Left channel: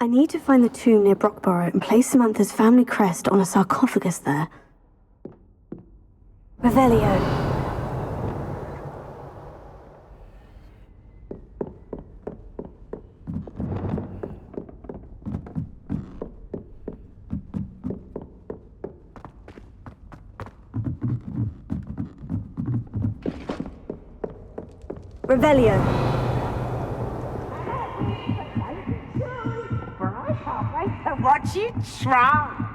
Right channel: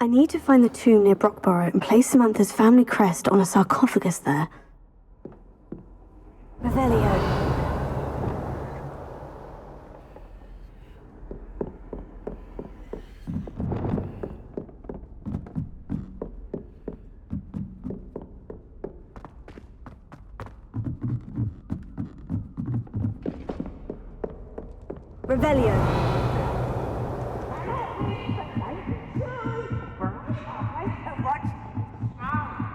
I need to find the tomb near Brockborough and place Samantha's family crest on a sarcophagus there. Revelio. Revelio. What you try?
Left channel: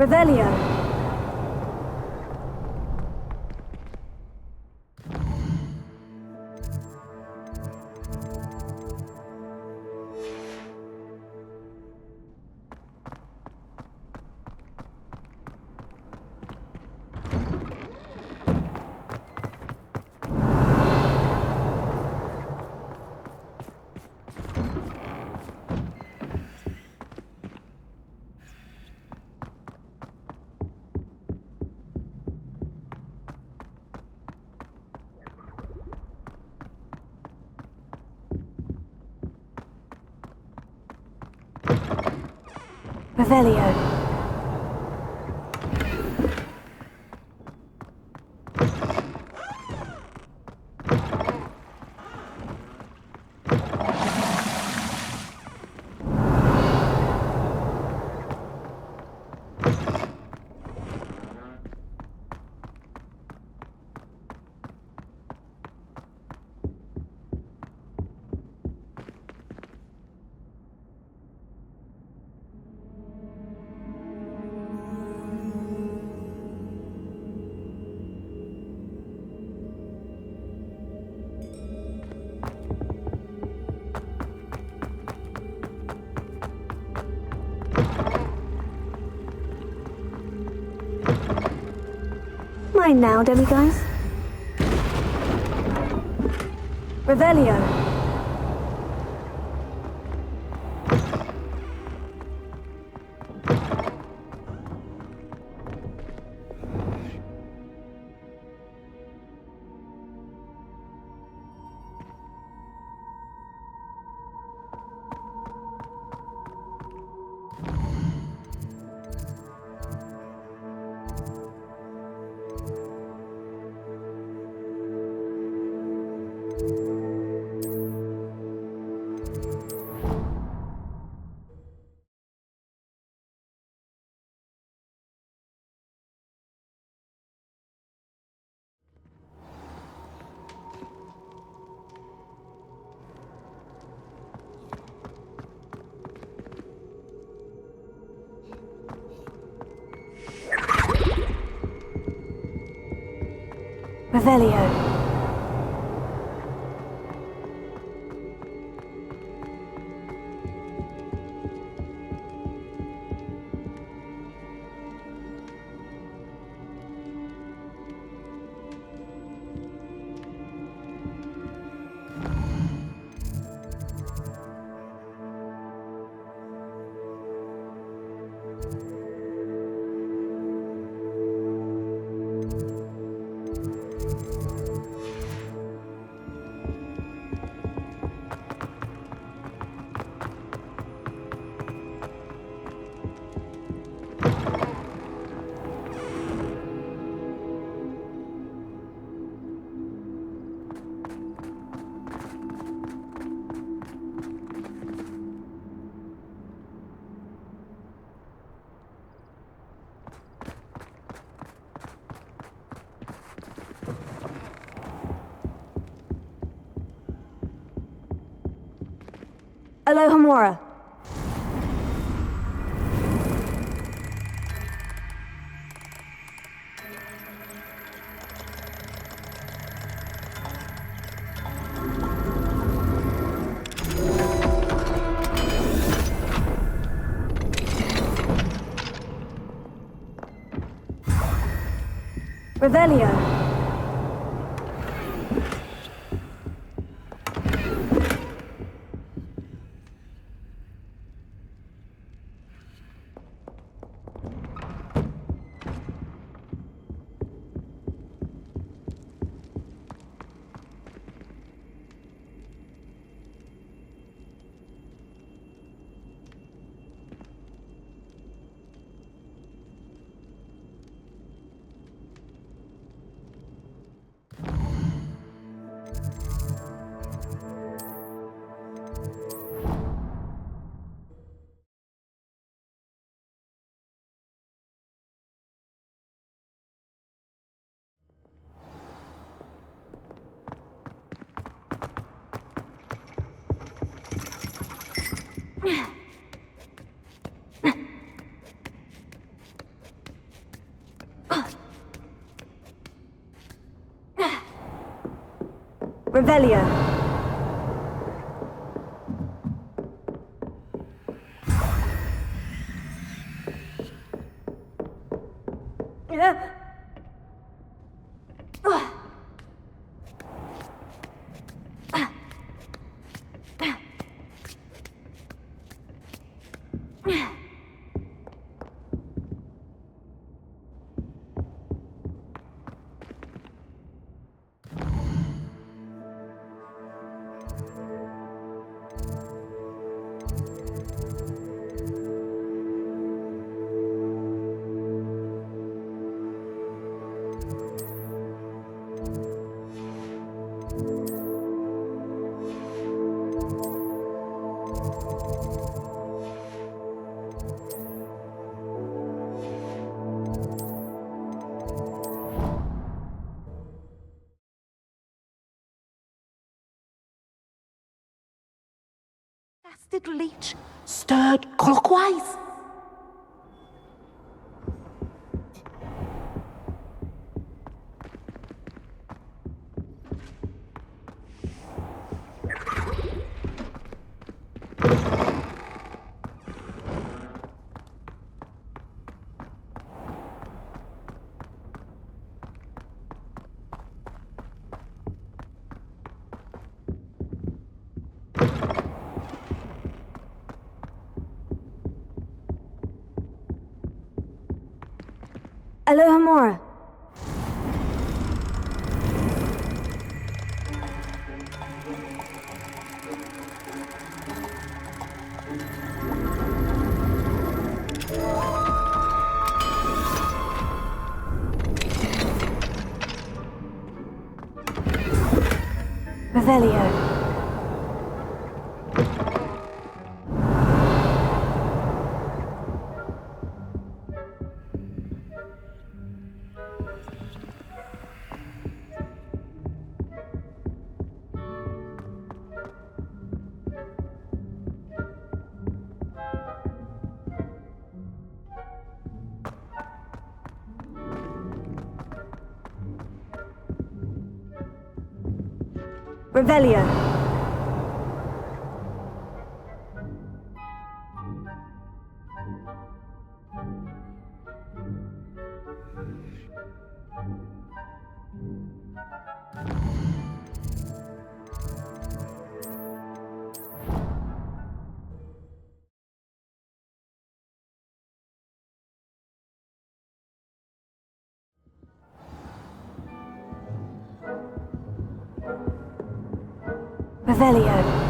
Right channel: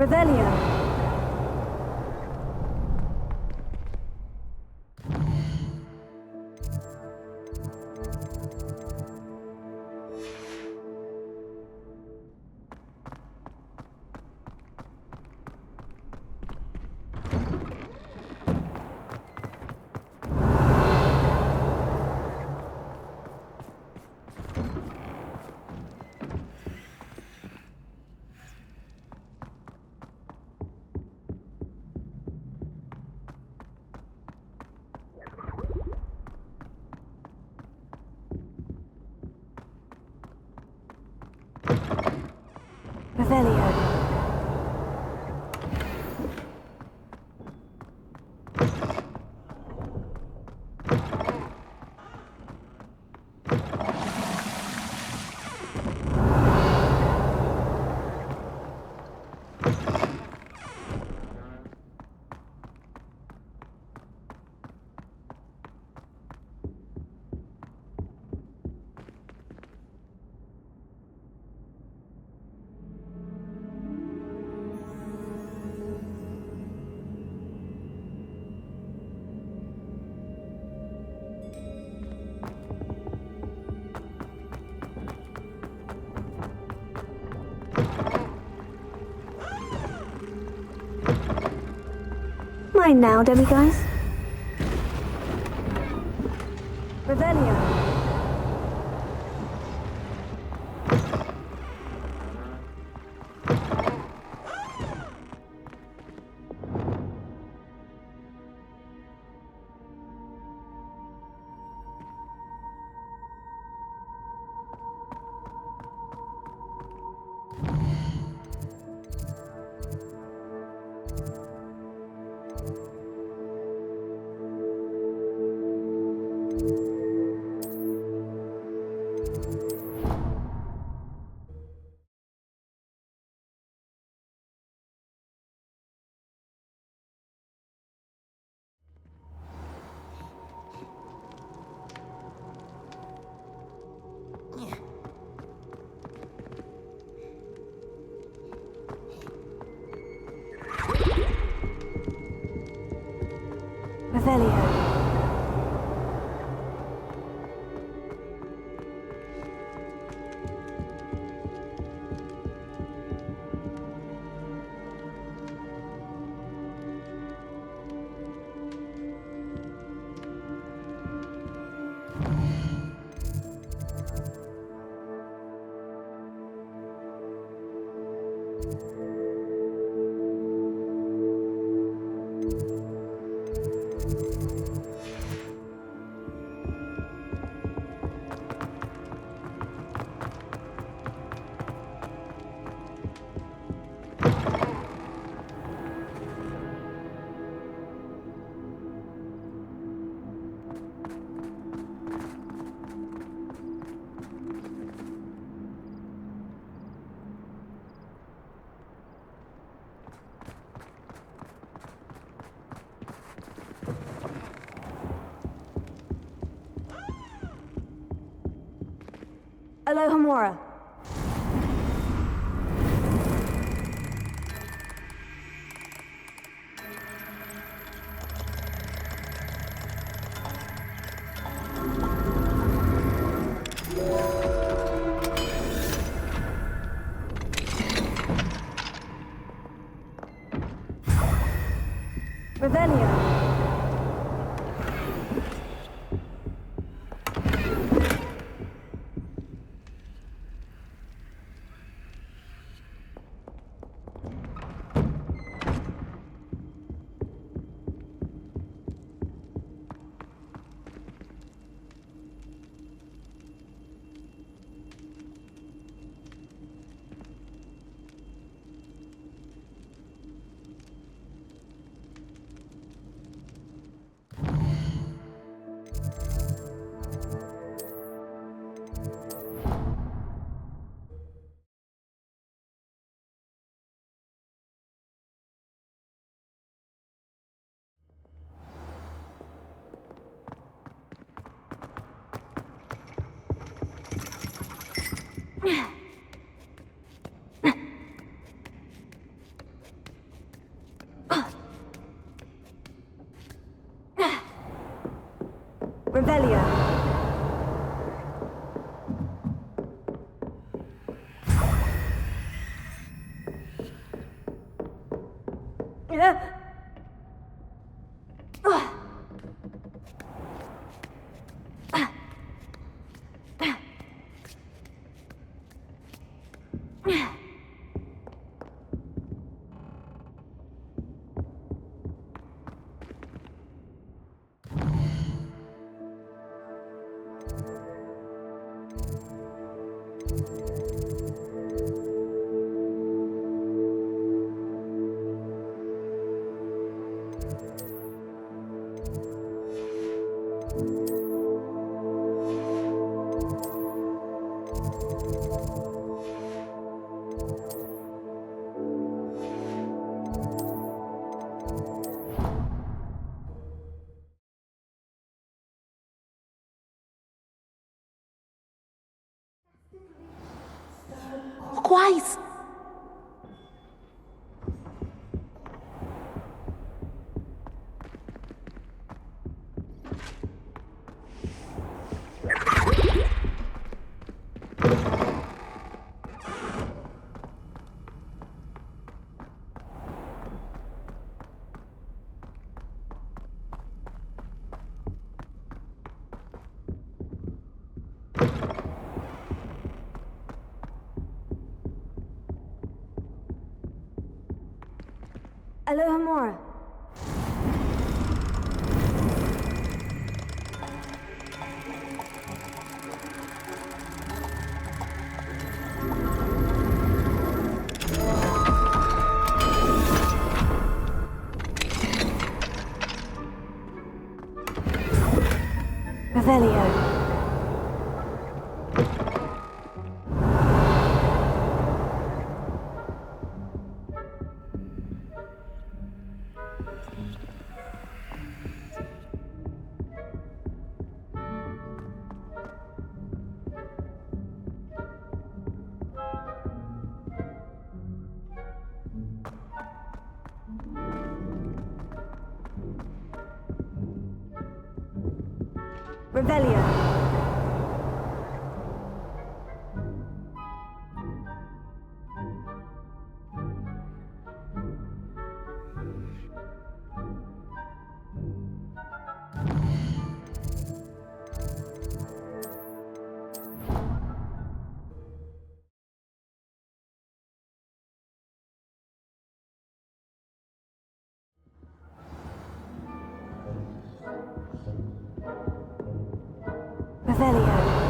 Revelio. Revelio. Mine now, demiguys. Revelio. Revelio. Alohomora. Revelio. Revelio. Little leech stirred clockwise. Alohomora. Revelio. Revelio. Revelio.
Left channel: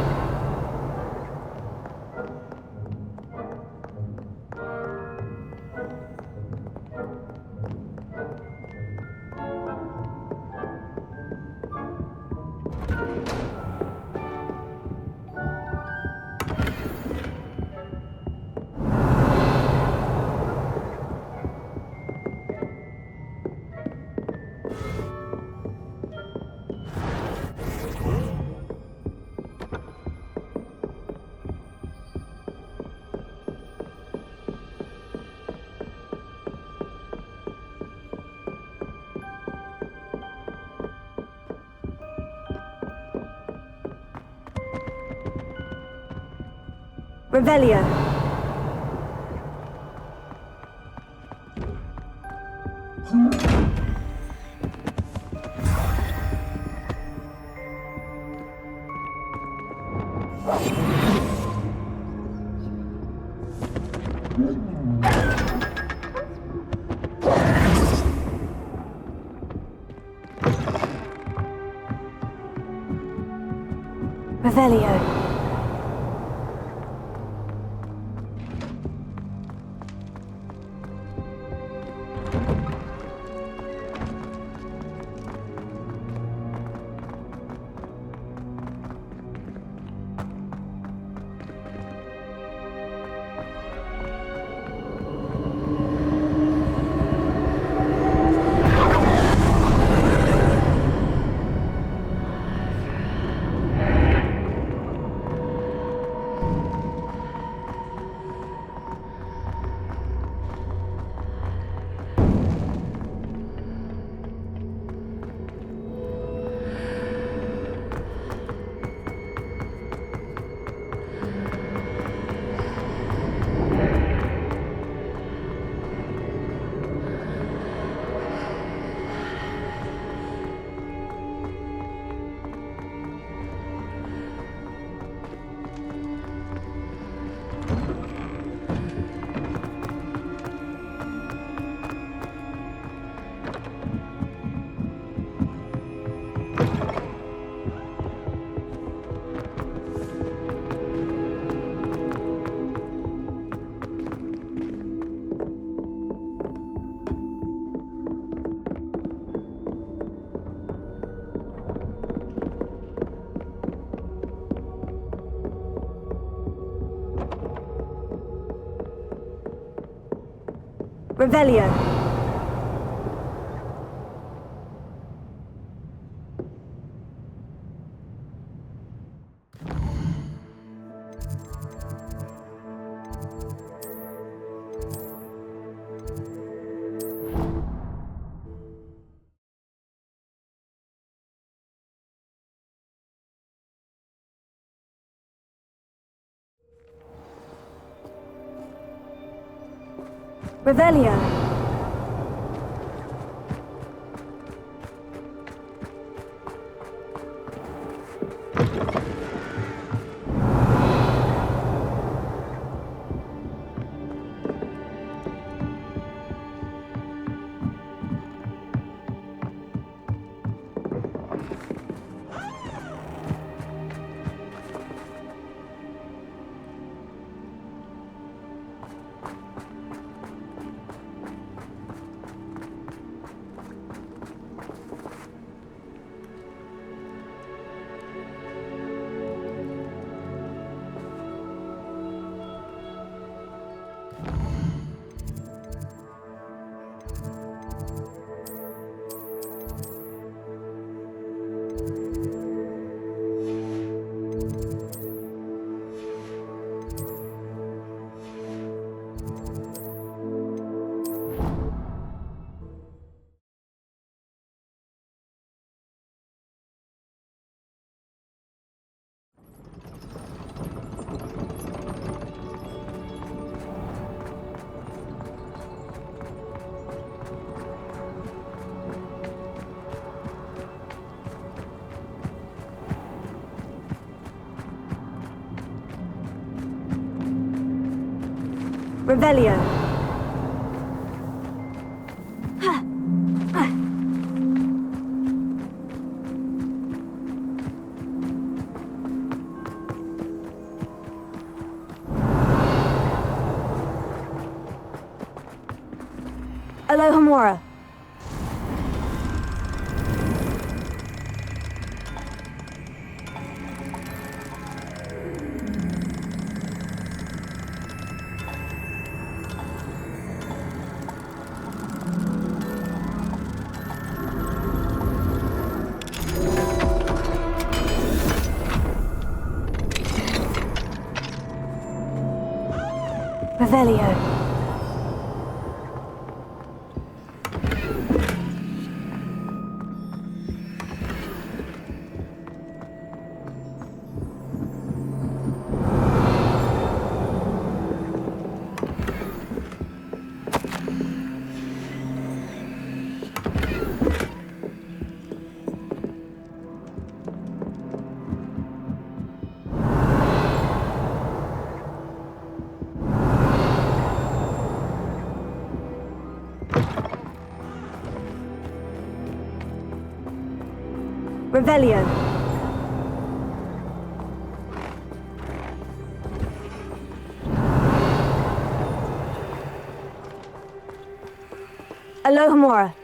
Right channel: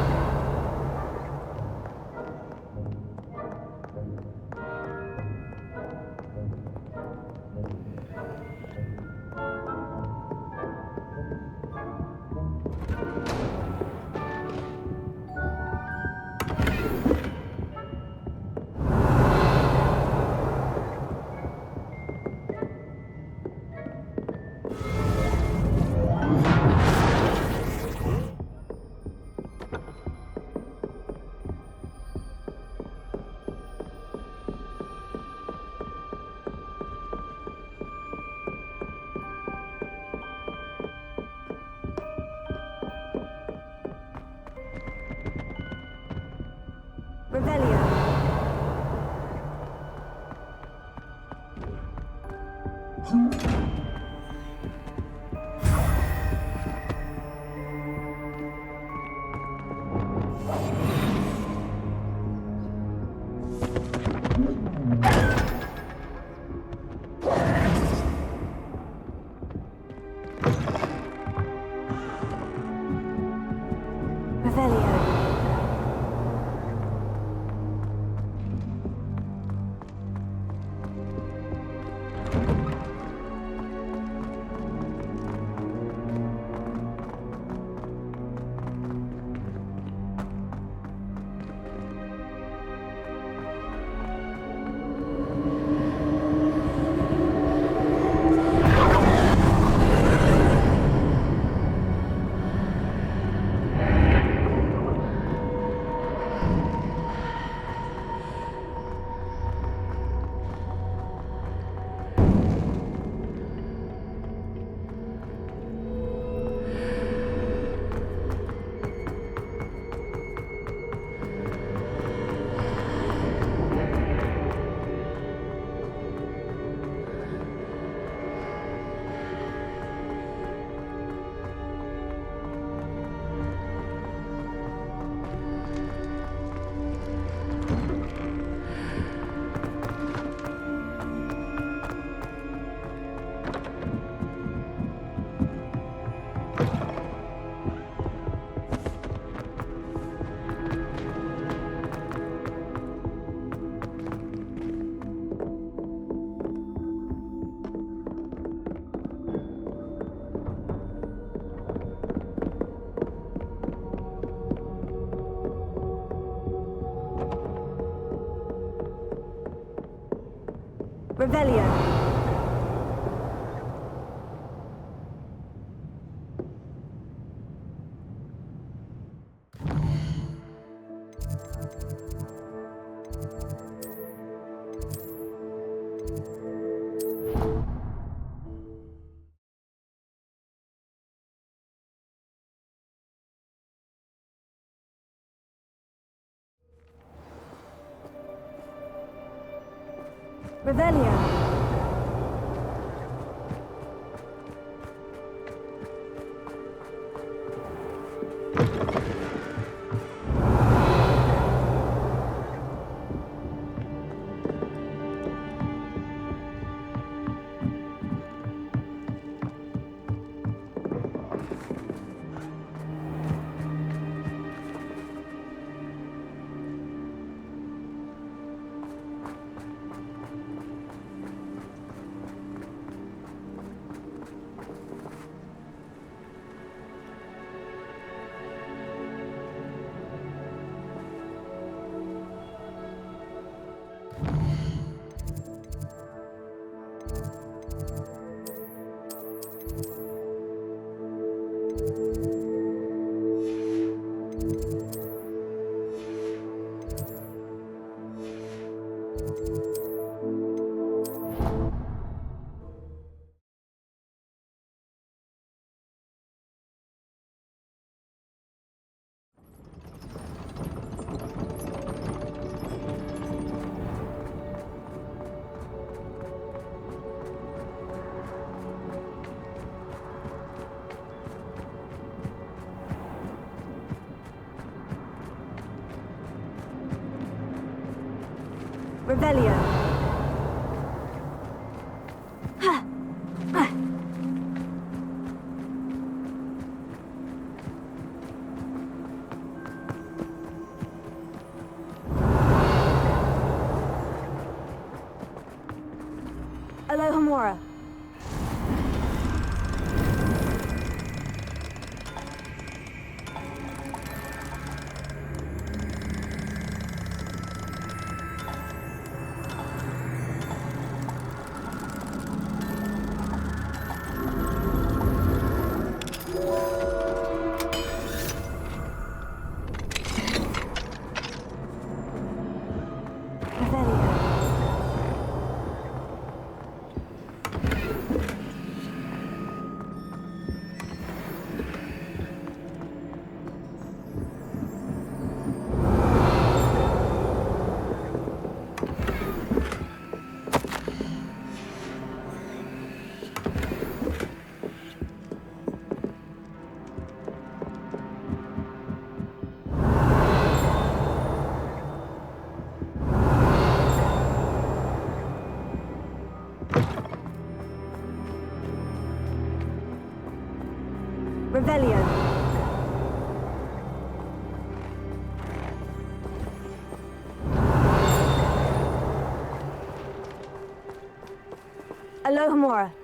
Revelio. Revelio. Revelio. Revelio. Revelio. Homura. Revelio. Revelio. Alohomora.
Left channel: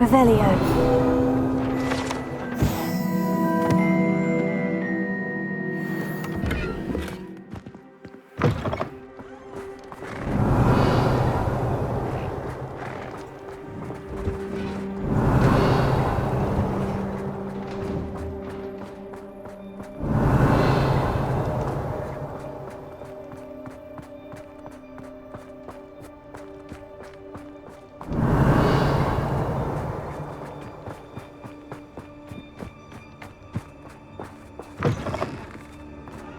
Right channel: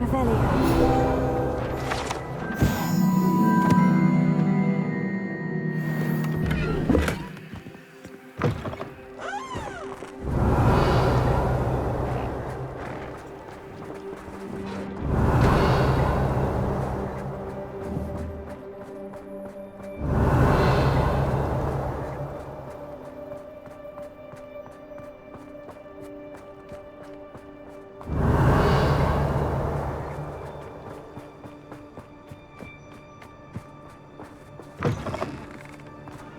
Revelio.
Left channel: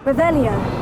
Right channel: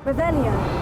Revelio.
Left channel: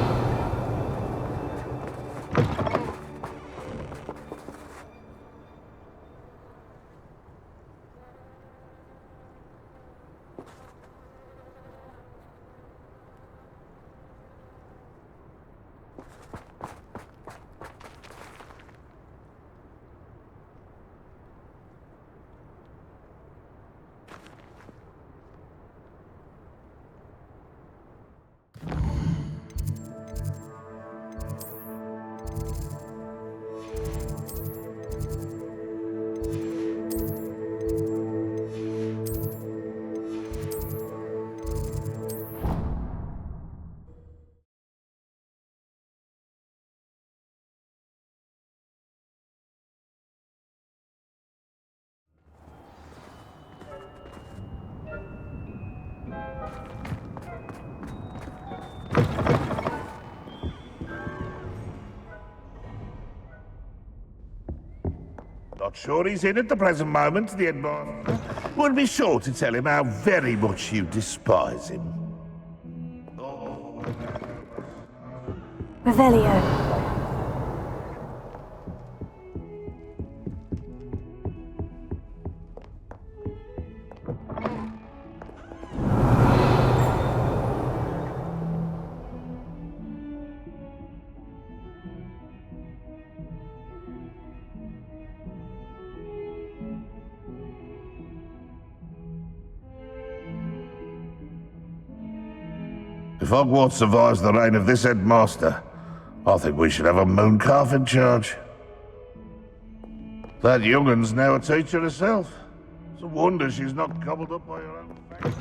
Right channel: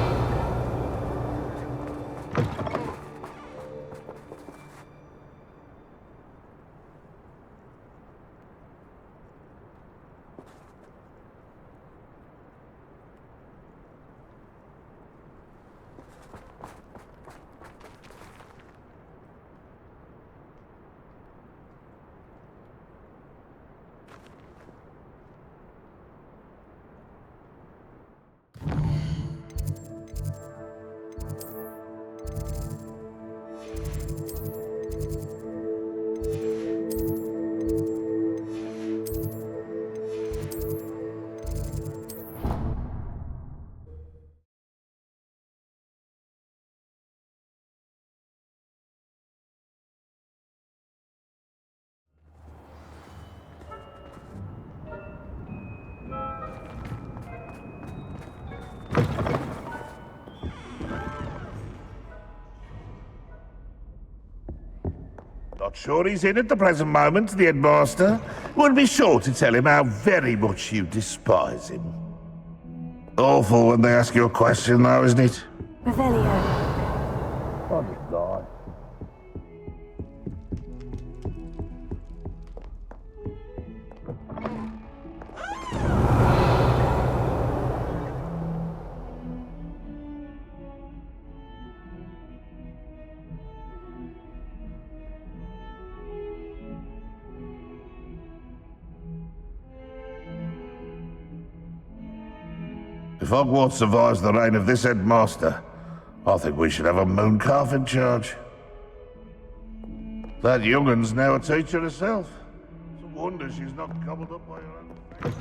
Not sure he's in at the present moment, the headmaster. Would be sure to tell him how very much you despise him. Awful when they ask you a question, though, isn't it? Revelio. If Hogwarts survives the reign of this headmaster, I think we should have a mooncalf in charge. That young'un's now a teacher herself. It's a wonder she's not gobbled up by her own family.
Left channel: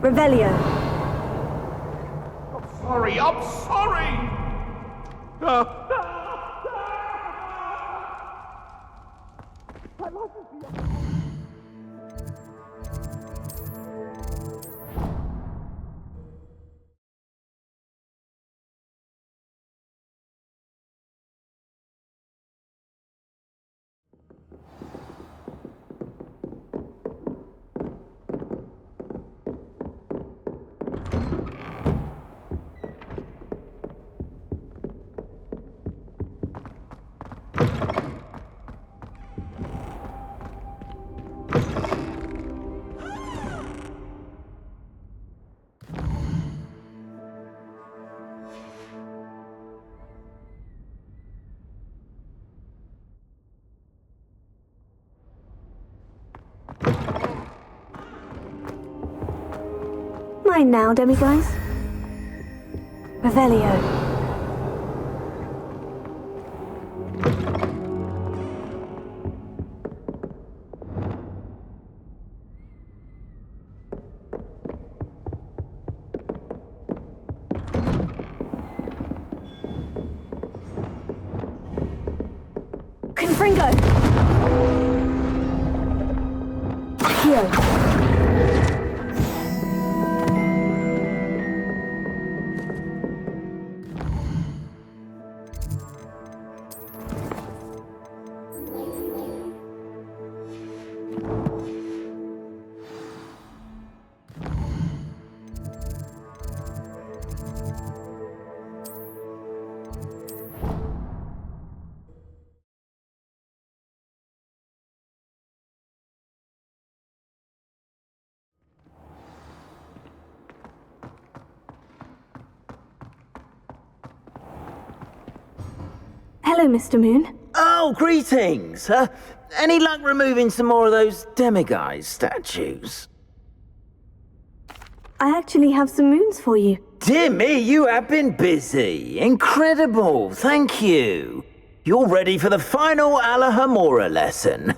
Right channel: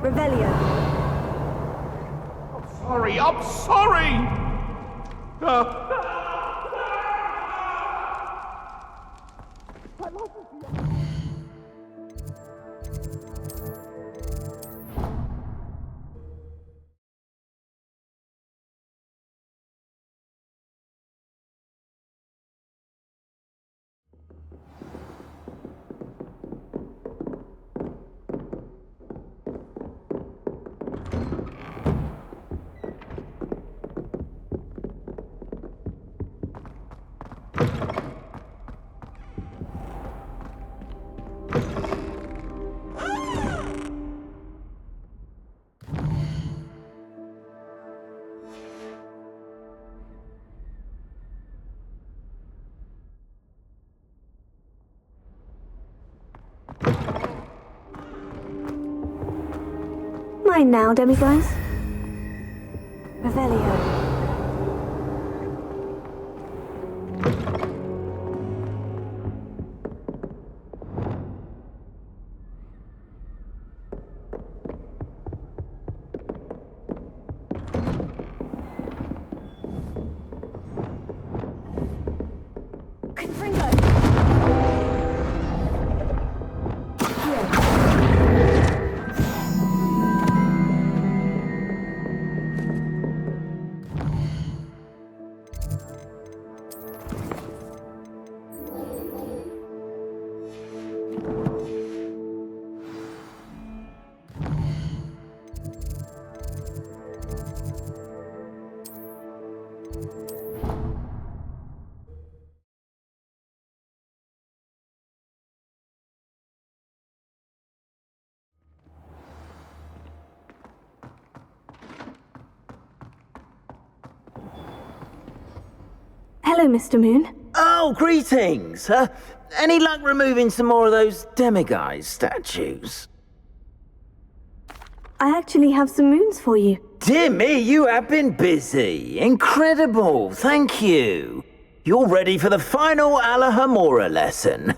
Revelio. I'm sorry! Mine now, demiguise. Revelio. Confringo. Here. Hello, Mr. Moon. Oh, greetings! Any luck removing some more of those demiguise statues? I actually have some moons for you. Dear me, you have been busy. Incredible, thank you. You're ready for the final Alahamora lesson.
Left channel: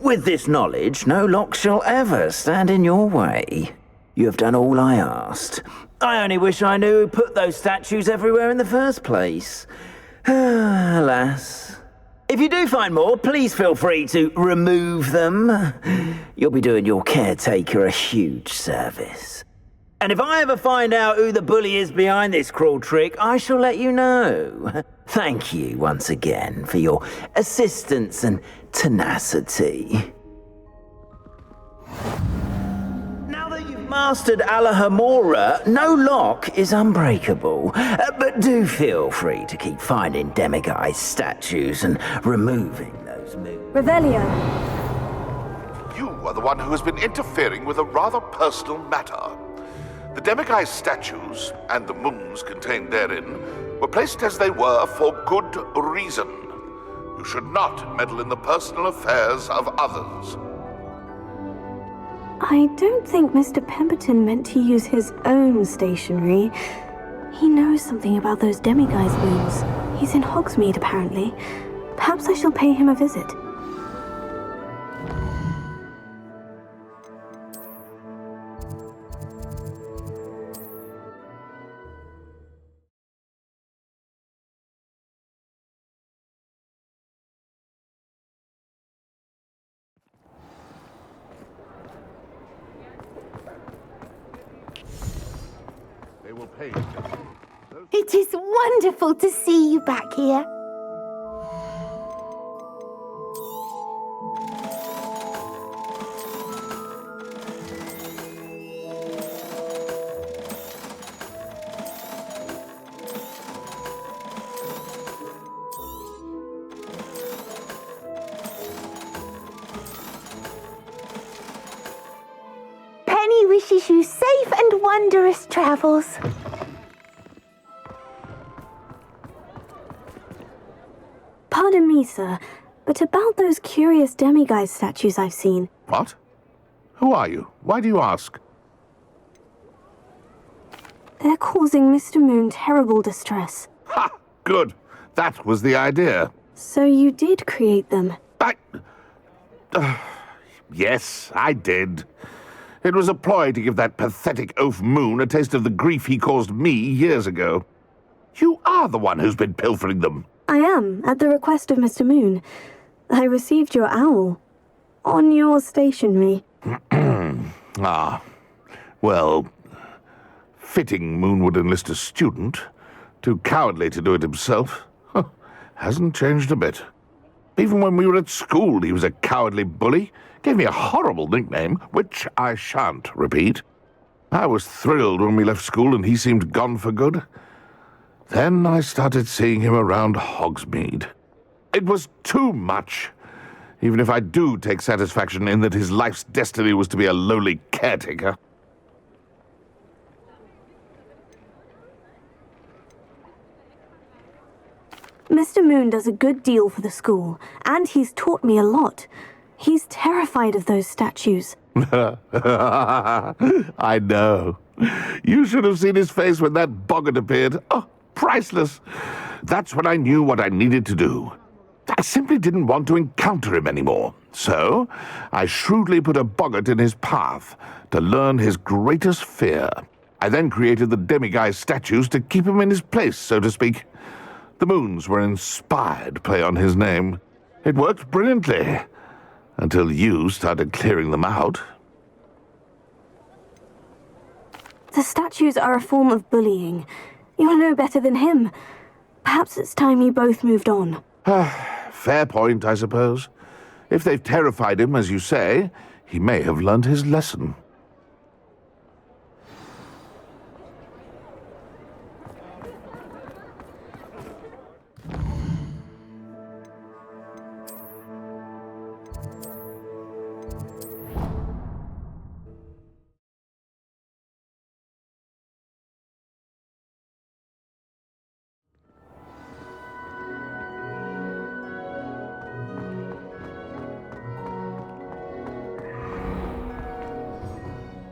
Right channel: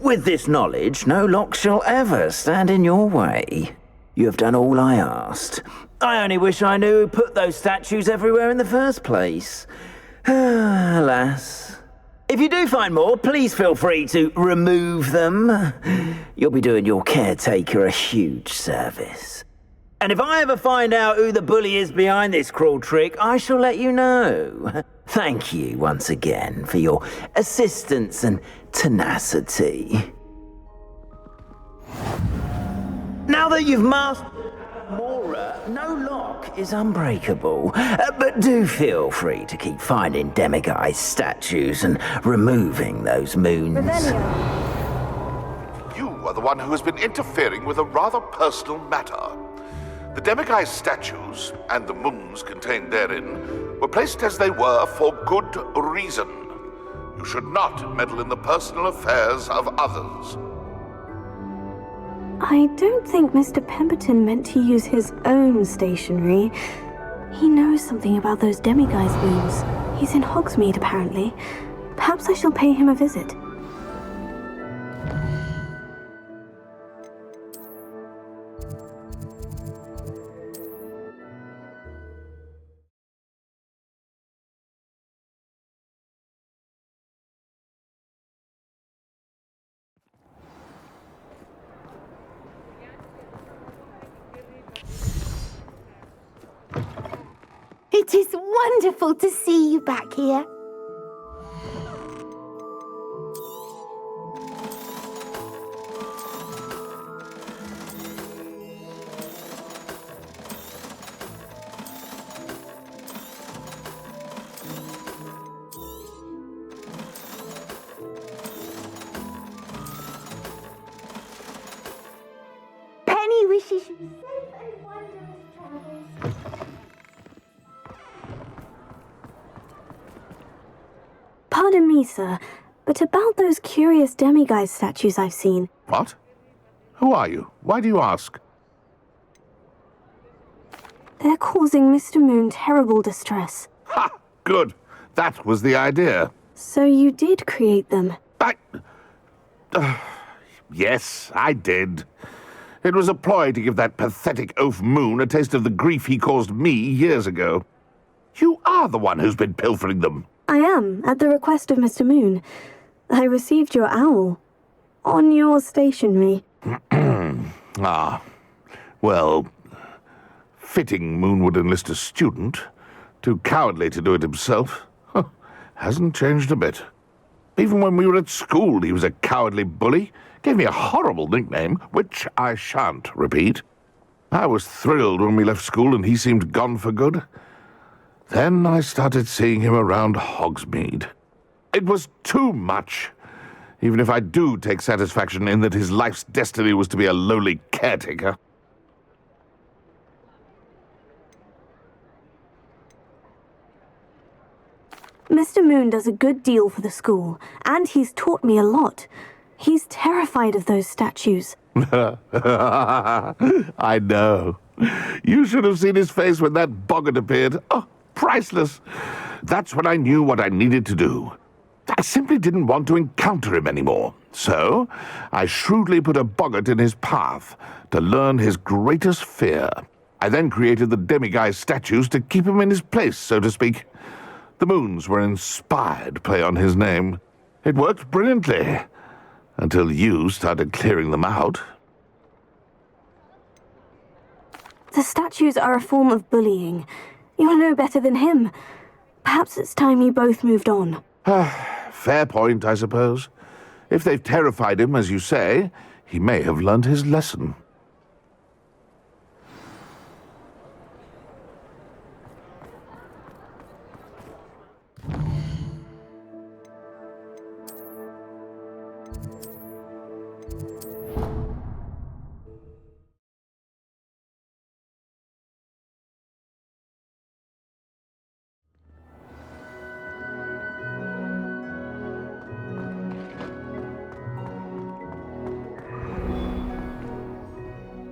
With this knowledge, no lock shall ever stand in your way. You have done all I asked. I only wish I knew who put those statues everywhere in the first place. Alas. If you do find more, please feel free to remove them. You'll be doing your caretaker a huge service. And if I ever find out who the bully is behind this cruel trick, I shall let you know. Thank you once again for your assistance and tenacity. Now that you've mastered Alahamora, no lock is unbreakable. But do feel free to keep finding demiguise statues and removing those moons. Revelio. You are the one who has been interfering with a rather personal matter. The demiguise statues, and the moons contained therein, were placed as they were for good reason. You should not meddle in the personal affairs of others. I don't think Mr. Pemberton meant to use his own stationery. He knows something about those demiguise moons. He's in Hogsmeade, apparently. Perhaps I shall pay him a visit. It is wonderful to see you back here. Penny wishes you safe and wondrous travels. Pardon me, sir, but about those curious demiguise statues I've seen. What? Who are you? Why do you ask? They're causing Mr. Moon terrible distress. Ha! Good. That was the idea. So you did create them? Yes, I did. It was a ploy to give that pathetic oaf Moon a taste of the grief he caused me years ago. You are the one who's been pilfering them. I am, at the request of Mr. Moon. I received your owl. On your stationery. Ah. Well, fitting Moon would enlist a student. Too cowardly to do it himself. Hasn't changed a bit. Even when we were at school, he was a cowardly bully. Gave me a horrible nickname, which I shan't repeat. I was thrilled when we left school and he seemed gone for good. Then I started seeing him around Hogsmeade. It was too much. Even if I do take satisfaction in that his life's destiny was to be a lowly caretaker. Mr. Moon does a good deal for the school, and he's taught me a lot. He's terrified of those statues. I know. You should have seen his face when that boggart appeared. Oh, priceless. That's when I knew what I needed to do. I simply didn't want to encounter him anymore. So, I shrewdly put a boggart in his path to learn his greatest fear. I then created the demiguise statues to keep him in his place, so to speak. The moons were an inspired play on his name. It worked brilliantly. Until you started clearing them out. The statues are a form of bullying. You're no better than him. Perhaps it's time you both moved on. Fair point, I suppose. If they've terrified him, as you say, he may have learned his lesson.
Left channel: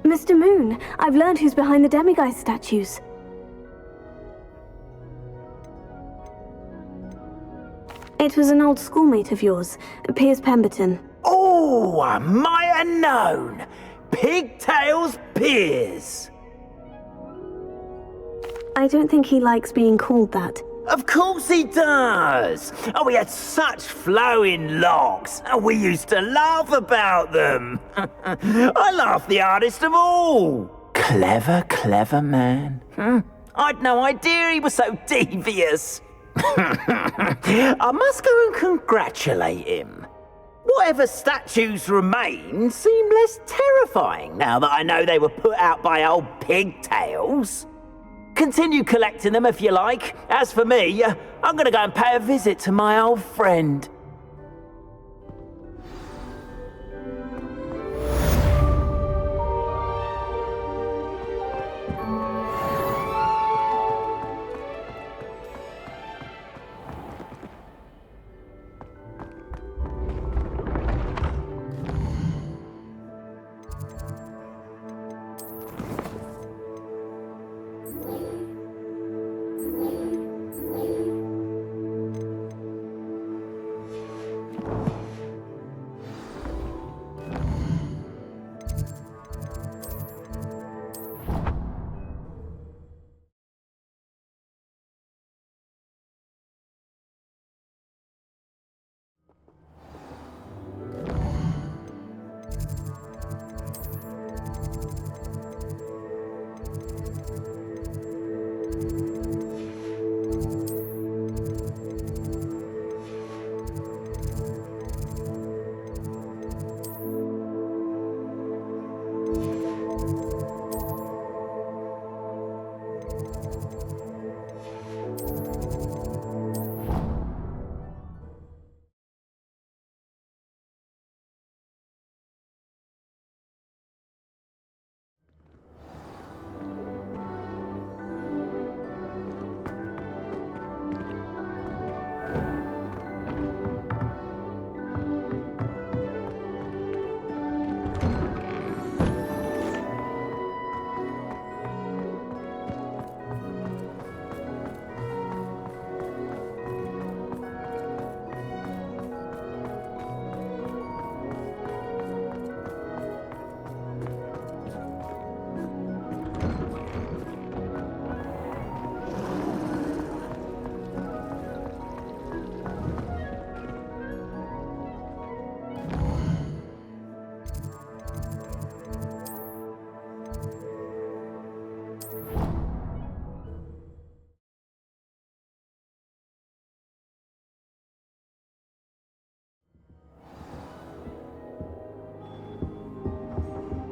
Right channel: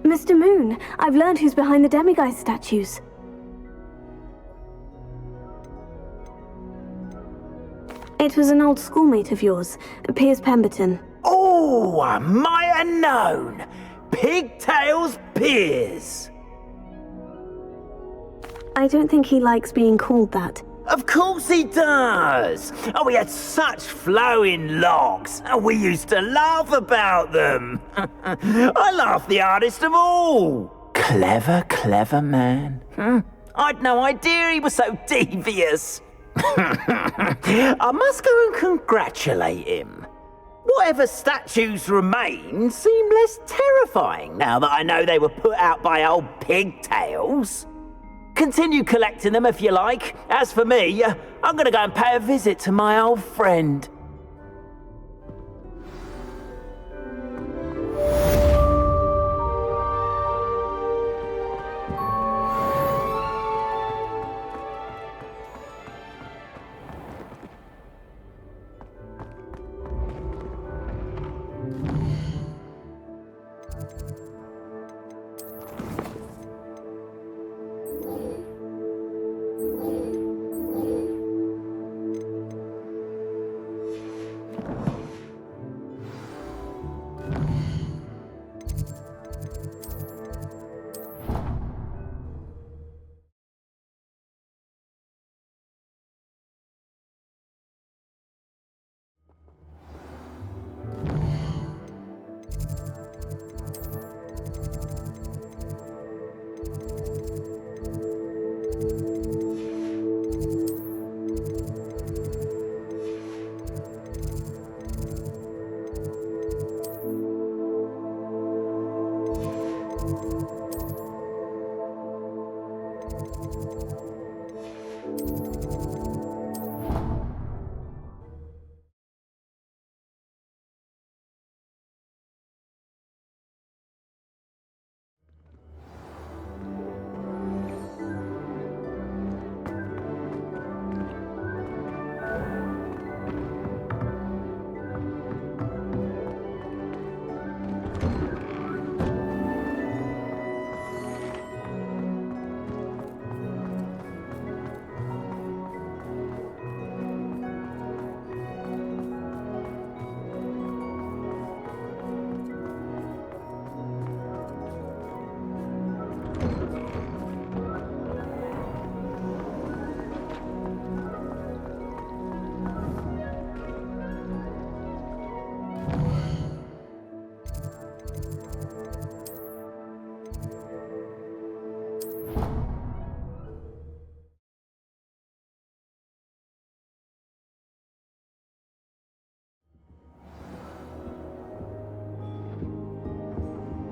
Mr. Moon, I've learned who's behind the demiguise statues. It was an old schoolmate of yours, Piers Pemberton. Oh, I might have known. Pigtails Piers. I don't think he likes being called that. Of course he does. Oh, we had such flowing locks. And we used to laugh about them. I laughed the hardest of all. Clever, clever man. I'd no idea he was so devious. I must go and congratulate him. Whatever statues remain seem less terrifying now that I know they were put out by old pigtails. Continue collecting them if you like. As for me, I'm gonna go and pay a visit to my old friend.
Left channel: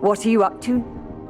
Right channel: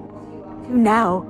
What are you up to now?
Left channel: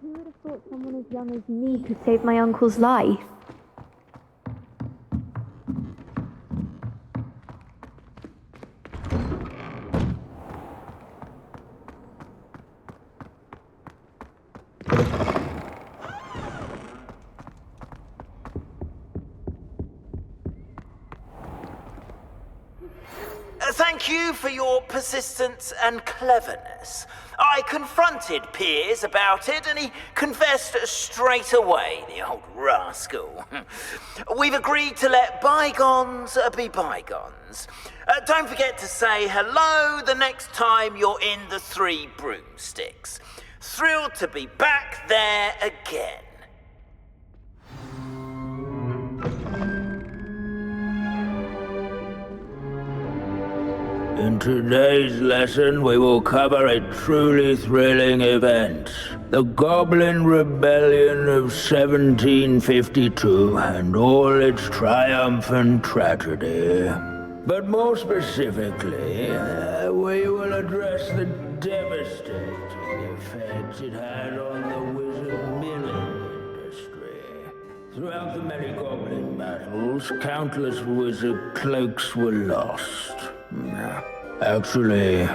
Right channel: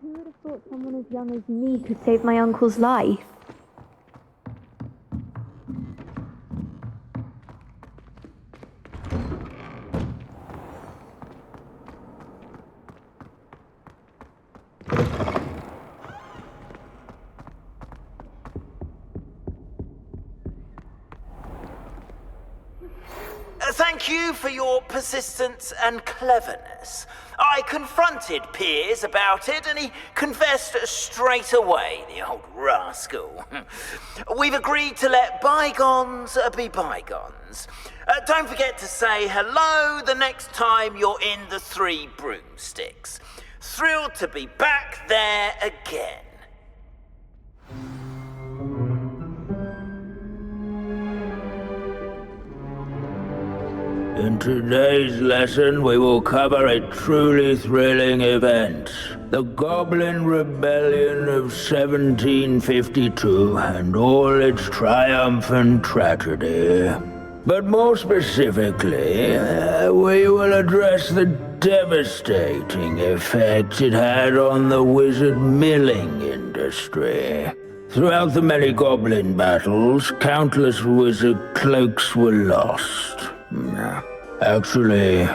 Who would have thought someone as young as me could save my uncle's life? Thank you for your persistence and cleverness. I confronted Piers about it, and he confessed straight away, the old rascal. We've agreed to let bygones be bygones. Don't forget to say hello the next time you're in the Three Broomsticks. Thrilled to be back there again. In today's lesson, we will cover a truly thrilling event. The Goblin Rebellion of 1752 and all its triumphant tragedy. But more specifically, we will address the devastating effect it had on the wizard milling industry. Throughout the many goblin battles, countless wizard cloaks were lost. Actually,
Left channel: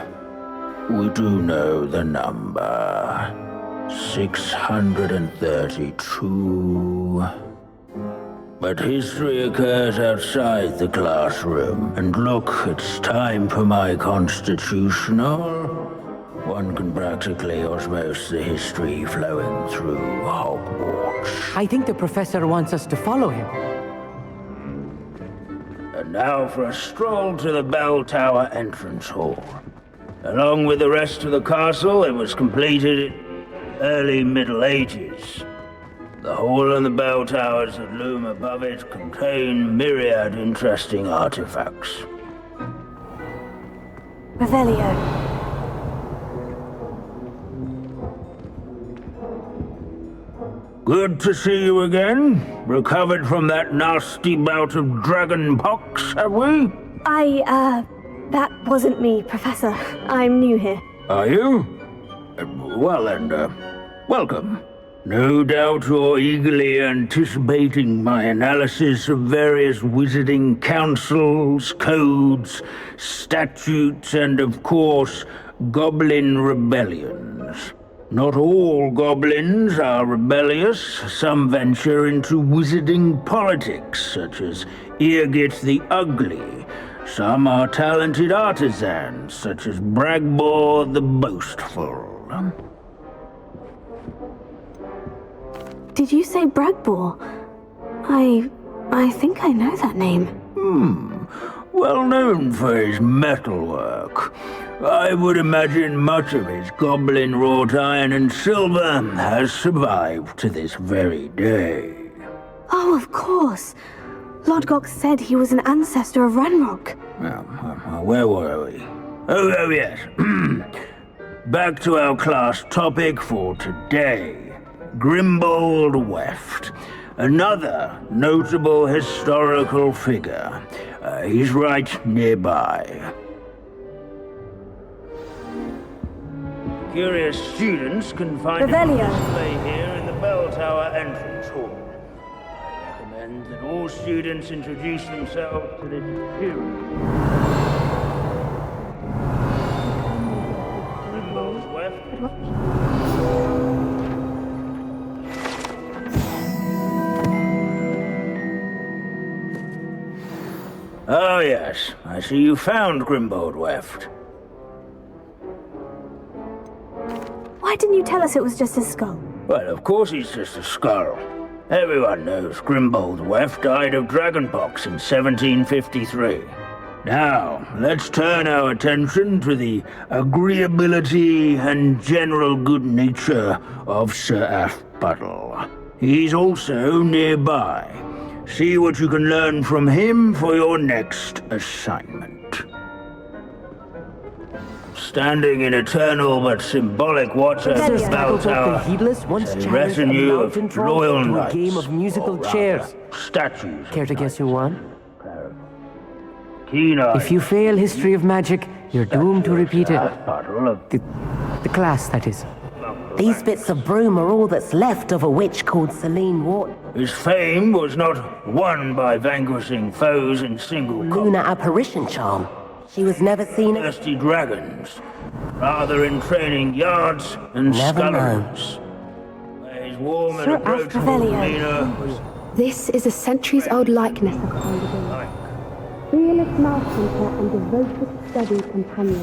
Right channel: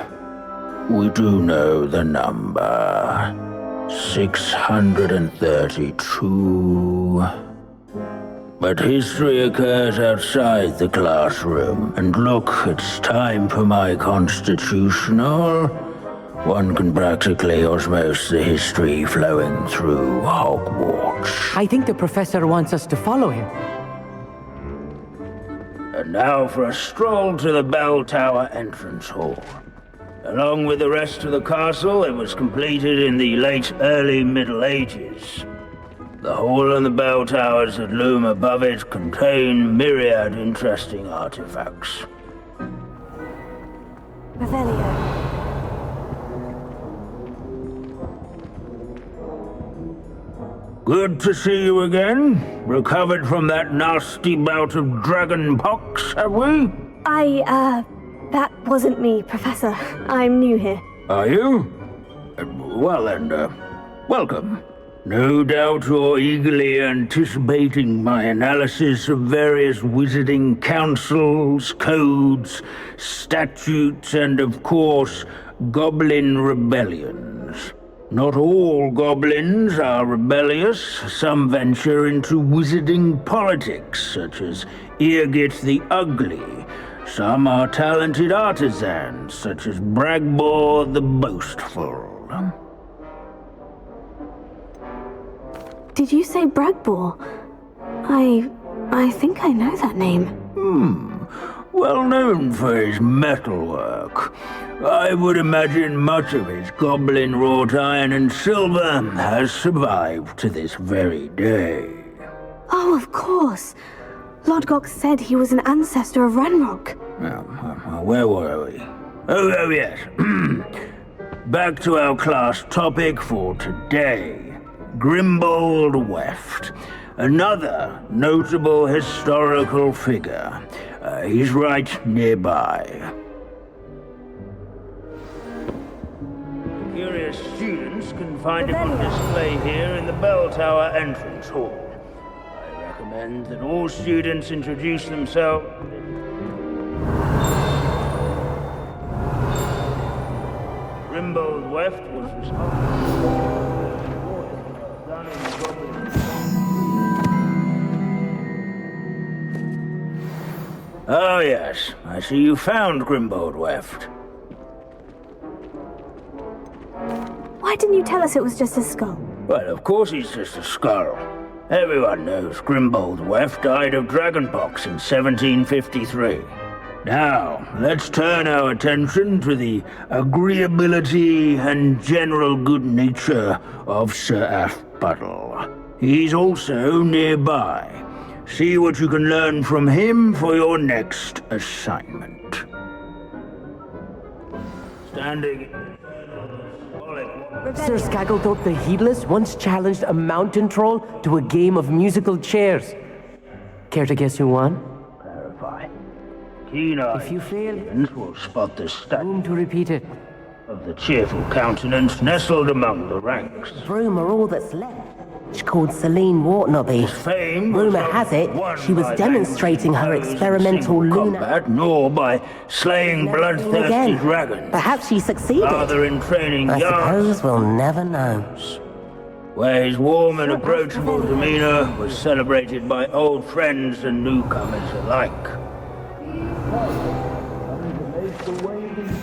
we do know the number. 632. But history occurs outside the classroom. And look, it's time for my constitutional. One can practically osmose the history flowing through Hogwarts. I think the professor wants us to follow him. And now for a stroll to the bell tower entrance hall. Along with the rest of the castle, it was completed in the late early Middle Ages. The hall and the bell towers that loom above it contain myriad interesting artifacts. Revelio. Good to see you again. Recovered from that nasty bout of dragon pox, have we? That wasn't me, Professor. I'm new here. Are you? Well then, welcome. No doubt you're eagerly anticipating my analysis of various wizarding councils, codes, statutes, and of course, goblin rebellions. Not all goblins are rebellious. Some venture into wizarding politics, such as Eargit the Ugly. Some are talented artisans, such as Bragbor the Boastful. Did you say Bragbor? I think I know that name. Well known for his metalwork. I would imagine much of his goblin wrought iron and silver has survived to this very day. Oh, of course. Lodgok said he was an ancestor of Ranrock. Where were we? Oh yes. Back to our class topic for today. Grimbold Weft. Another notable historical figure. He's right nearby. Curious students can find a display here in the bell tower entrance hall. I recommend that all students introduce themselves to this experience. Grimbold Weft was Oh yes, I see you found Grimbold Weft. Why didn't you tell us it was just his skull? Well, of course he's just a skull. Everyone knows Grimbold Weft died of dragonpox in 1753. Now, let's turn our attention to the agreeability and general good nature of Sir Aphbuttle. He's also nearby. See what you can learn from him for your next assignment. Standing in eternal but symbolic water... Sir Scragglethorpe the Heedless once challenged a mountain troll to a game of musical chairs. Statues. Care to guess who won? Clarify. If you fail History of Magic, you're doomed to repeat it. The cheerful class, countenance that is. nestled among the These ranks. bits of broom are all that's left of a witch called Celine Wartnobby. His fame was Rumour not has it, won she by was demonstrating vanquishing her foes in experimental single lunar combat, apparition nor by charm. She slaying was never seen bloodthirsty again. dragons. Perhaps she succeeded. Rather in training I yards suppose we'll and never know. scullerons. Where his warm and Sir approachable Revelio. demeanor was celebrated This by is a old centuries-old friends and likeness. newcomers alike. Realist math teacher and devoted study companion.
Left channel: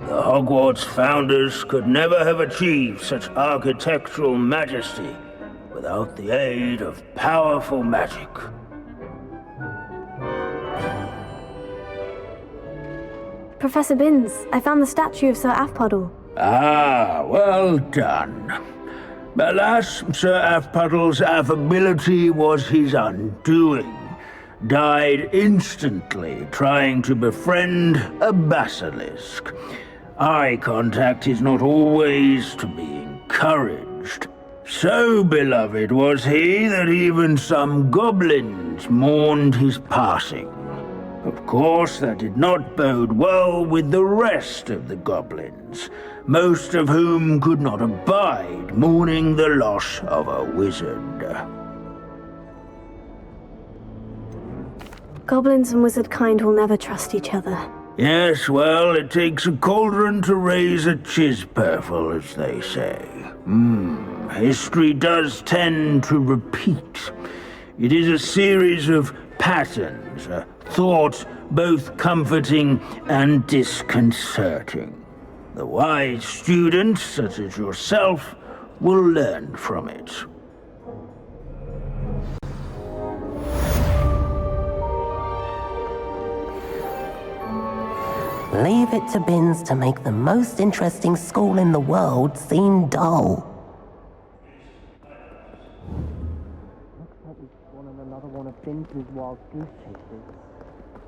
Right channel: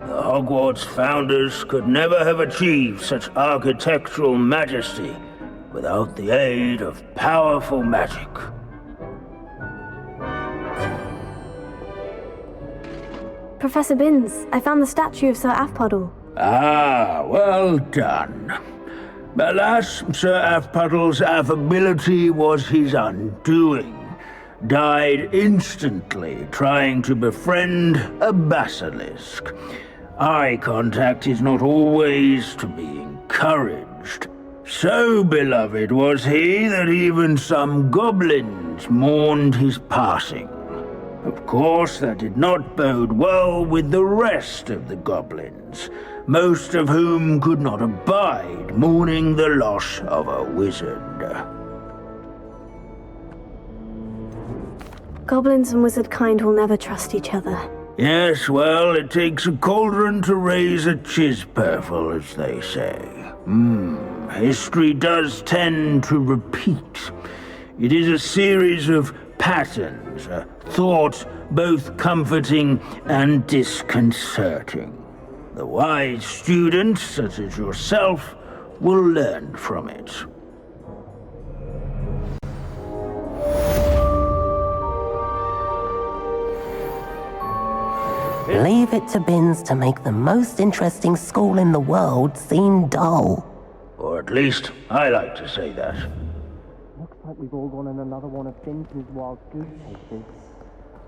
The Hogwarts founders could never have achieved such architectural majesty without the aid of powerful magic. Professor Binns, I found the statue of Sir Aphbuttle. Ah, well done. Alas, Sir Aphbuttle's affability was his undoing. Died instantly trying to befriend a basilisk. Eye contact is not always to be encouraged. So beloved was he that even some goblins mourned his passing. Of course, that did not bode well with the rest of the goblins, most of whom could not abide mourning the loss of a wizard. Goblins and wizard kind will never trust each other. Yes, well, it takes a cauldron to raise a chisperful, as they say. History does tend to repeat. It is a series of patterns, a thought both comforting and disconcerting. The wise students, such as yourself, will learn from it. Leave it to Binns to make the most interesting school in the world seem dull. Or at least, I like to say that. Looks like we've all gone on another one of Binns' wild goose chases.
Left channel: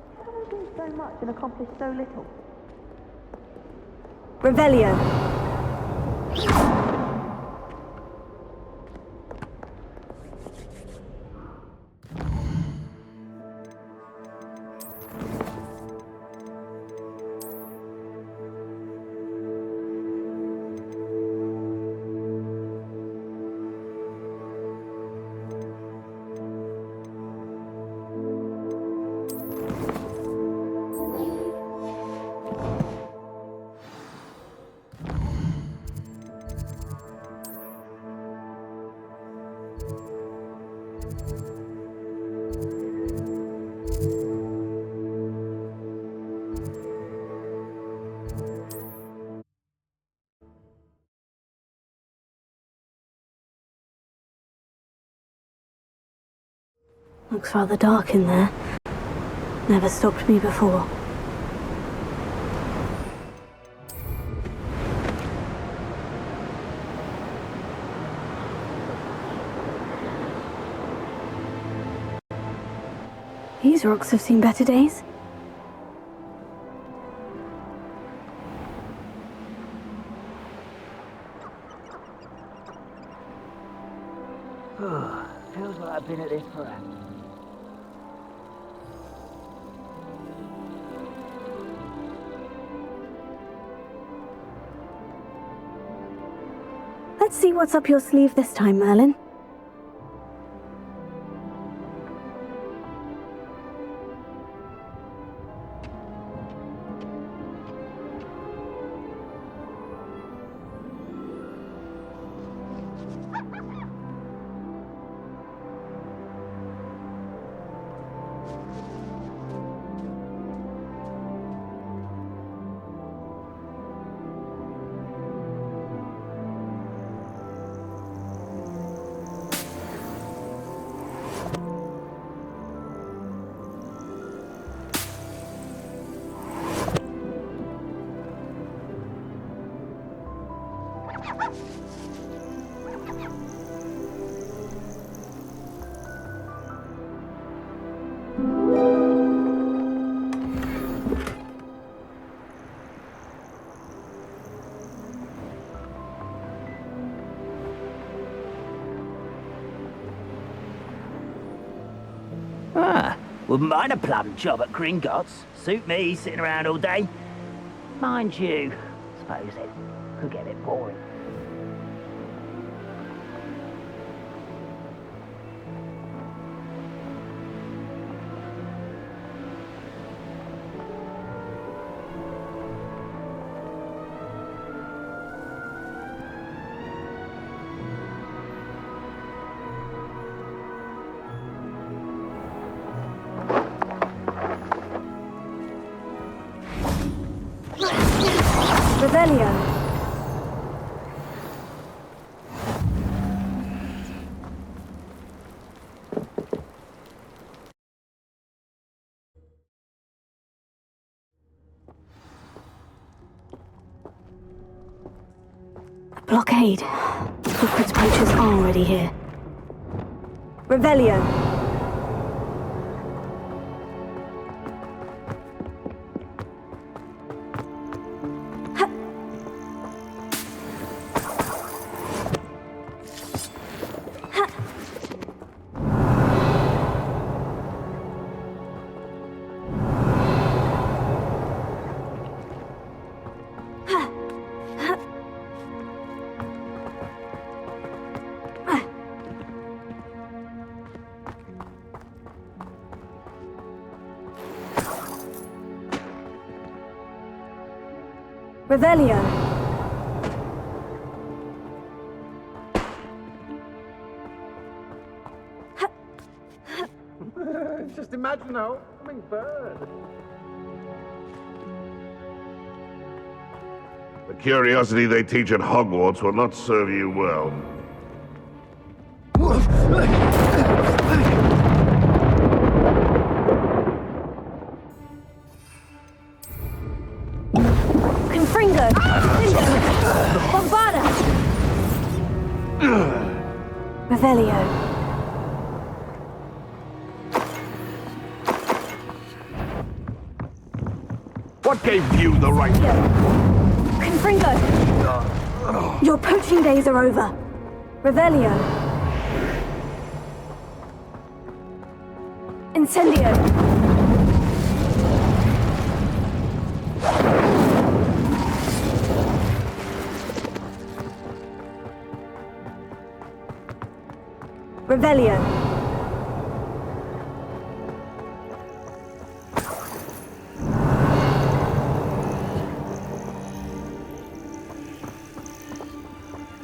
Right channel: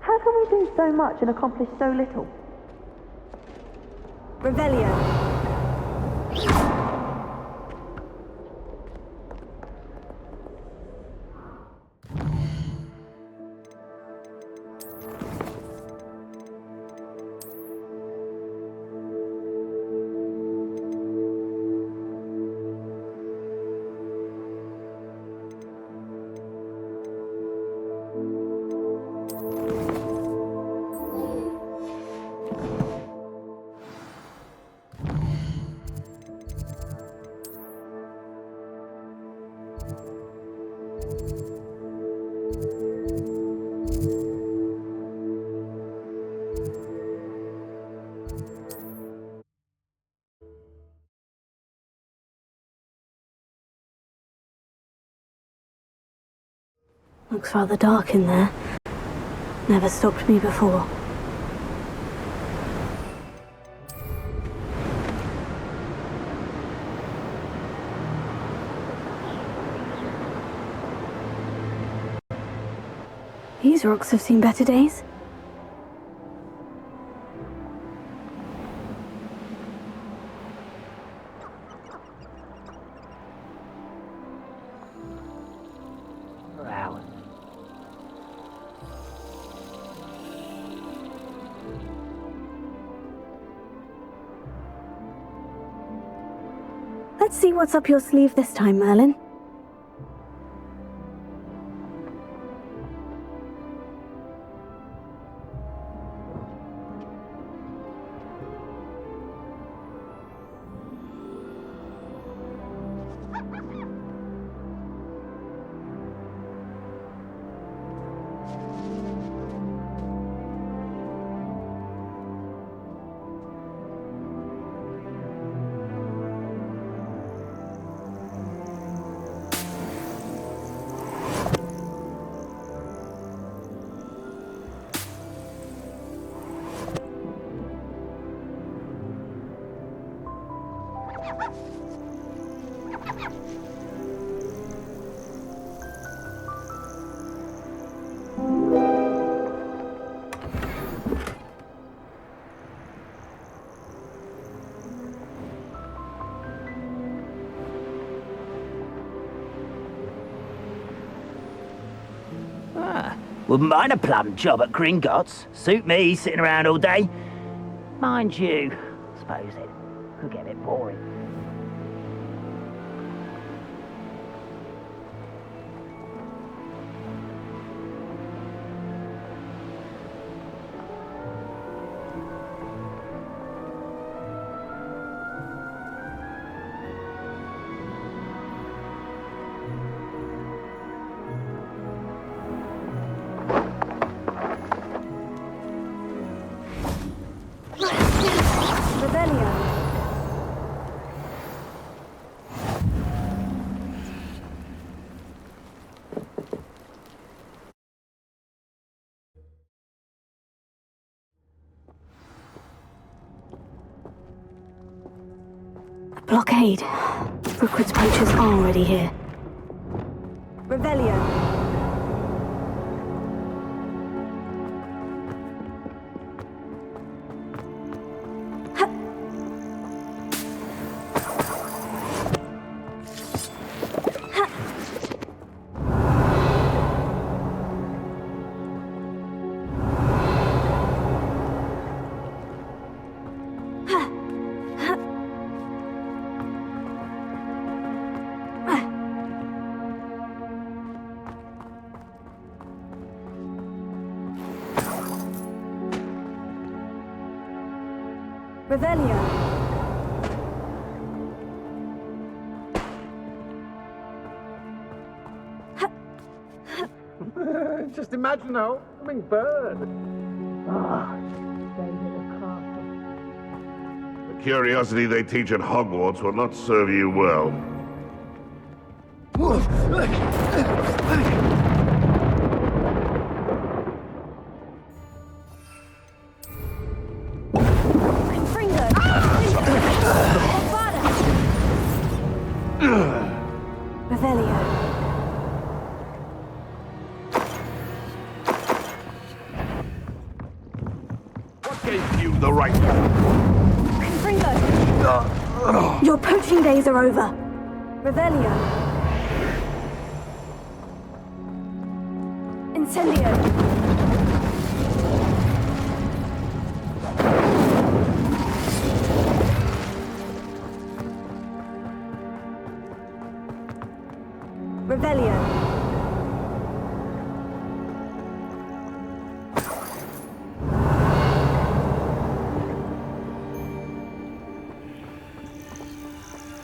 How can we do so much and accomplish so little? Revelio. Looks rather dark in there. Never stopped me before. These rocks have seen better days. Feels like I've been at this for hours. Let's see what's up your sleeve this time, Merlin. Wouldn't mind a plum job at Gringotts. Suit me, sitting around all day. Mind you, suppose it could get a bit boring. Blockade. Hogwarts poachers are already here. Revelio. Revelio. Just imagine a homing bird. The curiosity they teach at Hogwarts will not serve you well. Revelio. What gave you the right? Confringo. Your poaching days are over. Revelio. Incendio. Revelio.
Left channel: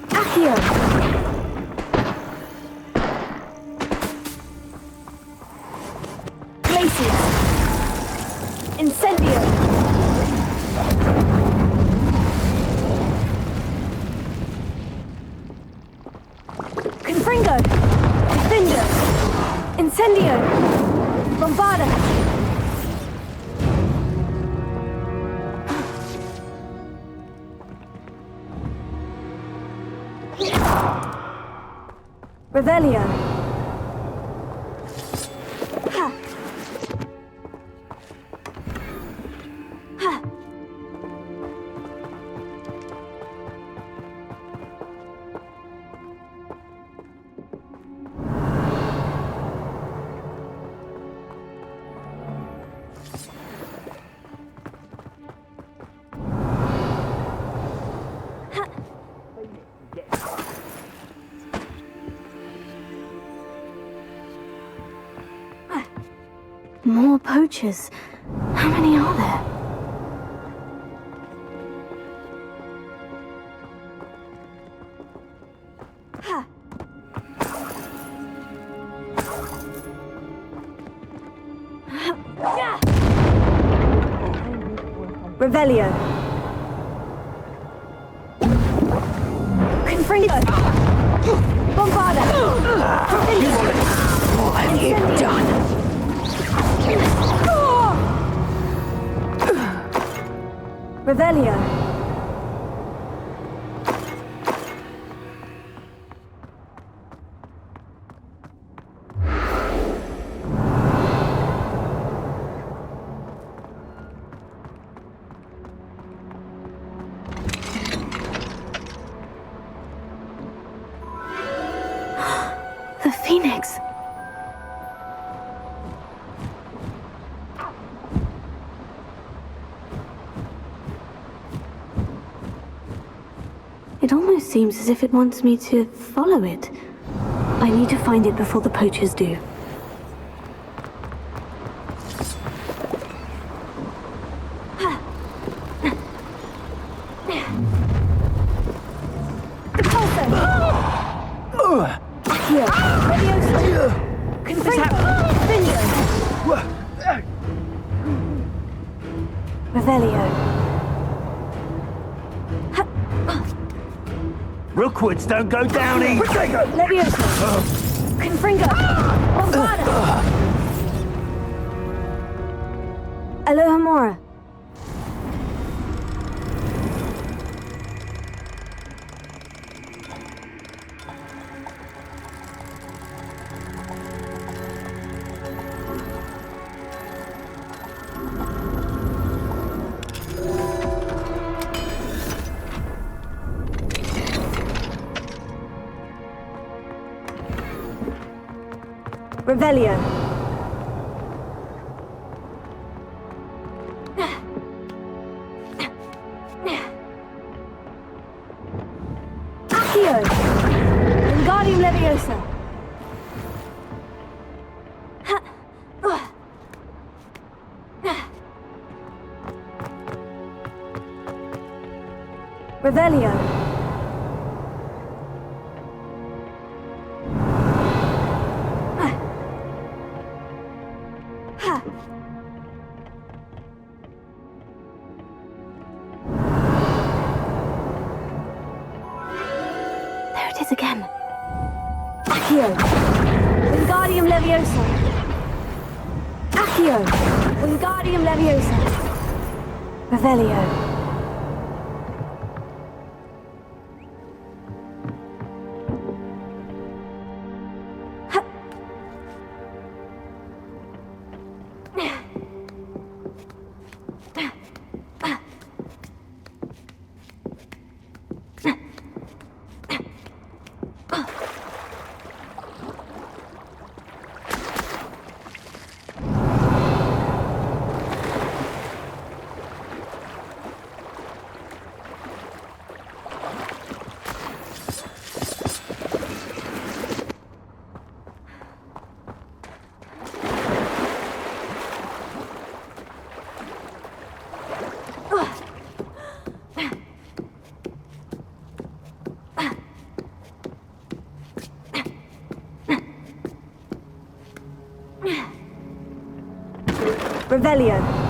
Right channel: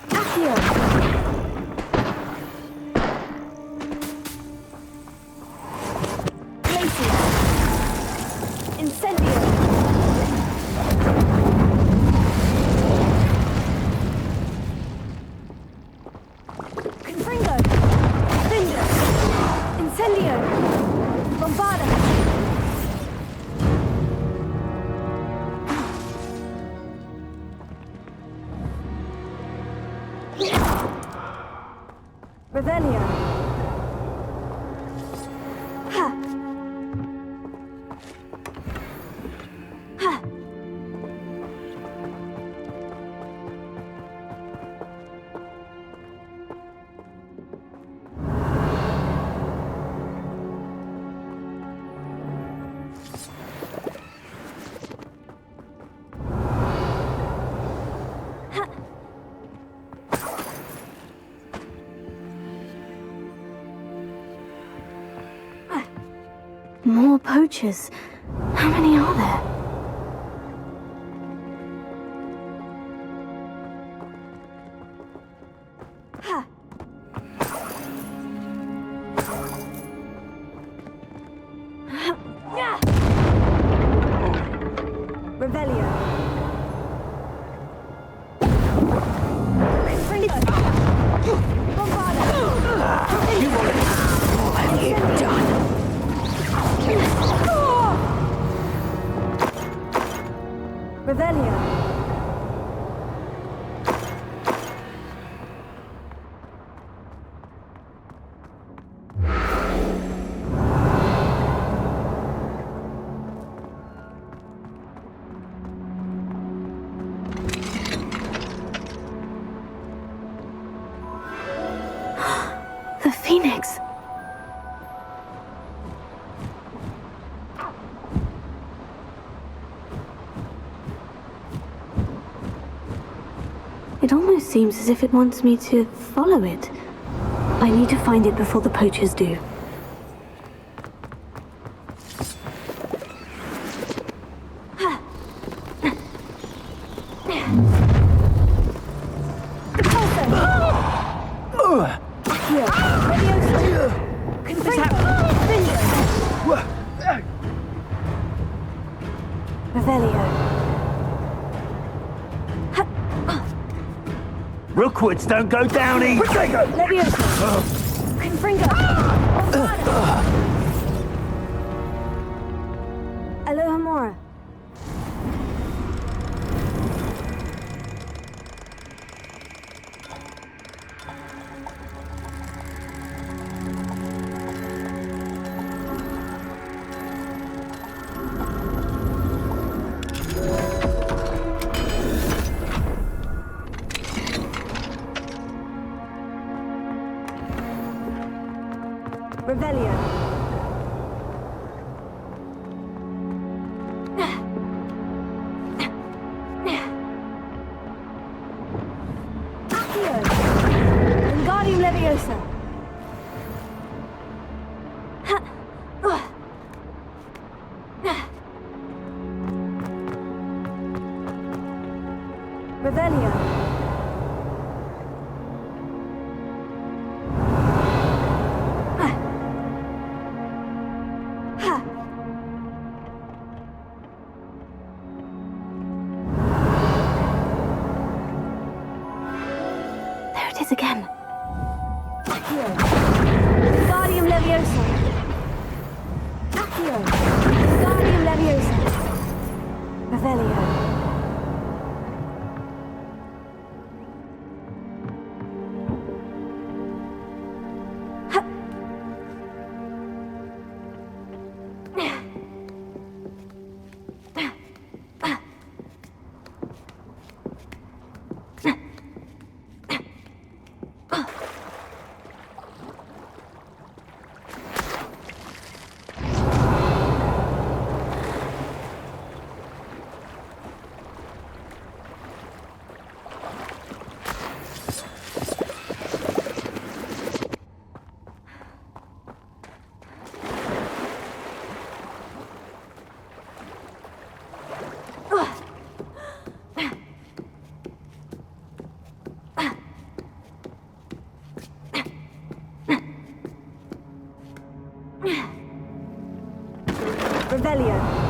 Accio. Glacius. Incendio. Confringo. Incendio! Bombarda! Revelio! Ha! Ha! More poachers. How many are there? Ha! Revelio. Confringo. Bombarda. What have you done? Revelio. The Phoenix. It almost seems as if it wants me to follow it. I need to find it before the poachers do. Rookwoods don't go down easy. Leviosa! Confringo! Bombada! Alohomora! Revelio. Accio. Wingardium Leviosa. Revelio. Again. Accio. Wingardium Leviosa. Accio. Wingardium Leviosa. Revelio. Revelio.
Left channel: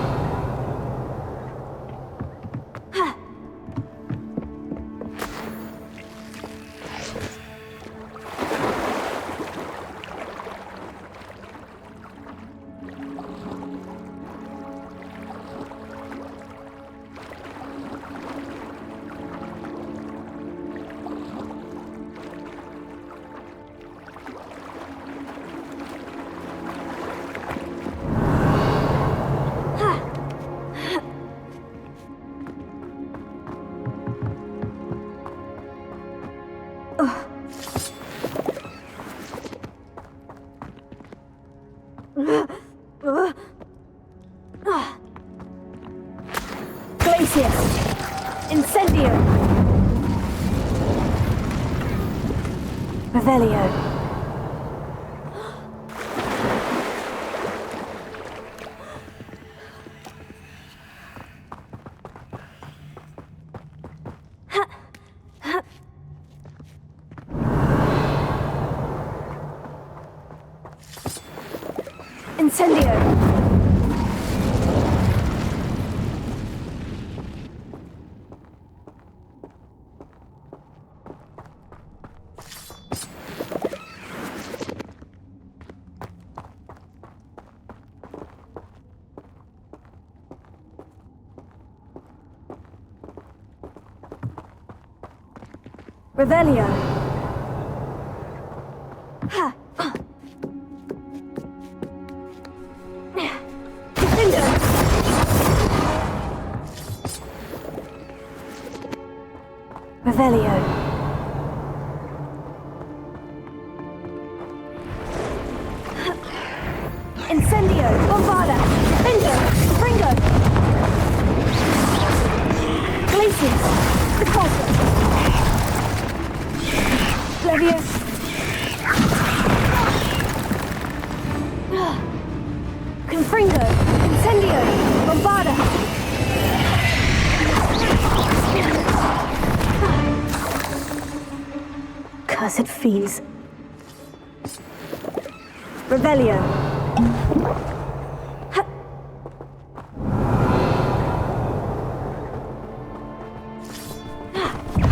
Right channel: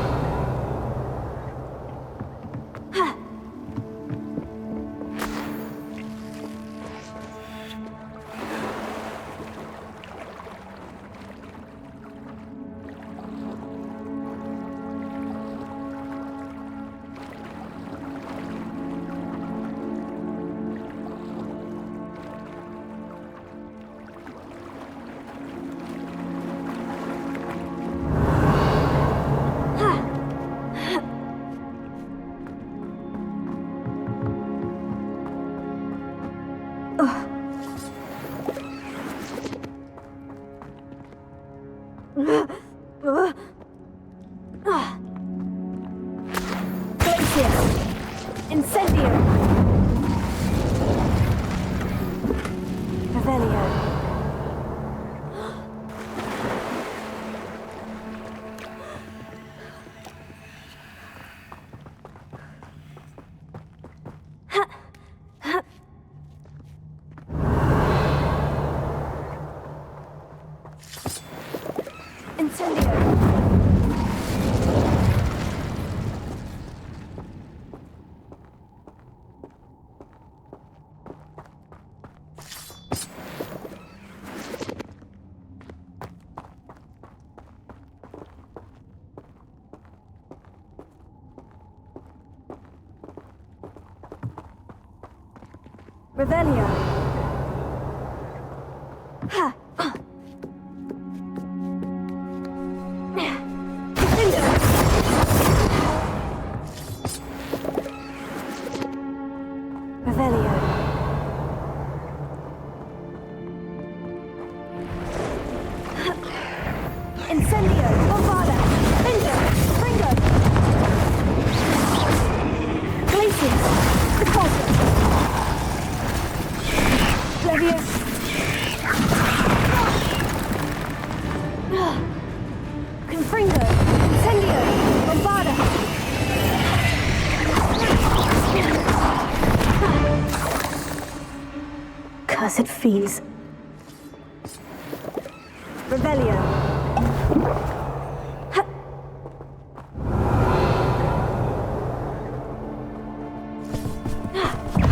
Incendio! Revelio. Incendio! Revelio. Ha. Defender. Revelio. Incendio. Bombarda. Defender. Ringo. Glacius. Repulsor. Accursed fiends. Revelio.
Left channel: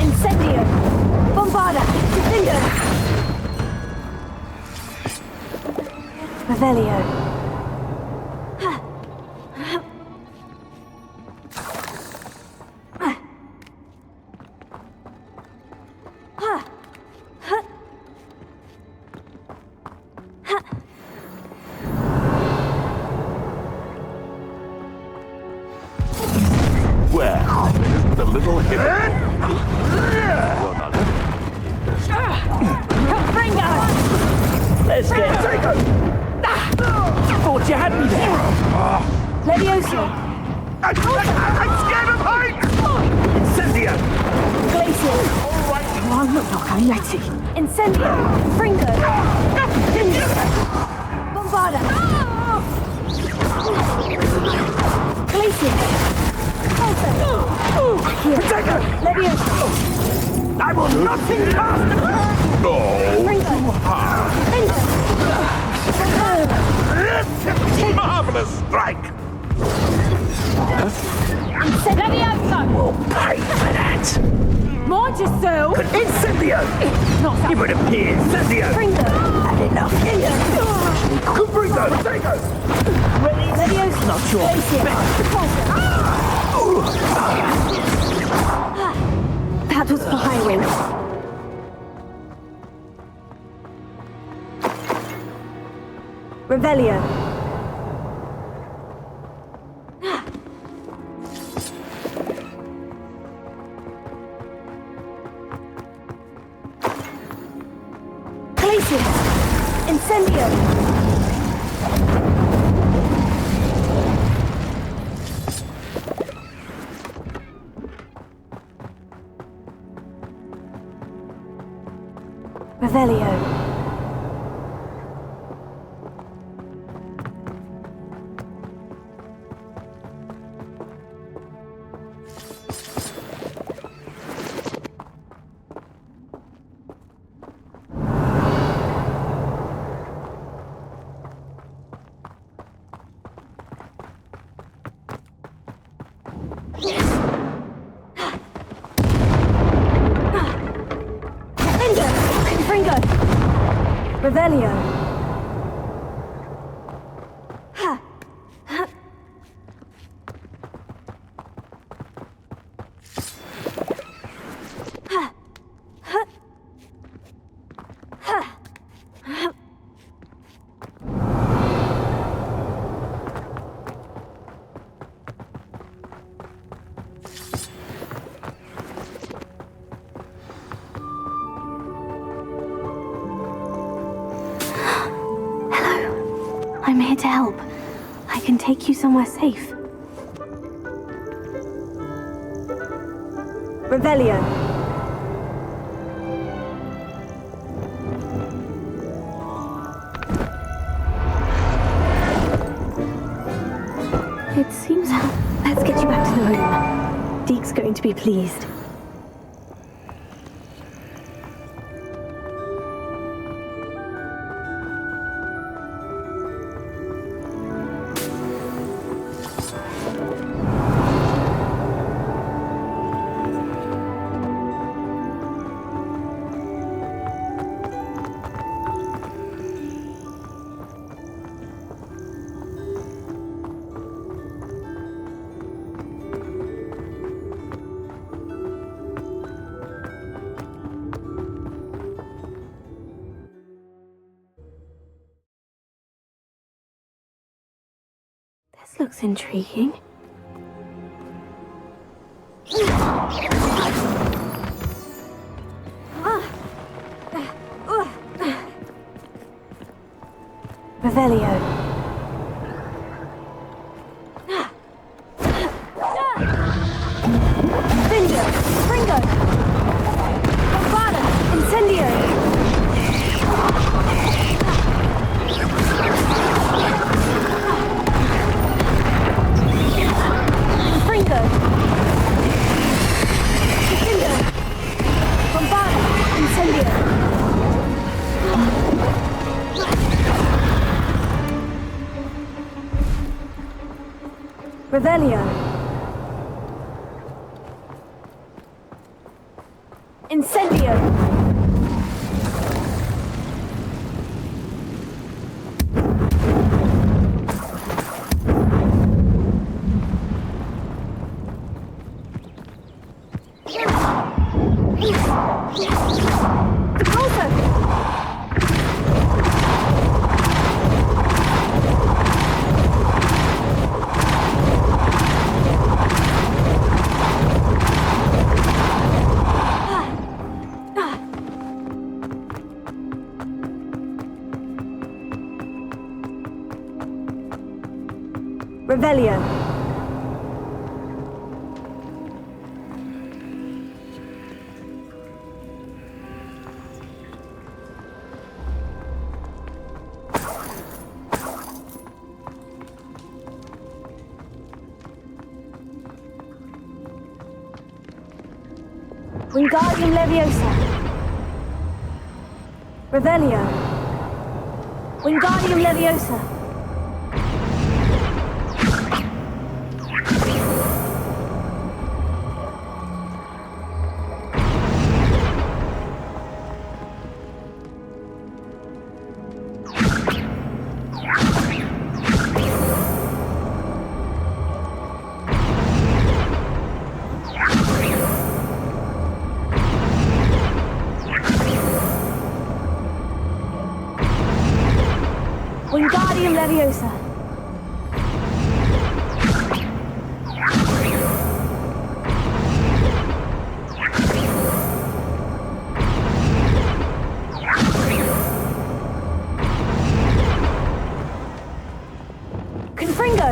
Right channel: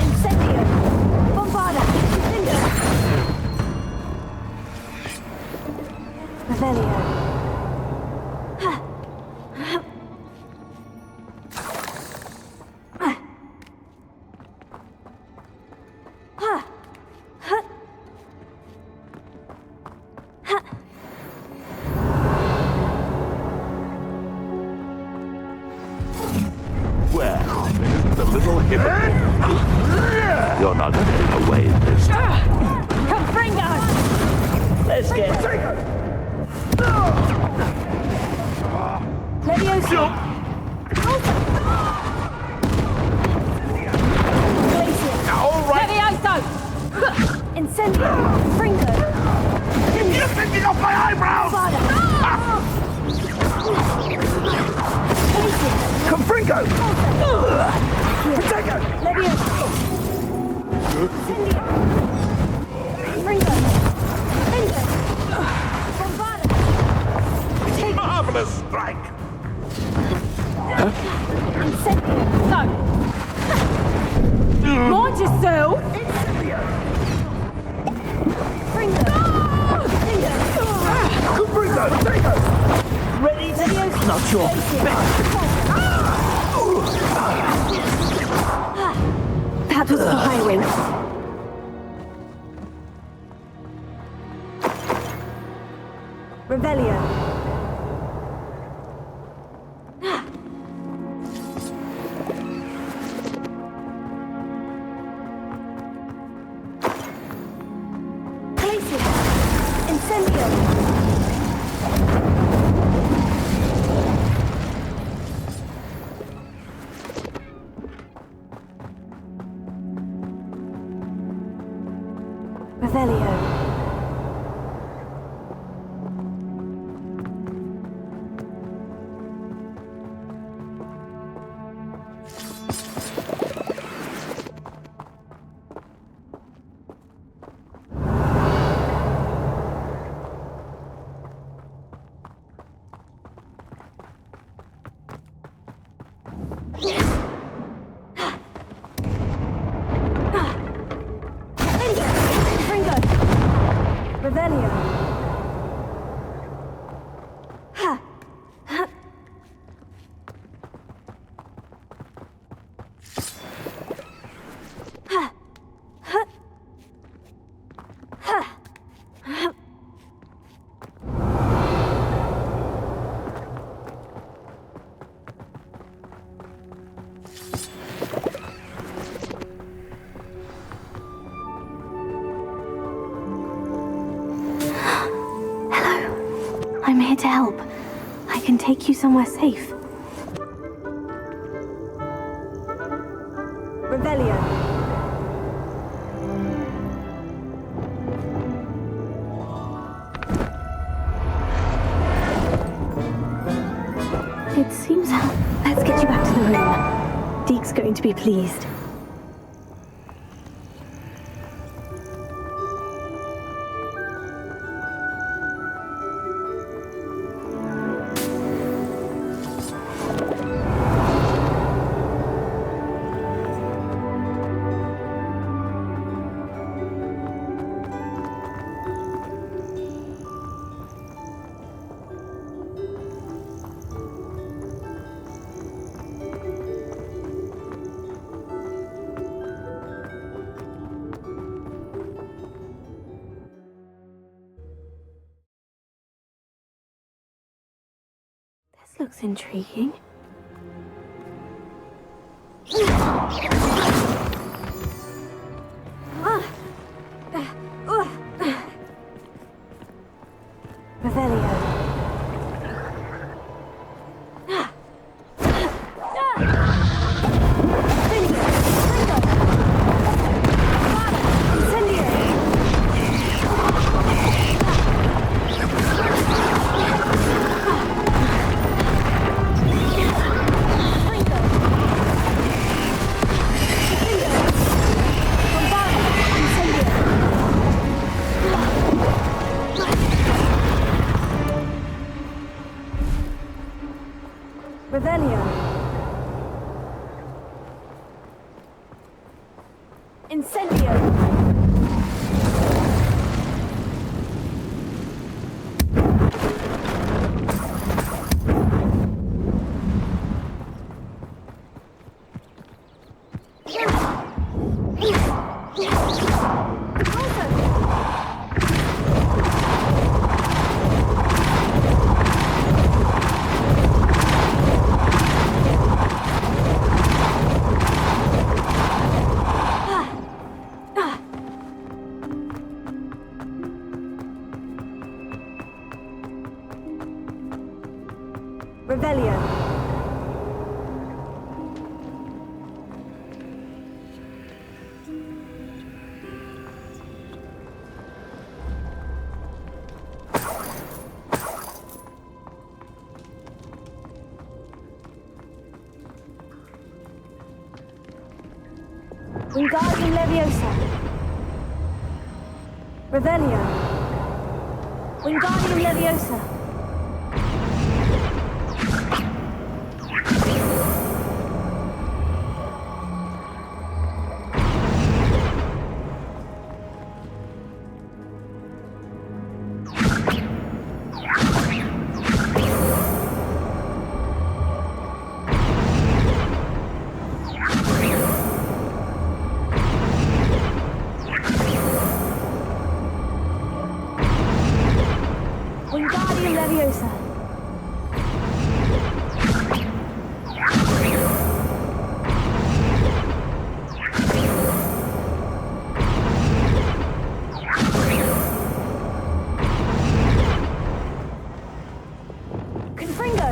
Incendio. Bombarda. Incendio. Revelio. Well, the little hypocrite. You're not going to get away with this. Confringo! Let's get... Thought you had me there. Leviosa. Cynthia! Glacier. All right. Incendio. Fringo. Bombarda. Glacier. Confringo! Accio. Leviosa. I'm on your Fringo. Bombarda. Marvelous strike! Incendio. Mortiso. Incendio! Give it a pin, Cynthia! Fringo. Confringo! Take us! Ready? Leviosa. Not sure. That was for Highwing. Revelio. Glacier. Incendio. Revelio. Fringo. Revelio. Ha. Ha. Ha. Ha. Ha. Ha. I'm here to help. I can take you somewhere safe. Revelio. It seems... Let's get you back to the room. Deke's going to be pleased. This looks intriguing. Revelio. Fringo. Bombarda. Incendio. Fringo. Incendio. Bombarda. Incendio. Revelio. Incendio. Revelio. Wingardium Leviosa. Revelio. Wingardium Leviosa. Wingardium Leviosa. Confringo.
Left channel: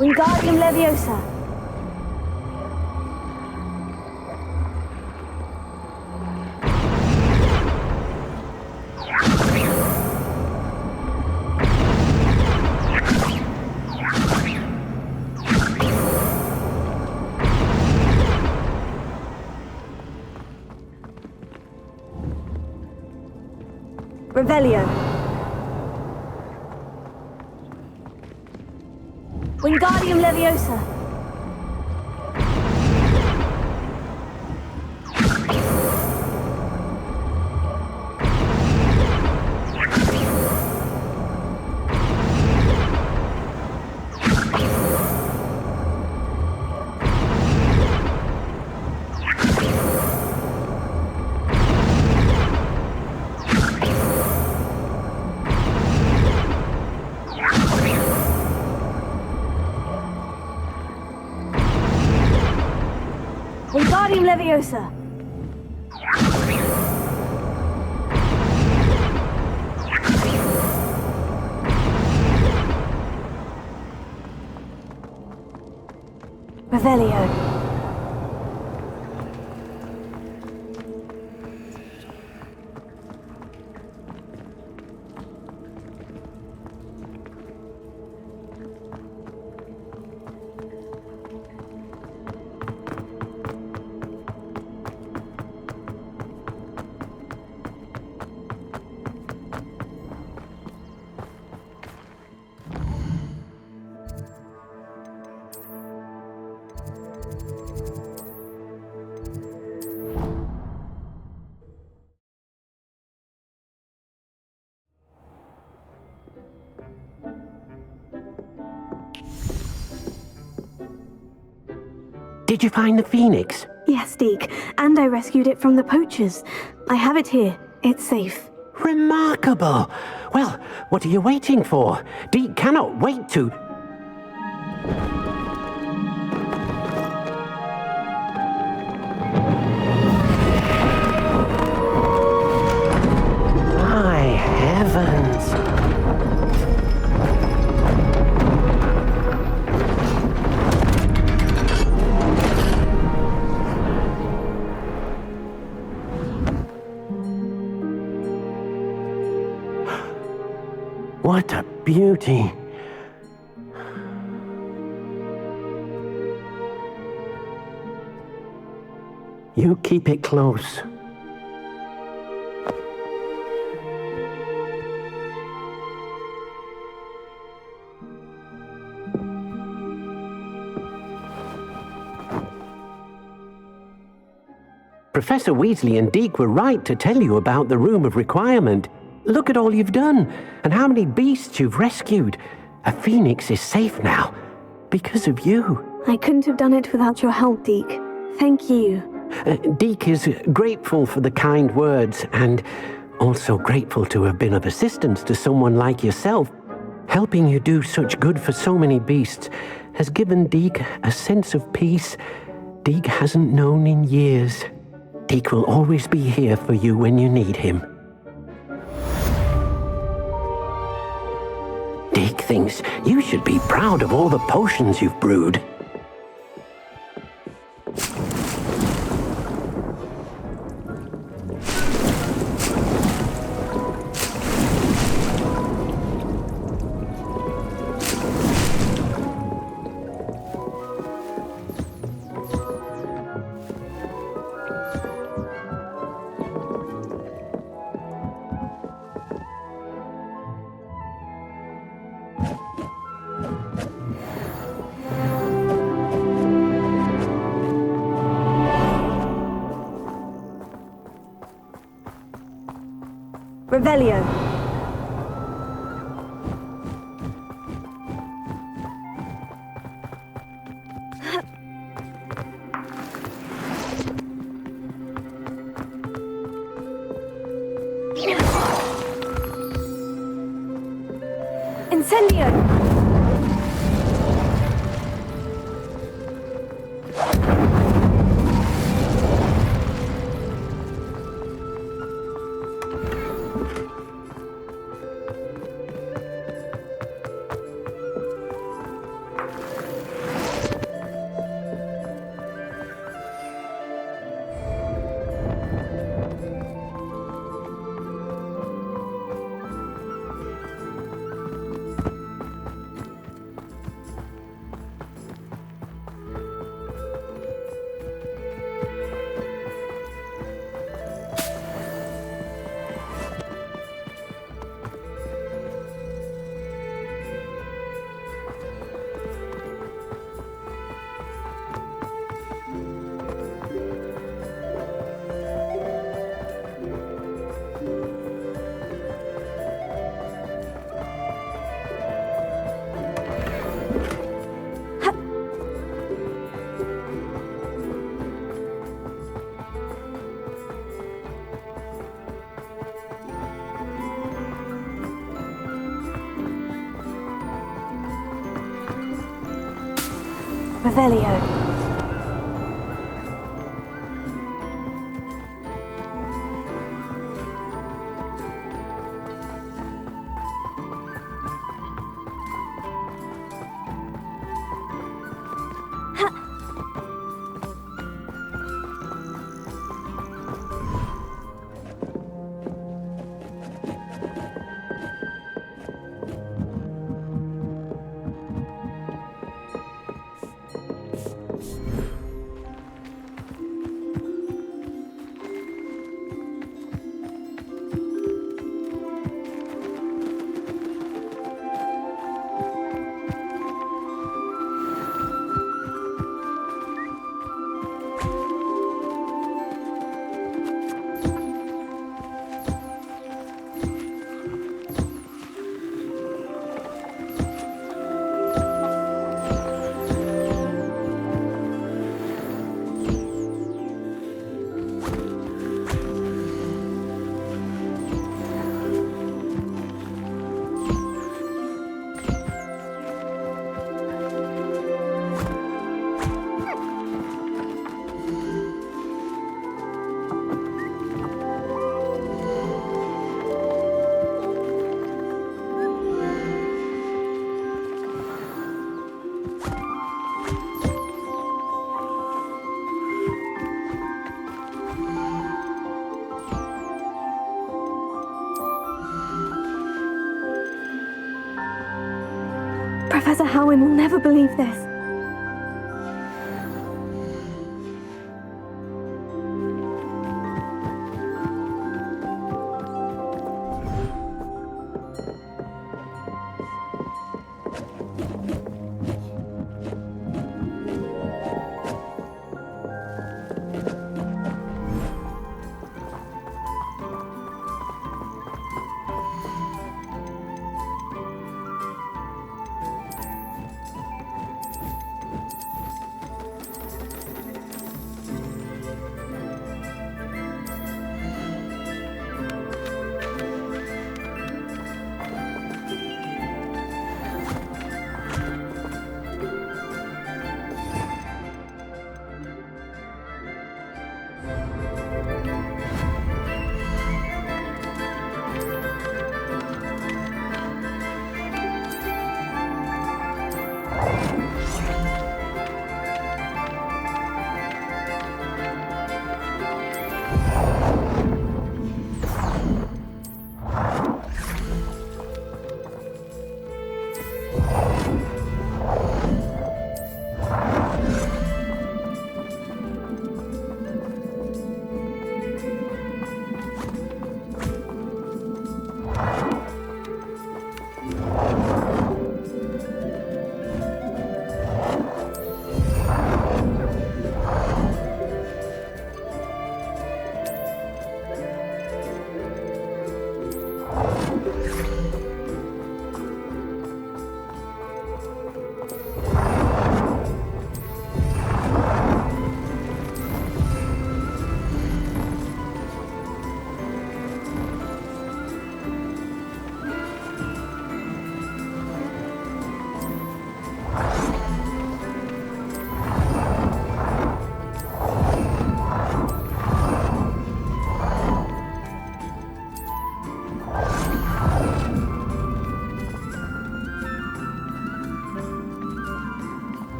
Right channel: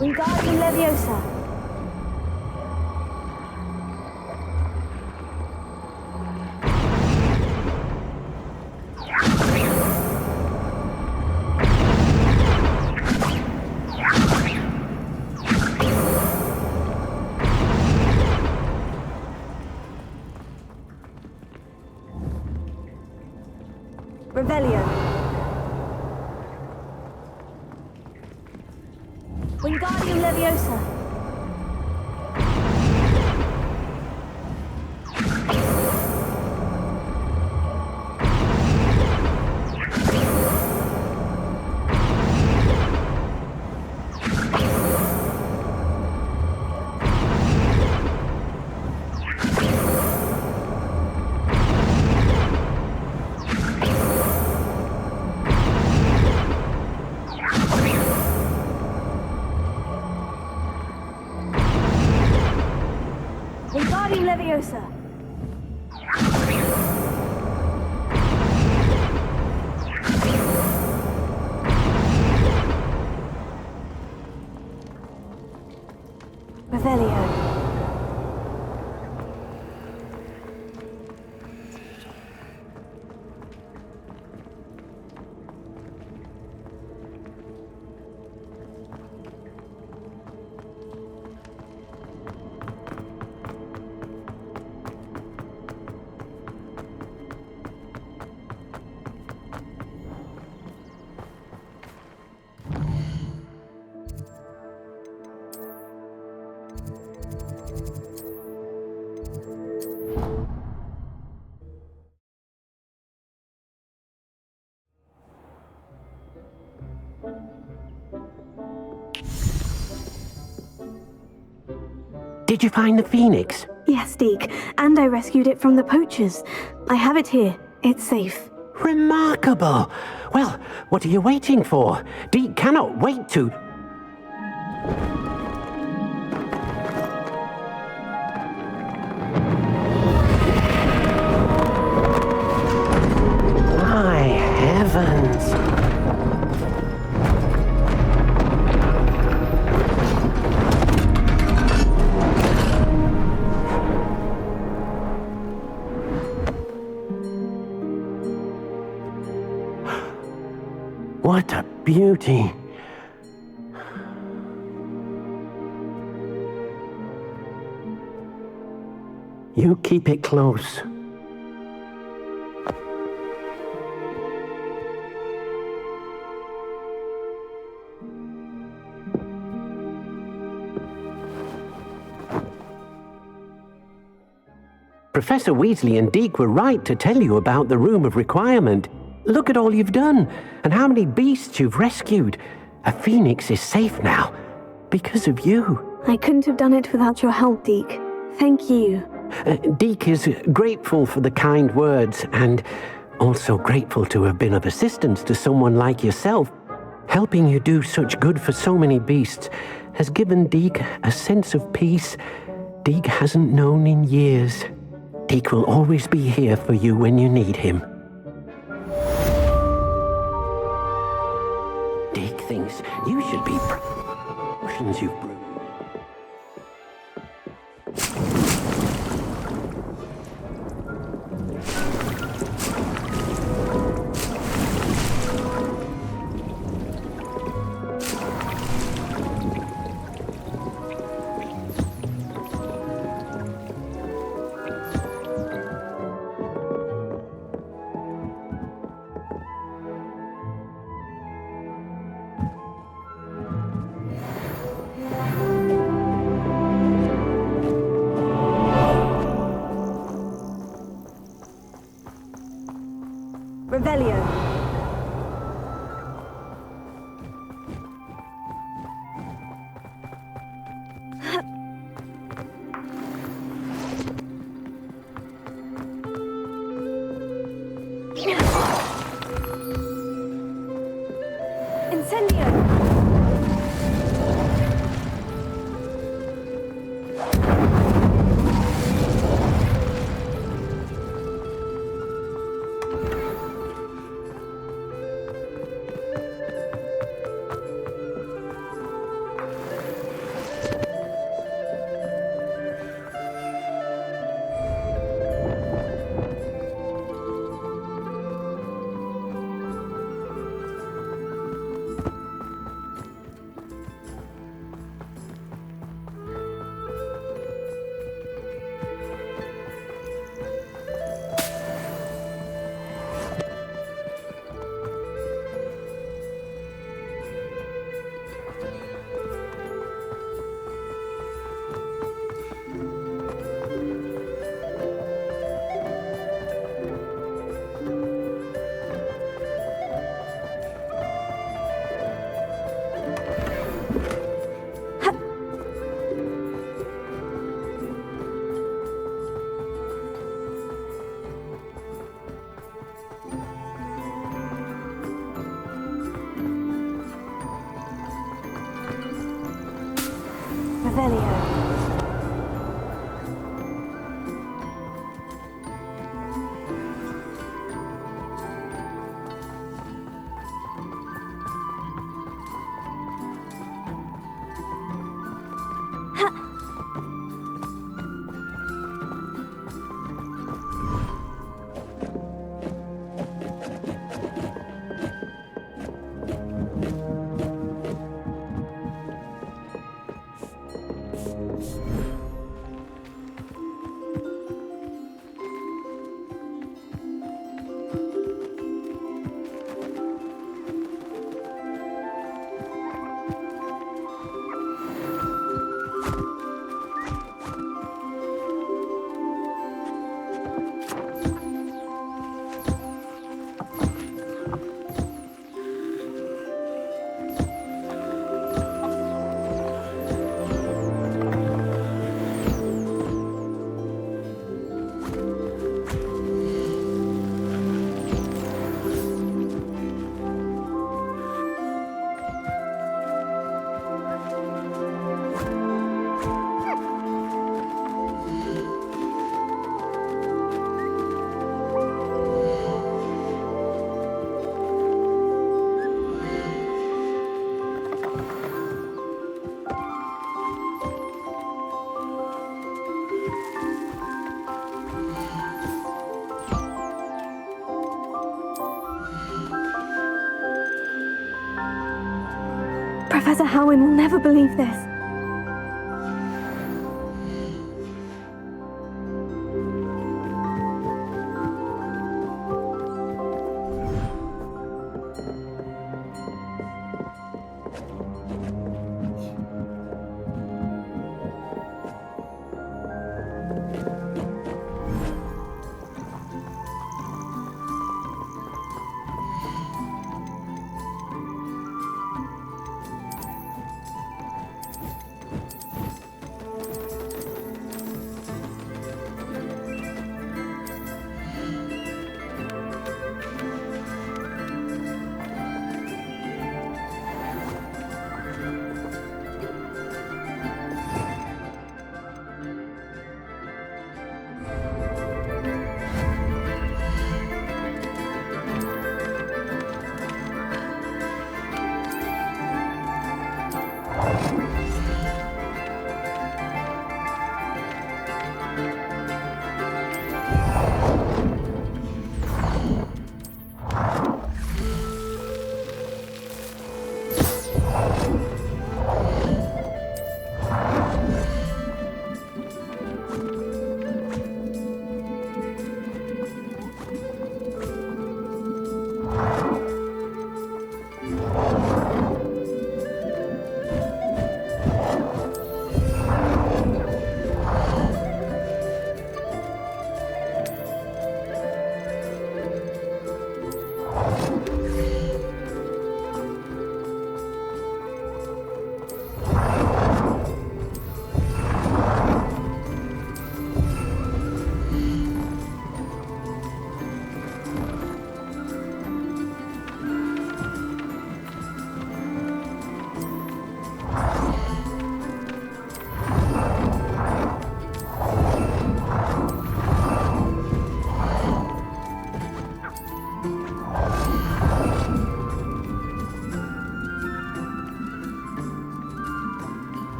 Wingardium Leviosa. Revelio. Wingardium Leviosa. Wingardium Leviosa. Revelio. Did you find the phoenix? Yes, Deke, and I rescued it from the poachers. I have it here. It's safe. Remarkable! Well, what are you waiting for? Deke cannot wait to... My heavens! What a beauty! You keep it close. Professor Weasley and Deke were right to tell you about the Room of Requirement. Look at all you've done, and how many beasts you've rescued. A phoenix is safe now, because of you. I couldn't have done it without your help, Deke. Thank you. Deke is grateful for the kind words, and also grateful to have been of assistance to someone like yourself. Helping you do such good for so many beasts has given Deke a sense of peace Deke hasn't known in years. Deke will always be here for you when you need him. Deke thinks you should be proud of all the potions you've brewed. Revelio. Incendio. Revelio. Professor Howin will never believe this.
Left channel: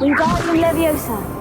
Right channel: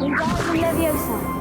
Wingardium Leviosa.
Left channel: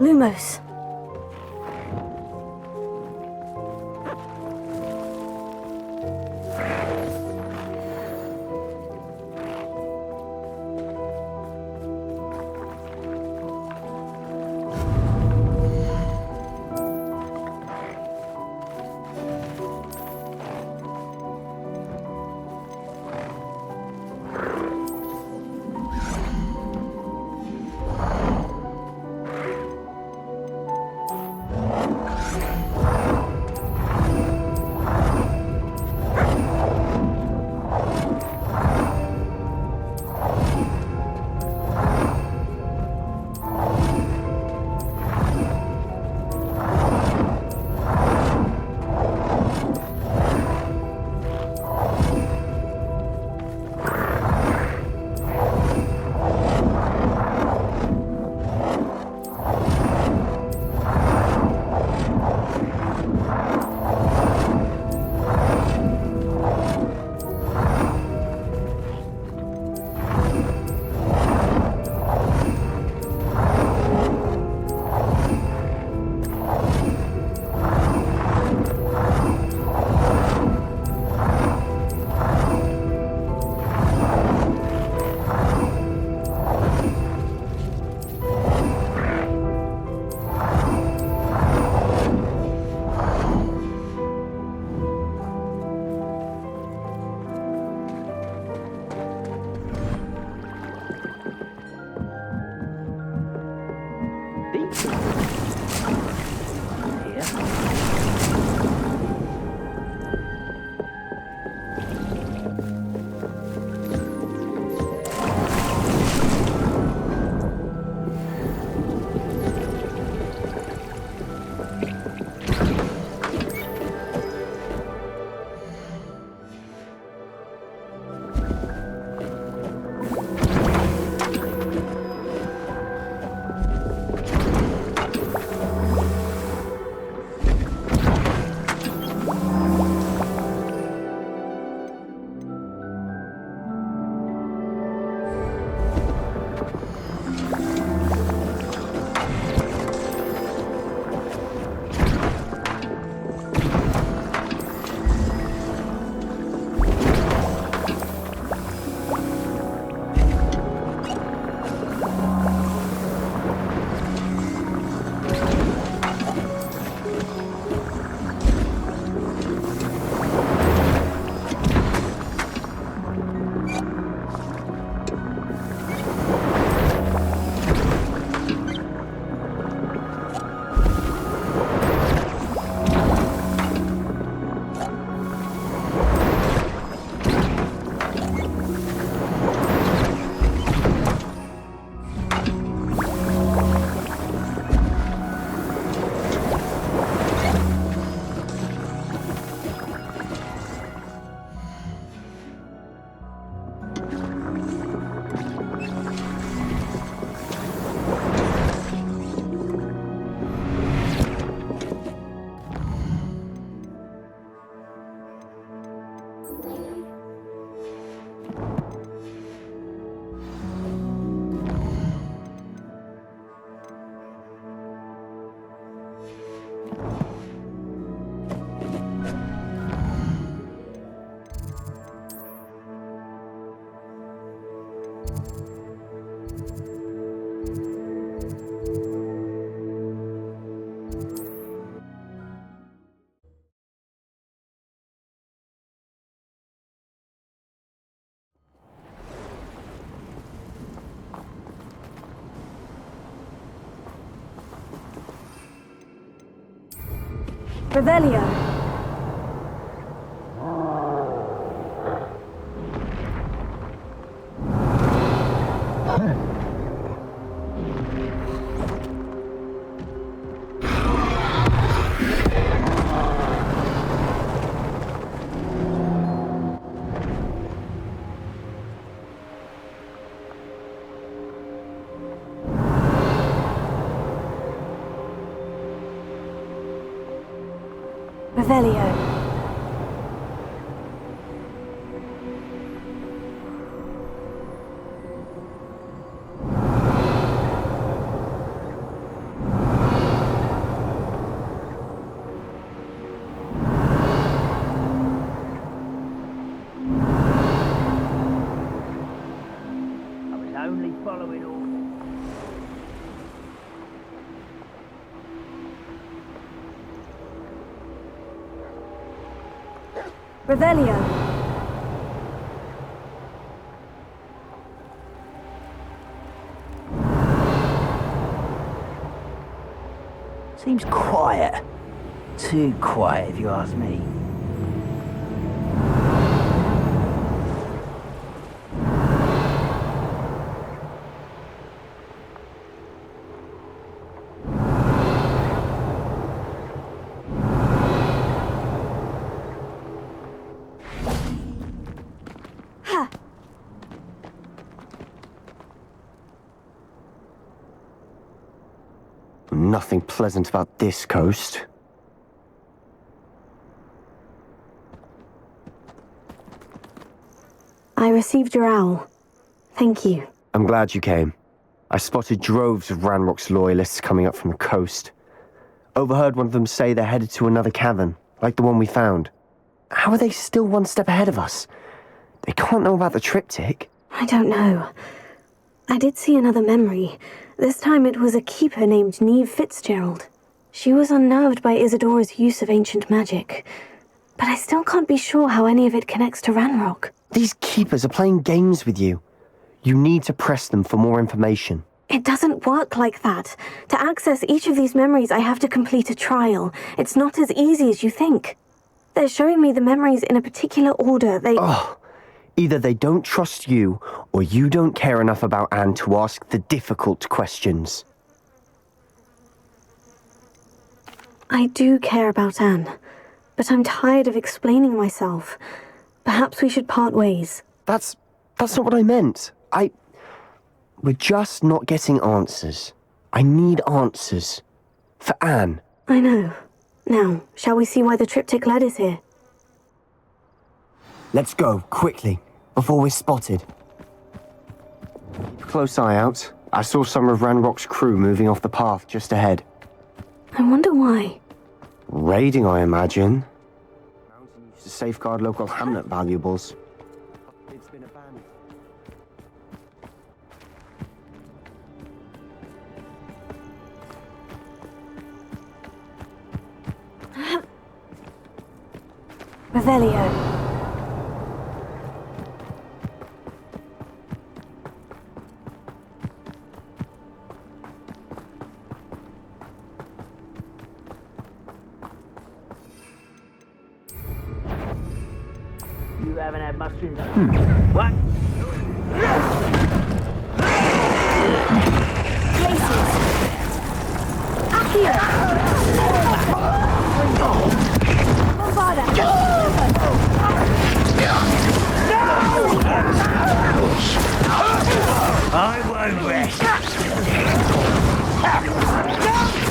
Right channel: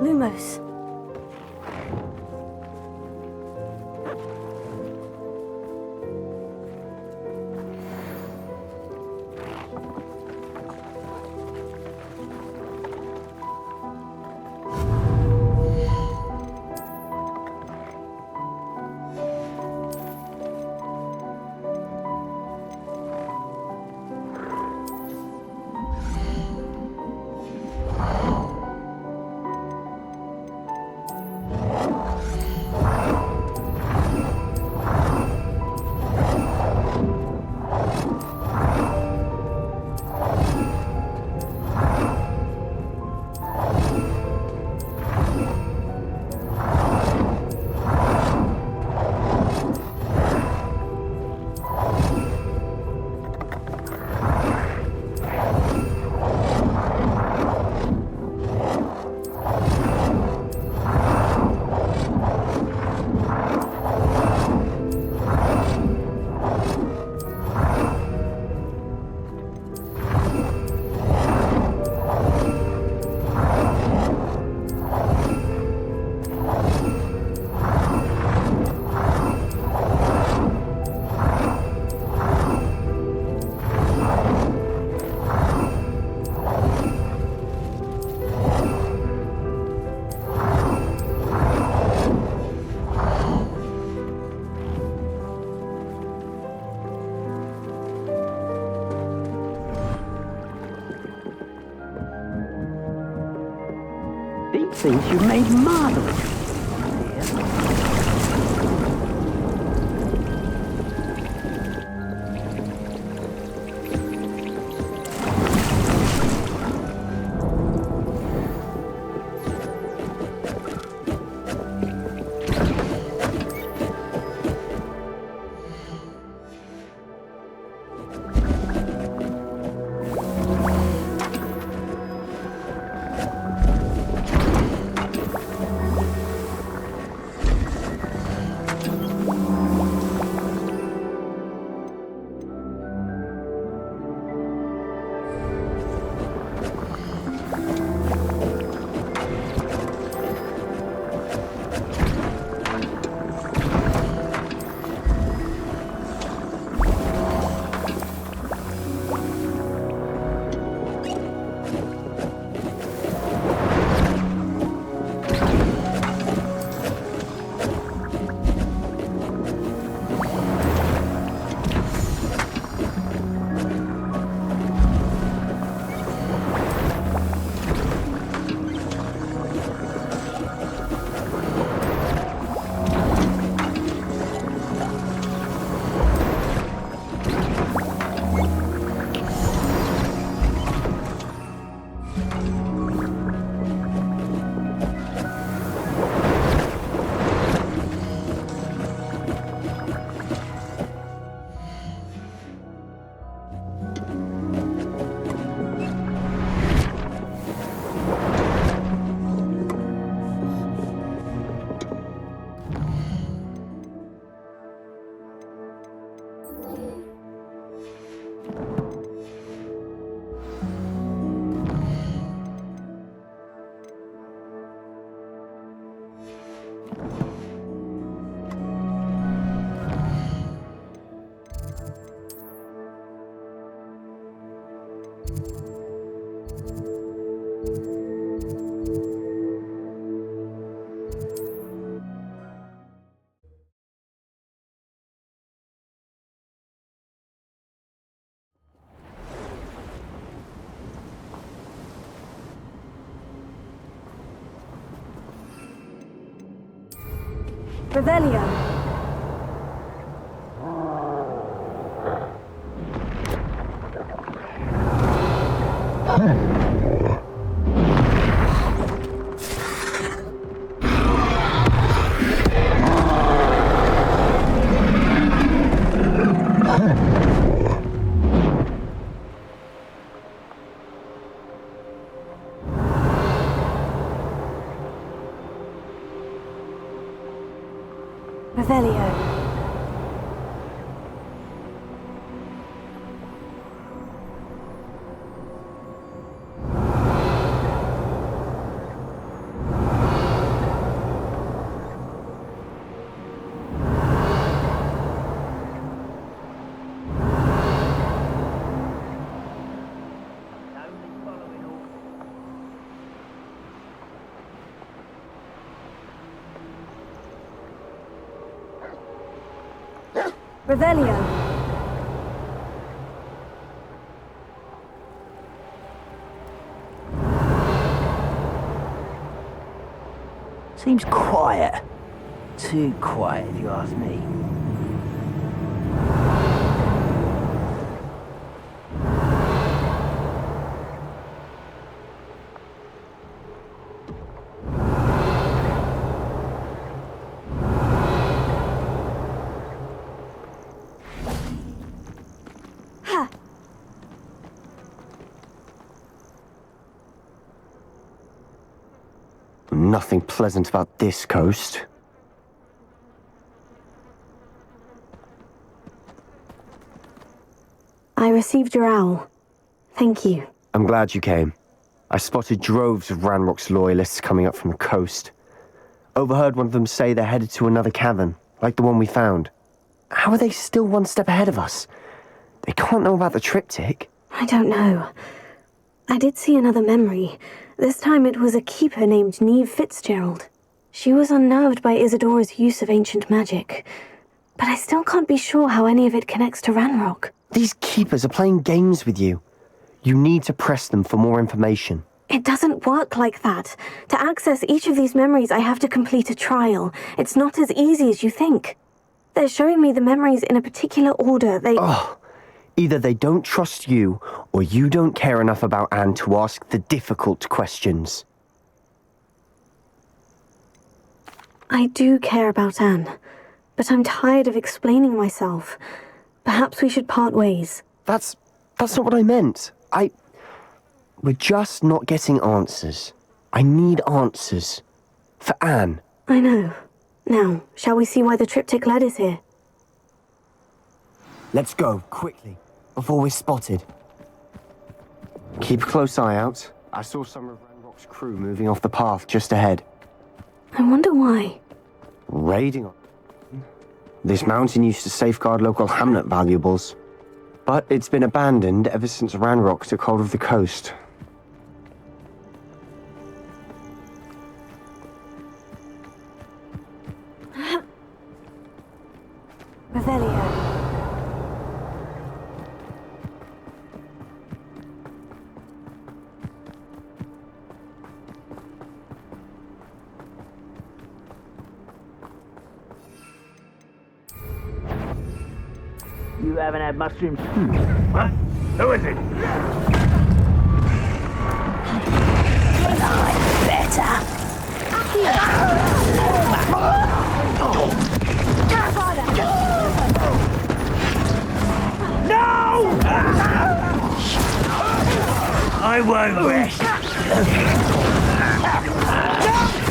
Lumos. These things you made mine. Revelio. Revelio. Only following orders. Revelio. Seems quiet. Too quiet, if you ask me. Nothing pleasant about this coast. I received your owl. Thank you. I'm glad you came. I spotted droves of Ranrock's loyalists coming up from the coast. Overheard one of them say they're headed to another cavern, like the one we found. How are they still one step ahead of us? They can't know about the triptych. I don't know. I did see another memory. This time it was a keeper named Neve Fitzgerald. She was unnerved by Isadora's use of ancient magic. But I still can't be sure how any of it connects to Ranrock. These keepers are playing games with you. You need to press them for more information. It doesn't work like that. To access each of these memories, I have to complete a trial. It's not as easy as you think. They're showing me the memories in a particular order. Either they don't trust you, or you don't care enough about Anne to ask the difficult questions. I do care about Anne, but I'm tired of explaining myself. Perhaps we should part ways. That's not what I meant. We're just not getting answers. I need answers. For Anne. I know. Now, shall we see why the triptych led us here? Let's go, quickly, before we're spotted. Keep a close eye out. I saw some of Ranrock's crew moving off the path just ahead. I wonder why. Raiding, I imagine. This mountain used to safeguard local hamlet valuables. But it's been abandoned ever since Ranrock took hold of the coast. Revelio. You haven't had mushrooms. What? Who is it? I won't rest.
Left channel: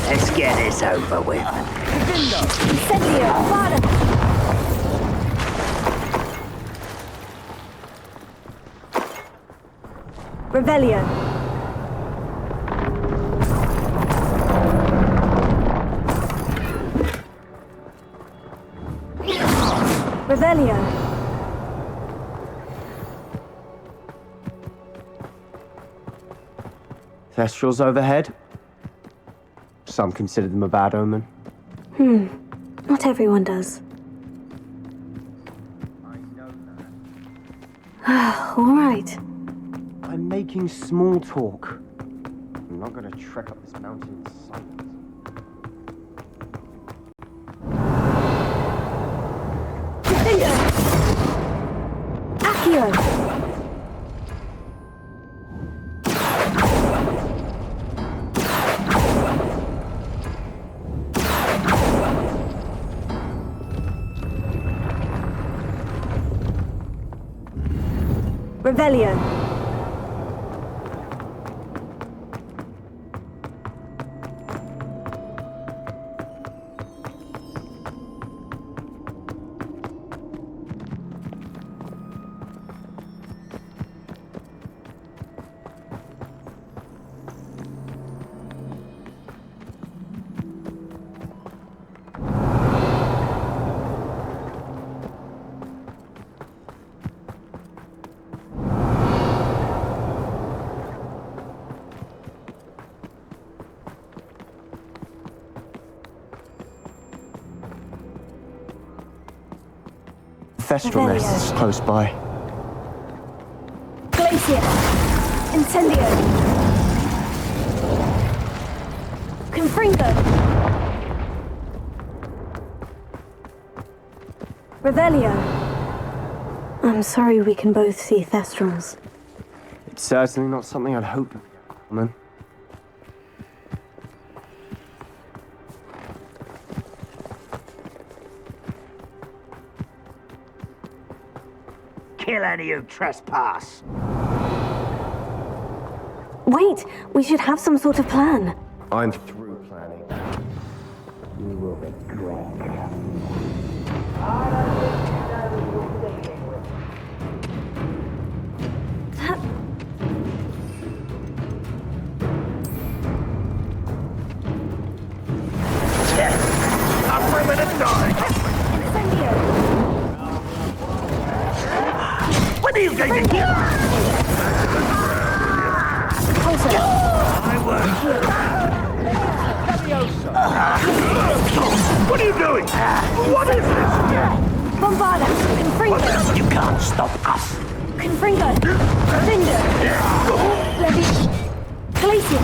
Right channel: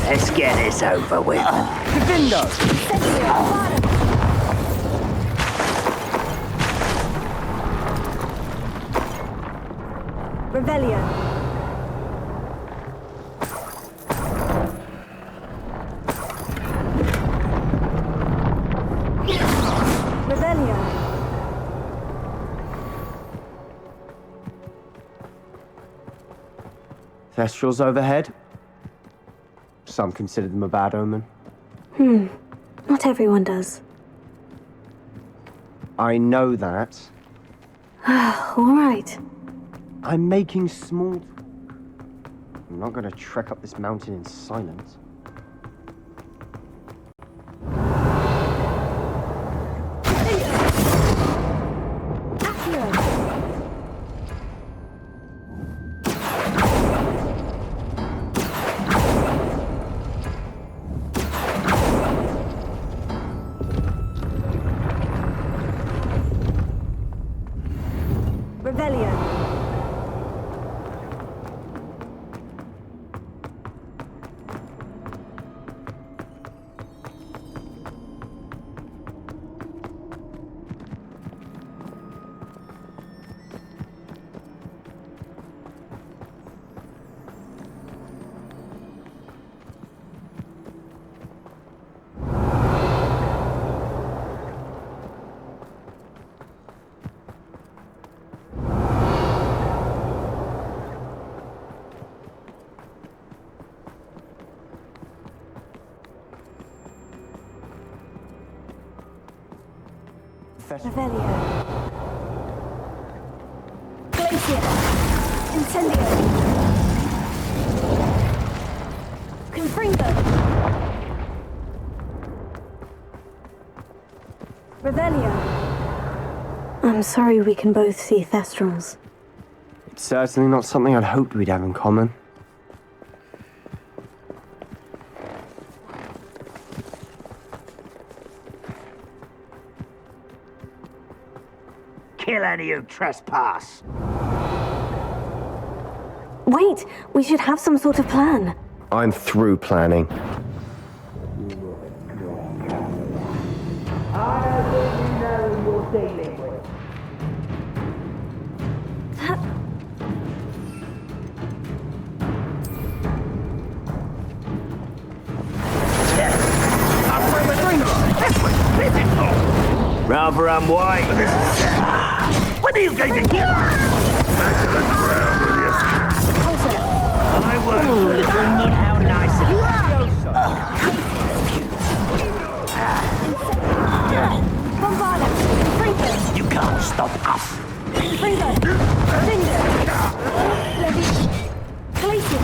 Let's get this over with. Revelio. Revelio. Thestrals overhead. Some consider them a bad omen. Not everyone does. I know that. All right. I'm making small talk. I'm not going to trek up this mountain in silence. Revelio. Thestral nest is close by. Glacier. Incendio. Confringo. Revelio. I'm sorry we can both see Thestrals. It's certainly not something I'd hoped we'd have in common. Kill any who trespass. Wait, we should have some sort of plan. I'm through planning. Rather unwise. What are you going to do? I won't. What are you doing? What is it? Bombarda. Confringo. You can't stop us. Confringo. Cinder. Levi. Glacier.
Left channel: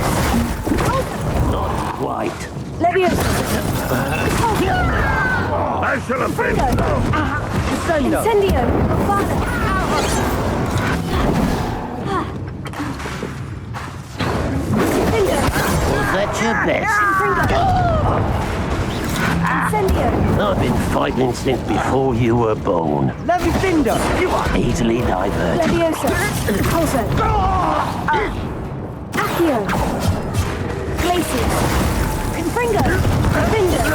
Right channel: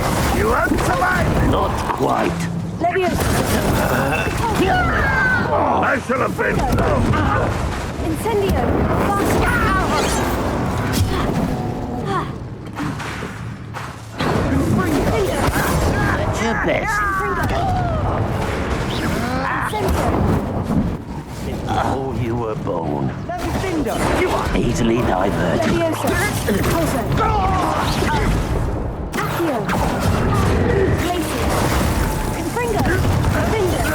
Not quite. Leviosa. I shall have been. Incendio. Fast out. Cinder. That's your best. Incendio. I've been fighting since before you were born. Levi Cinder! You are easily diverted. Leviosa. Pulso. Accio. Glacier. Confringo. Cinder.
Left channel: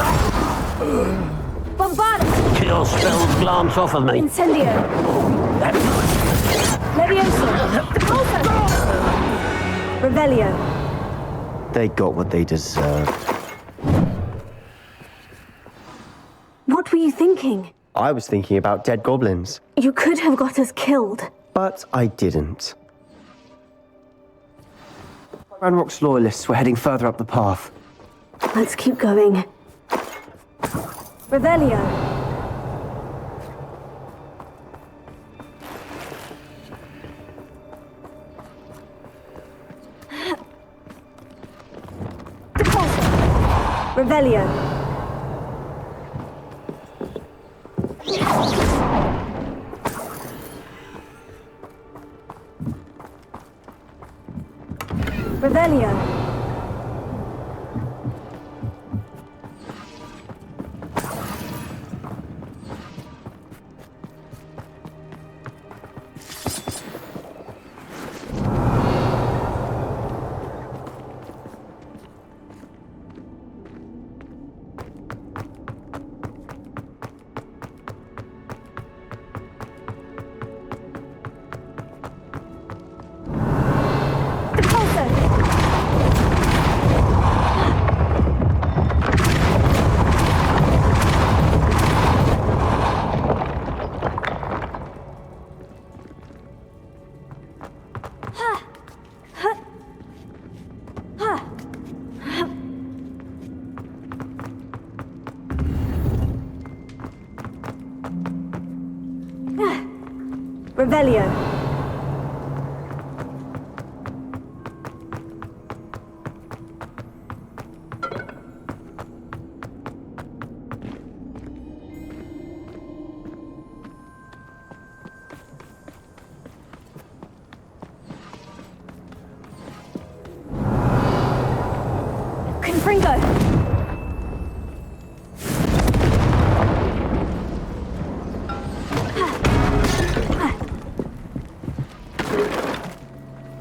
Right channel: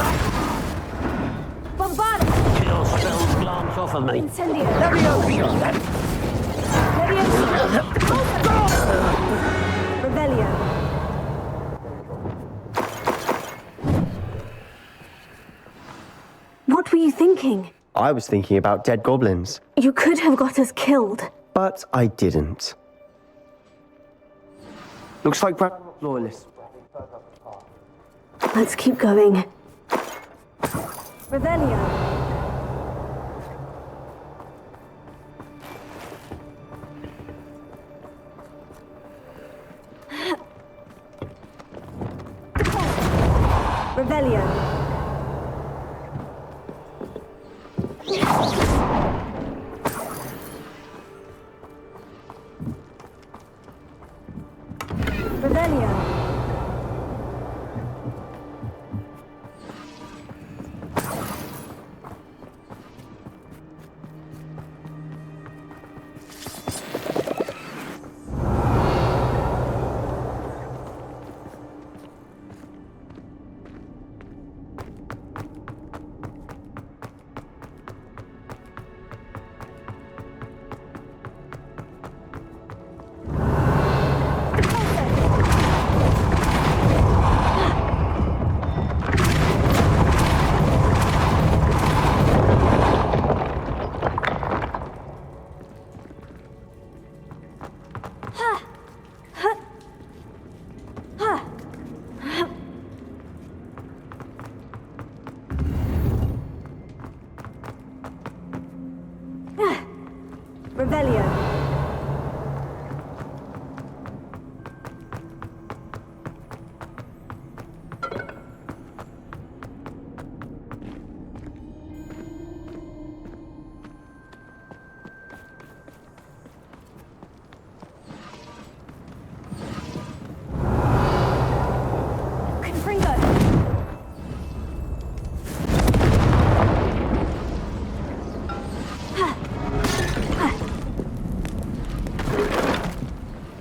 Bombarda. Your spells glance off of me. Incendio. Leviosa. Pulso. Revelio. They got what they deserved. What were you thinking? I was thinking about dead goblins, You could have got us killed. but I didn't. Looks like Ranrock's loyalists were heading further up the path. Let's keep going. Revelio. Revelio. Revelio. Revelio. Confringo.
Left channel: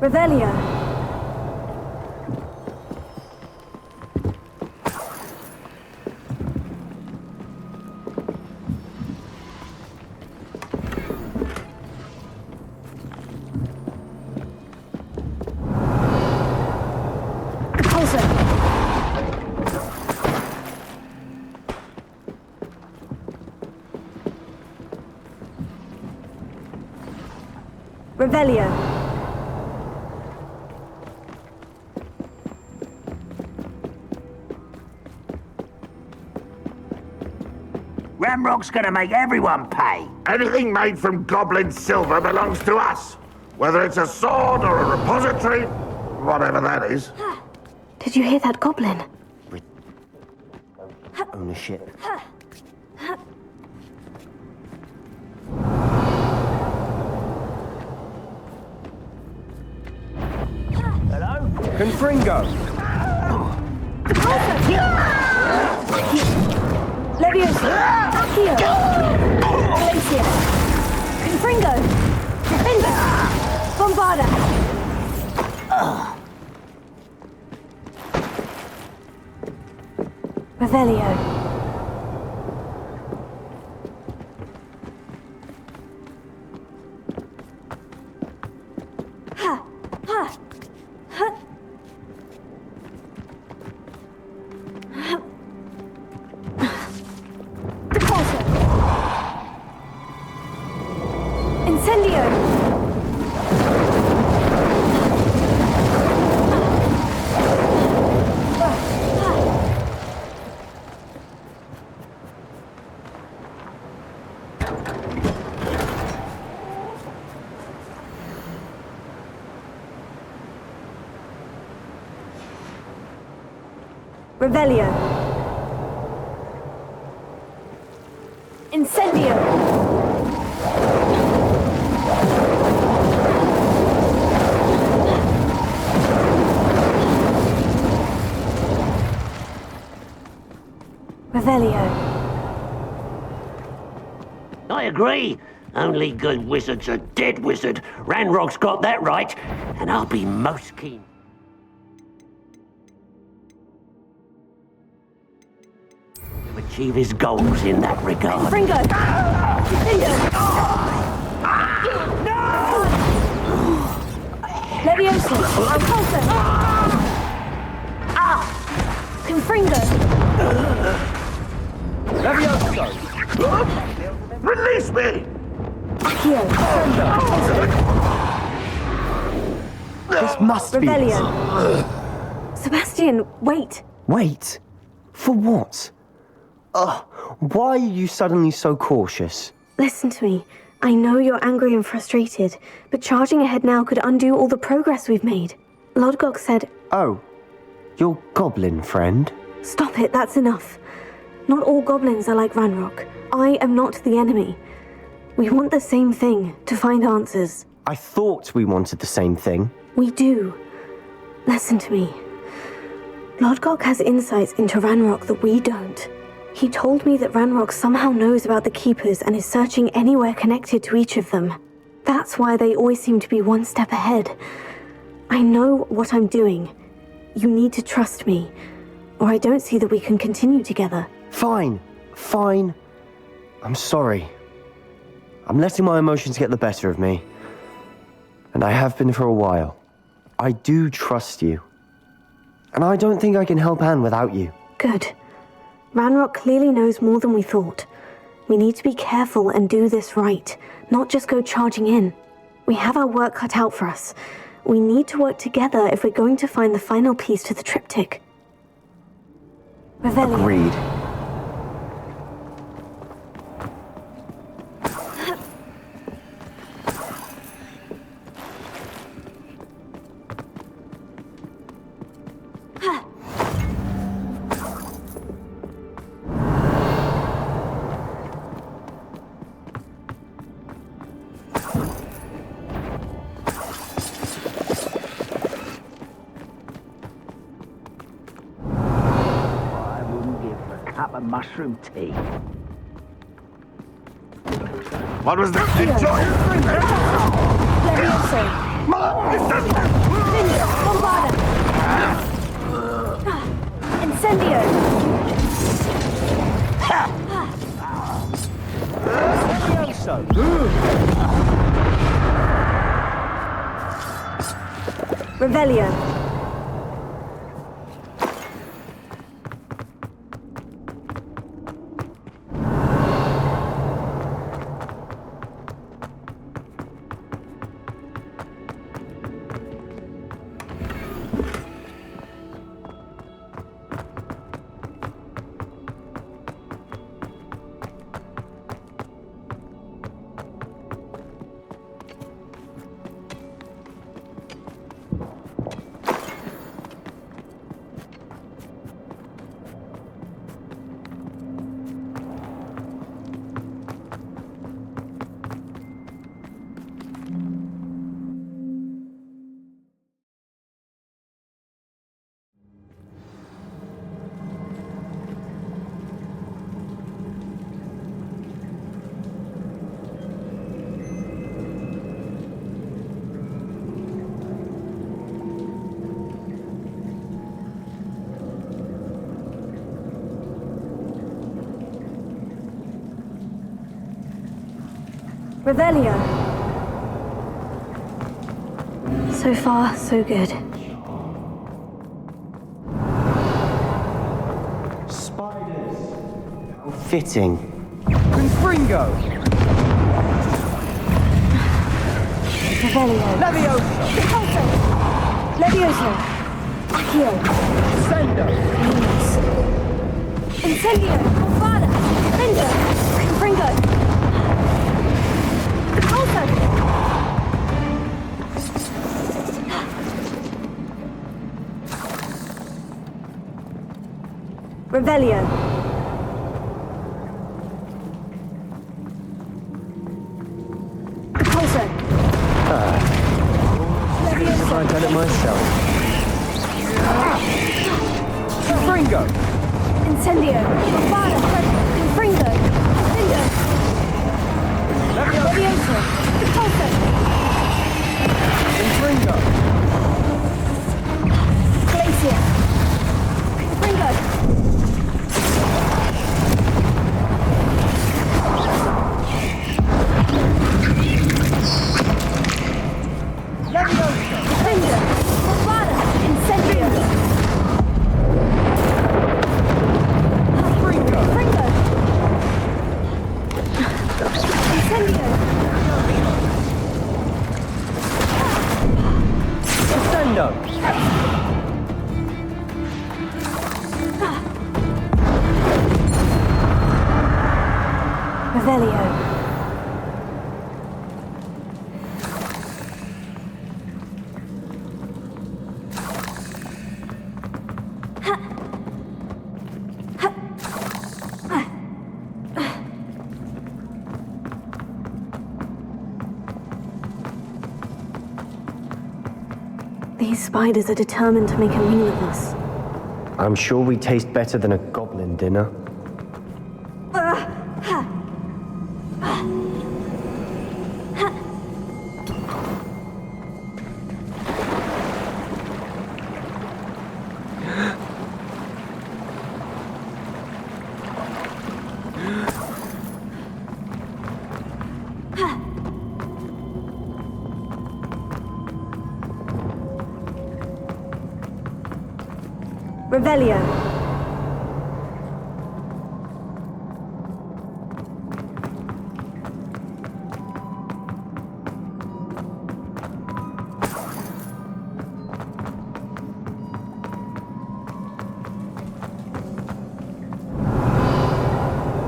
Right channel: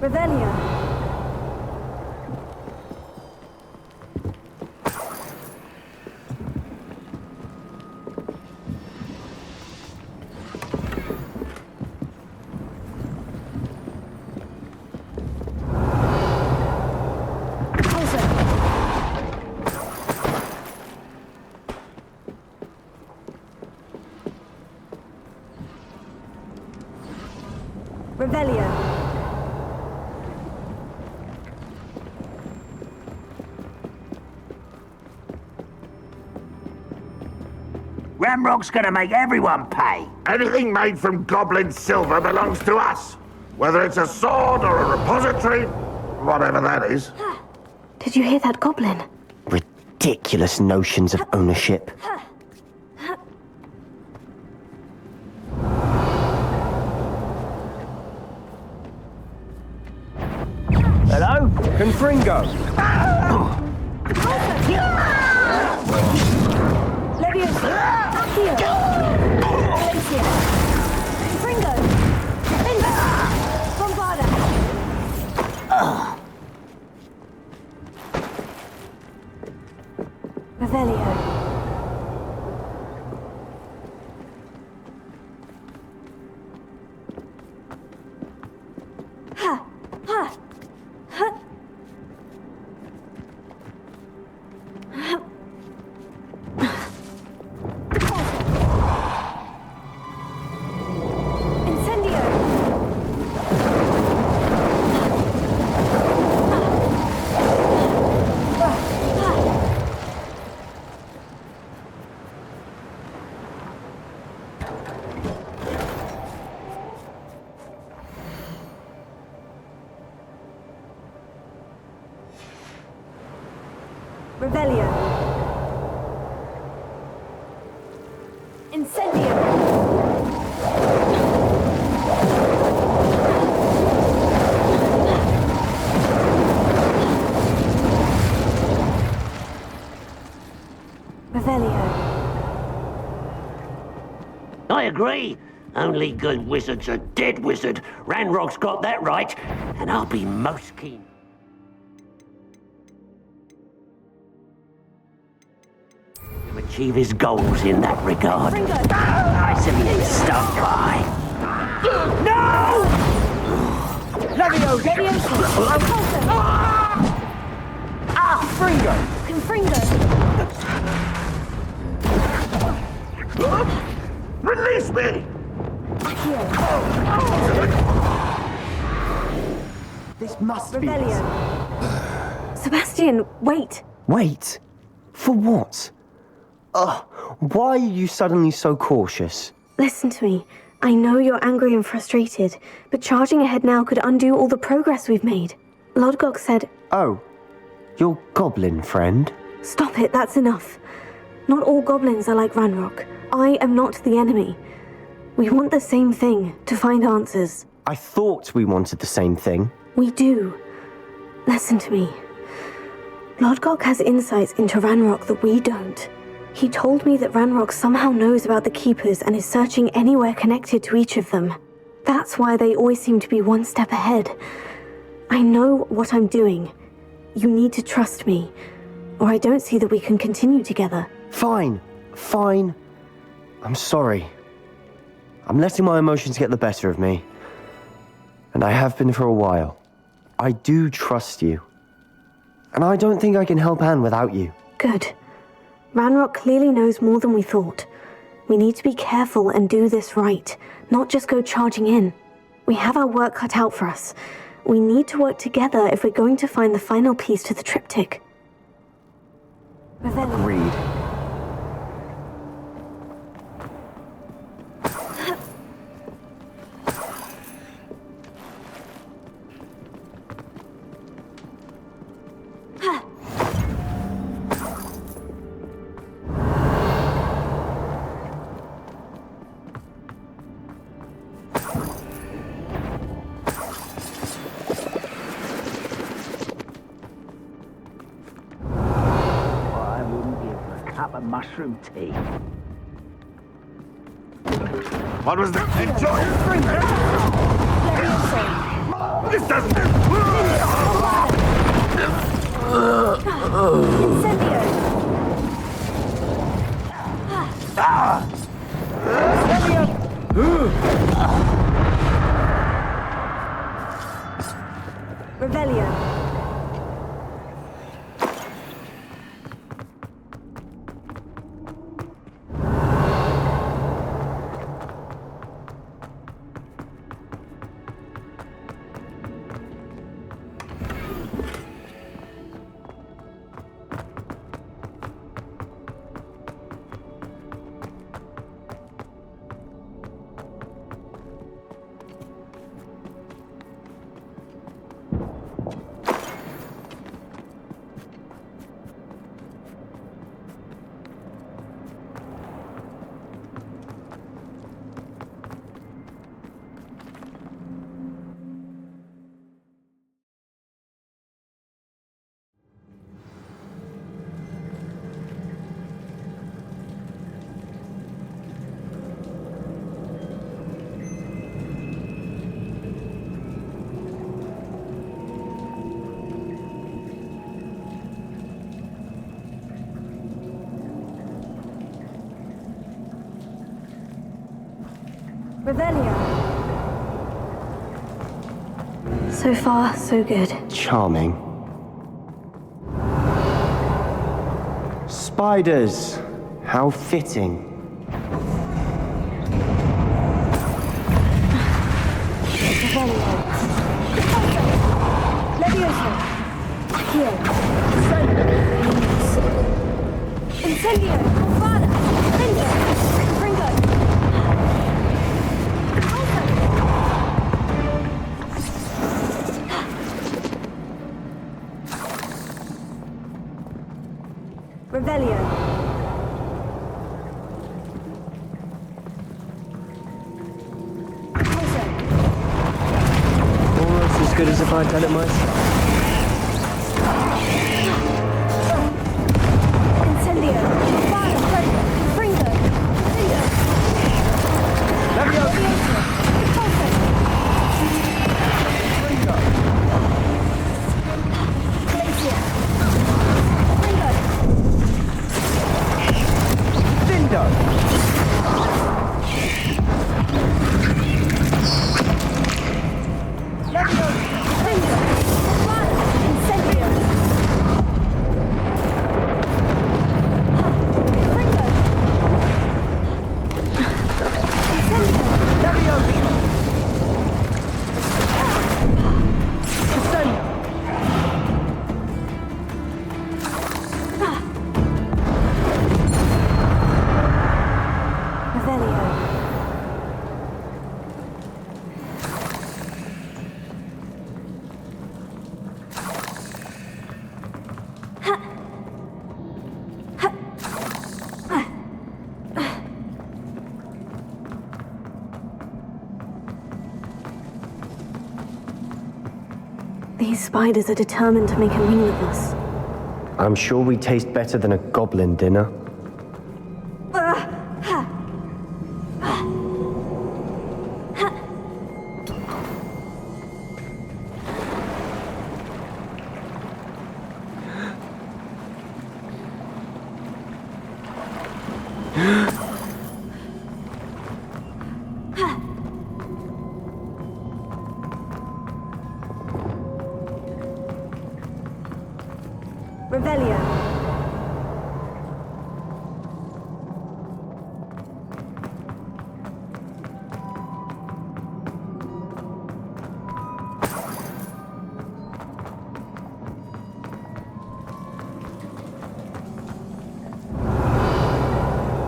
Revelio. Revelio. Ramrock's gonna make everyone pay. Anything made from goblin silver belongs to us. Whether it's a sword or a repository, whatever that is. Did you hear that goblin? Ridiculous notions of ownership. Hello? Confringo! Leviosa! Accio! Glacia! Confringo! Defender! Bombarda! Revelio. Revelio. Incendio. Revelio. I agree. Only good wizards are dead wizard. Ranrock's got that right, and I'll be most keen to achieve his goals in that regard. Fringo! No! Leviosa! Repulso! Fringo! Confringo! Release me! Accio! This must be it. Revelio. Sebastian, wait! Wait? For what? Why are you suddenly so cautious? Listen to me. I know you're angry and frustrated, but charging ahead now could undo all the progress we've made. Lodgok said... Oh, your goblin friend? Stop it, that's enough. Not all goblins are like Ranrock. I am not the enemy. We want the same thing, to find answers. I thought we wanted the same thing. We do. Listen to me. Lodgok has insights into Ranrock that we don't. He told me that Ranrock somehow knows about the Keepers and is searching anywhere connected to each of them. That's why they always seem to be one step ahead. I know what I'm doing. You need to trust me, or I don't see that we can continue together. Fine. I'm sorry. I'm letting my emotions get the better of me. And I have been for a while. I do trust you. And I don't think I can help Anne without you. Good. Ranrock clearly knows more than we thought. We need to be careful and do this right, not just go charging in. We have our work cut out for us. We need to work together if we're going to find the final piece to the triptych. Revelio. Agreed. Mushroom tea. What was that? Enjoy! Leviosa. Incendio! Revelio. Revelio. So far, so good. Charming. Spiders. How fitting. Fringo! Revelio. Levioso. Accio. Sendo! Incendio. Confada. Fringo. Fringo. Revelio. Closer. Almost as good as if I'd done it myself. Fringo! Incendio. Confada. Fringo. Incendio. Levioso. Closer. Fringo! Glacier. Fringo. Fringo. Confada. Incendio. Fringo. Incendio. Sendo! Revelio. These spiders are determined to make a meal of us. I'm sure we taste better than a goblin dinner. Revelio.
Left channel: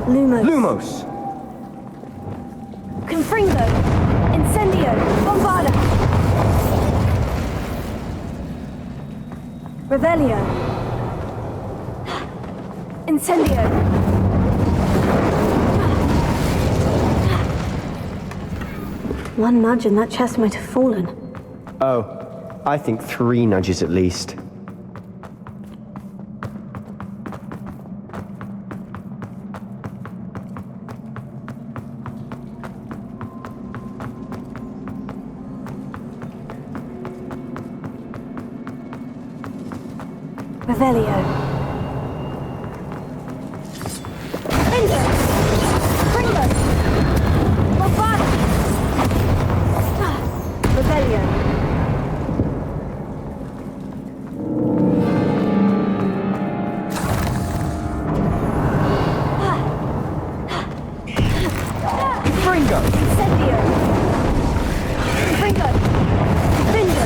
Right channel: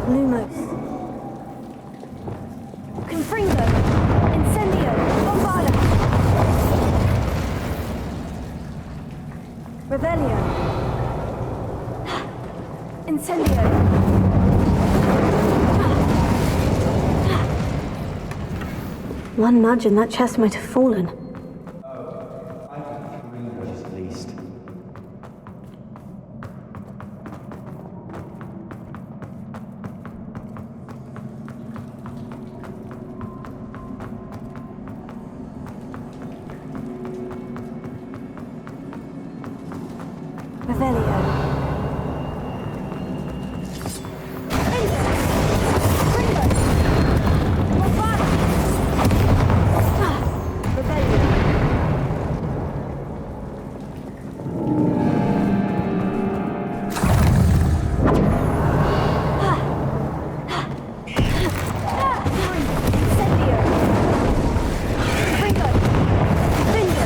Lumos. Confringo. Incendio. Bombarda. Revelio. Incendio. One nudge and that chest might have fallen. Oh, I think 3 nudges at least. Revelio. Endo. Pringo. Bovada. Revelio. Fringo. Incendio. Pringo. Vindo.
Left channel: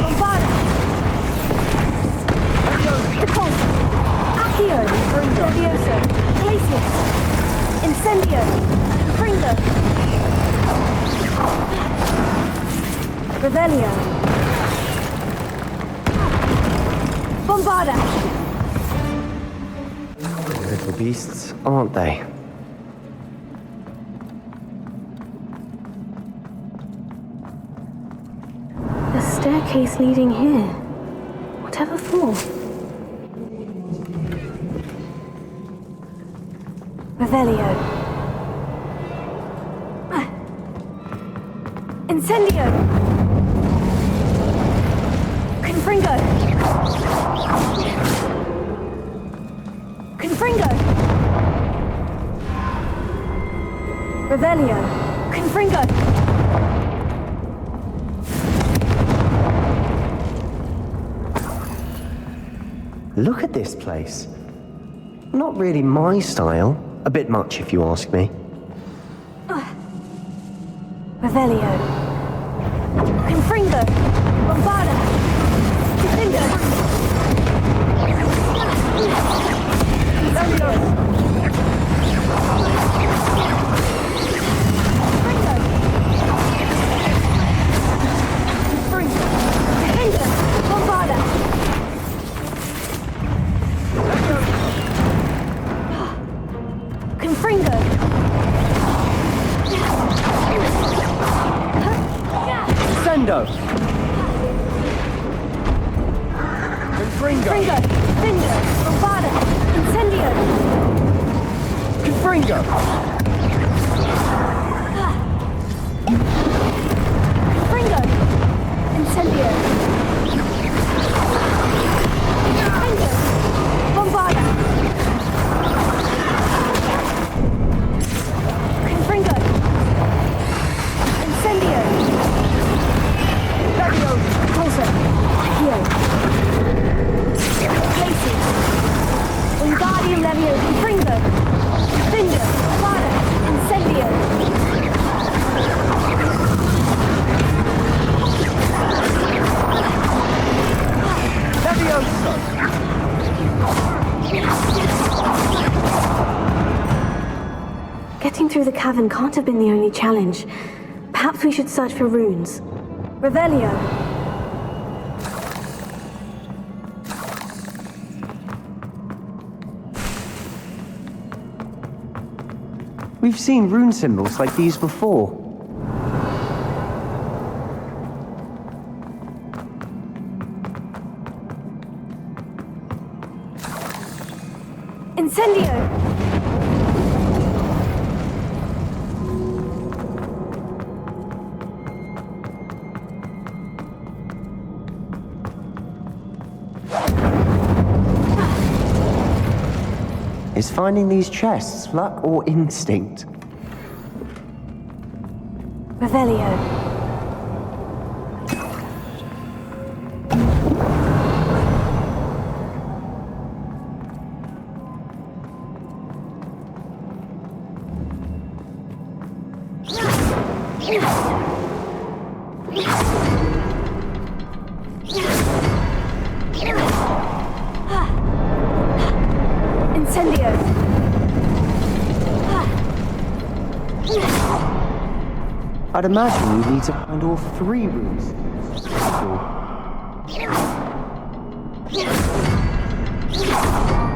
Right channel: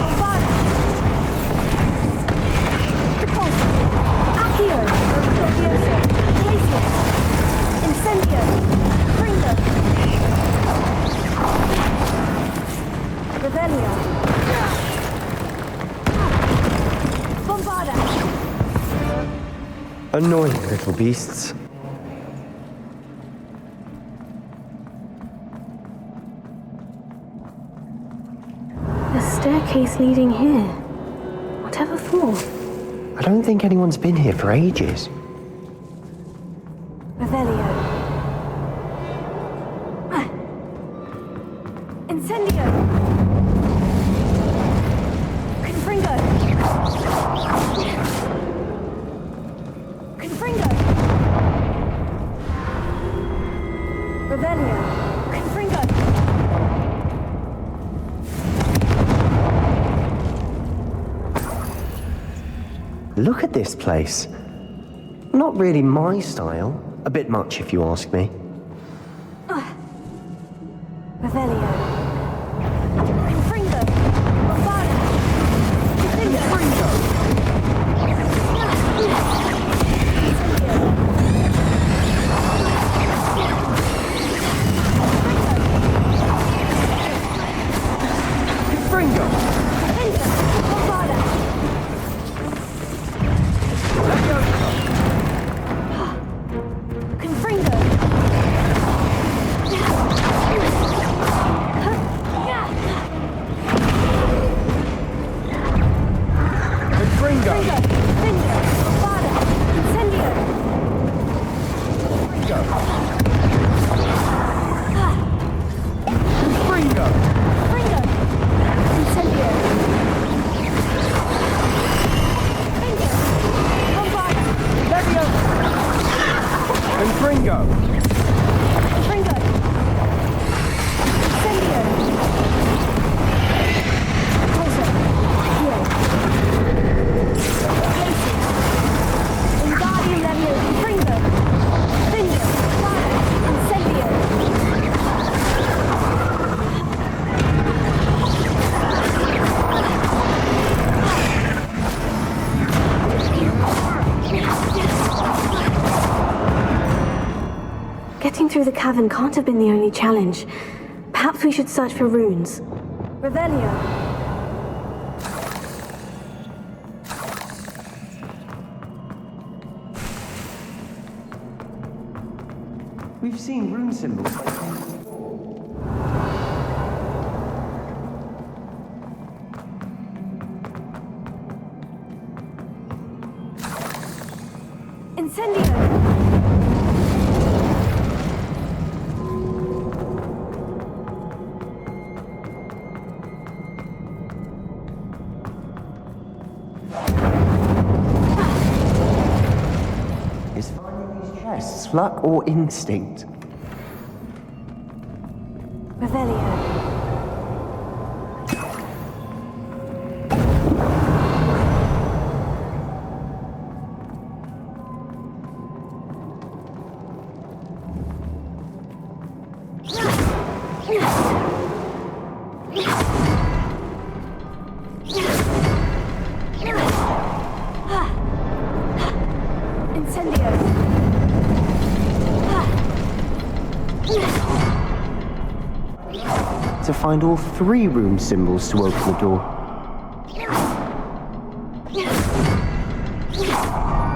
Bovada. Repulso. Accio. Levioso. Glacius. Incendio. Pringo. Revelio. Bombarda. Annoying little beasts, aren't they? A staircase leading here. Whatever for? I don't think anyone's been here for ages. Revelio. Incendio. Confringo. Confringo. Revelio. Confringo. Look at this place. Not really my style. A bit much, if you ask me. Revelio. Confringo. Bombarda. Confringo. Fringo. Confringo. Bombarda. Confringo. Sendo. Fringo. Confringo. Vindo. Bombarda. Incendio. Fringo. Confringo. Incendio. Vindo. Bombarda. Fringo. Confringo. Incendio. Repulso. Accio. Glacius. Wingardium Levio. Confringo. Vindo. Bombarda. Incendio. Getting through the cavern can't have been the only challenge. Perhaps we should search for runes. Revelio. We've seen rune symbols like these before. Incendio. Is finding these chests luck or instinct? Revelio. Incendio. I'd imagine you need to find all 3 rune symbols to open the door.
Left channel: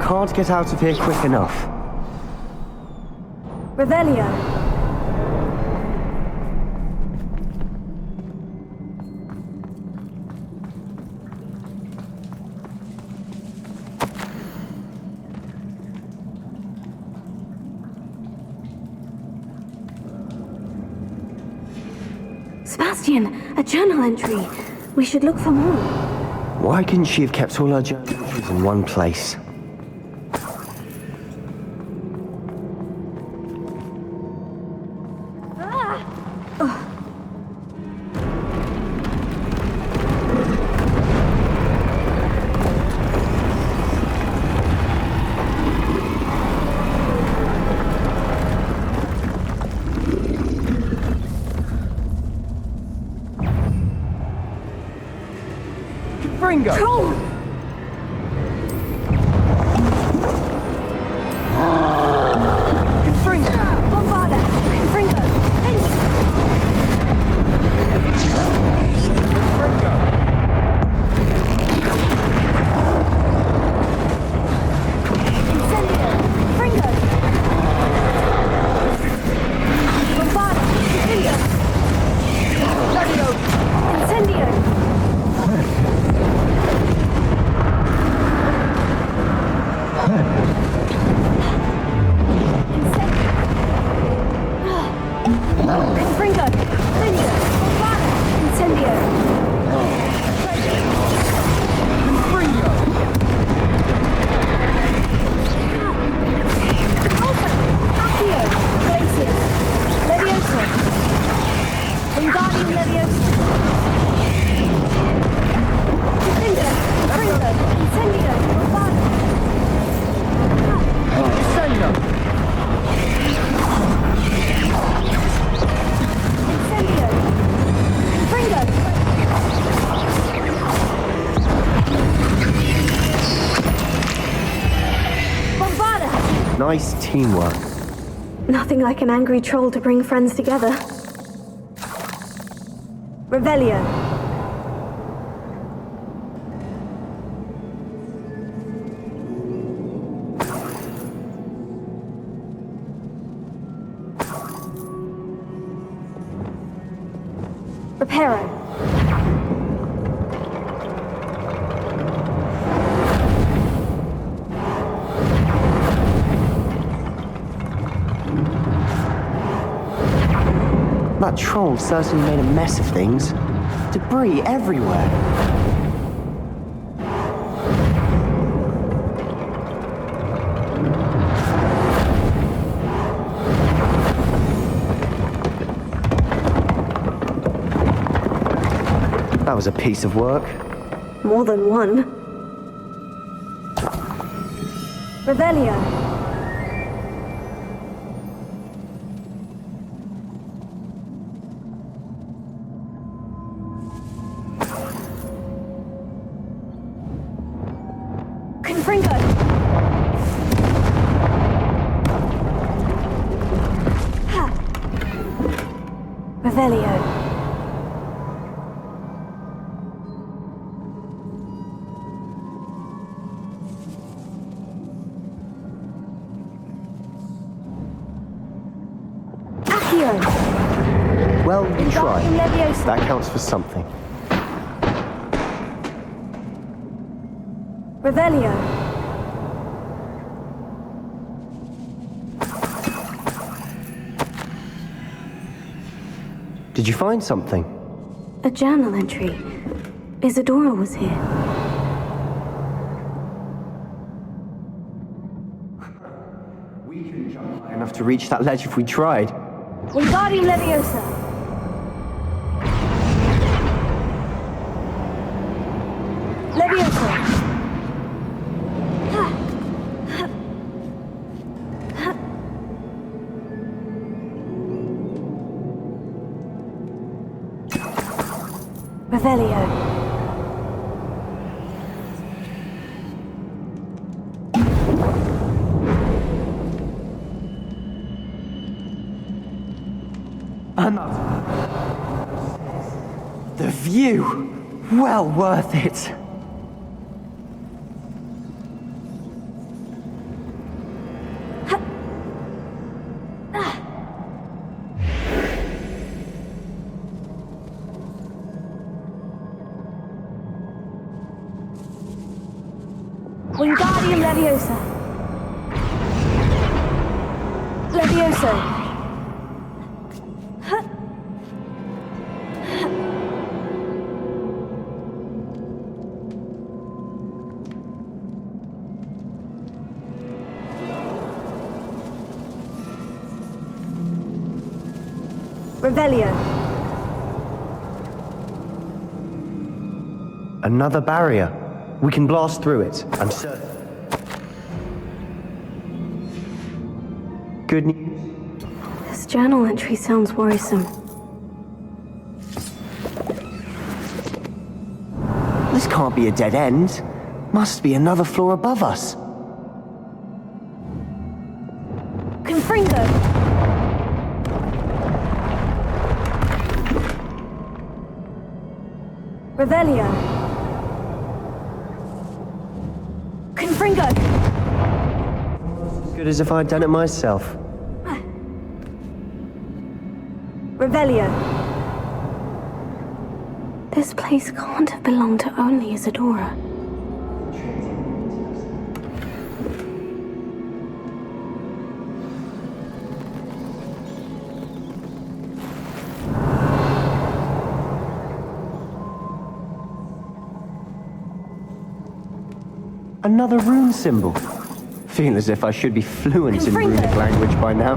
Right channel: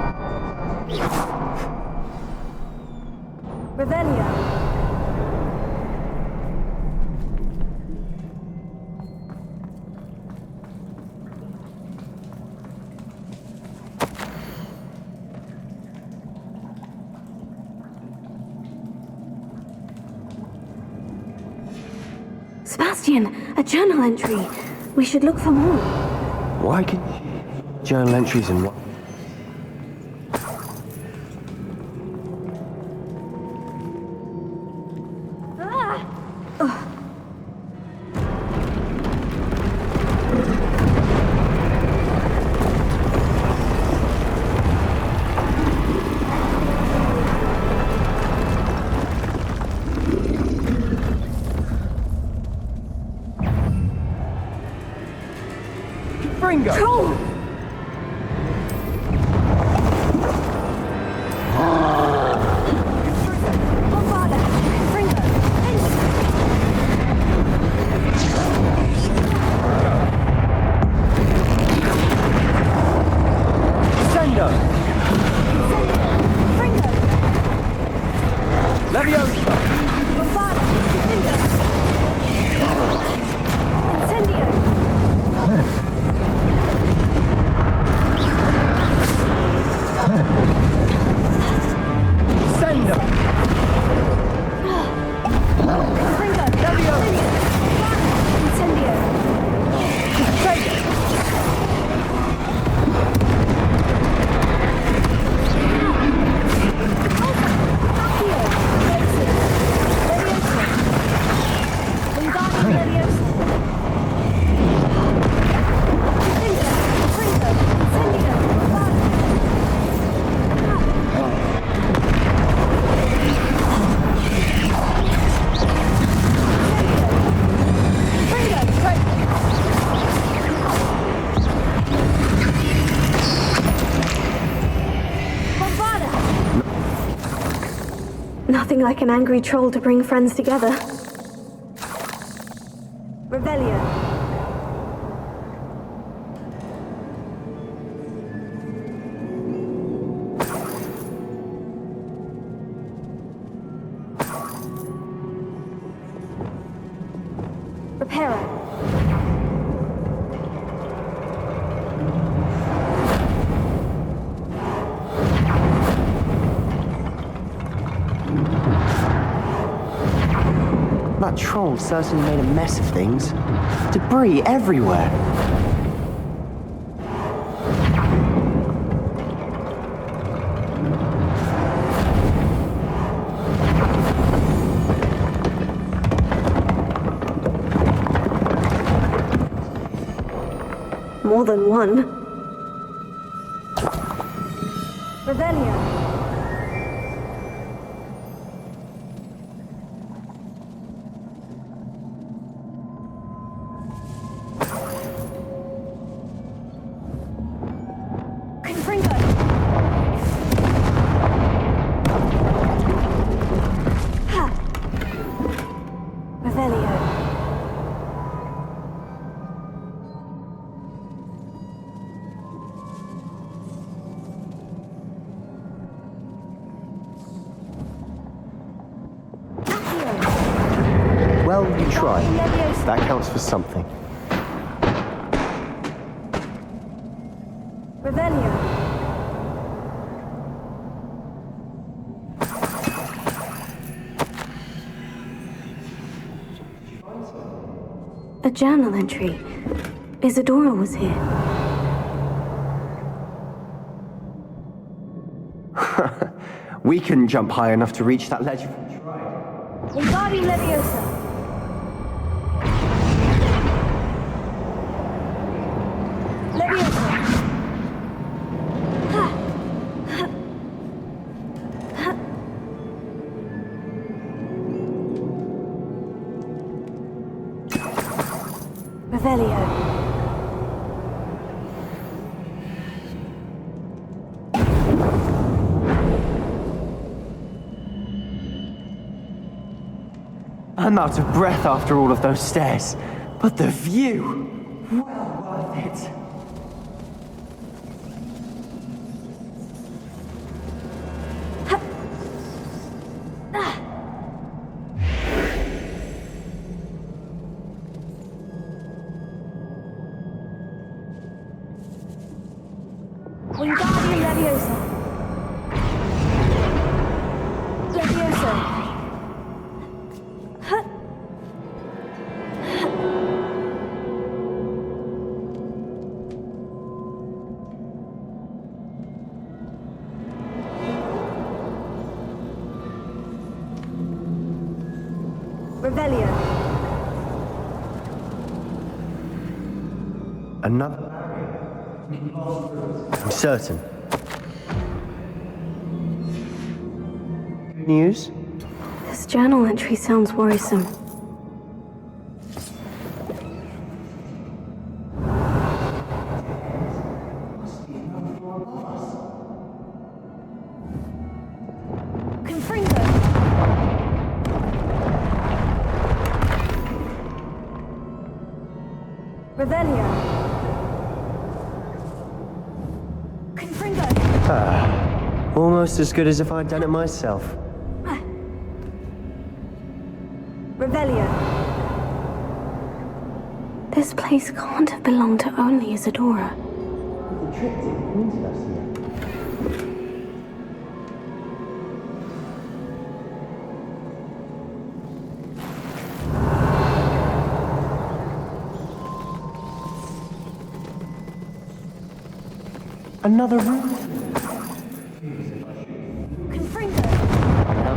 Can't get out of here quick enough. Revelio. Sebastian, a journal entry. We should look for more. Why couldn't she have kept all her journal entries in one place? Fringo! Troll! Bombarda! Fringo! Sendo! Incendio! Fringo! Bombarda! Incendio! Incendio! Fringo! Incendio! Bombarda! Incendio! Accio! Glacius! Leviosa! Wingardium Leviosa! Incendio! Fringo! Incendio! Bombarda! Incendio! Fringo! Bombarda! Nice teamwork. Nothing like an angry troll to bring friends together. Revelio. Reparo. That troll certainly made a mess of things. Debris everywhere. That was a piece of work. More than one. Revelio. Confringo. Ha. Revelio. Well, you tried. Leviosa. That counts for something. Revelio. Did you find something? A journal entry. Isadora was here. We couldn't jump high enough to reach that ledge if we tried. Wingardium Leviosa. Leviosa. Ha. Ha. Ha. Revelio. I'm out of breath after all of those stairs. But the view, well worth it. Wingardium Leviosa. Leviosa. Revelio. Another barrier. We can blast through it, I'm certain. Good news? This journal entry sounds worrisome. This can't be a dead end. Must be another floor above us. Confringo! Revelio. Confringo! Almost as good as if I'd done it myself. Revelio. This place can't have belonged to only Isadora. Another rune symbol. Feel as if I should be fluent in rune language by now.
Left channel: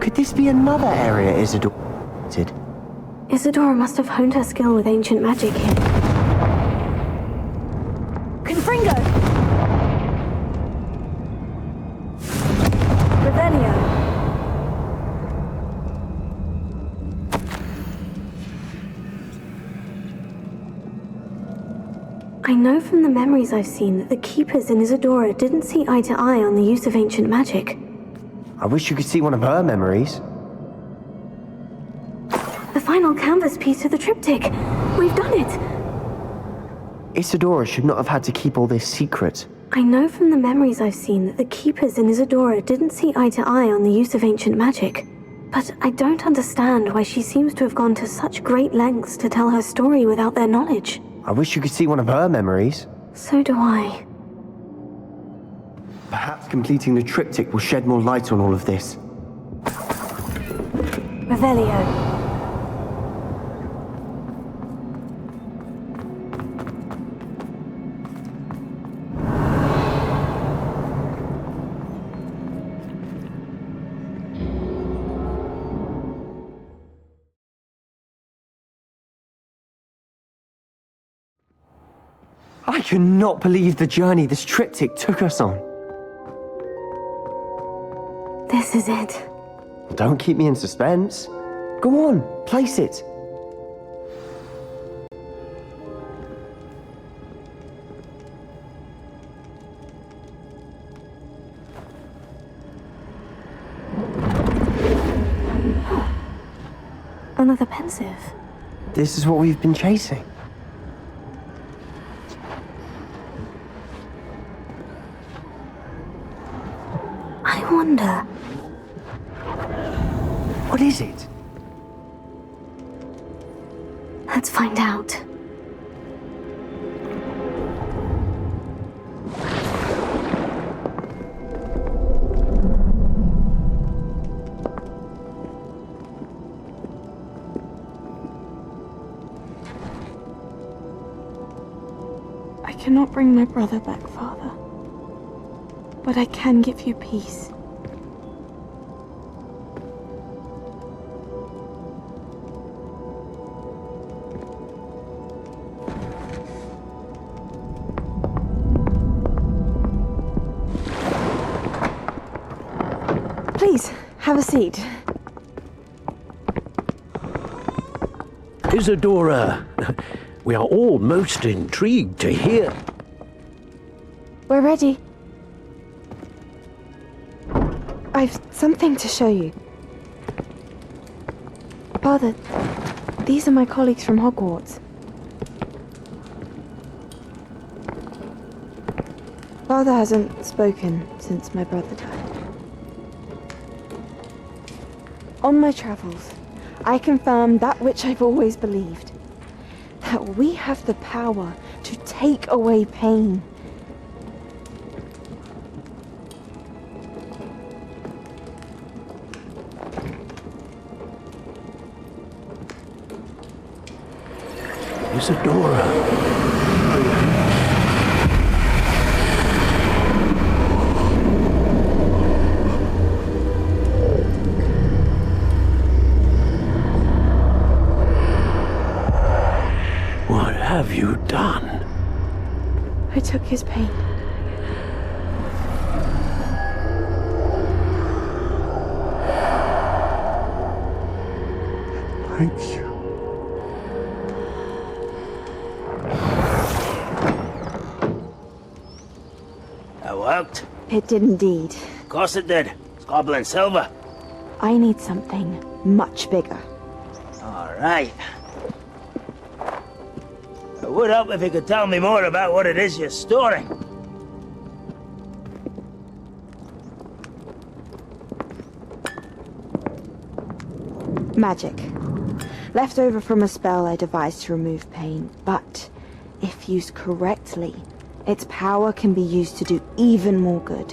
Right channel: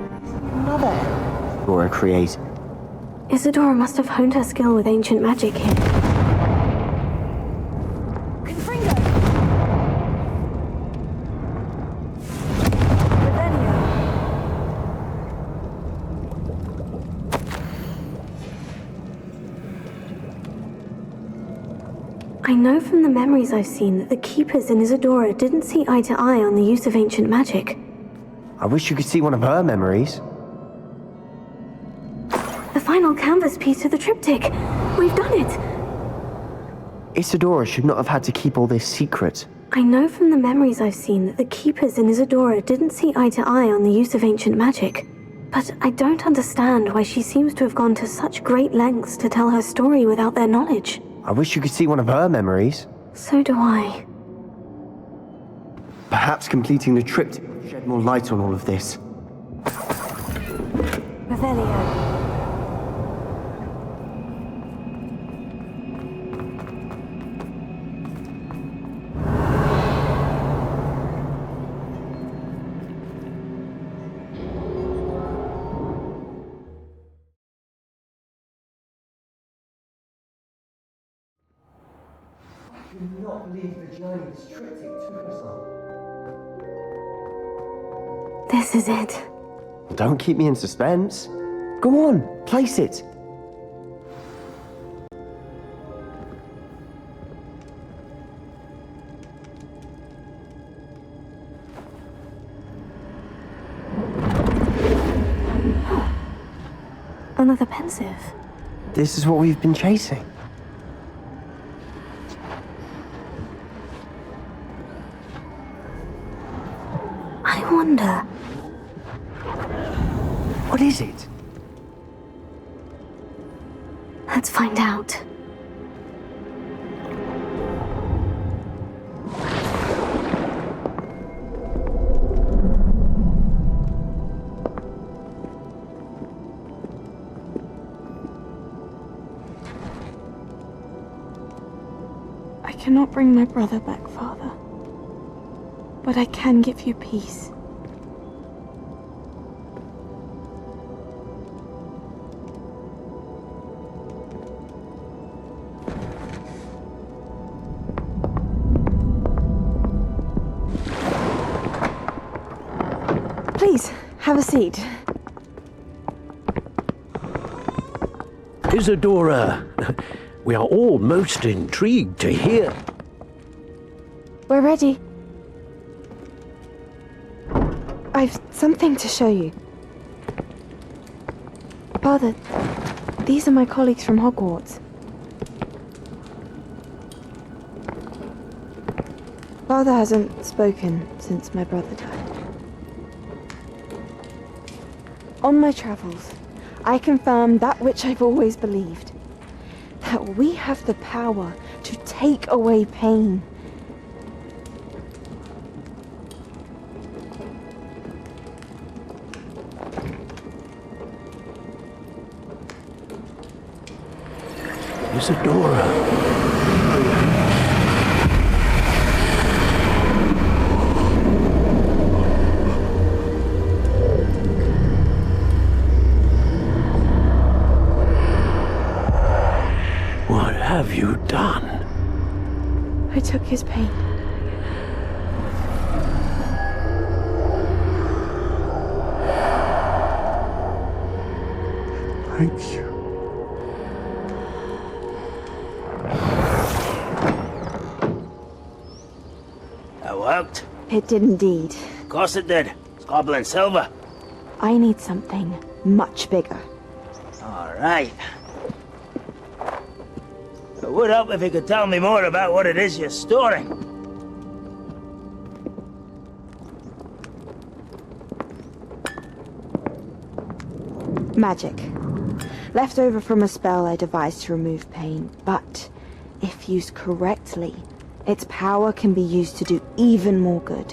Could this be another area Isadora created? Isadora must have honed her skill with ancient magic here. Confringo! Revelio. I know from the memories I've seen that the Keepers in Isadora didn't see eye to eye on the use of ancient magic. I wish you could see one of her memories. The final canvas piece of the triptych. We've done it! Isadora should not have had to keep all this secret. I know from the memories I've seen that the Keepers in Isadora didn't see eye to eye on the use of ancient magic. But I don't understand why she seems to have gone to such great lengths to tell her story without their knowledge. I wish you could see one of her memories. So do I. Perhaps completing the triptych will shed more light on all of this. Revelio. I cannot believe the journey this triptych took us on. This is it. Don't keep me in suspense. Go on, place it. Another pensive. This is what we've been chasing. I wonder. What is it? Let's find out. I cannot bring my brother back, Father. But I can give you peace. Please, have a seat. Isadora, we are all most intrigued to hear. We're ready. I've something to show you. Father, these are my colleagues from Hogwarts. Father hasn't spoken since my brother died. On my travels, I confirmed that which I've always believed. That we have the power to take away pain. Isadora. What have you done? I took his pain. Thank you. That worked. It did indeed. Of course it did. It's goblin silver. I need something much bigger. All right. It would help if you could tell me more about what it is you're storing. Magic. Left over from a spell I devised to remove pain, but if used correctly, its power can be used to do even more good.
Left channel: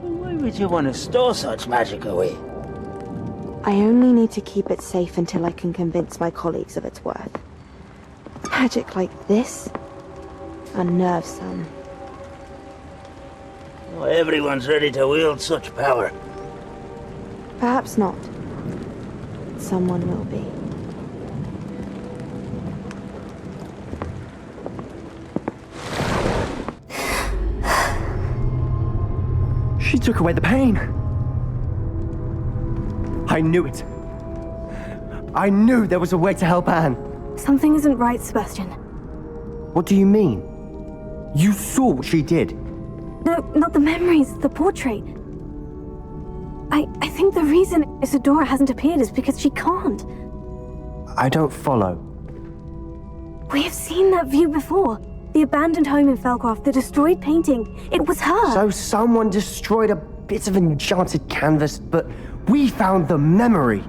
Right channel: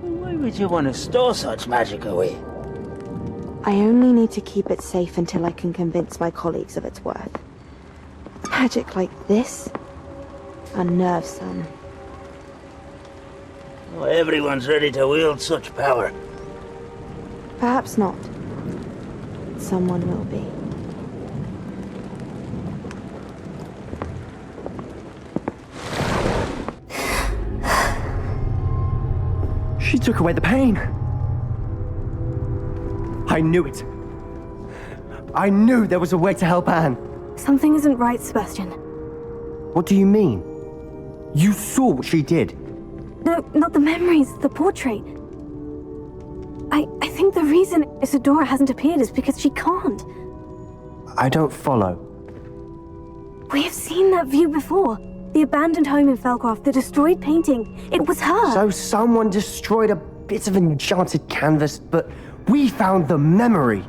Why would you want to store such magic away? I only need to keep it safe until I can convince my colleagues of its worth. Magic like this unnerves some. Not everyone's ready to wield such power. Perhaps not. Someone will be. She took away the pain. I knew it. I knew there was a way to help Anne. Something isn't right, Sebastian. What do you mean? You saw what she did. No, not the memories, the portrait. I think the reason Isadora hasn't appeared is because she can't. I don't follow. We have seen that view before. The abandoned home in Felcroft, the destroyed painting. It was her. So someone destroyed a bit of enchanted canvas, but we found the memory.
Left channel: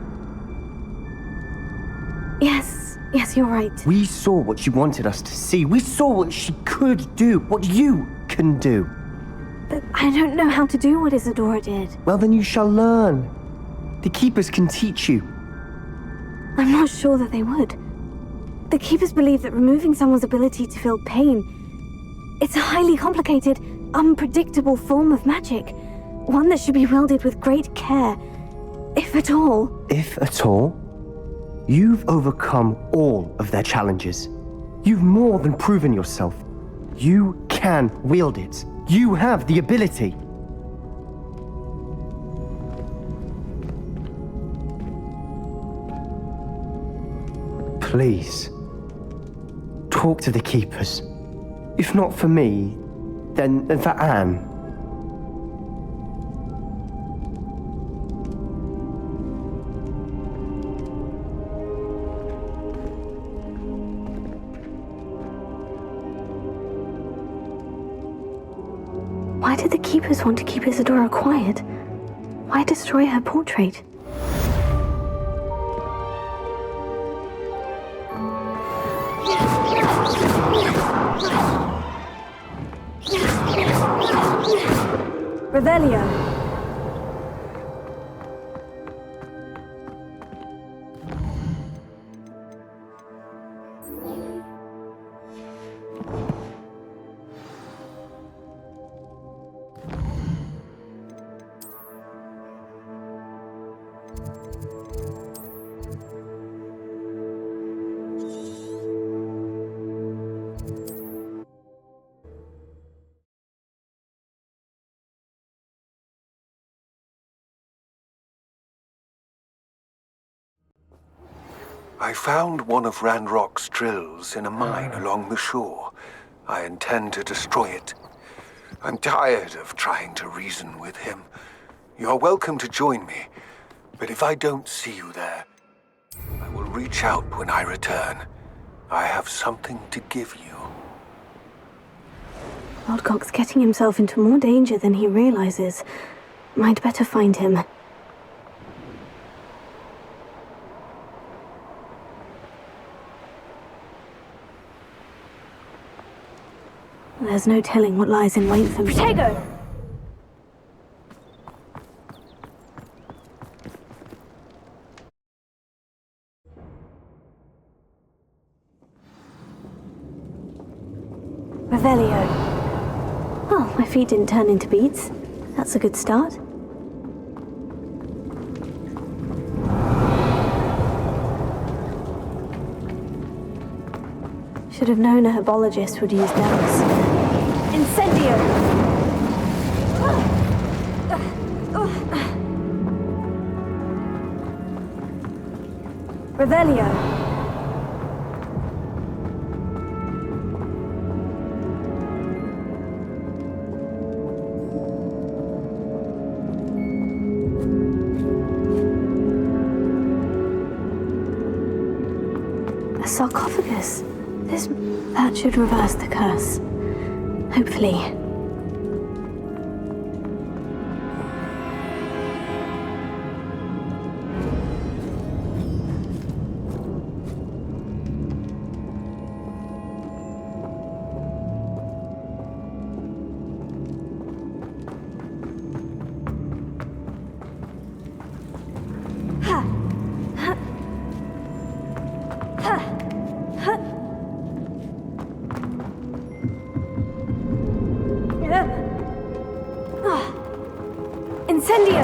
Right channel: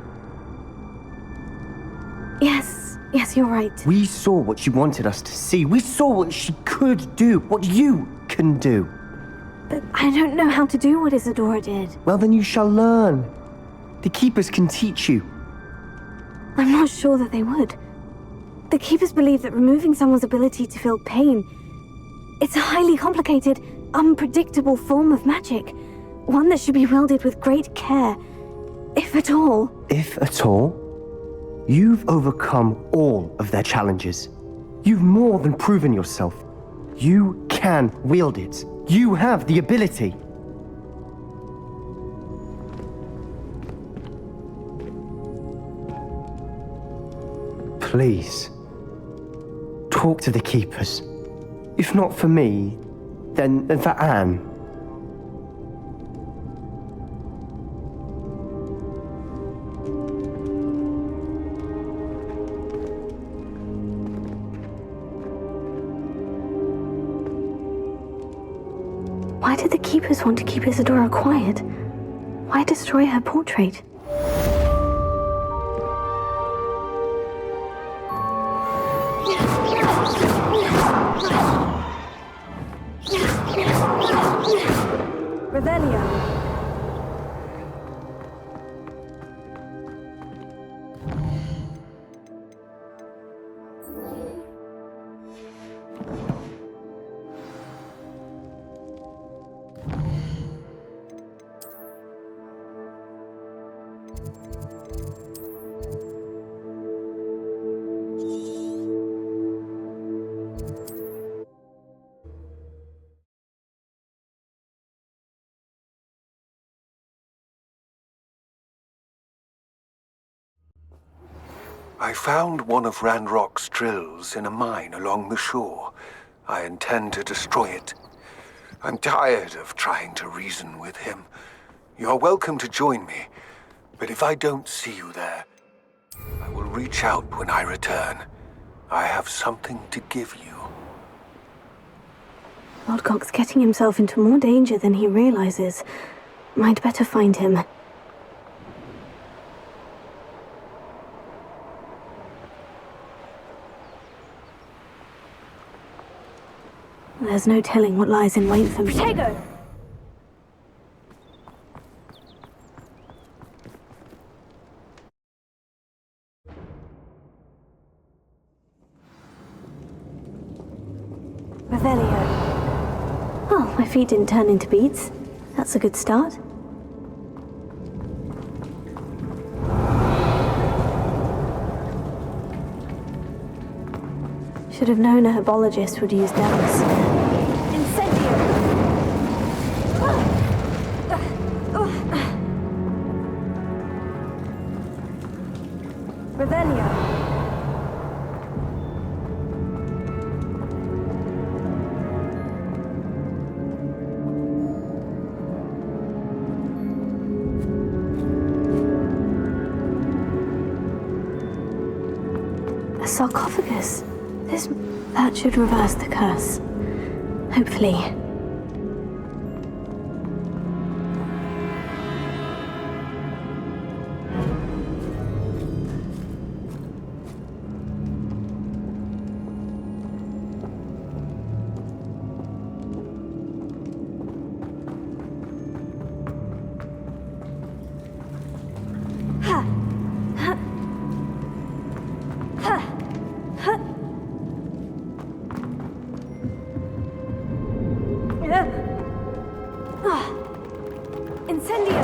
Yes, you're right. We saw what she wanted us to see. We saw what she could do, what you can do. But I don't know how to do what Isadora did. Well, then you shall learn. The Keepers can teach you. I'm not sure that they would. The Keepers believe that removing someone's ability to feel pain, it's a highly complicated, unpredictable form of magic. One that should be wielded with great care, if at all. If at all? You've overcome all of their challenges. You've more than proven yourself. You can wield it. You have the ability. Please, talk to the Keepers. If not for me, then for Anne. Why did the Keepers want to keep Isadora quiet? Why destroy her portrait? Revelio. I found one of Ranrock's drills in a mine along the shore. I intend to destroy it. I'm tired of trying to reason with him. You're welcome to join me, but if I don't see you there, I will reach out when I return. I have something to give you. Lodgok's getting himself into more danger than he realizes. I'd better find him. There's no telling what lies in wait for me. Protego! Revelio. Oh, my feet didn't turn into beads. That's a good start. Should have known a herbologist would use bells. Incendio! Revelio. A sarcophagus. That should reverse the curse. Hopefully. Incendio!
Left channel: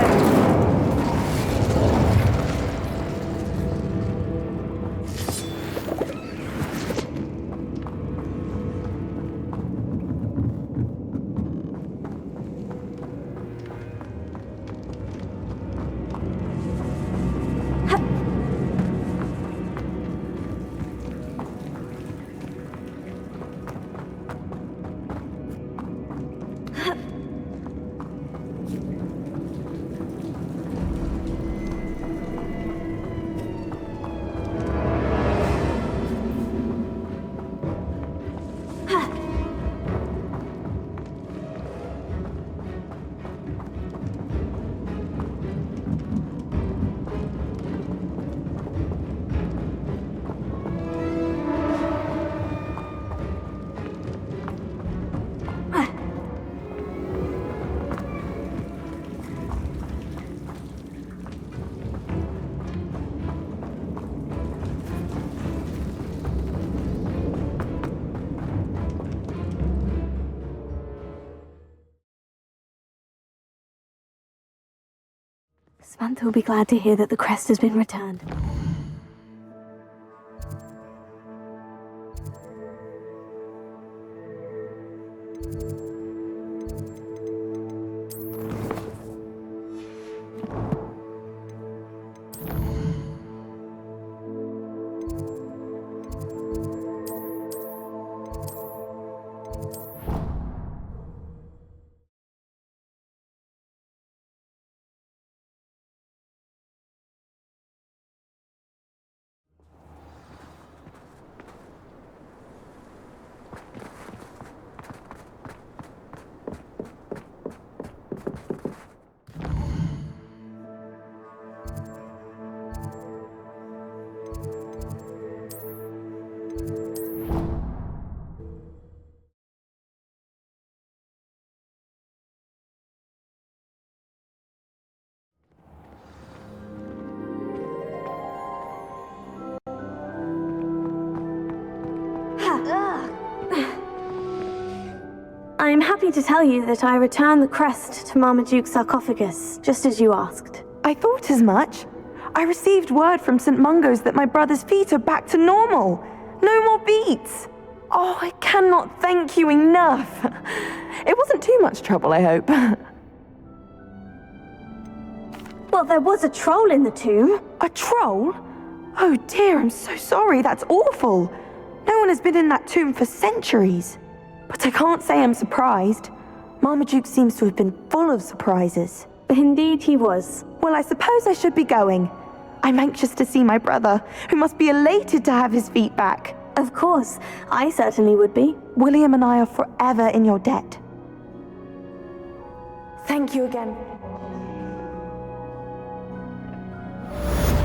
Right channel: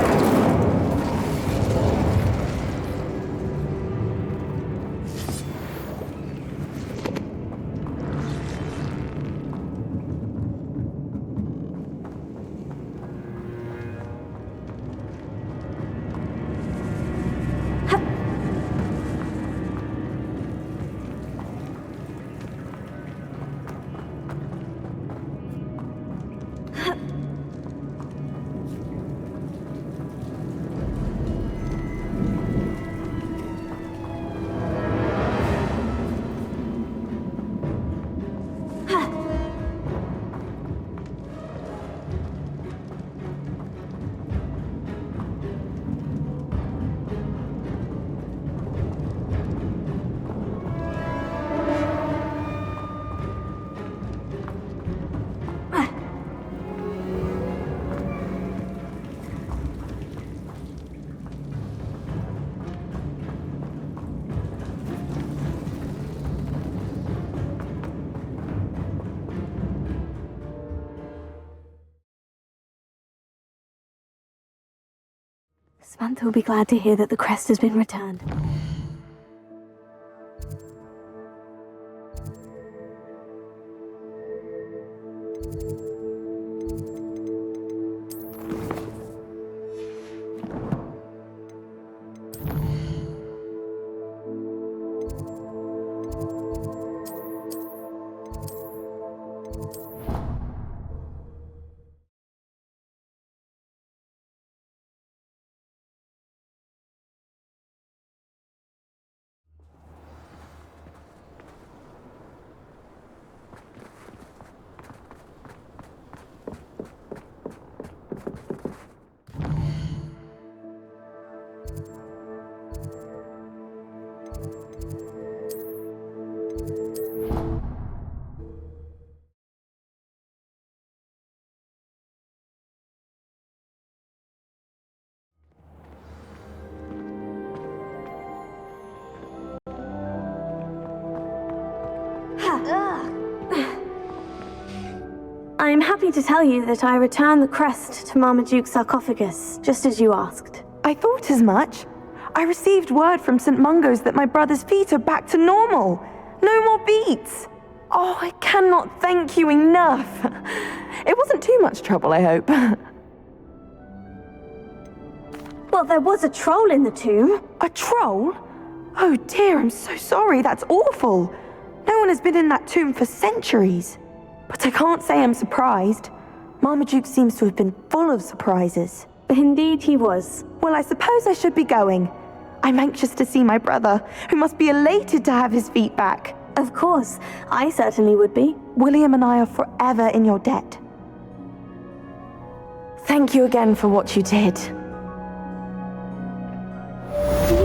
Samantha will be glad to hear that the crest has been returned. I'm happy to tell you that I returned the crest to Marmaduke's sarcophagus, just as you asked. I thought as much. I received word from St. Mungo's that my brother's feet are back to normal. No more beats. Oh, I cannot thank you enough. It wasn't too much trouble, I hope. Well, there was a troll in the tomb. A troll? Oh dear, I'm so sorry. That's awful. No one has been in that tomb for centuries. But I can't say I'm surprised. Marmaduke seems to have been full of surprises. Indeed he was. Well, I suppose I should be going. I'm anxious to see my brother, who must be elated to have his feet back. Of course, I certainly would be. William and I are forever in your debt. Thank you again for what you did. Do you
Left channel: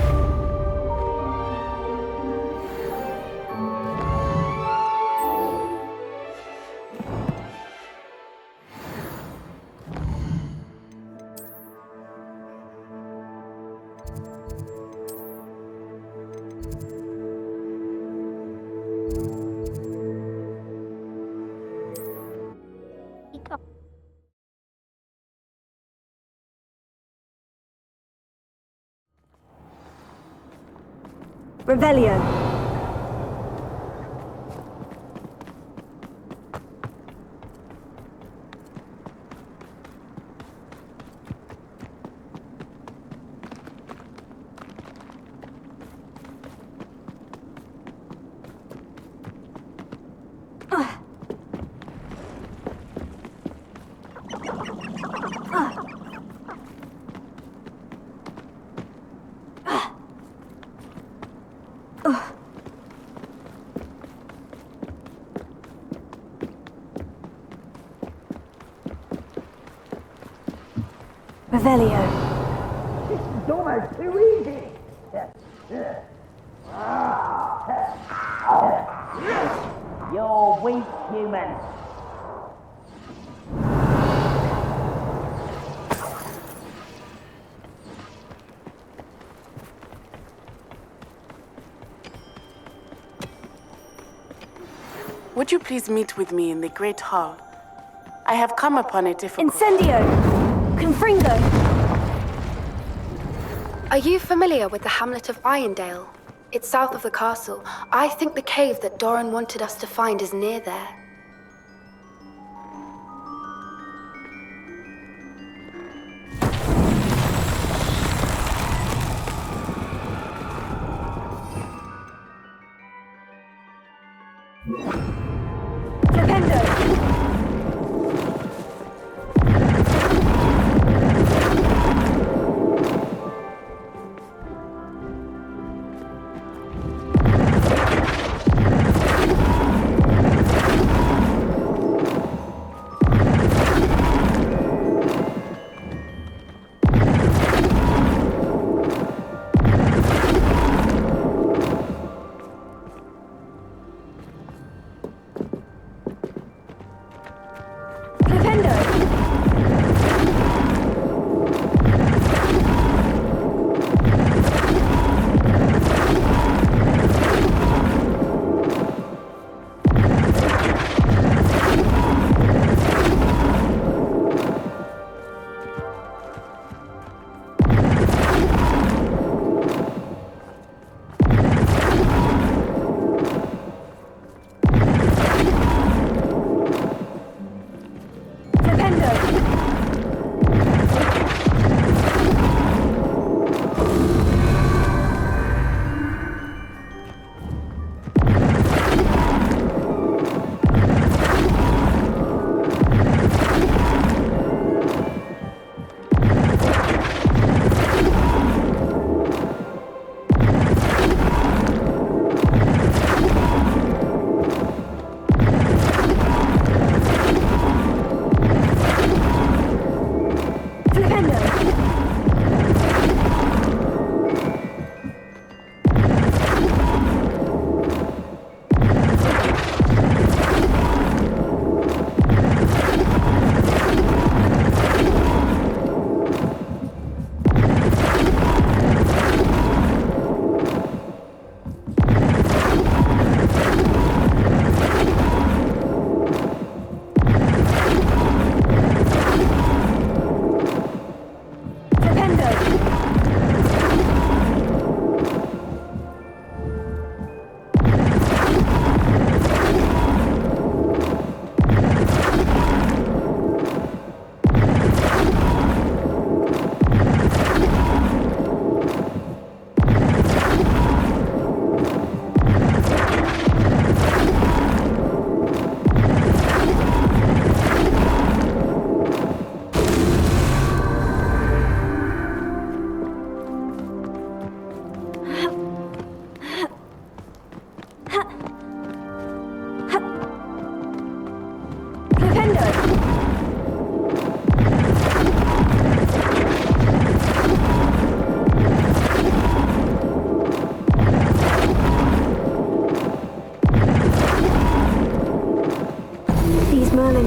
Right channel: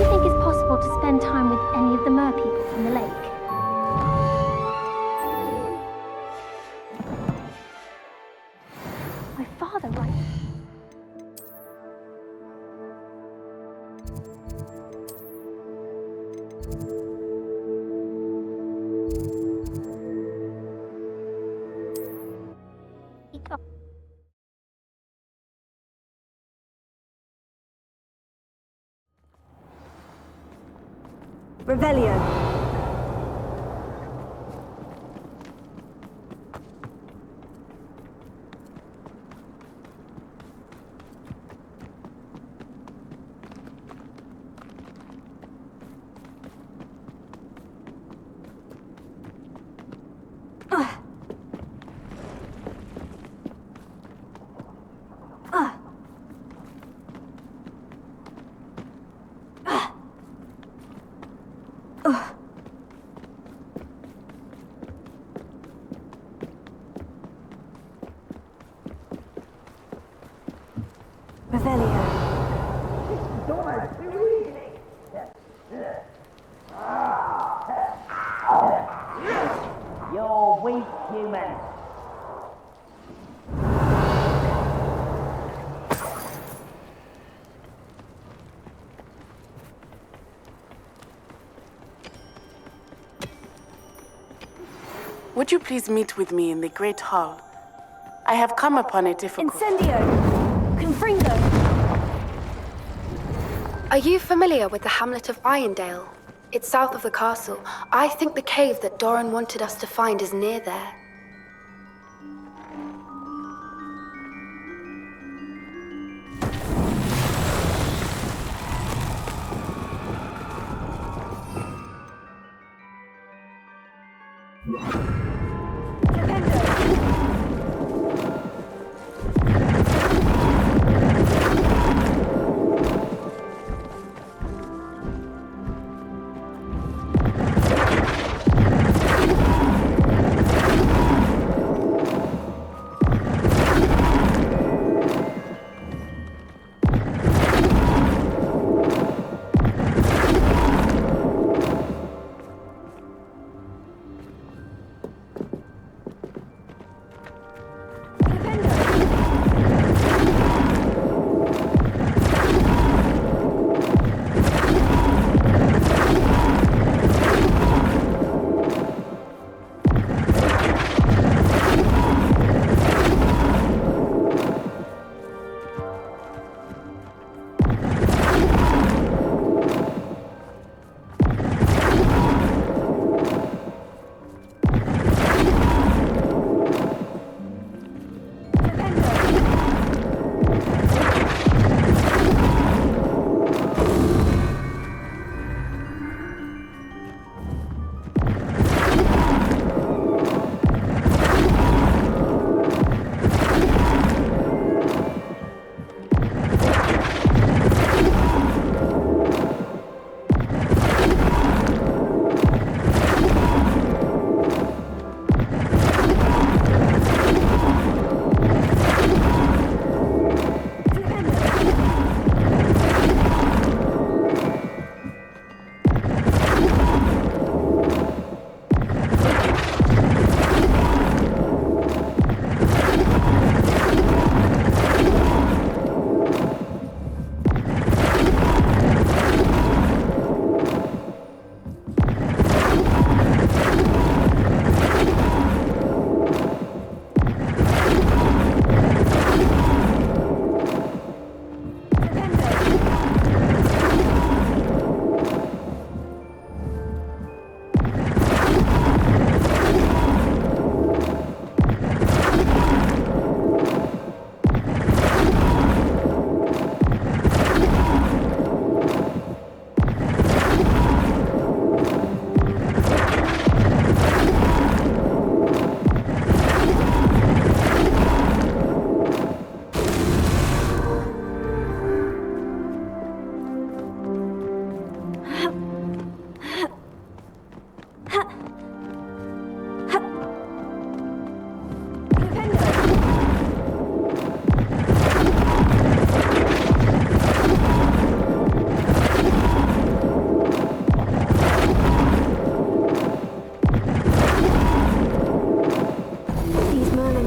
think it's possible to spend time with any of the merpeople in the lake? My father writes. Revelio. Revelio. It's almost too easy. You're weak, human. Would you please meet with me in the Great Hall? I have come upon a difficult... Incendio! Confringo! Are you familiar with the hamlet of Irondale? It's south of the castle. I think the cave that Doran wanted us to find is near there.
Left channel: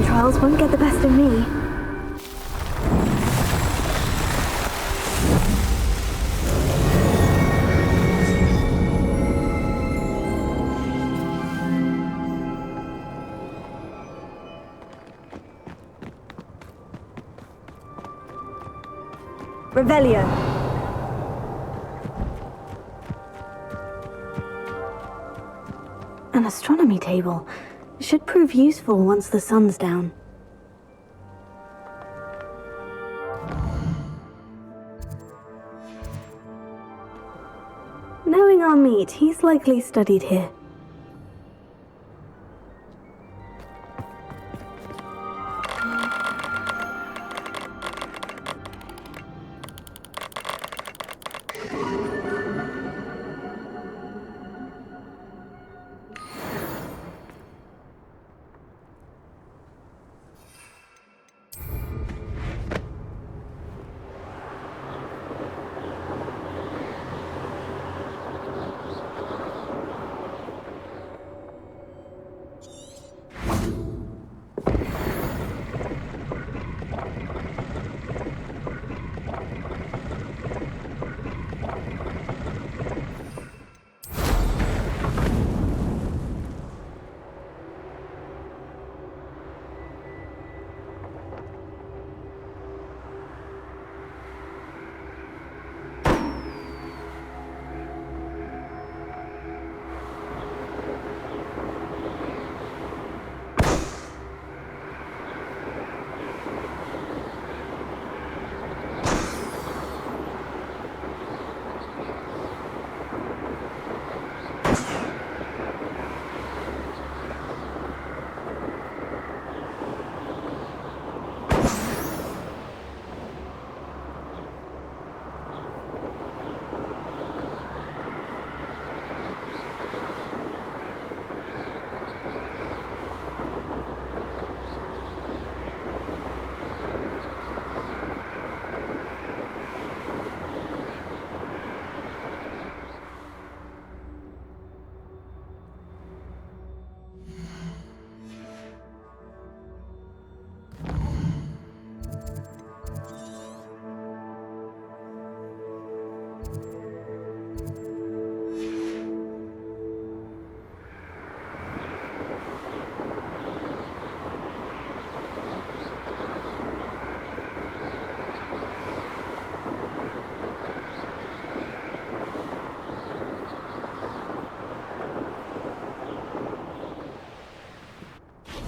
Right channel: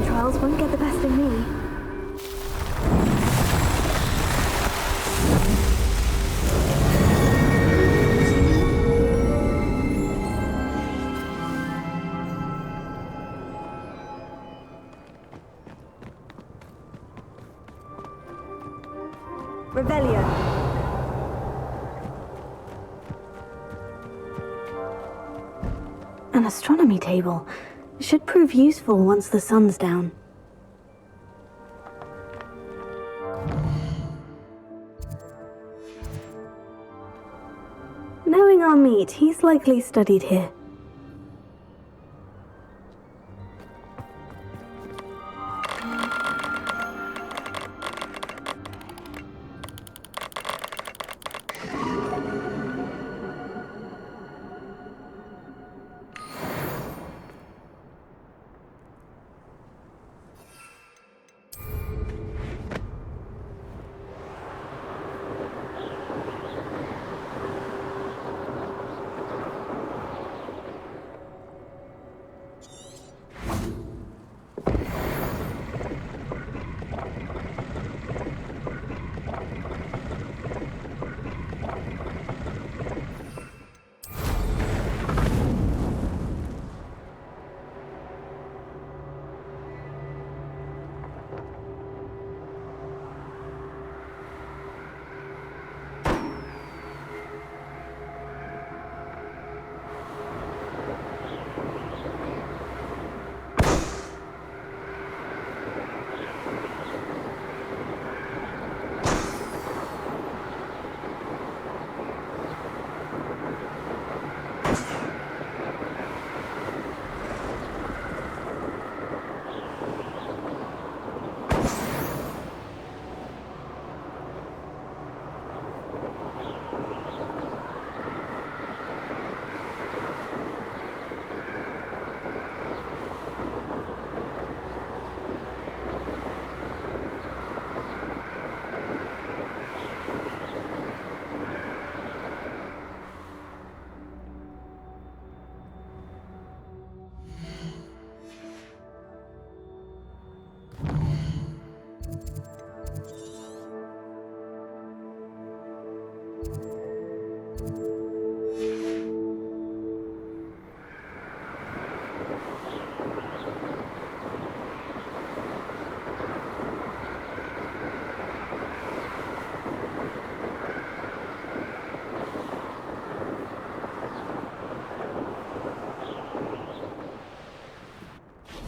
trials won't get the best of me. Revelio. An astronomy table. Should prove useful once the sun's down. Knowing our meet, he's likely studied here.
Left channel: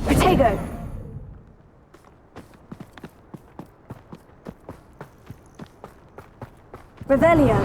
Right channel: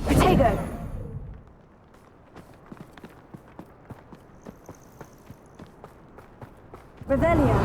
Protego! Revelio!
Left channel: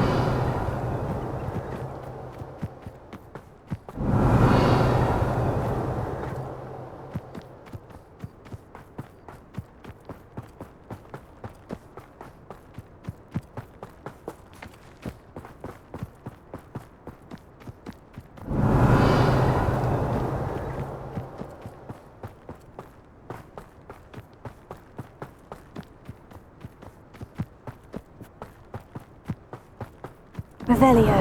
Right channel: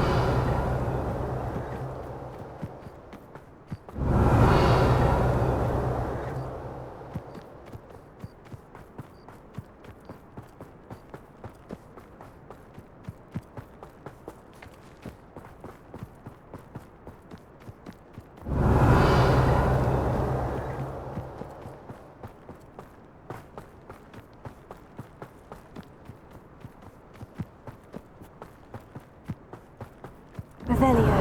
Revelio.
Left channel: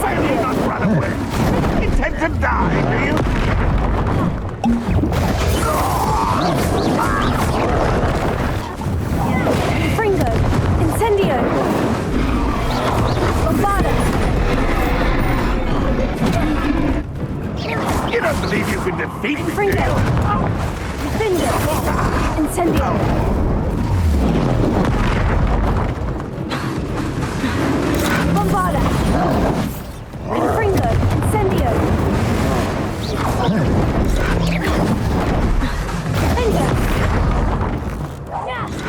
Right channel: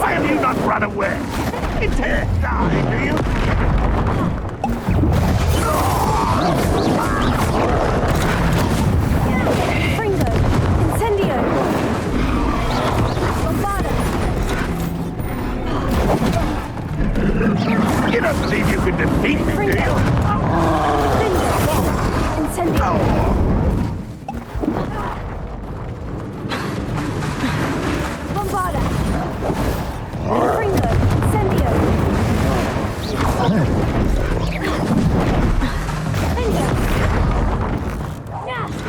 Why have you not run away? Intend to die, do you? Fringo! Incendio! Bombarda! You don't believe you can defeat me, do you? Fringo! Incendio! Bombarda! Fringo! Incendio!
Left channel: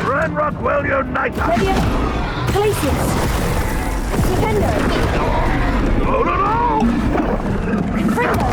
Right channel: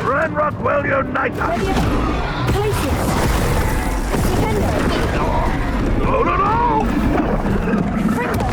Ren Rockwell, unite us! Glacius! Defendo! No! Fringo!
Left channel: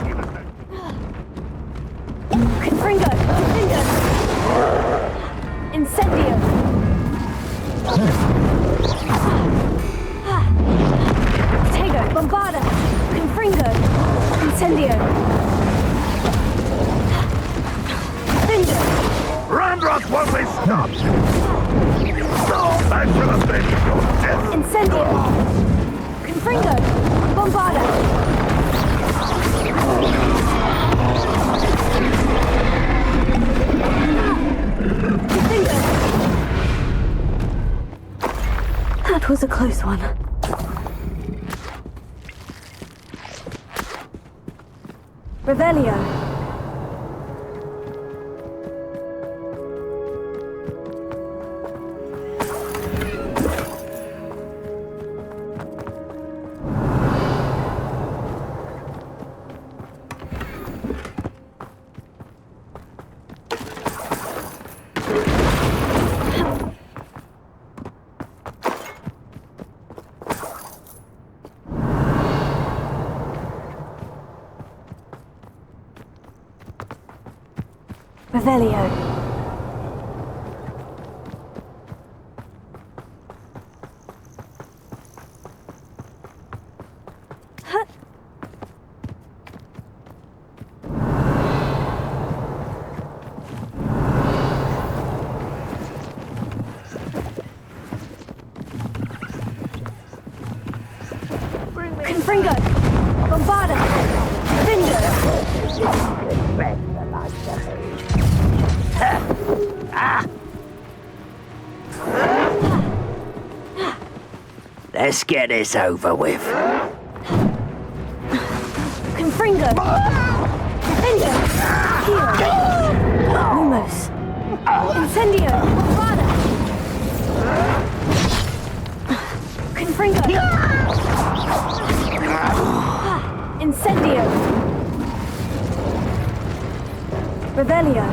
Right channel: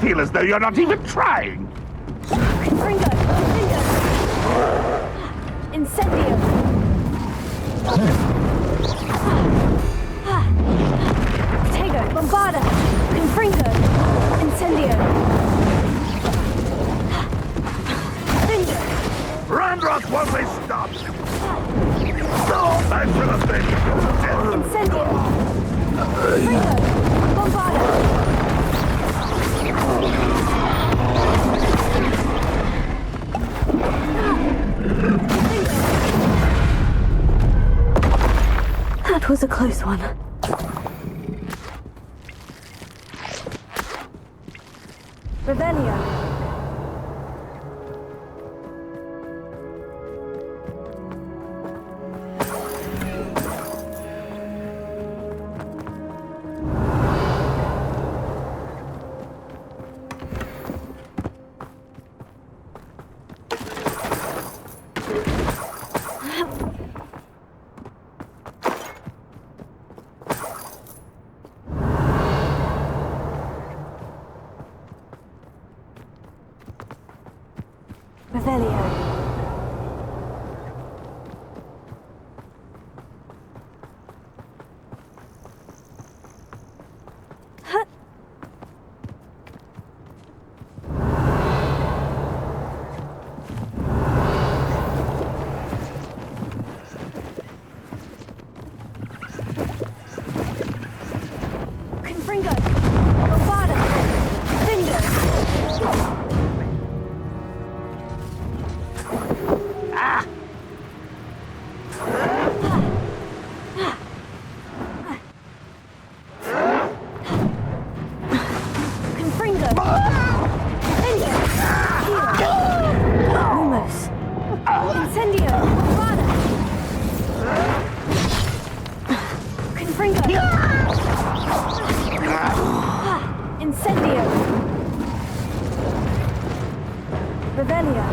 feel as though you're not even trying. Confringo! Confringo! Incendio! Tego! Bombarda! Confringo! Incendio! Finger! Ramrock won't be stopped! Thanks for the thing! Incendio! Confringo! Bombarda! That was a close one. Revelio. Revelio. Confringo! Bombarda! Finger! Let's get this over with. Confringo! Finger! Here! Almost! Incendio! Bombarda! Confringo! Incendio! Revelio!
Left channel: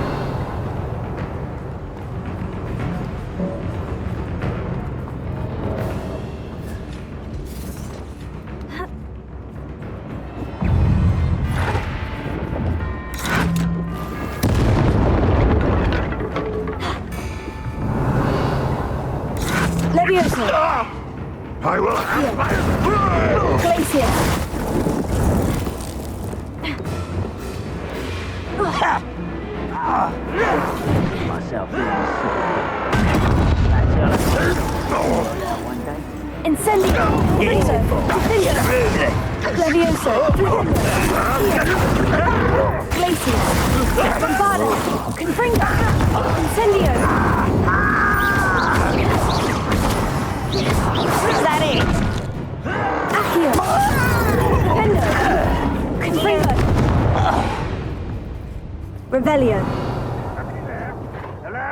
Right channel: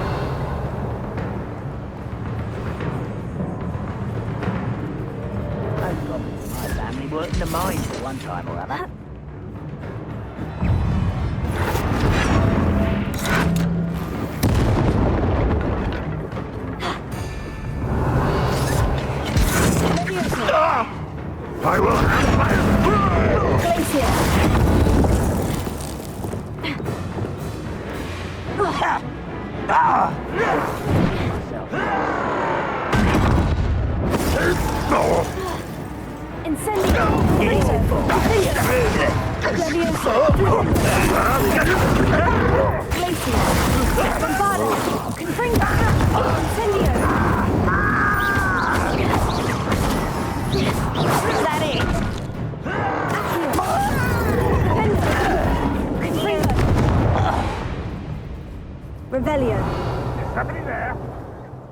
Worked the mines at one time or other. Leviosa! I will have my... Glacier! Myself. Incendio! Confringo! Leviosa! Glacier! Bombarda! Confringo! Incendio! Is that it? Accio! Pendo! Confringo! Revelio! Somebody there? Hello?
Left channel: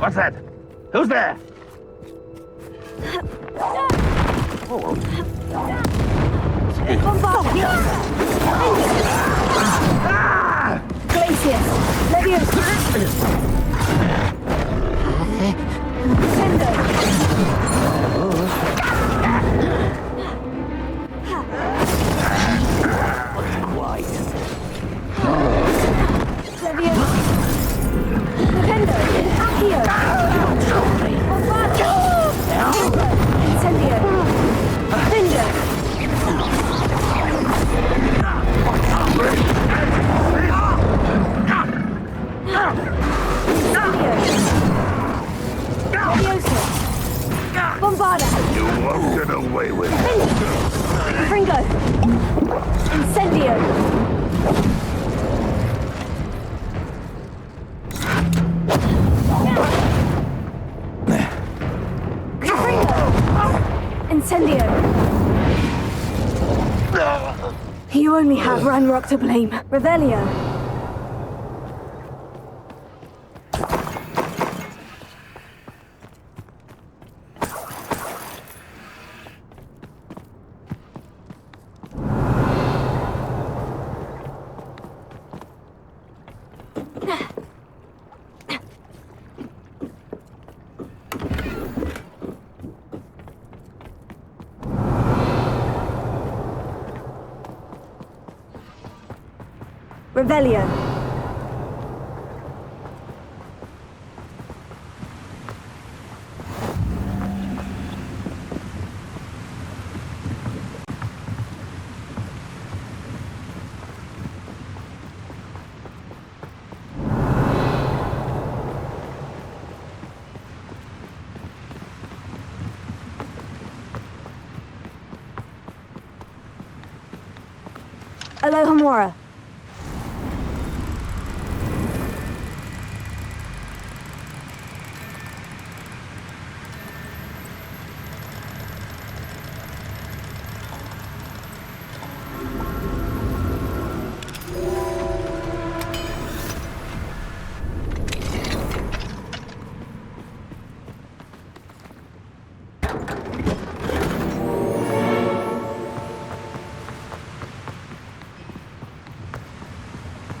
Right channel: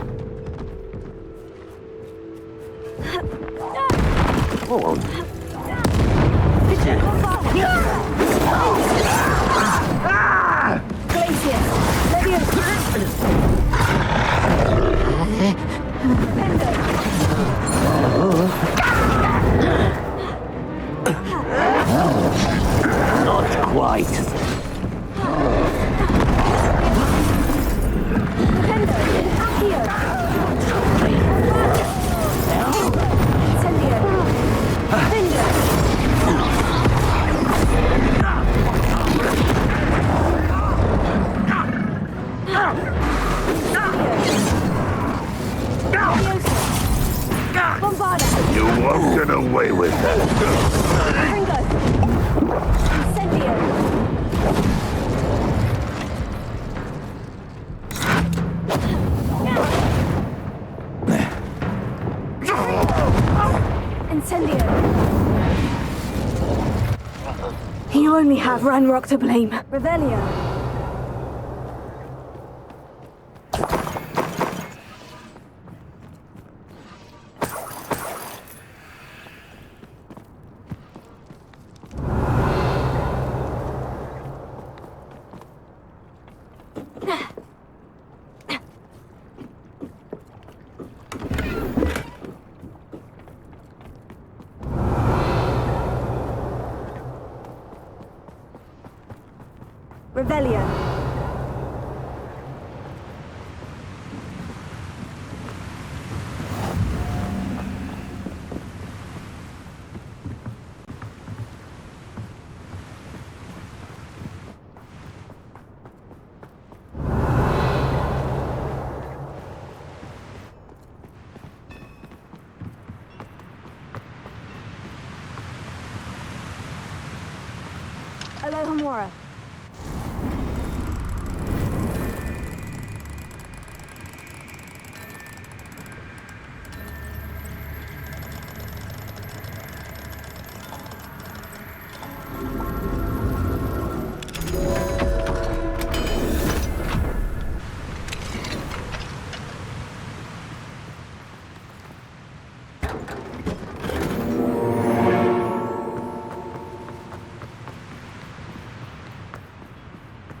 What's that? Who's there? Glacier! Leviosa! Pendo! Not quite. Pendo! Accio! Bombarda! Incendio! Finger! Bombarda! You won't get away with it. Confringo! Incendio! Incendio! You only have Ranrock to blame. Revelio! Revelio. Alohomora.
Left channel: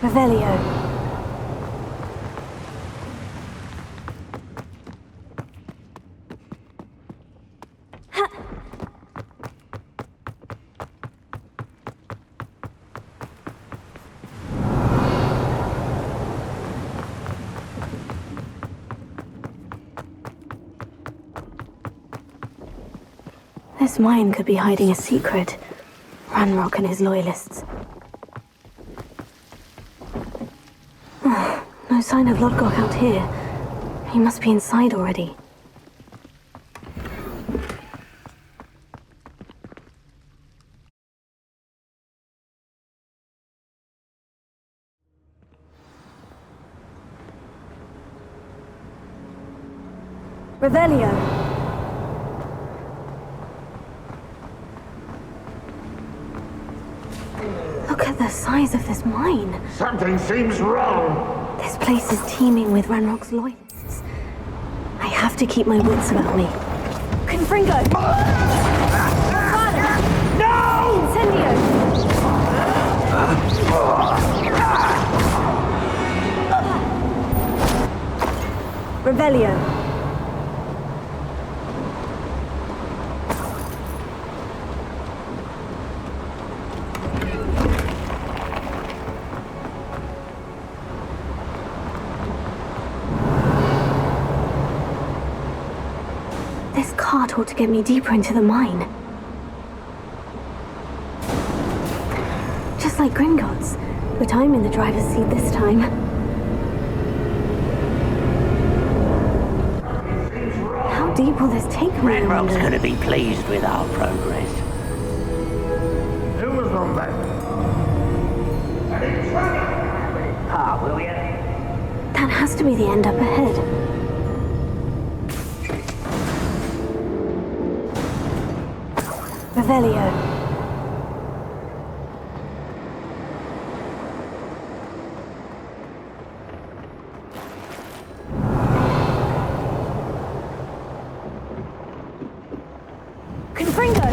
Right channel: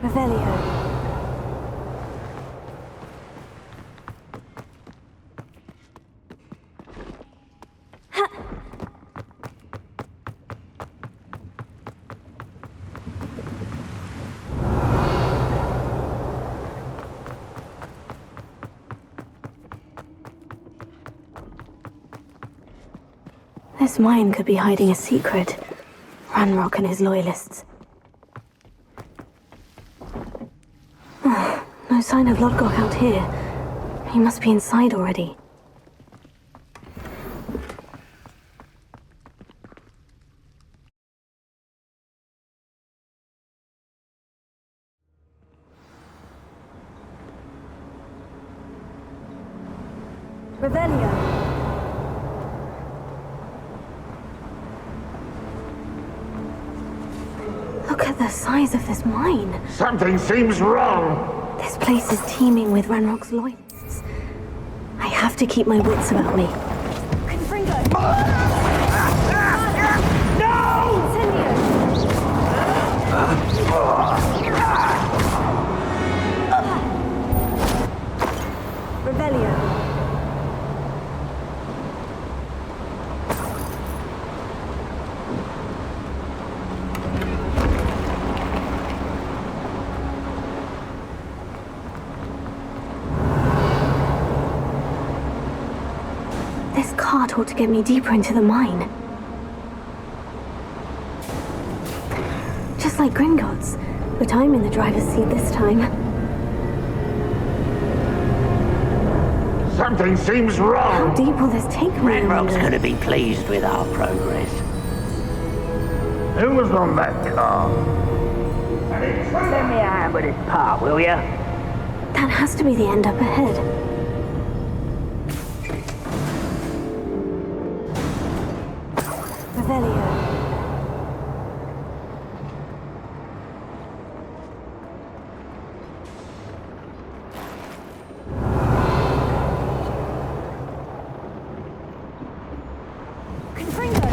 Revelio. This mine could be hiding a secret. Ranrock and his loyalists. No sign of Lodgok out here. He must be inside already. Revelio. Look at the size of this mine. Something seems wrong. This place is teeming with Ranrock's loyalists. I have to keep my wits about me. Confringo! No! Incendio! Revelio. This cart ought to get me deeper into the mine. Just like Gringotts, but I'm in the driver's seat this time. Something seems wrong. How deep will this take me? Ranrock's going to be pleased with our progress. Who was on that car? Let me out with his part, will ya? That has to be the end up ahead. Revelio. Confringo.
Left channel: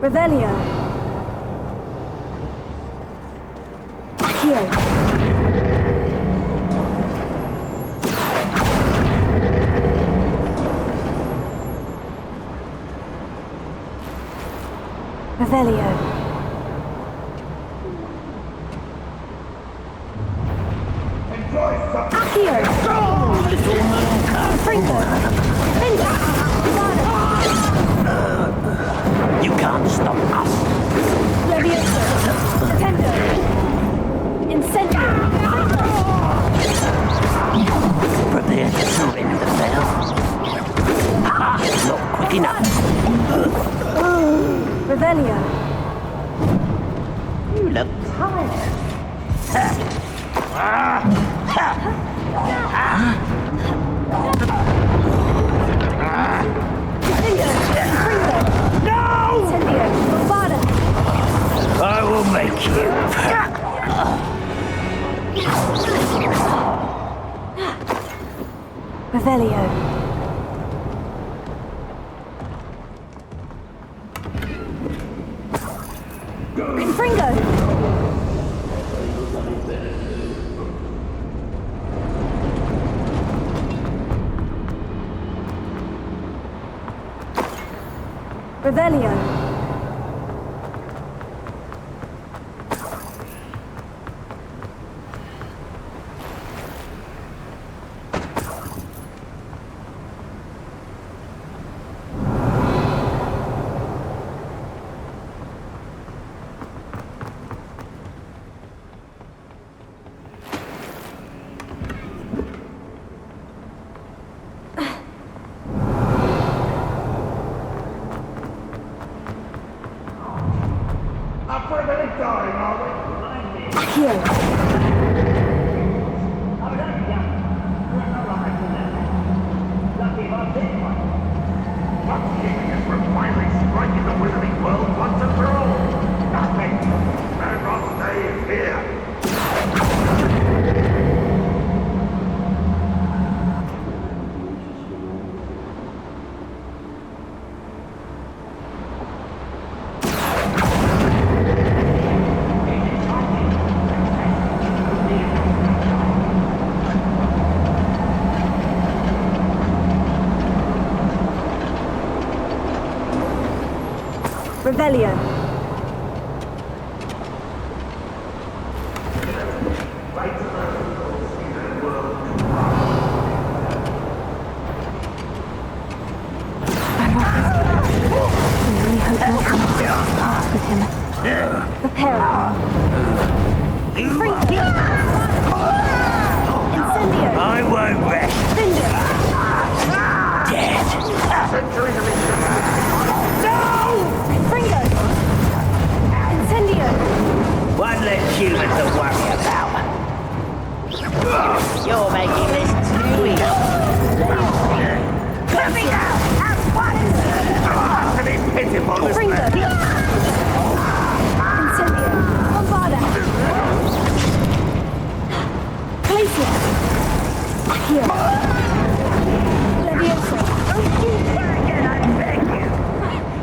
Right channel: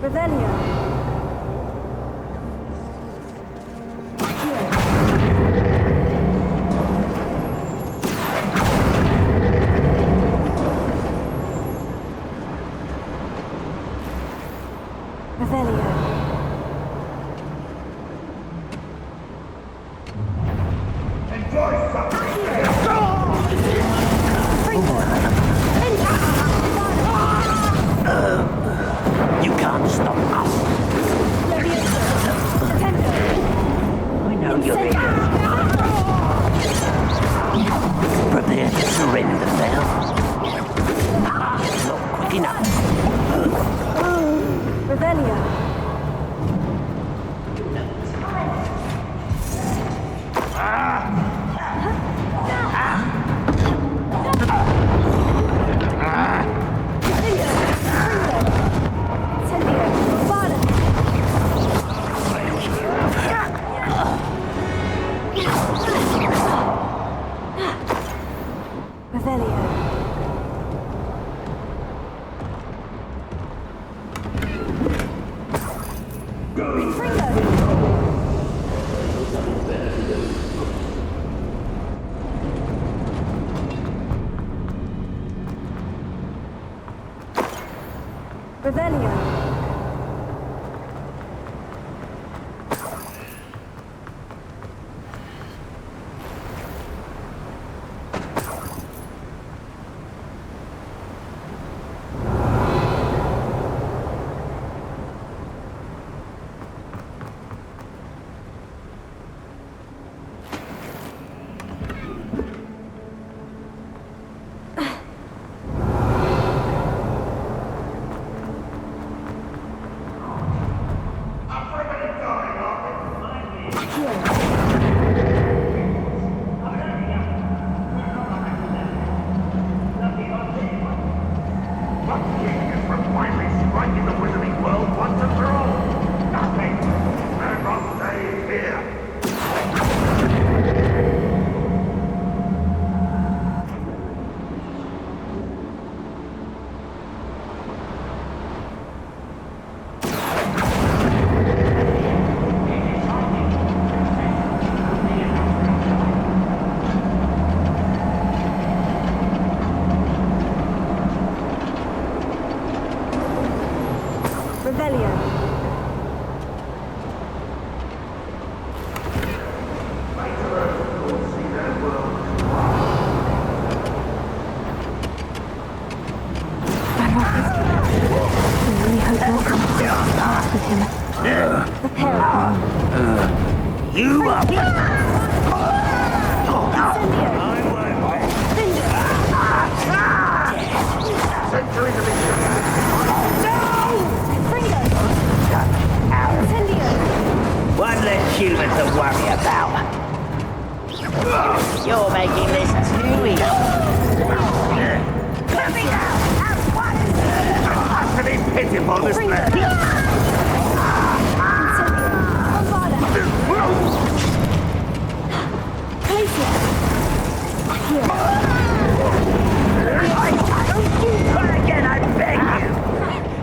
Revelio. Revelio. Accio. You can't stop us. Leviosa. Tendo. Incendio. Prepare to surrender now. Not quick enough. Revelio. You look I will make you. Revelio. Confringo! Revelio. Revelio. With him. Prepare. You up! Incendio. I won't rest. Centuries of history. Fringo. Incendio. One less human to worry about. You're making this too easy. Let me out! At once! Utterly pitiful, this Fringo. man. Incendio. Bombada. Glacier. Here. Don't you try again, I beg you!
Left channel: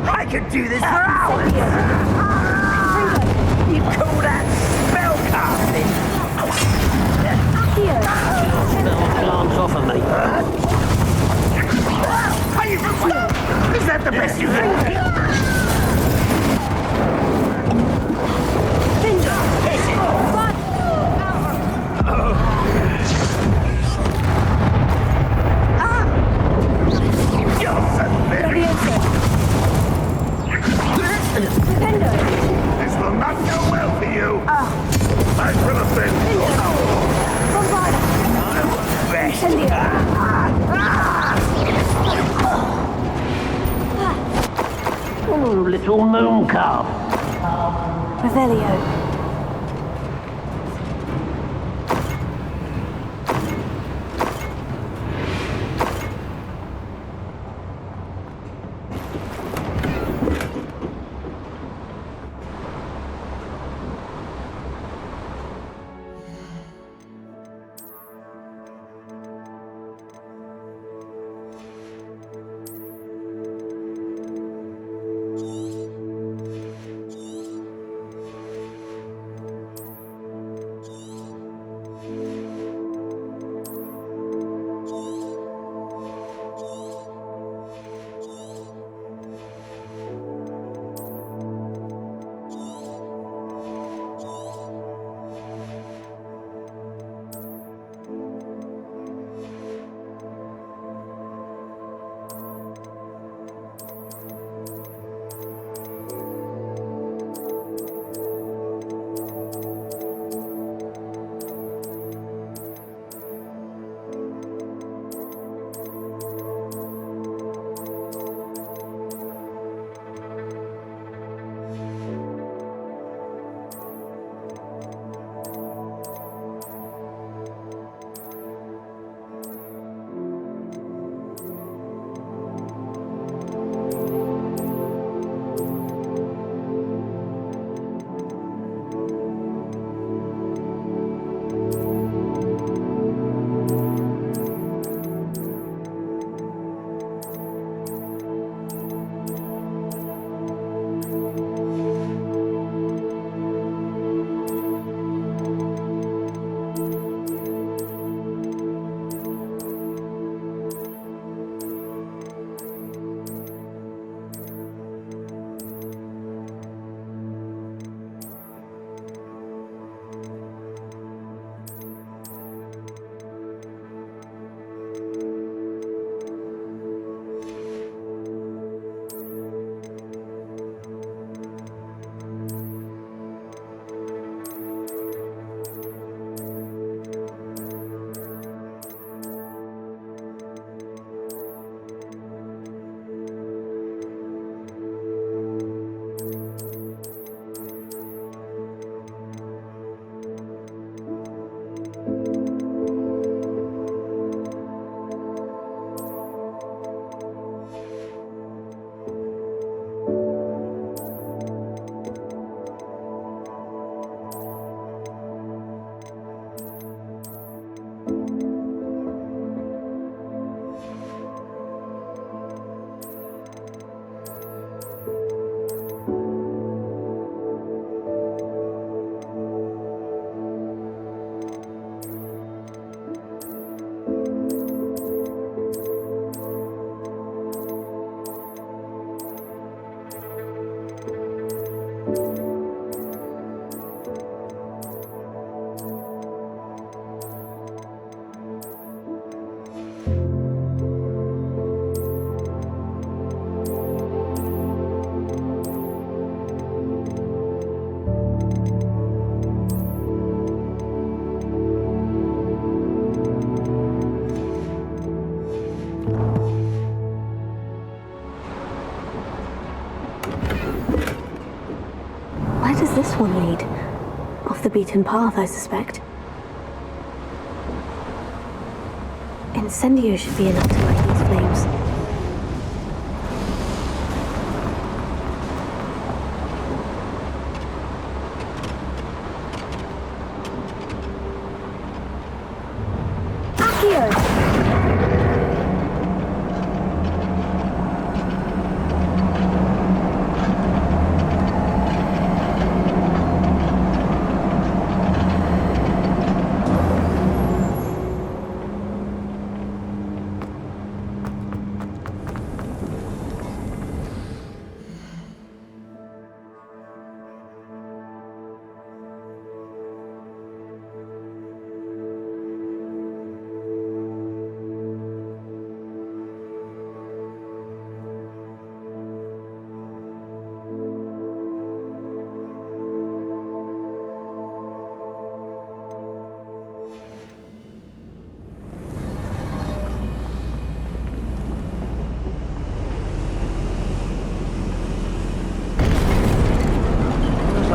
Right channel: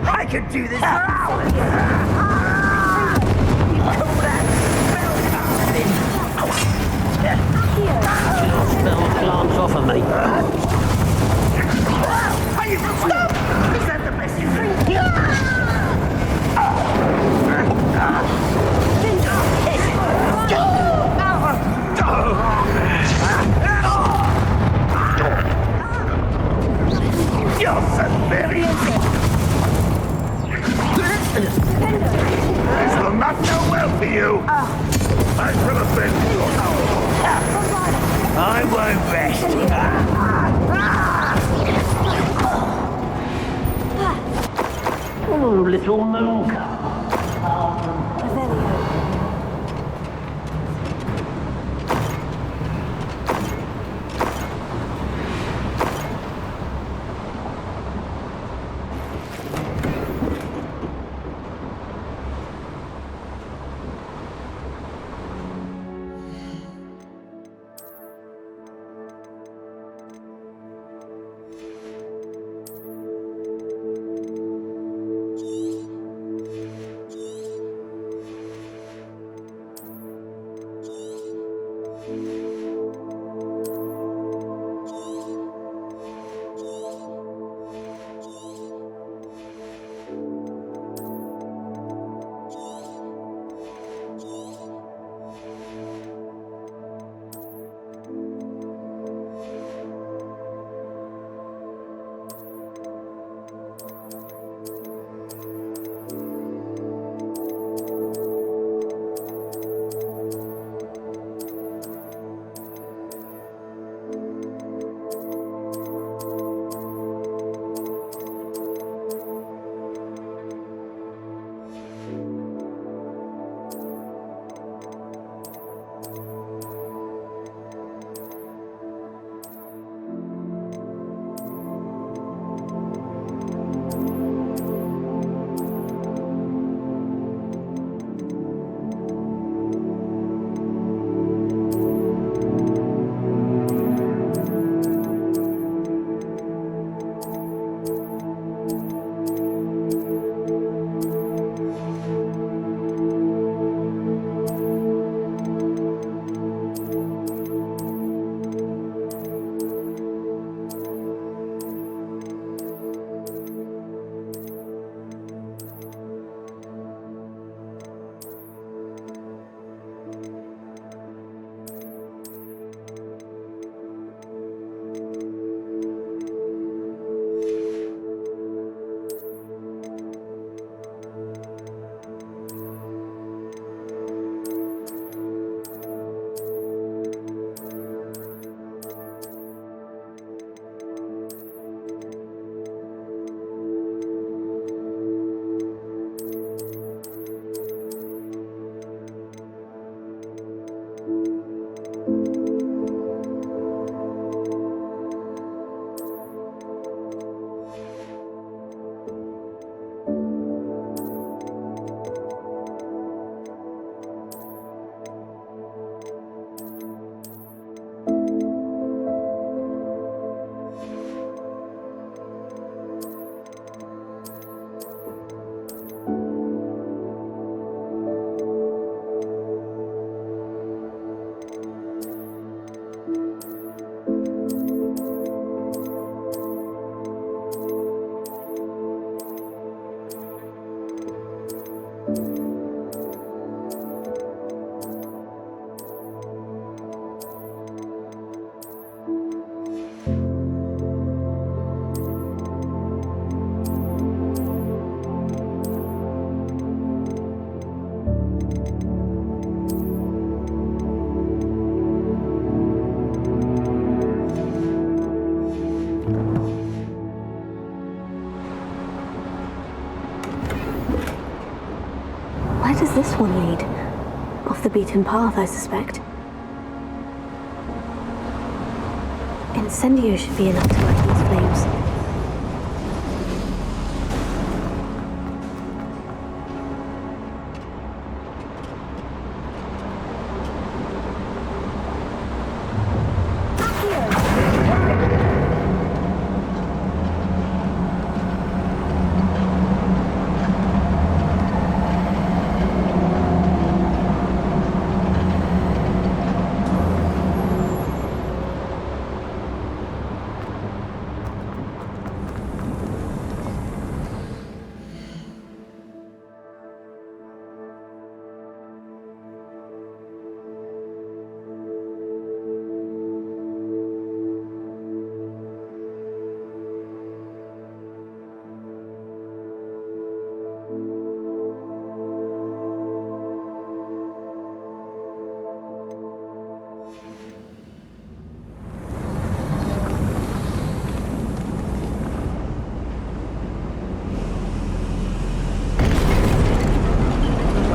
I could do this for hours! You call that spell casting? Here. Spell glance off of me. Are you... Is that the best you can do? You're so very... This will not go well for you. I should have been... I won't rest. Oh, little moon cow. Revelio. this one lead? Off the beaten path, I suspect. Incendio should be enough to light these flames.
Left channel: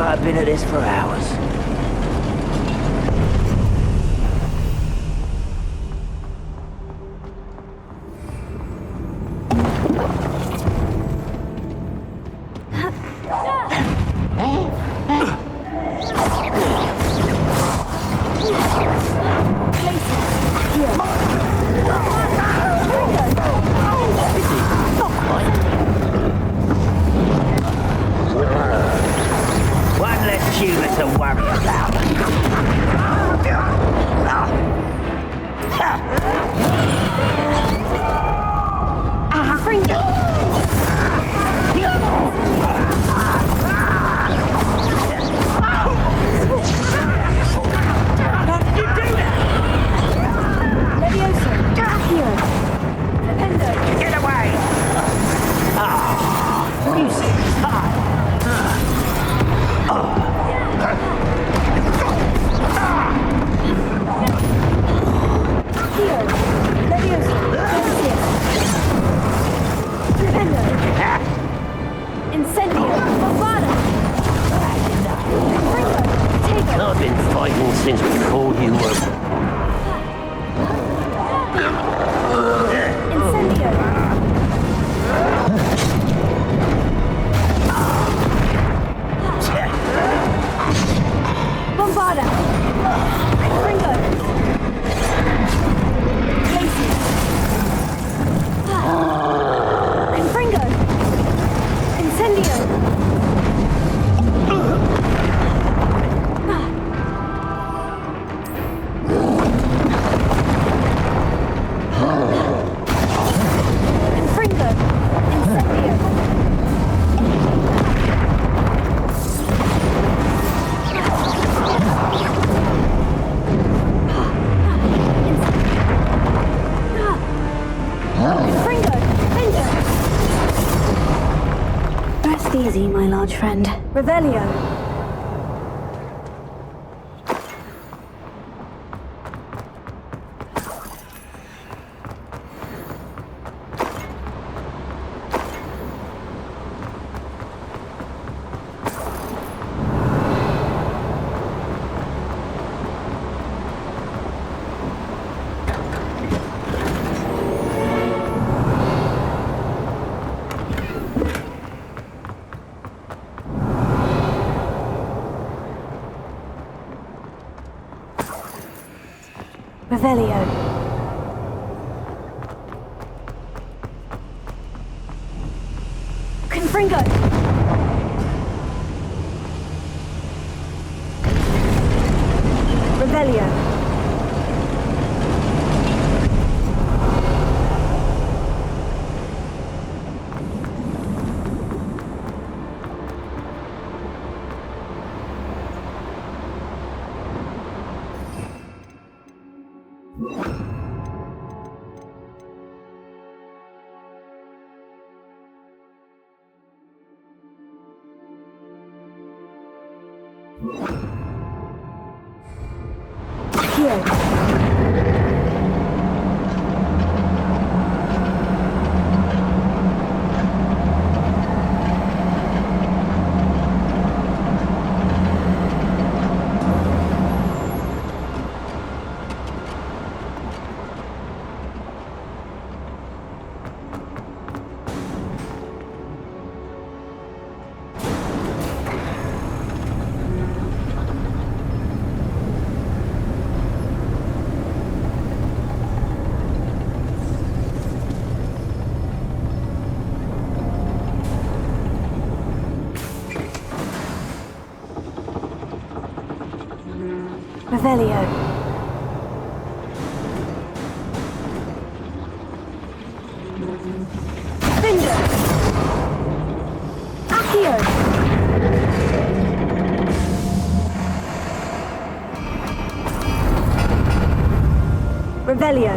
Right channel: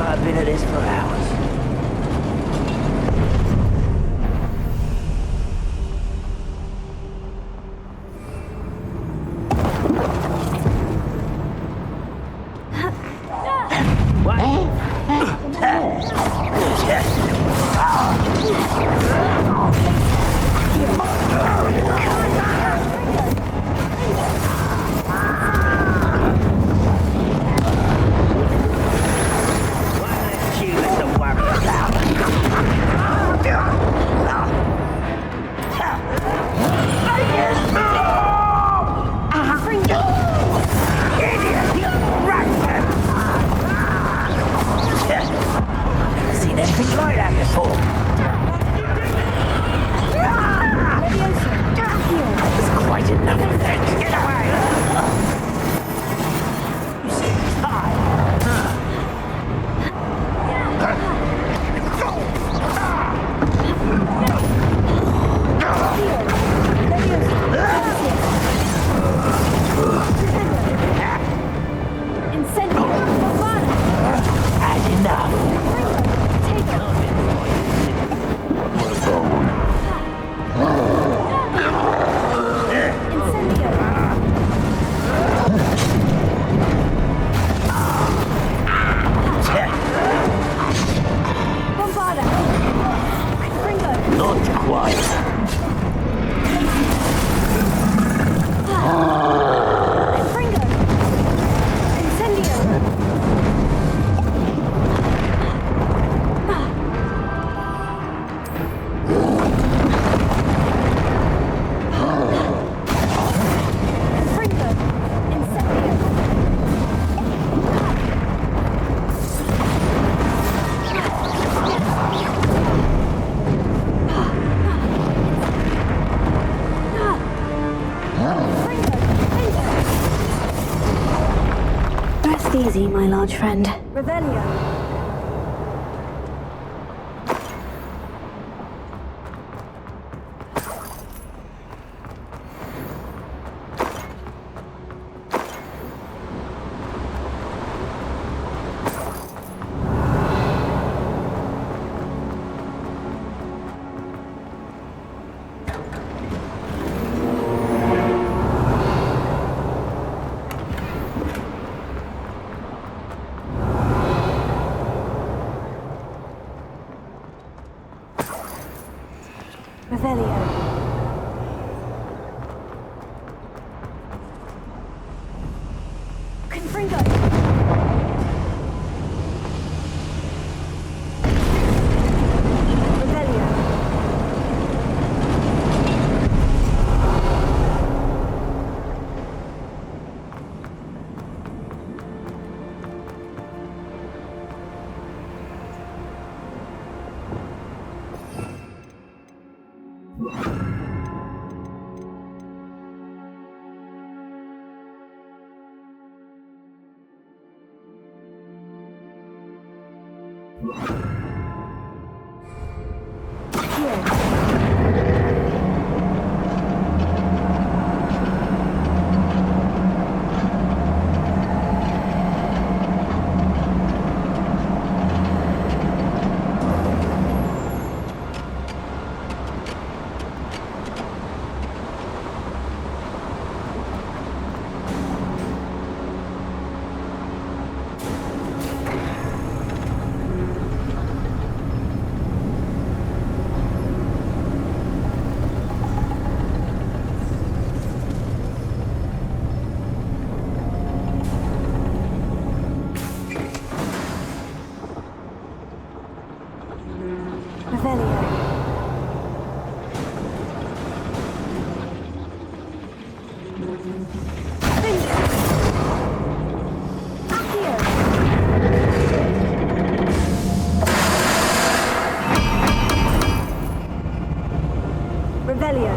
I've been at this for hours. Easy, my large friend. Revelio. Revelio. Confringo. Revelio. Finger! Accio! Revelio.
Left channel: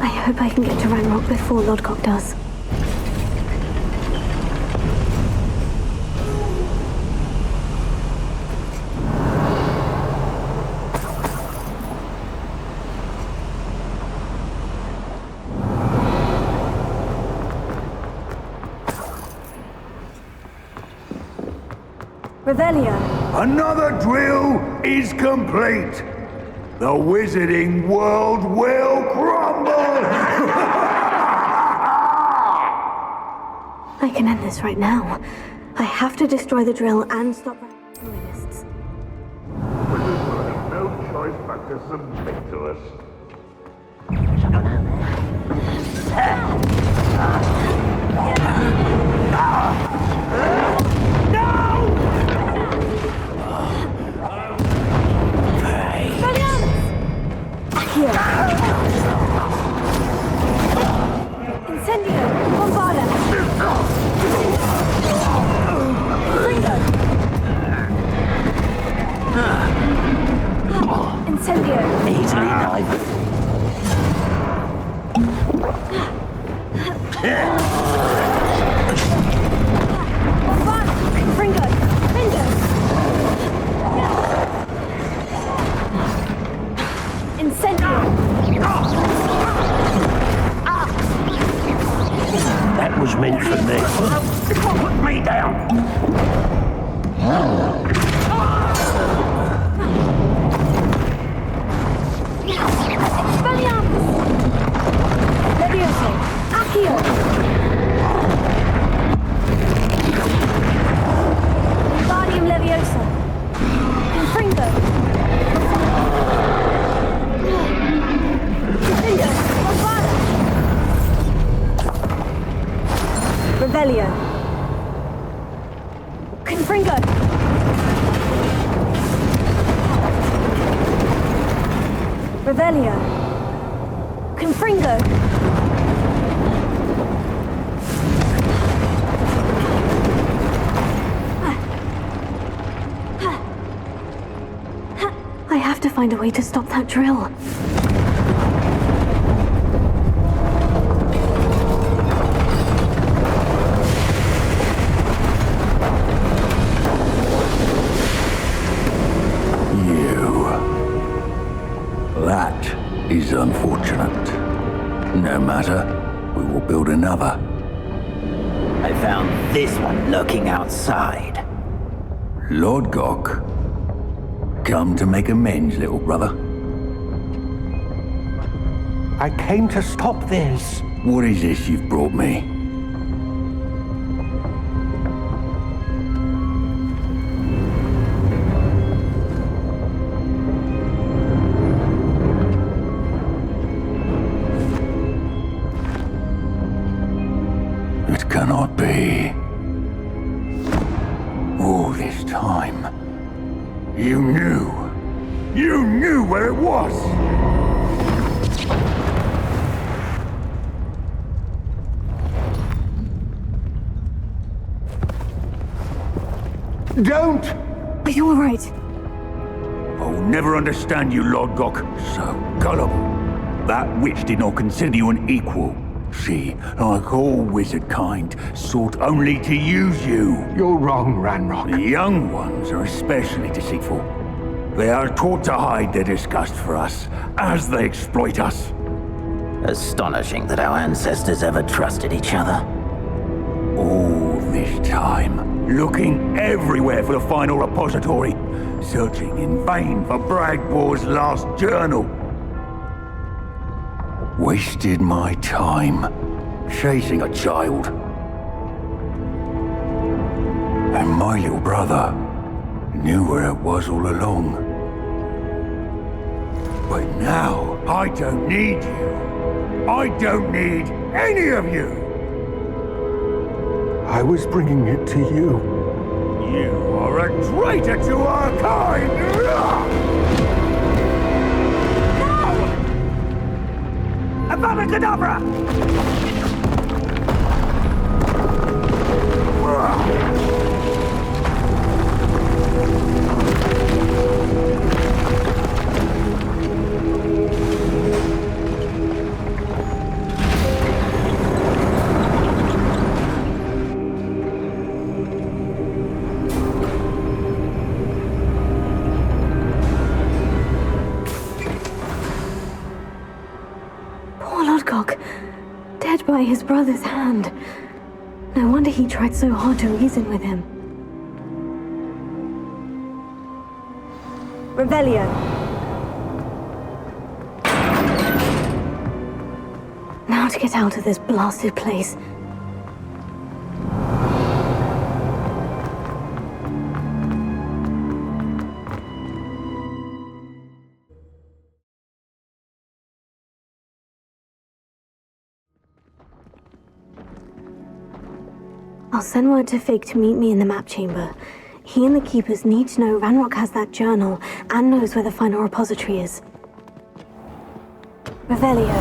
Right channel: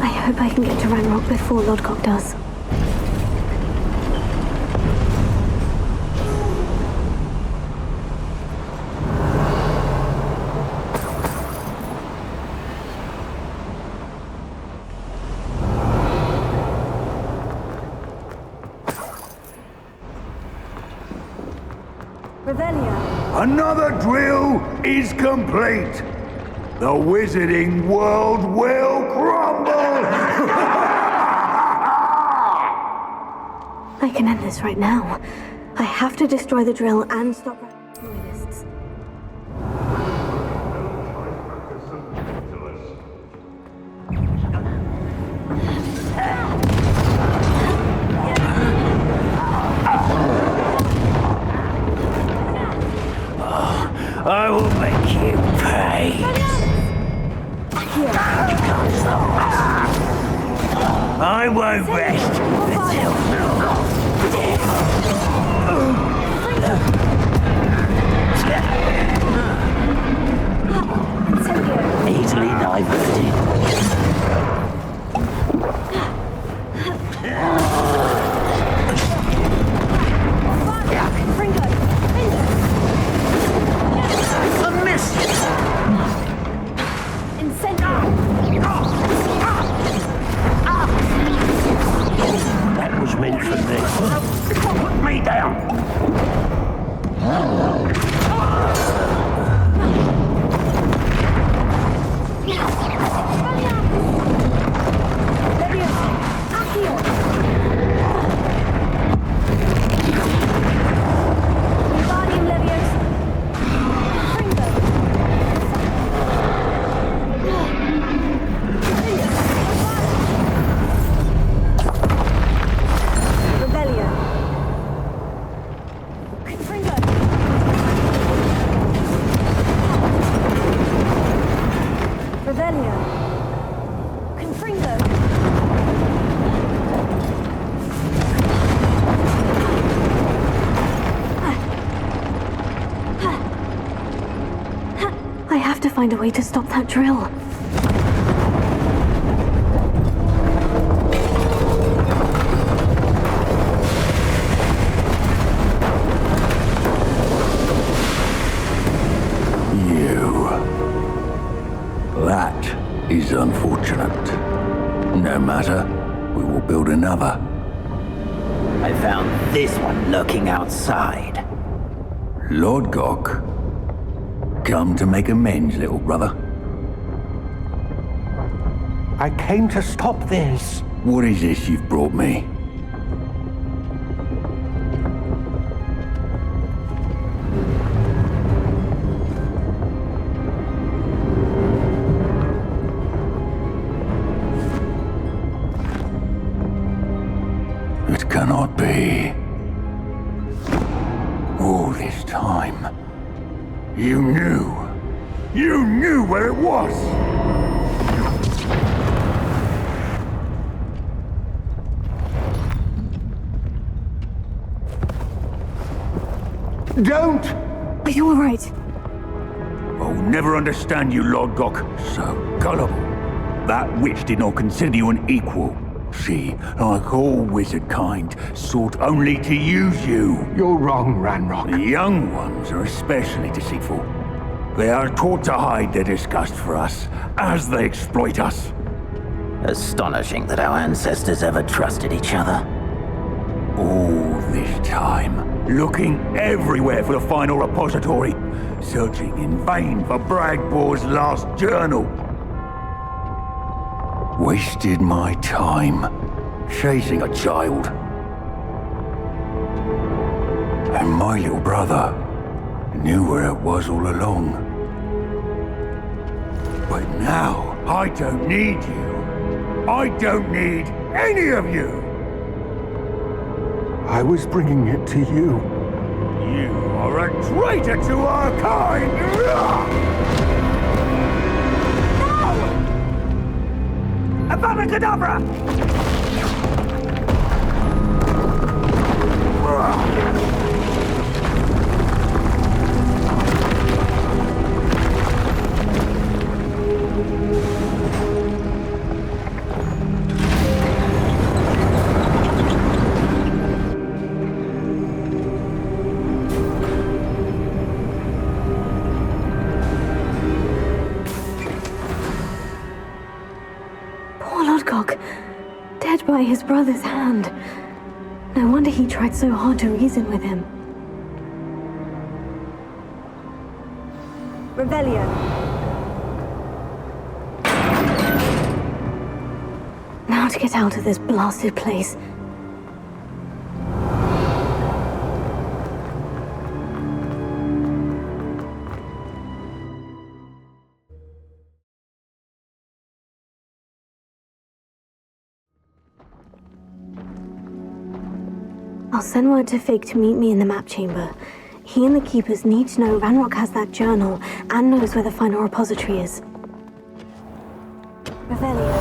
I hope I can get to Ranrock before Lodgok does. Revelio. Another drill is complete. The wizarding world will crumble! I can end this right now. I have to destroy the drill and stop loyalists. No choice but to submit to us. I will make you pay. I won't be. Easily diverted. That was meant for me. Put me down. I have to find a way to stop that drill. That is unfortunate. No matter, we will build another. I found this one lurking outside. Lodgok, come to make amends, little brother. I came to stop this. What is this you've brought me? It cannot be. All this time, you knew where it was! Don't! Are you alright? I'll never understand you, Lodgok. So gullible. That witch did not consider you an equal. See, like all wizard kind, sought only to use you. You're wrong, Ranrock. The young ones are especially deceitful. They are taught to hide their disgust for us, as they exploit us. Astonishing that our ancestors ever trusted each other. All this time, looking everywhere for the final repository, searching in vain for Bragbor's last journal. Wasted my time, chasing a child. And my little brother knew where it was all along. But now, I don't need you. I don't need any of you! I was bringing it to you. You are a traitor to our kind! No! Avada Kedavra! Dead by his brother's hand. No wonder he tried so hard to reason with him. Revelio. Now to get out of this blasted place. I'll send word to Fig to meet me in the map chamber. He and the Keepers need to know Ranrock has that journal and knows where the final repository is. Revelio.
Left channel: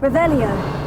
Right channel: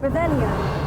Revelio.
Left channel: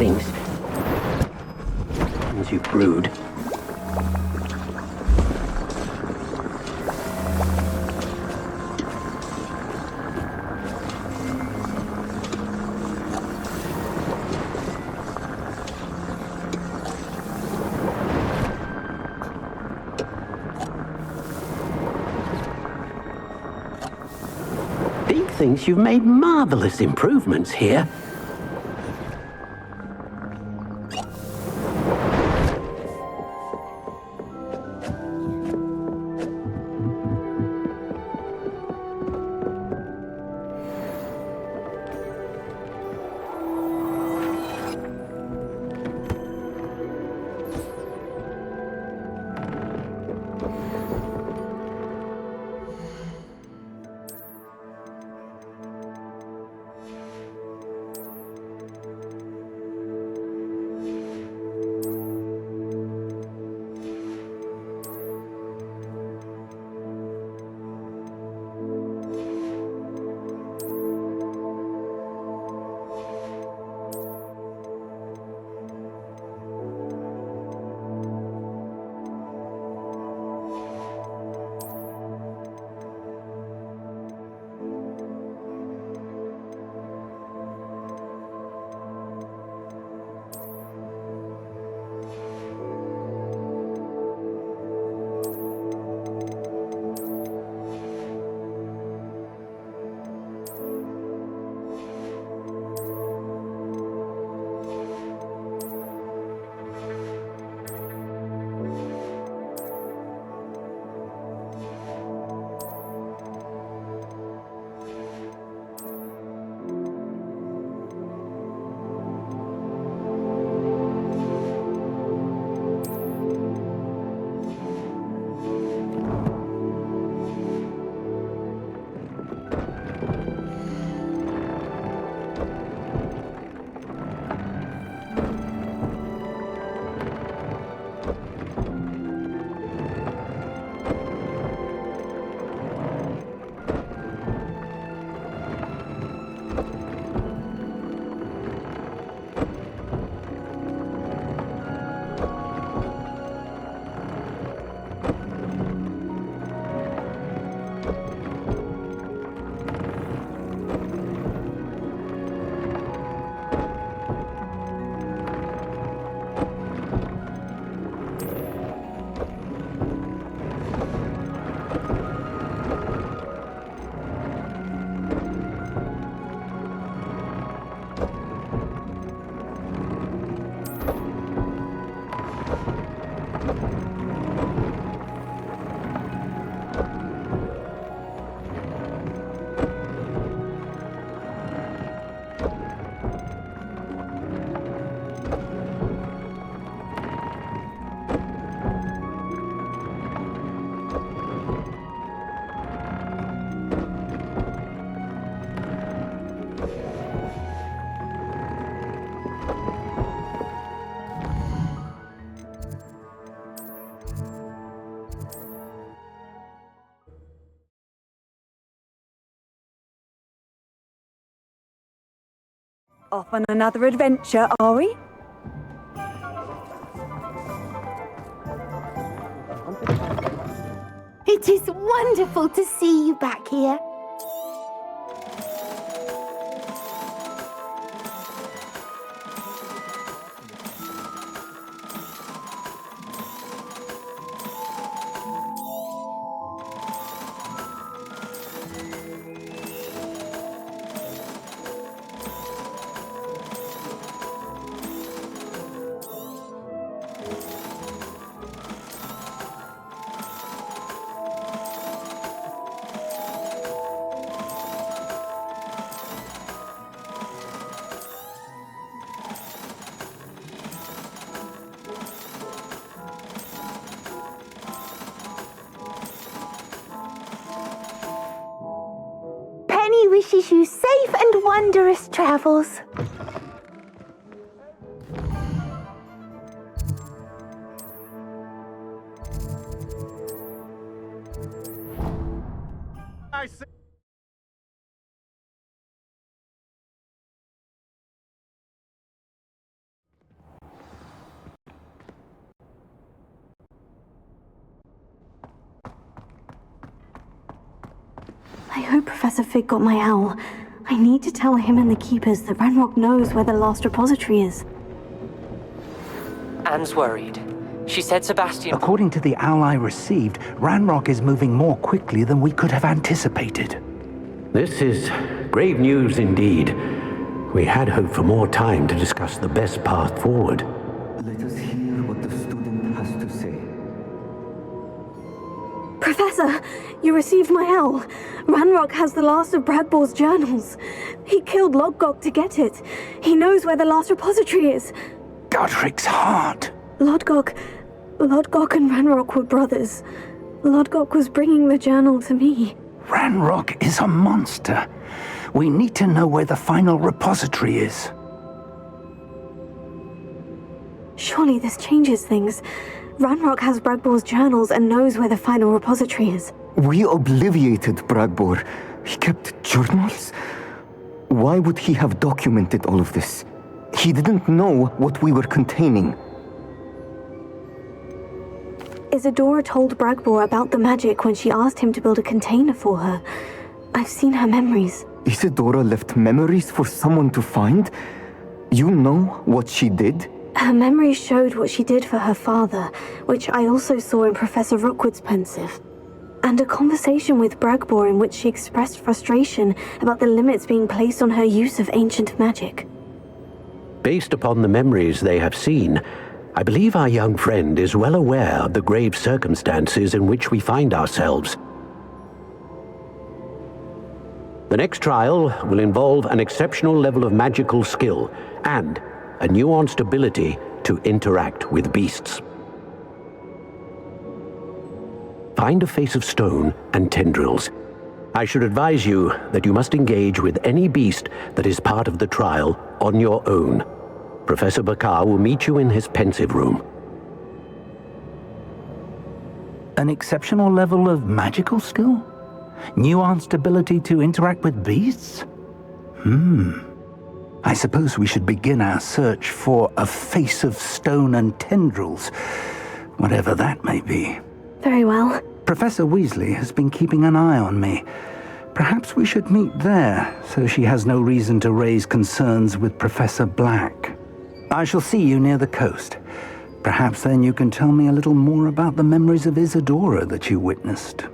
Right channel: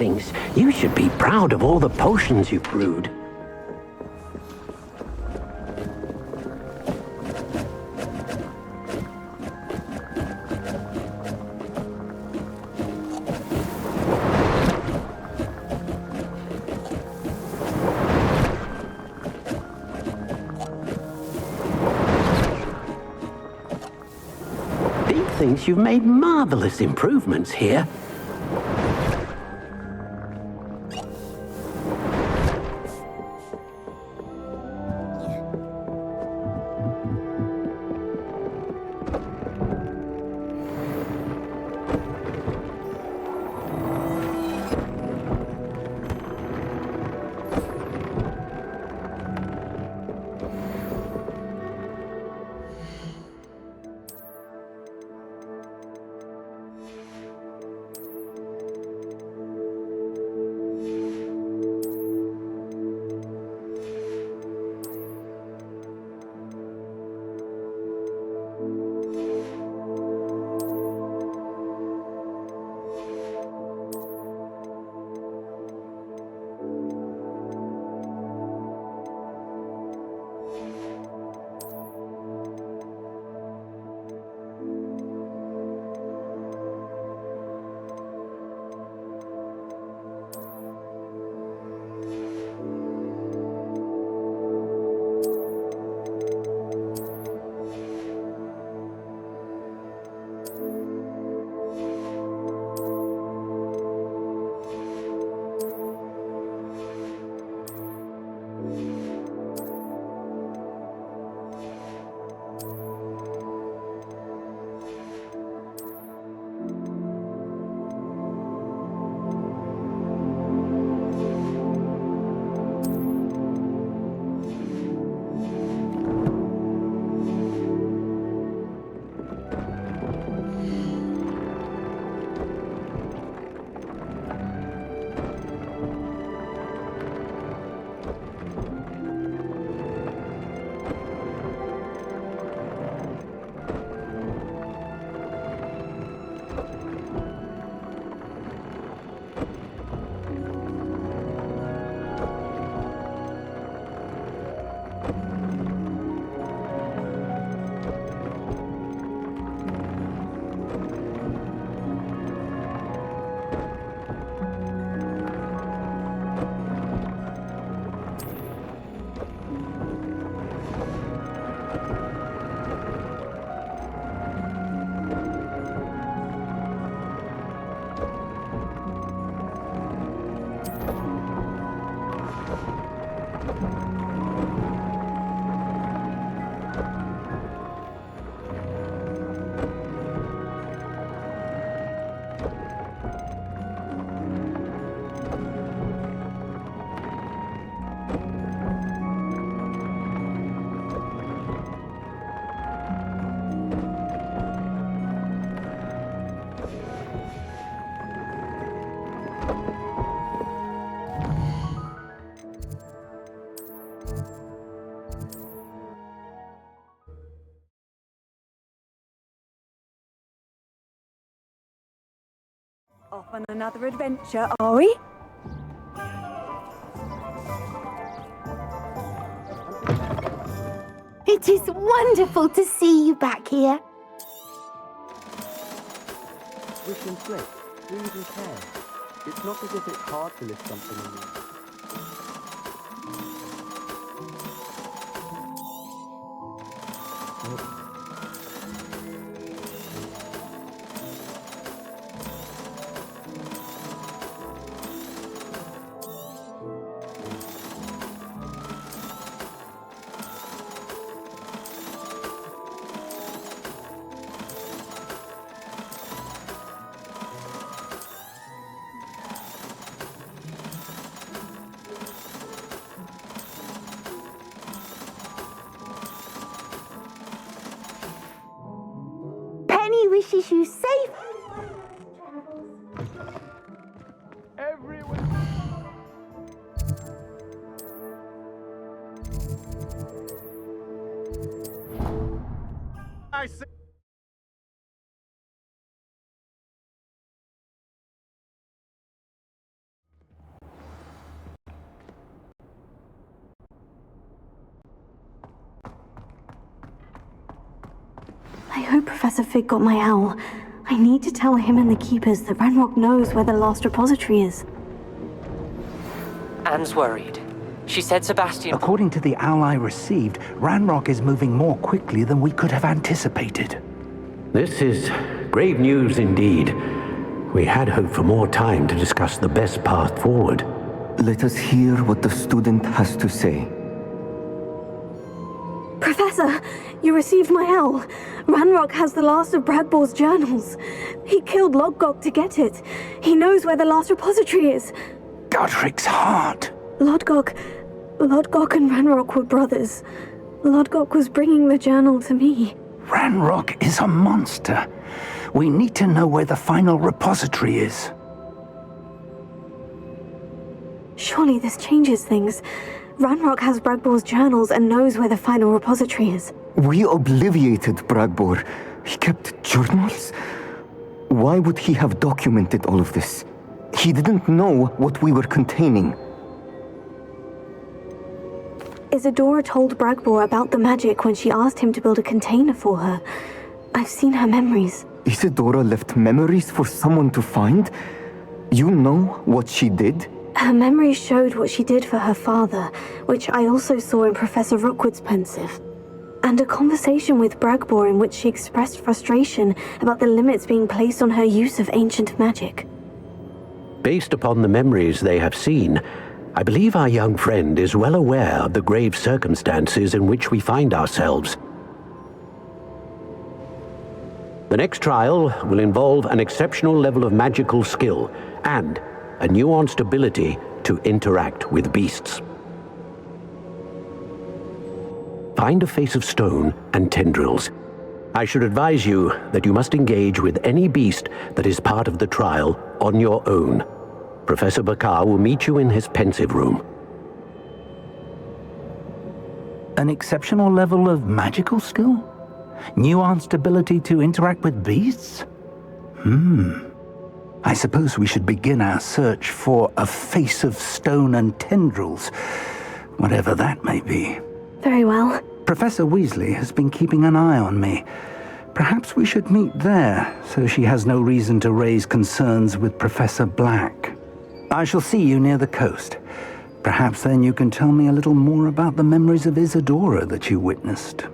Thinks you should be proud of all the potions you've brewed. thinks you've made marvelous improvements here. Off on another adventure, are we? It is wonderful to see you back here. Wishes you safe and wondrous travels. I see. I hope Professor Fig got my owl. I need to tell him and the Keepers that Ranrock knows where the last repository is. Anne's worried. She said Sebastian... According to the owl I received, Ranrock is moving more quickly than we could have anticipated. This is Grave news indeed. We had hoped for more time to discuss the best path forward. Let us hear what the student has to say. Professor, you received my owl. Ranrock has the last of Bragbor's journals. He killed Lodgok to get it. He knows where the last repository is. Godric's heart. Lodgok and Ranrock were brothers. Lodgok was bringing the journal to me. Ranrock is a monster. We need to know where the final repository is. Surely this changes things. Ranrock has Bragbor's journals and knows where the final repository is. We obliviated Bragbor. He kept journals? Why would he have documented all of this? He didn't know what we were containing. Isadora told Bragbor about the magic when she asked him to build a container for her. I've seen her memories. Isadora left memories for someone to find? You know what she did? Her memories showed what she did for her father, which I also saw in Professor Rookwood's pensive. And a conversation with Bragbor in which she expressed frustration about the limits being placed on her use of ancient magic. Based upon the memories they have seen, I believe our young friend is well aware of the grave circumstances in which we find ourselves. The next trial will involve an exceptional level of magical skill and a nuanced ability to interact with beasts. Find a face of stone and tendrils. I should advise you that you must engage with any beast that is part of the trial on your own. Professor Bakar will meet you in his pensive room. An exceptional level of magical skill? Nuanced ability to interact with beasts? I suppose we should begin our search for a face of stone and tendrils, whatever that may be. Very well. Professor Weasley has been keeping an eye on me. Perhaps we should meet there, so she has no reason to raise concerns with Professor Black. I shall see you near the coast. Perhaps then you can tell me a little more about the memories of Isadora that you witnessed.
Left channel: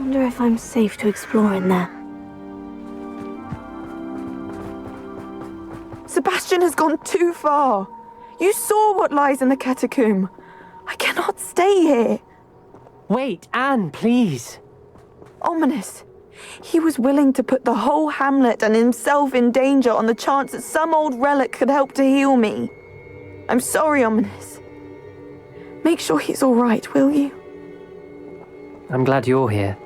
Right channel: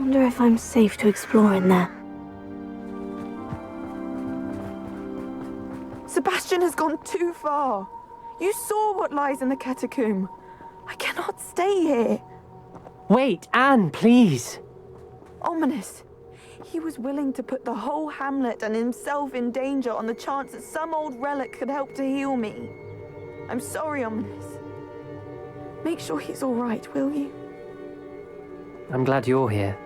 Wonder if I'm safe to explore in there. Sebastian has gone too far. You saw what lies in the catacomb. I cannot stay here. Wait, Anne, please. Ominous. He was willing to put the whole hamlet and himself in danger on the chance that some old relic could help to heal me. I'm sorry, Ominous. Make sure he's all right, will you? I'm glad you're here.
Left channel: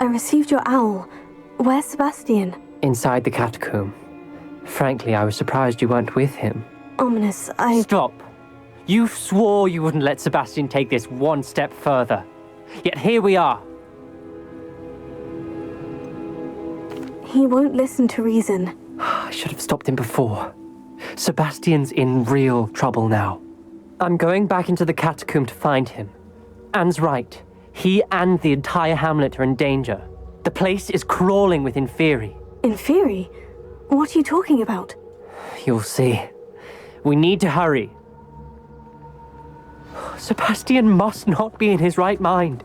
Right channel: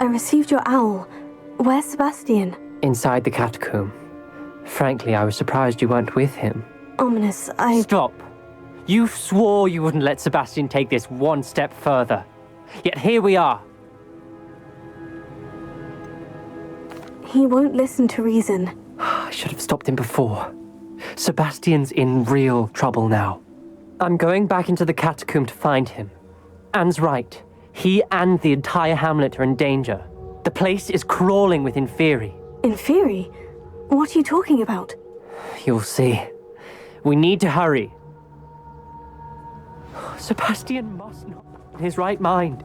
I received your owl. Where's Sebastian? Inside the catacomb. Frankly, I was surprised you weren't with him. Ominous, Stop! You swore you wouldn't let Sebastian take this one step further. Yet here we are. He won't listen to reason. I should have stopped him before. Sebastian's in real trouble now. I'm going back into the catacomb to find him. Anne's right. He and the entire hamlet are in danger. The place is crawling with Inferi. Inferi? What are you talking about? You'll see. We need to hurry. Sebastian must not be in his right mind.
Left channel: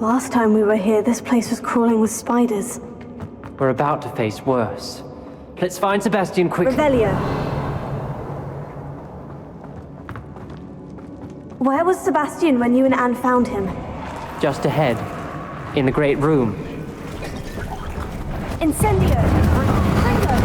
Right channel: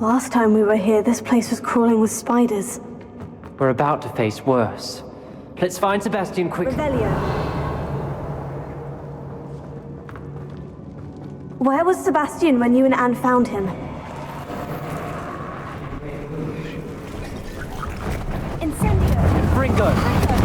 Last time we were here, this place was crawling with spiders. We're about to face worse. Let's find Sebastian quickly. Revelio. Where was Sebastian when you and Anne found him? Just ahead, in the great room. Incendio! Fringo! Fringo!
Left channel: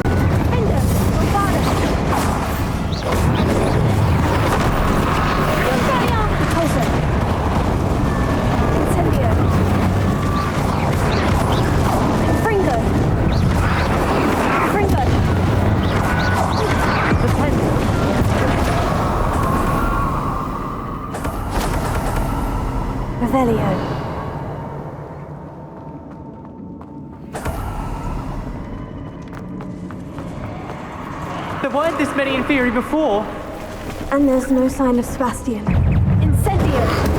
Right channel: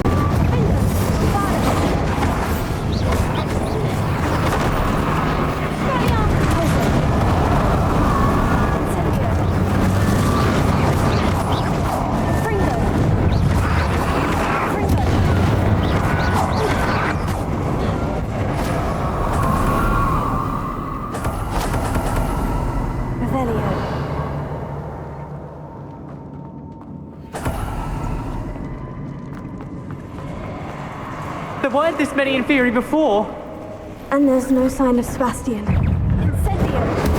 There weren't this many Inferi before. And there's no sign of Sebastian. Incendio!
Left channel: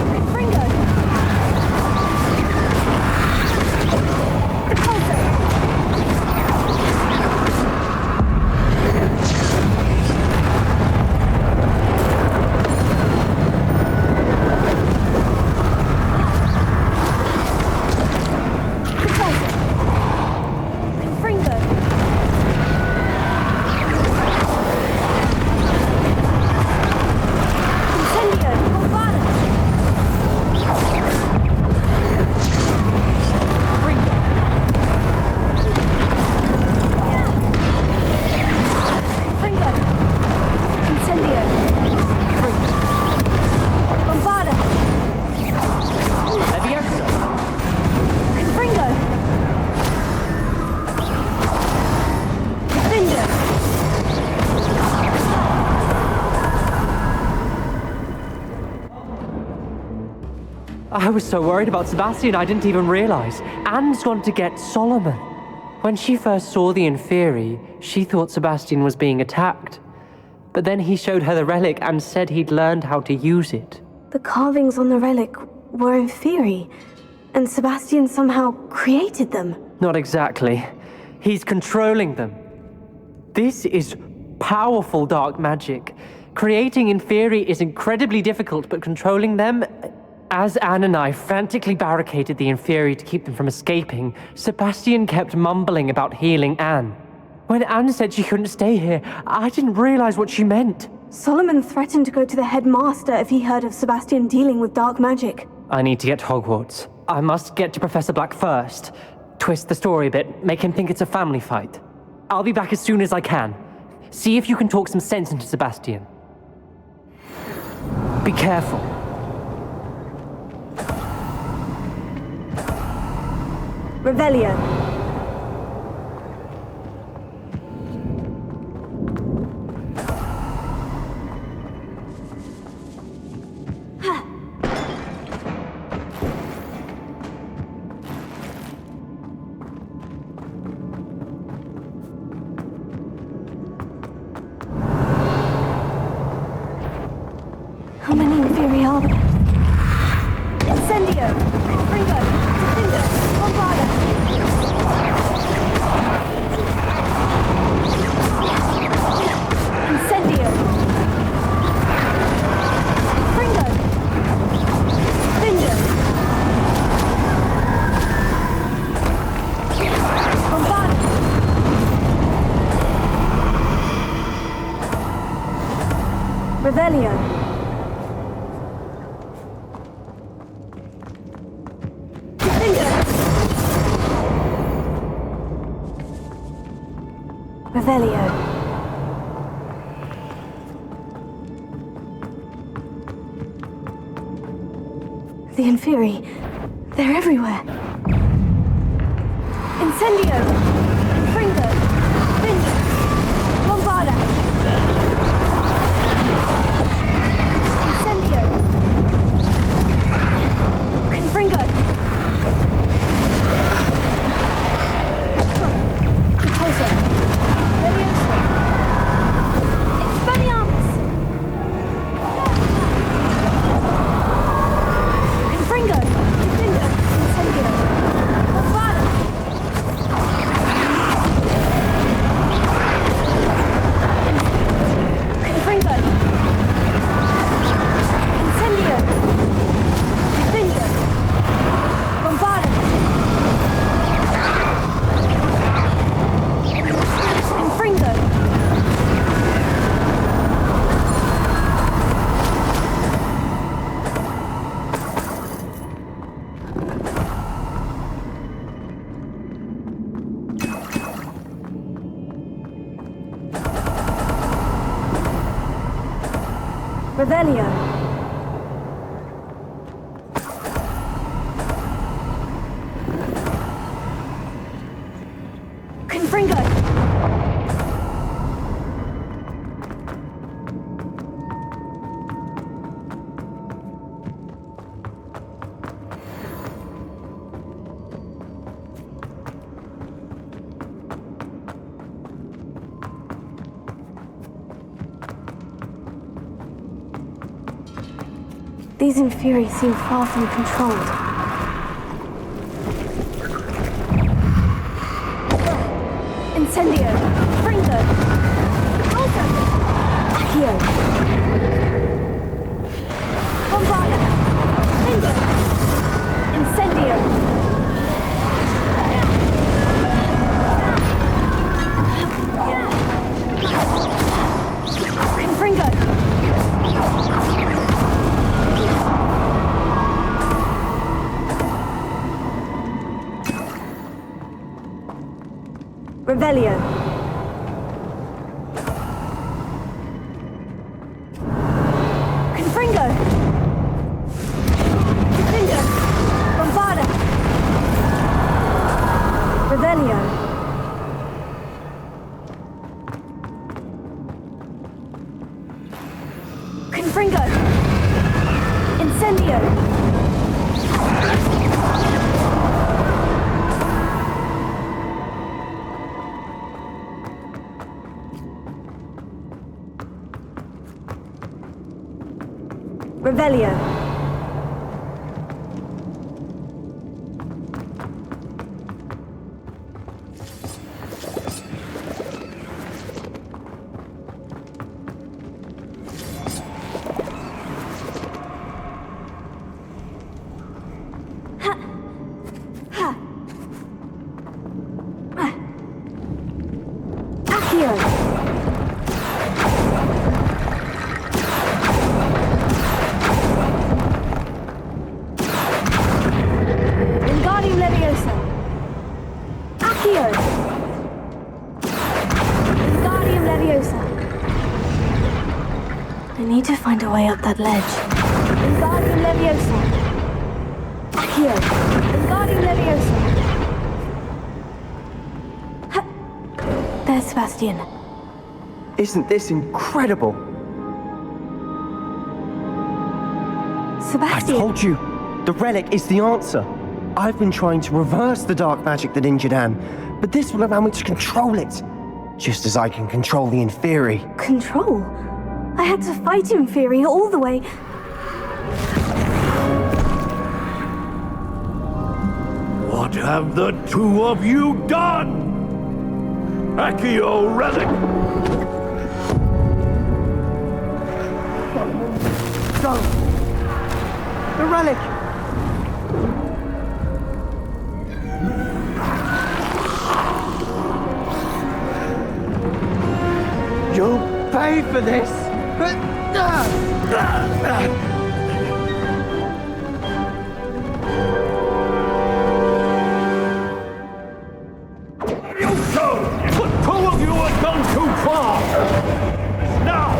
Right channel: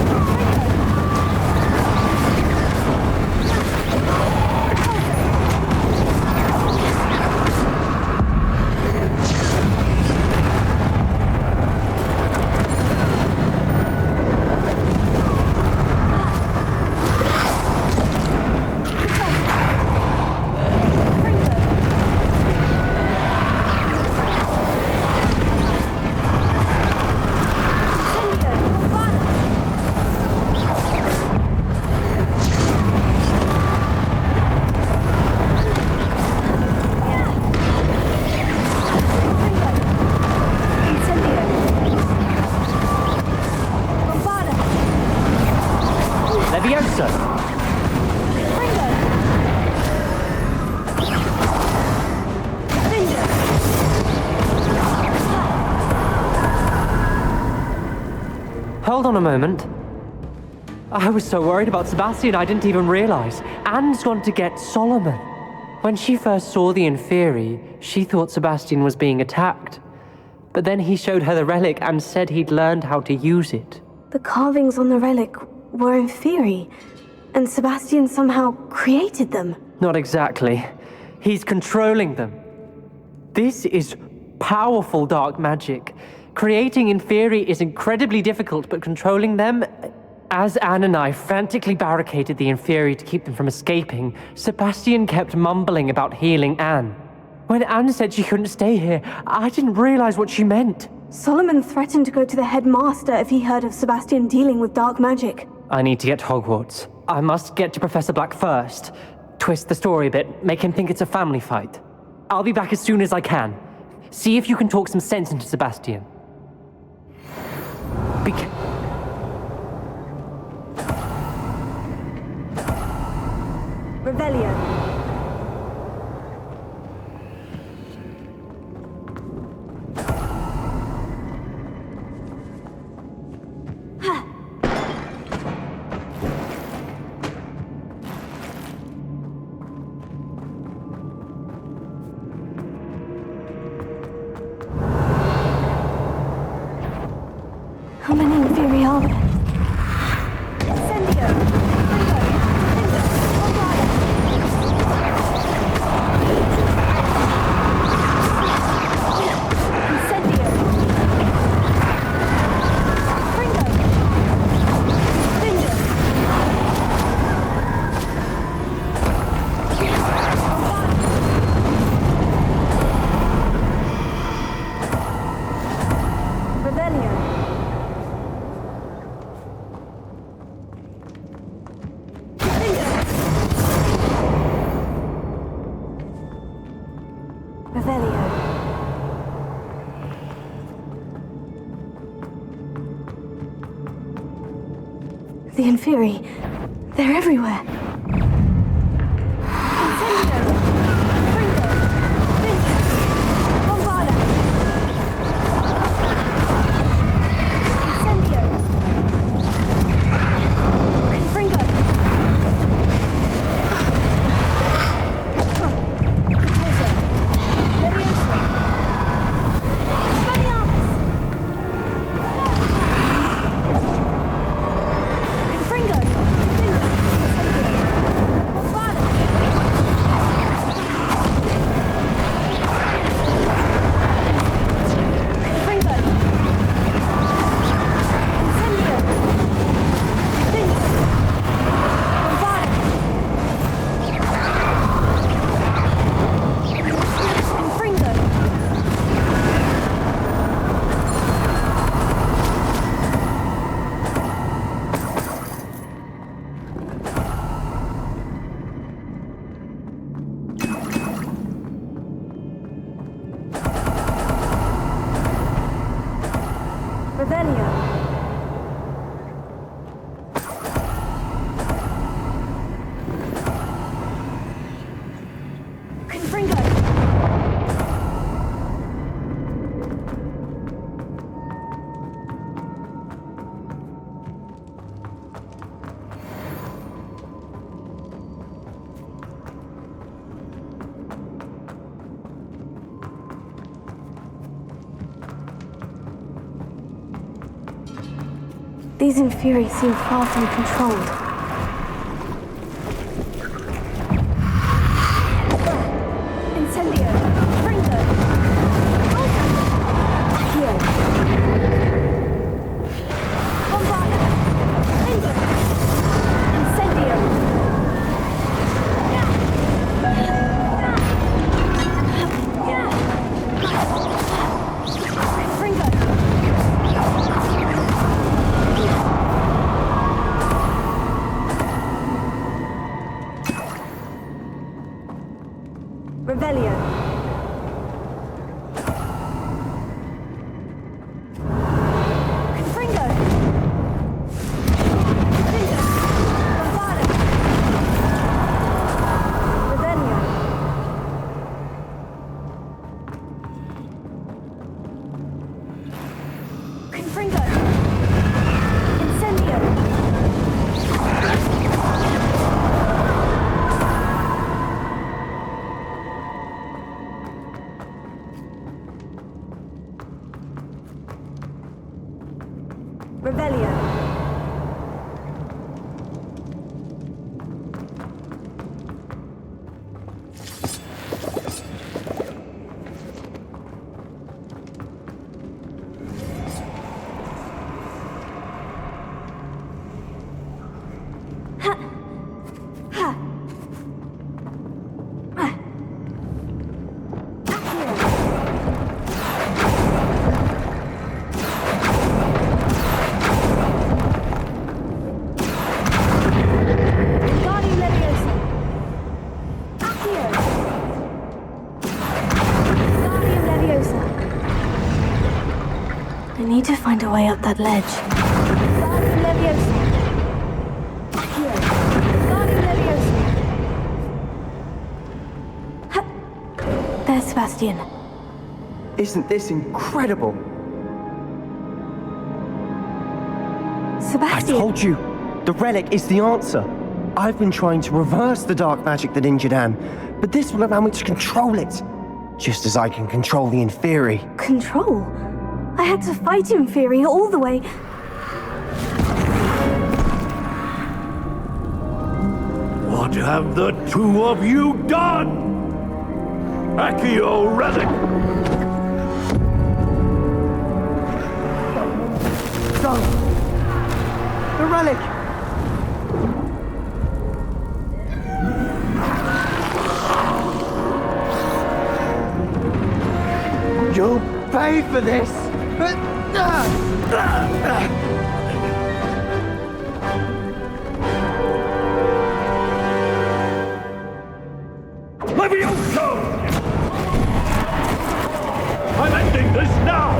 I was so worried about Sebastian I didn't even realize. Anne's gone to get Solomon. When she first saw the Inferi, she thought Sebastian was being attacked. But then he showed her the relic and said he'd learned how to use it. The carvings on the relic were Inferi, and Sebastian somehow created them. Not exactly. He's controlling them. This is powerful dark magic. Creating Inferi is incredibly difficult, but controlling them... As Anne and I frantically barricaded the Inferi to keep them from escaping, Sebastian kept mumbling about healing Anne. When Anne said she couldn't stay here, I didn't realize what she meant. Solomon threatened to go to the headmaster if he heard of Sebastian dealing with dark magic. I need to get to Hogwarts. I must get to Professor Black first. Twist the story a bit, make him think it's a family fight. I'll be back as soon as I can. See if you can talk some sense into Sebastian. Be careful. Revelio. How many Inferi are there? Incendio! Fringo! Tinder! Bombarda! Incendio! Fringo! Tinder! Bombarda! Revelio! Revelio. The Inferi, they're everywhere. Incendio! Fringo! Vince! Bombarda! Incendio! Fringo! Composer! Leviosa! Expelliarmus! Fringo! Incendio! These Inferi seem far from controlled. Incendio! Fringo! Accio! Bombarda! Fringo! Incendio! Fringo! Revelio. Confringo. Confringo. Bombarda. Revelio. Confringo. Incendio. Revelio. Ha. Ha. Accio. Wingardium Leviosa. Accio. Wingardium Leviosa. I need to find a way up that ledge. Wingardium Leviosa. Accio. Wingardium Leviosa. Ha. There's Sebastian. Isn't this incredible? Sebastian. I told you, the relic is the answer. I've been trying to reverse the dark magic that injured Anne, but this will allow me to control it. Just as I can control the Inferi. Control? I had to fight Inferi all the way. What have the two of you done? Accio relic! Go! The relic! You'll pay for this! Levioso! The two of you have gone too far! I'm ending this now!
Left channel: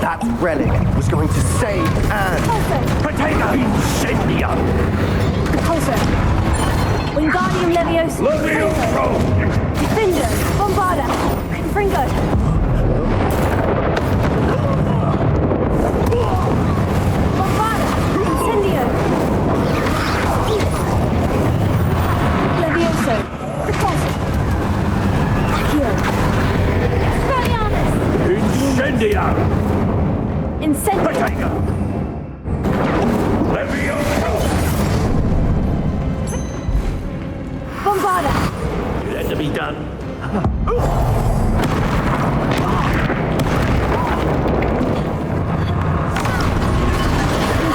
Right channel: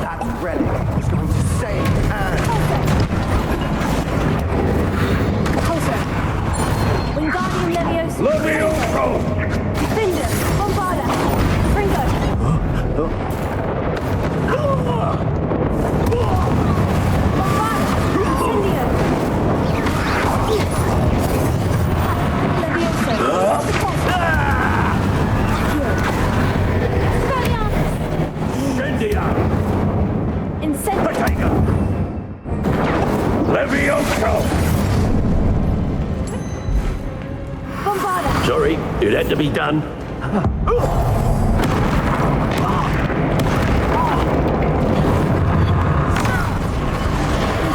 That relic was going to save Anne! Incendio! Repulsor. Wingardium Leviosa. Levioso! Defender. Bombarda. Fringo. Bombarda. Incendio. Levioso. Repulsor. Accio. Expelliarmus. Incendio! Incendio. Levioso! Bombarda. Sorry, it had to be done.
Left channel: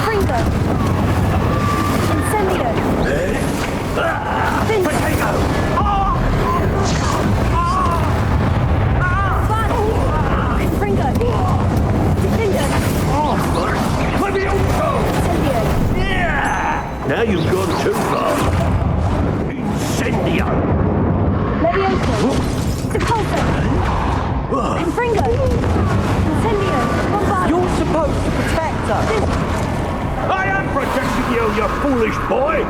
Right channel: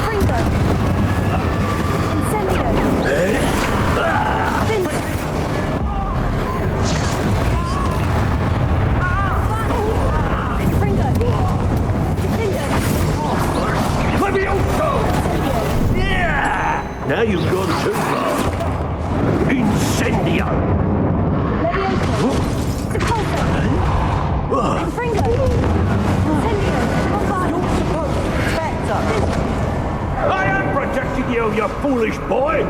Fringo. Incendio. Fringo. Defender. Levioso! Incendio. Yeah! Now you've gone too far. Incendio! Levioso. Repulsor. Fringo. Incendio. Bombarda. You're supposed to protect us. I am protecting you, you foolish boy!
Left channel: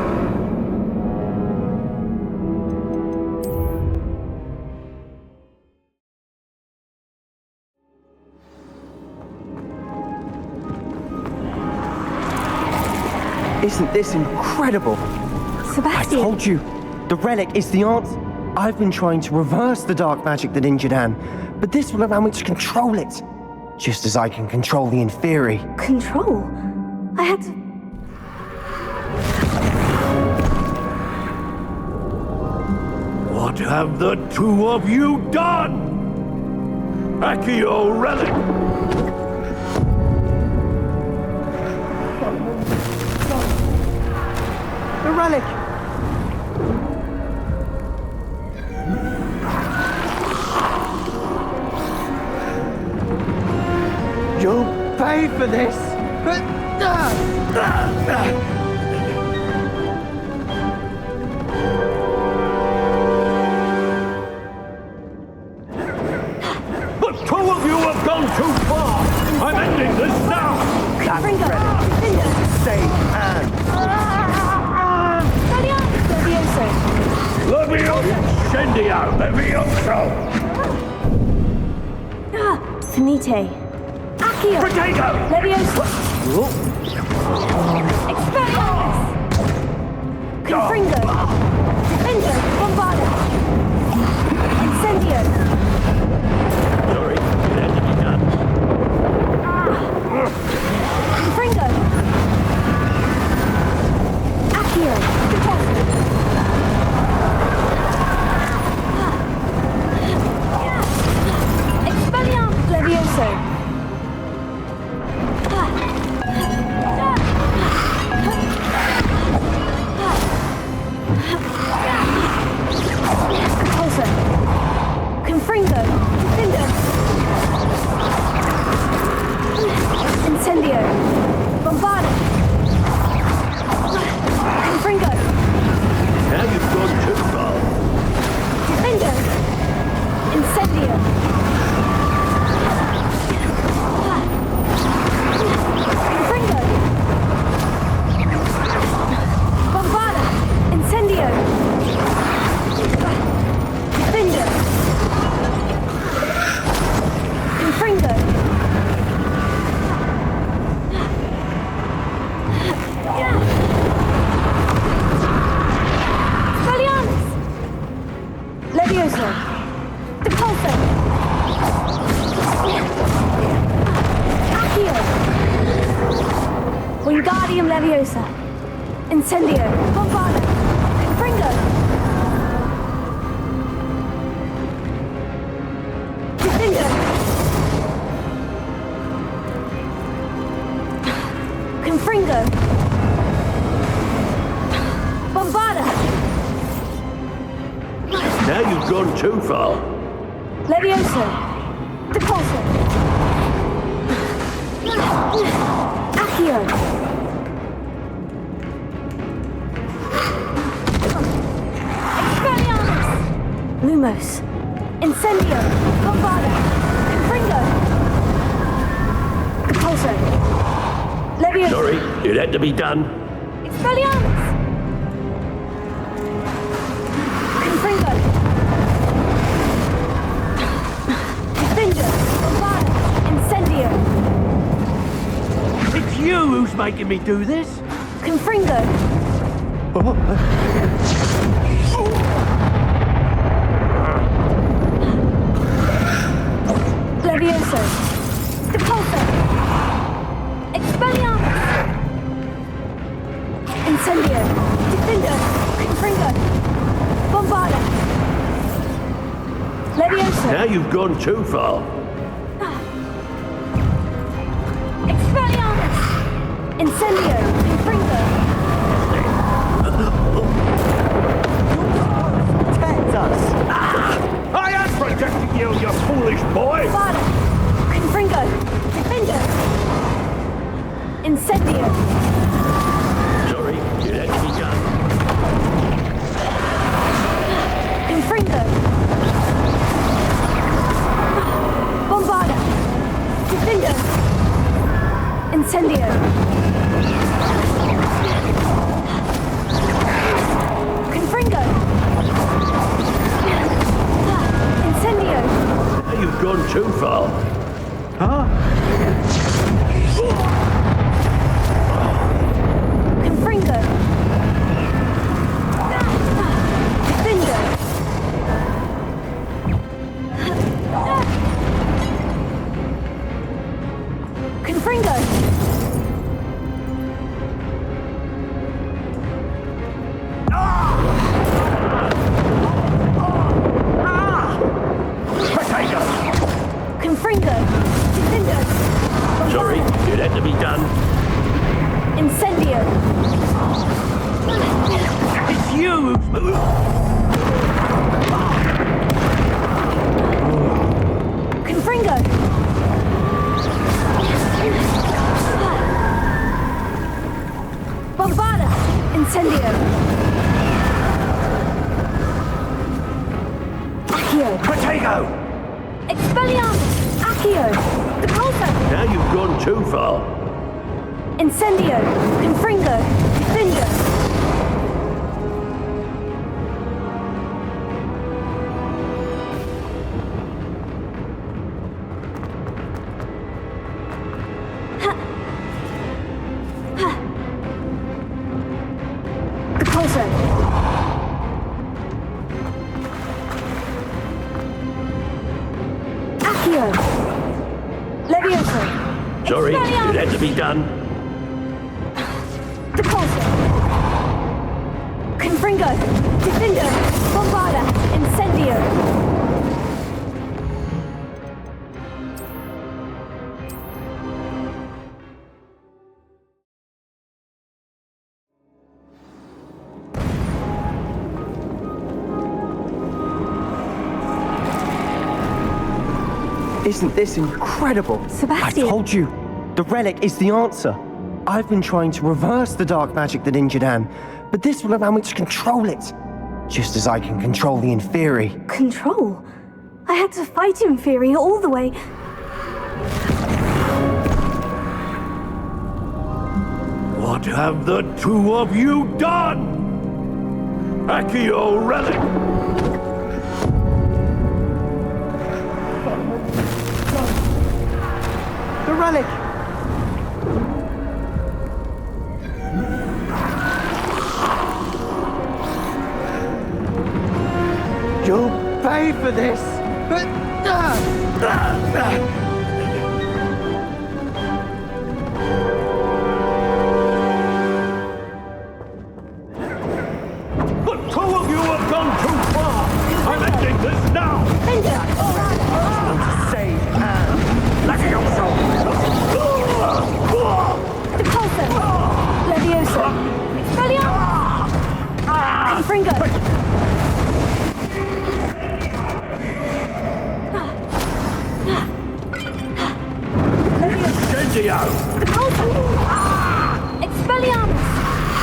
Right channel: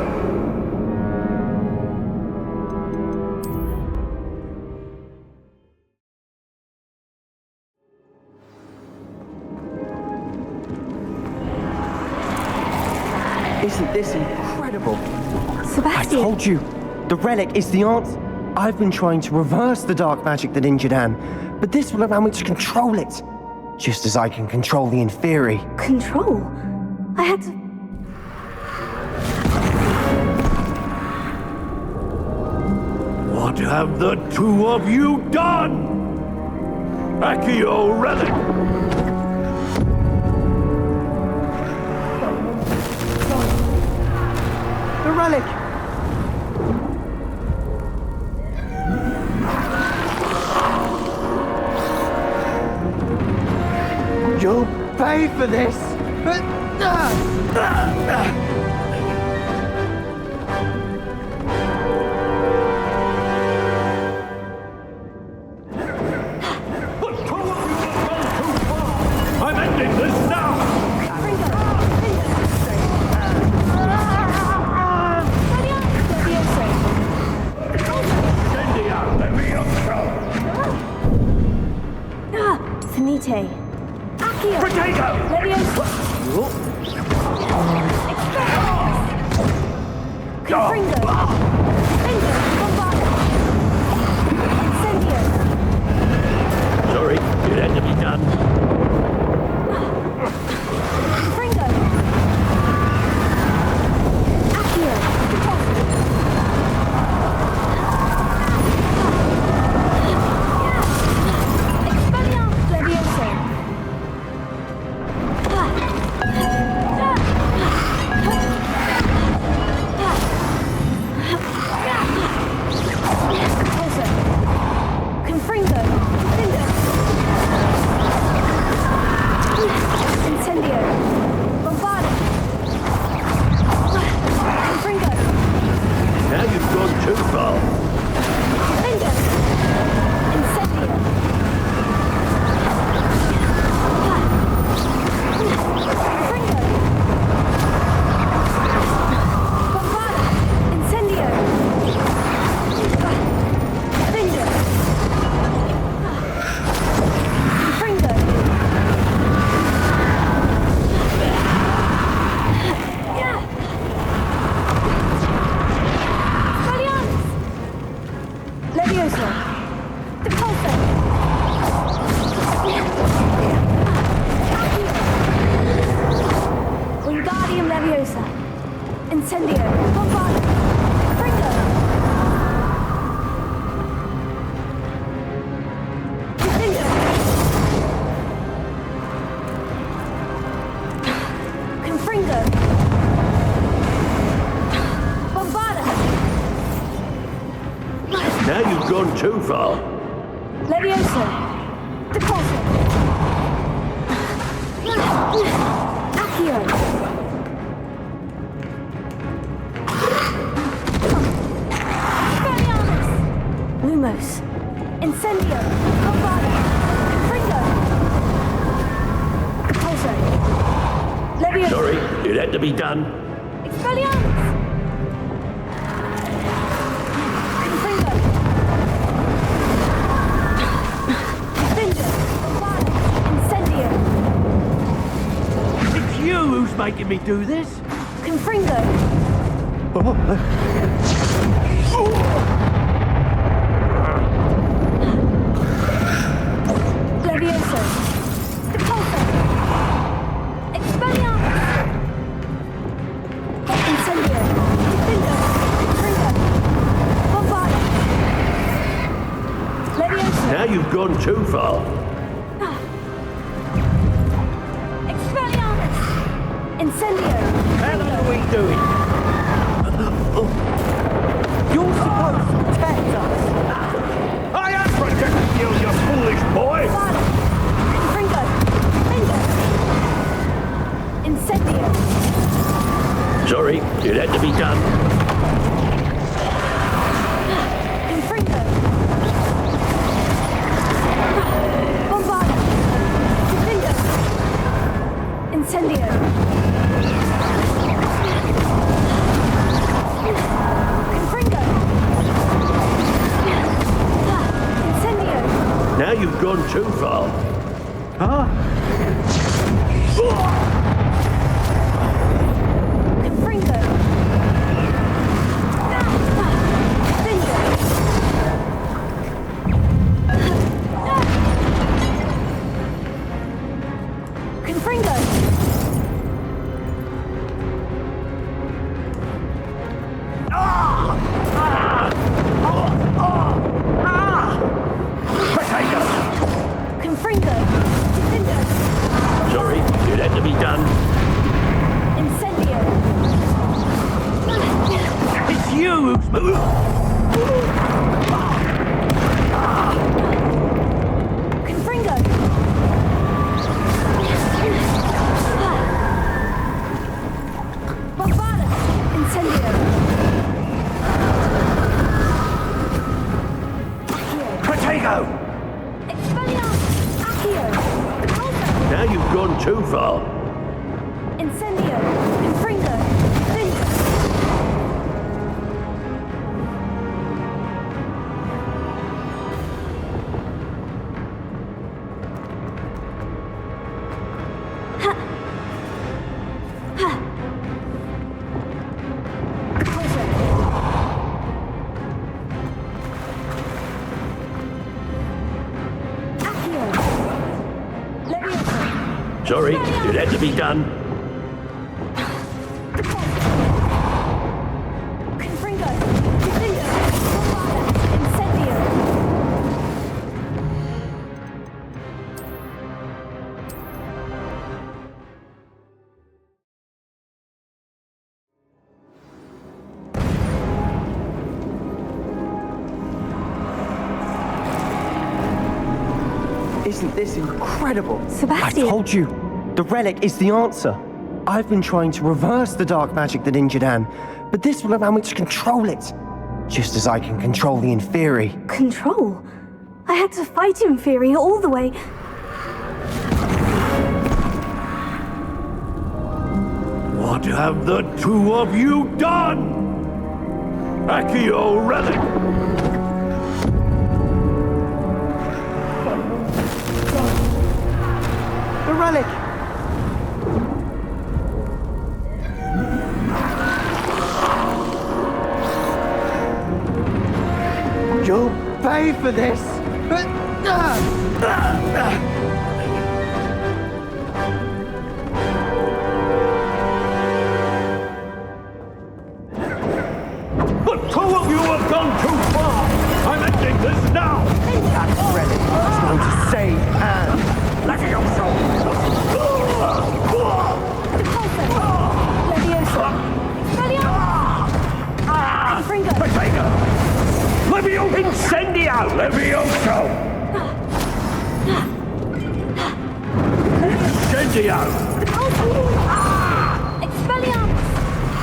Isn't this incredible? Sebastian. I told you, the relic is the answer. I've been trying to reverse the dark magic that injured Anne, but this will allow me to control it. Just as I can control the Inferi. Control? I had to What have the two of you done? Accio relic! The relic! You'll pay for this! The two of you have gone too far! I'm ending this now! Finite. Accio! Potato! Leviosa! Expelliarmus! Confringo! Defendo! Bombarda! Incendio! Sorry, it had to be done. Confringo! Accio! Deposit! Expelliarmus! Leviosa! Confringo! Defendo! Incendio! Bombarda! Confringo! Now you've gone too far. Defendo! Incendio! Confringo! Bombarda! Incendio! Defendo! Confringo! Expelliarmus! Leviosa! Depulso! Accio! Wingardium Leviosa! Incendio! Bombarda! Confringo! Defendo! Confringo! Bombarda! Now you've gone too far. Leviosa! Depulso! Accio! Expelliarmus! Lumos! Incendio! Bombarda! Confringo! Depulso! Leviosa! Sorry, it had to be done. Expelliarmus! Confringo! Defendo! Bombarda! Incendio! It's you who's making me do this. Confringo! Leviosa! Depulso! Expelliarmus! Incendio! Defendo! Confringo! Bombarda! Leviosa! Now you've gone too far. Expelliarmus! Incendio! Confringo! You're supposed to protect us! I am protecting you, you foolish boy! Bombarda! Confringo! Defendo! Incendio! Sorry, it had to be done. Confringo! Bombarda! Defendo! Incendio! Confringo! Incendio! Now you've gone too far. Huh? Confringo! Defendo! Confringo! Confringo! Bombarda! Incendio! Accio! Protego! Expelliarmus! Accio! Repulsor! Now you've gone too far. Incendio! Confringo! Defender! Sorry, it had to be done. Confringo! Defender! Bombarda! Incendio! Isn't this incredible? Sebastian! I told you, the relic is the answer. I've been trying to reverse the dark magic that injured Anne, but this will allow me to control it. Just as I can control the Inferi. Control? I had to fight Inferi all the way. What have the two of you done? Accio relic! The relic! You'll pay for this! The two of you have gone too far! I'm ending this now! That relic is going to save Anne! Repulsor! Leviosa! Expelliarmus! Confringo! Incendio! Leviosa! Incendio! Expelliarmus!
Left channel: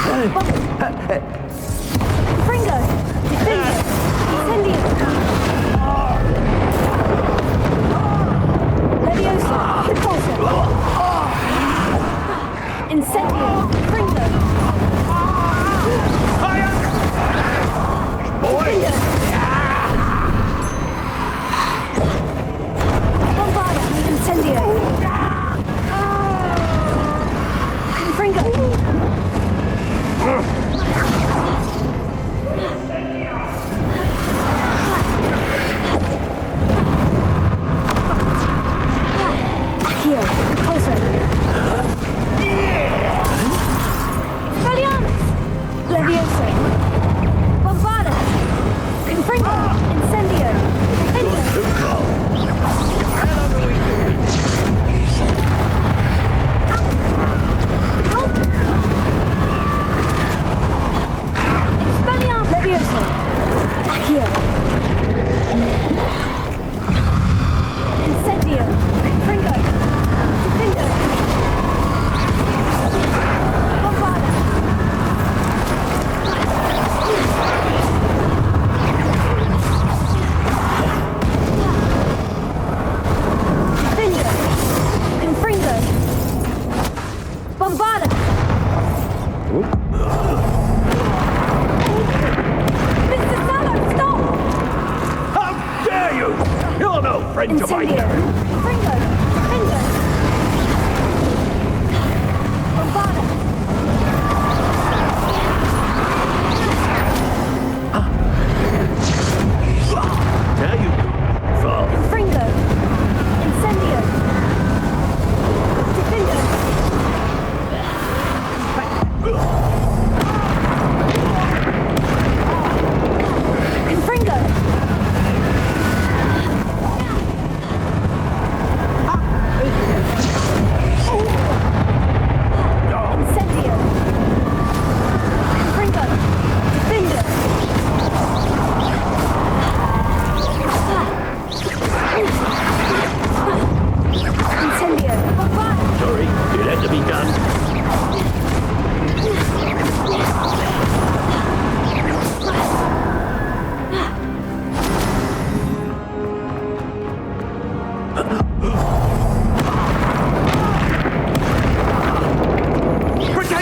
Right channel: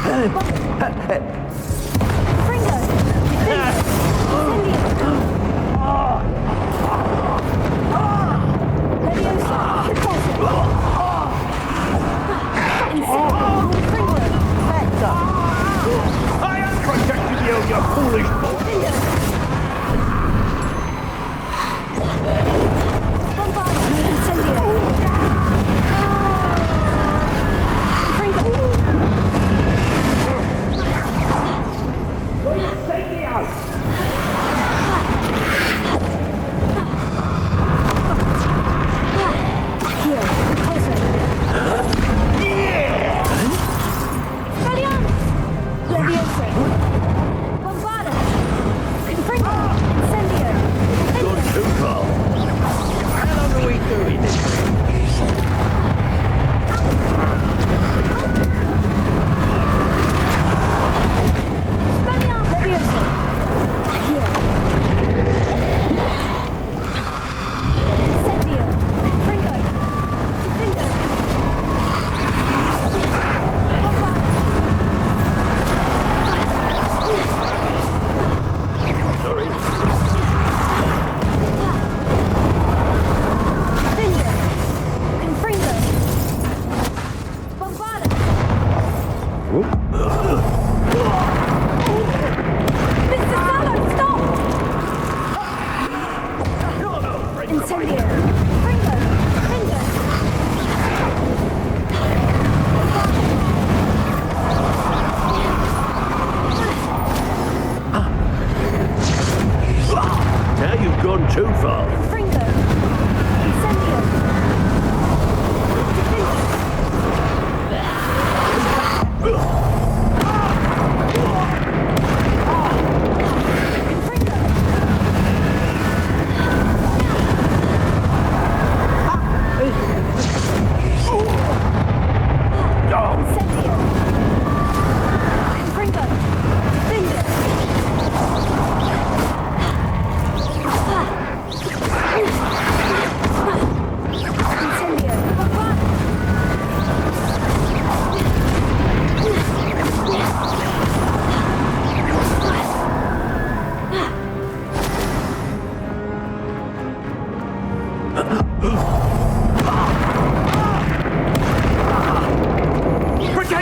Confringo! Defender! Incendio! Leviosa! Repulsor! Incendio! Confringo! I understand, you foolish boy! Bombarda! Incendio! Confringo!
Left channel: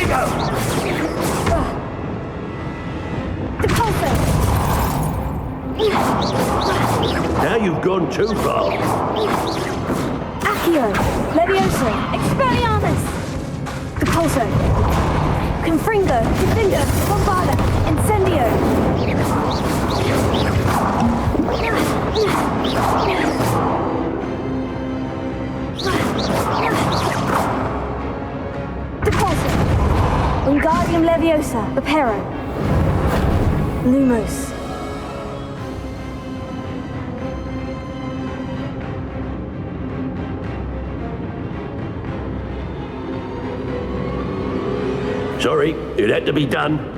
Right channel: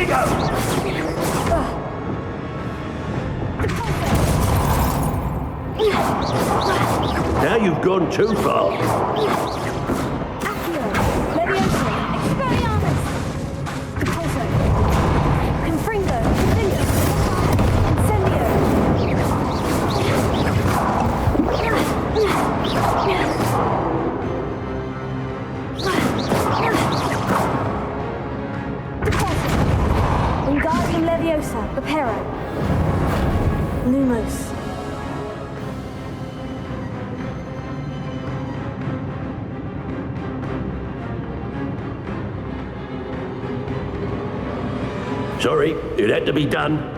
Vigo! Now you've gone too far. Accio, Levioso, Expelliarmus! Depulso, Confringo, Confindo, Bombarda, Incendio! Depulso, Wingardium Leviosa, Reparo, Lumos. Sorry, it had to be done.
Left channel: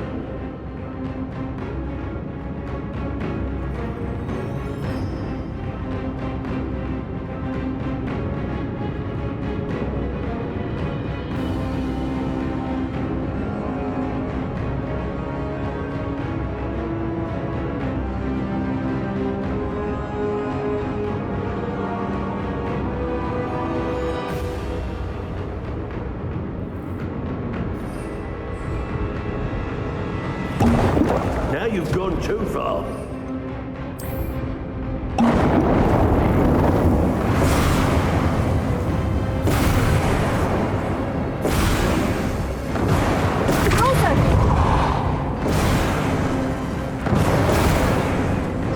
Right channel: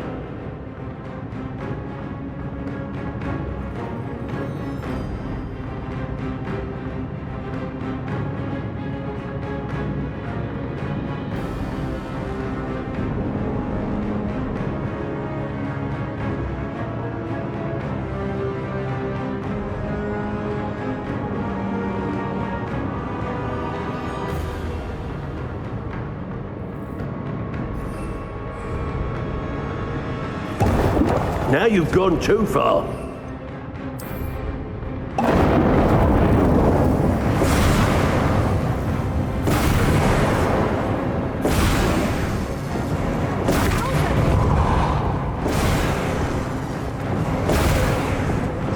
Now you've gone too far.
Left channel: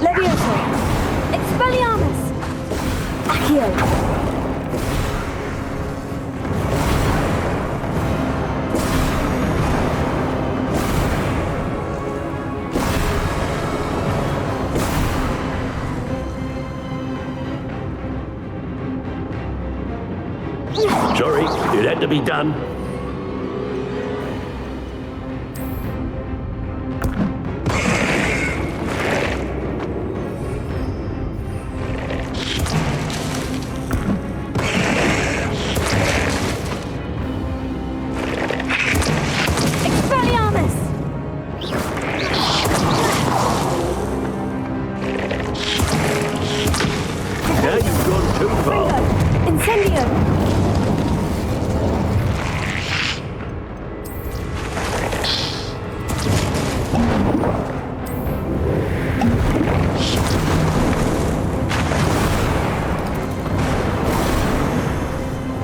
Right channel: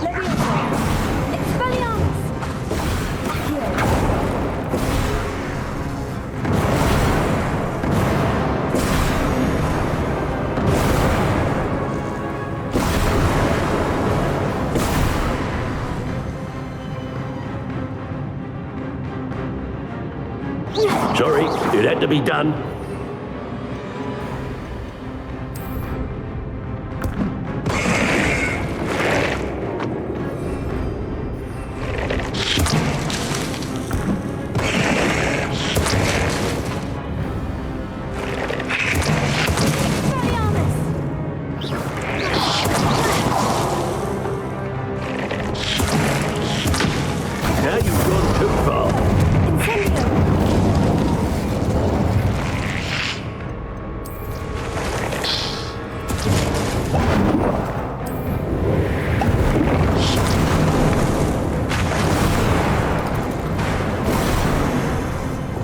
Levioso, Expelliarmus, Accio. Sorry, it had to be done. Expelliarmus! Now you've gone too far. Incendio!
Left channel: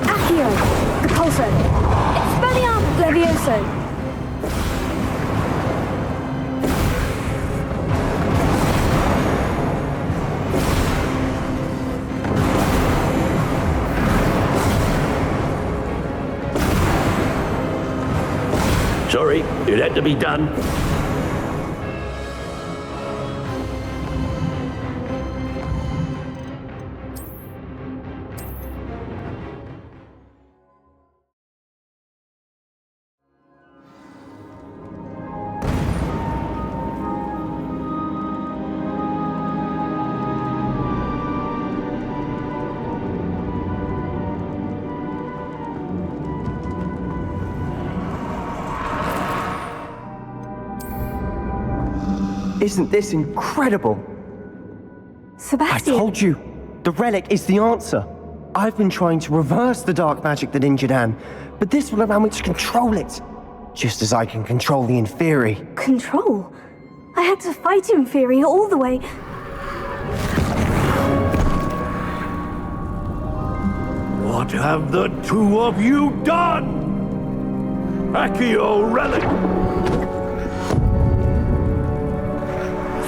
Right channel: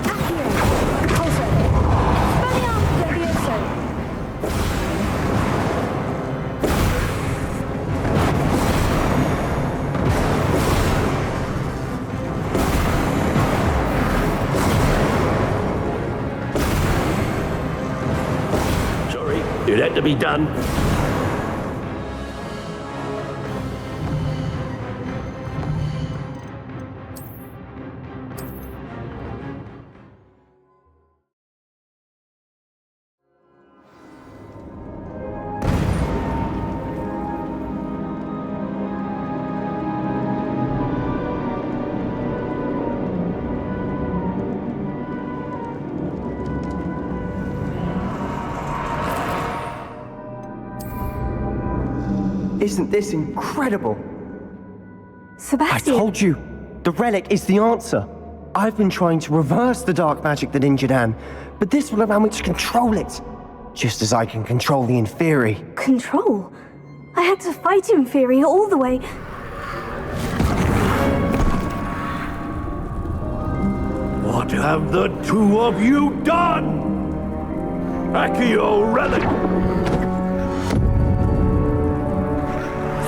Accio, Depulso, Expelliarmus, Levioso. Sorry, it had to be done. Isn't this incredible? Sebastian! I told you, the relic is the answer. I've been trying to reverse the dark magic that injured Anne, but this will allow me to control it. Just as I can control the Inferi. Control? I had to fight Inferi all the way. What have the two of you done? Accio relic!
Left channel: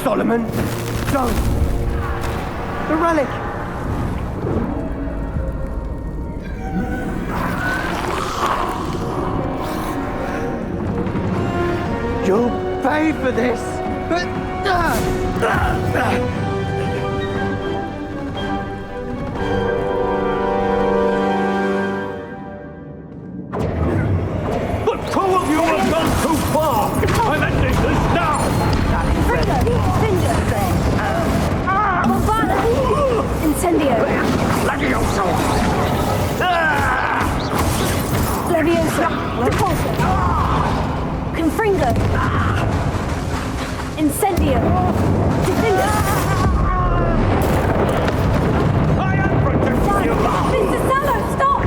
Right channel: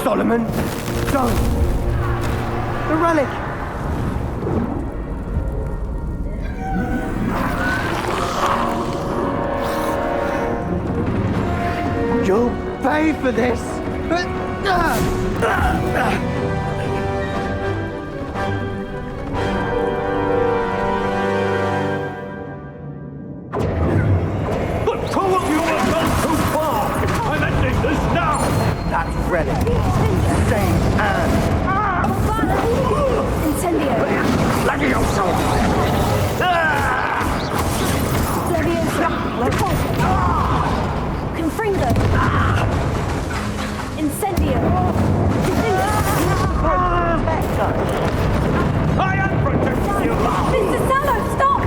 Solomon, don't! The relic! You'll pay for this! The two of you have gone too far! I'm ending this now! That is ready. Save Anne. Bombarda! Incendio! Levioso! Levioso! Depulso! Confringo! Incendio! Defender! I am protecting you! Mr. Sallow, stop!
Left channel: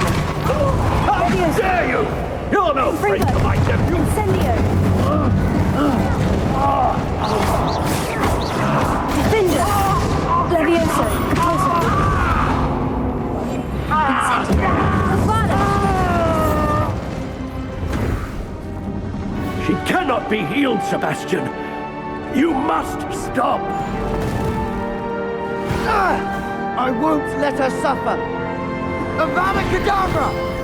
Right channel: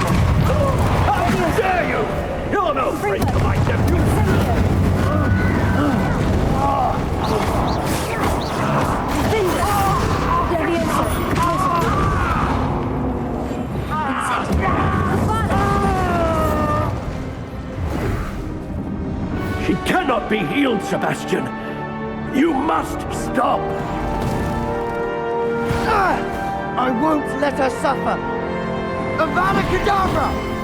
How dare you! You're You're no friend to my nephew! Incendio! Defender! Levioso! Incendio! She cannot be healed, Sebastian. You must stop. I won't let her suffer. Avada Kedavra!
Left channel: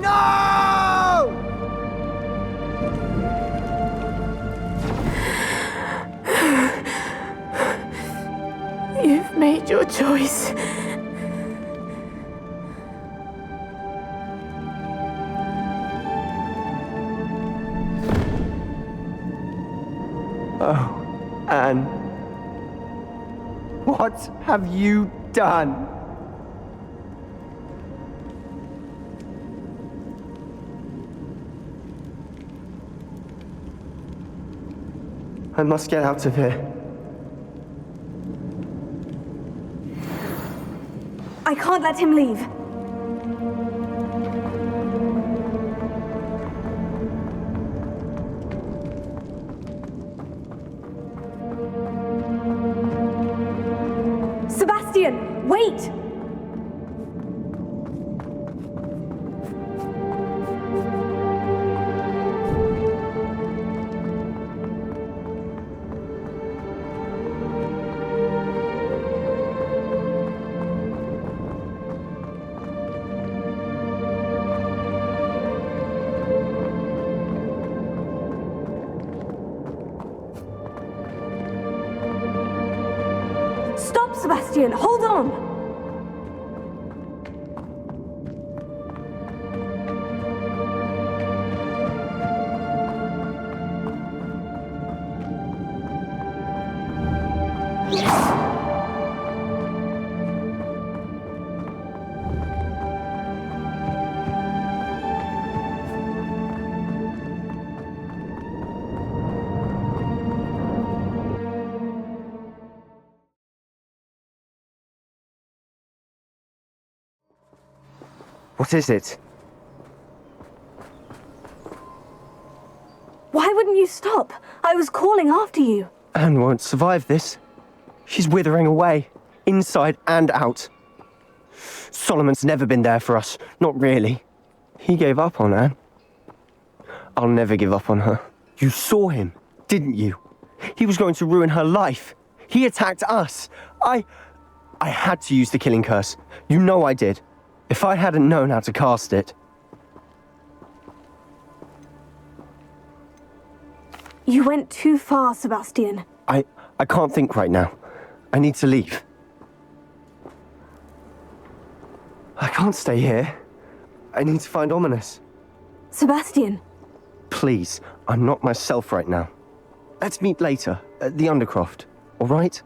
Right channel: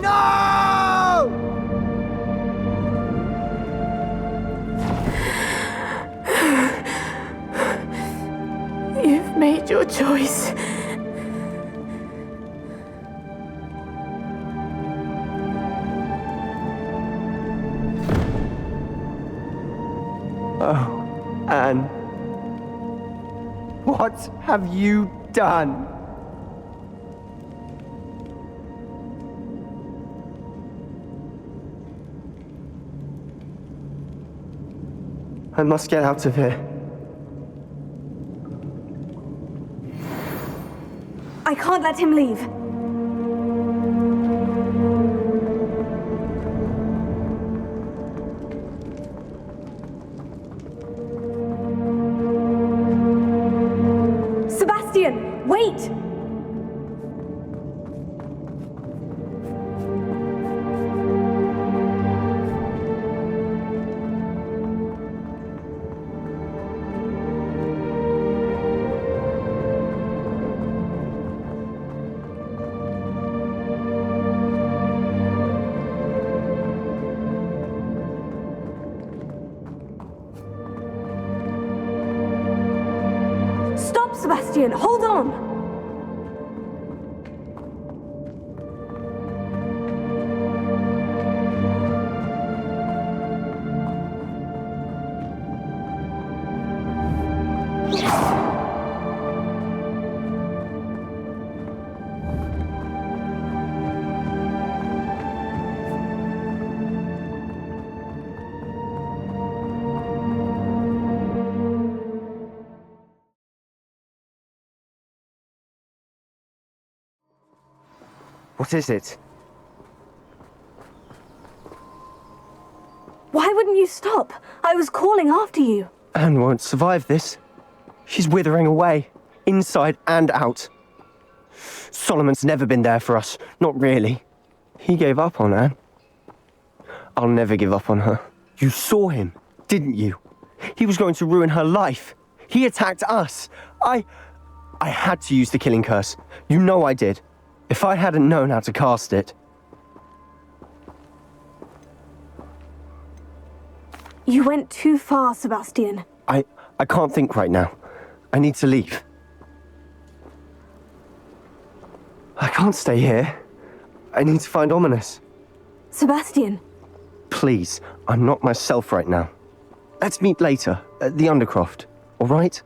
No! You've made your choice. Oh, Anne. What have you done? I must get out of here. I can't let him leave. Sebastian, wait! Stop, Sebastian! Hold on! What is it? Why wouldn't you stop? I was calling after you. Anne won't survive this. She's withering away, inside and out. Solomon's never been there for us, not really. He gave up on Anne. I'll never give up on her. You saw him, didn't you? He was going to ruin her life. He attacked us. I had to use the killing curse. You know I did. If I hadn't known how to cast it... You went too far, Sebastian. I can't think right now. I need to leave. I can't stay here. I need to find Ominous. Sebastian. Please, I'm not myself right now. Let's meet later, at the Undercroft, all right?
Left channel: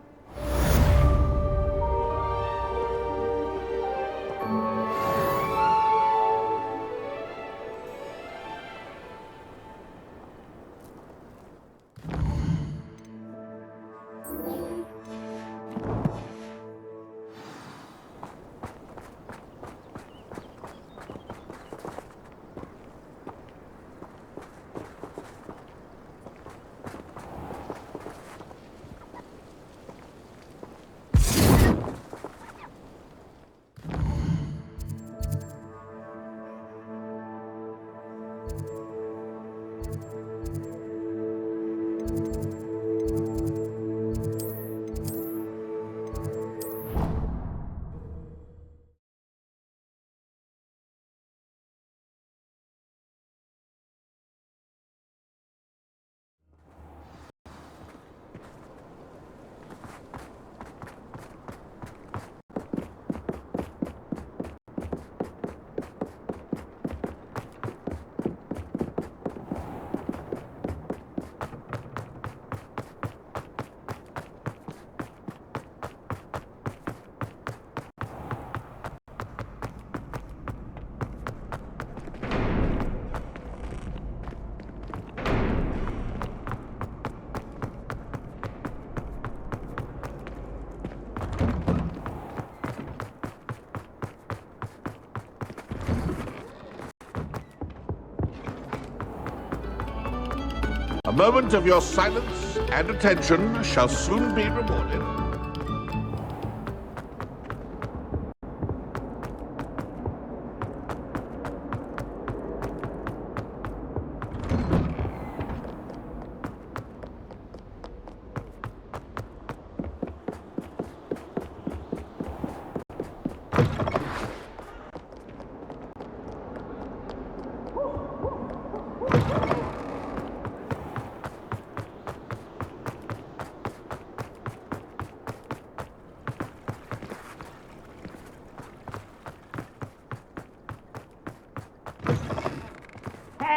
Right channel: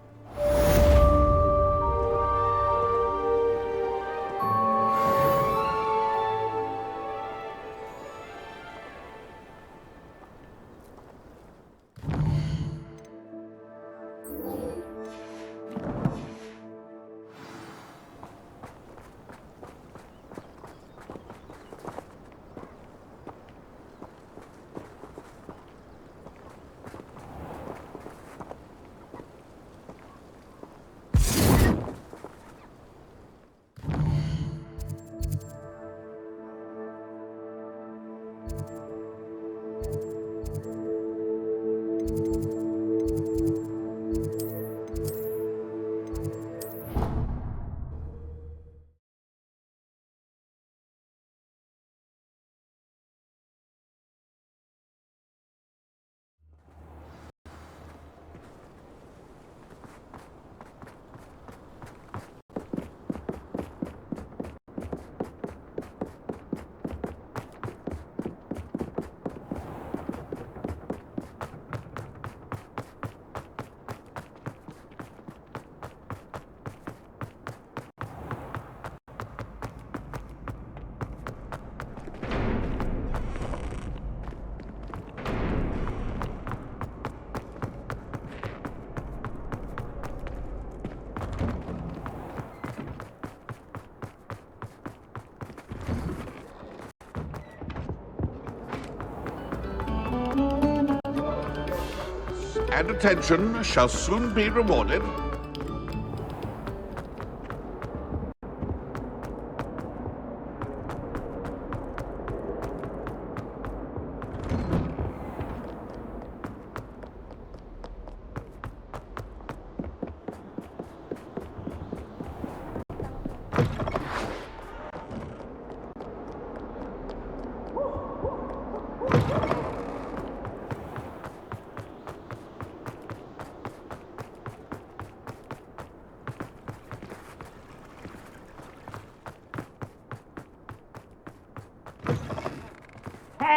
moment of your silence and attention shall soon be rewarded.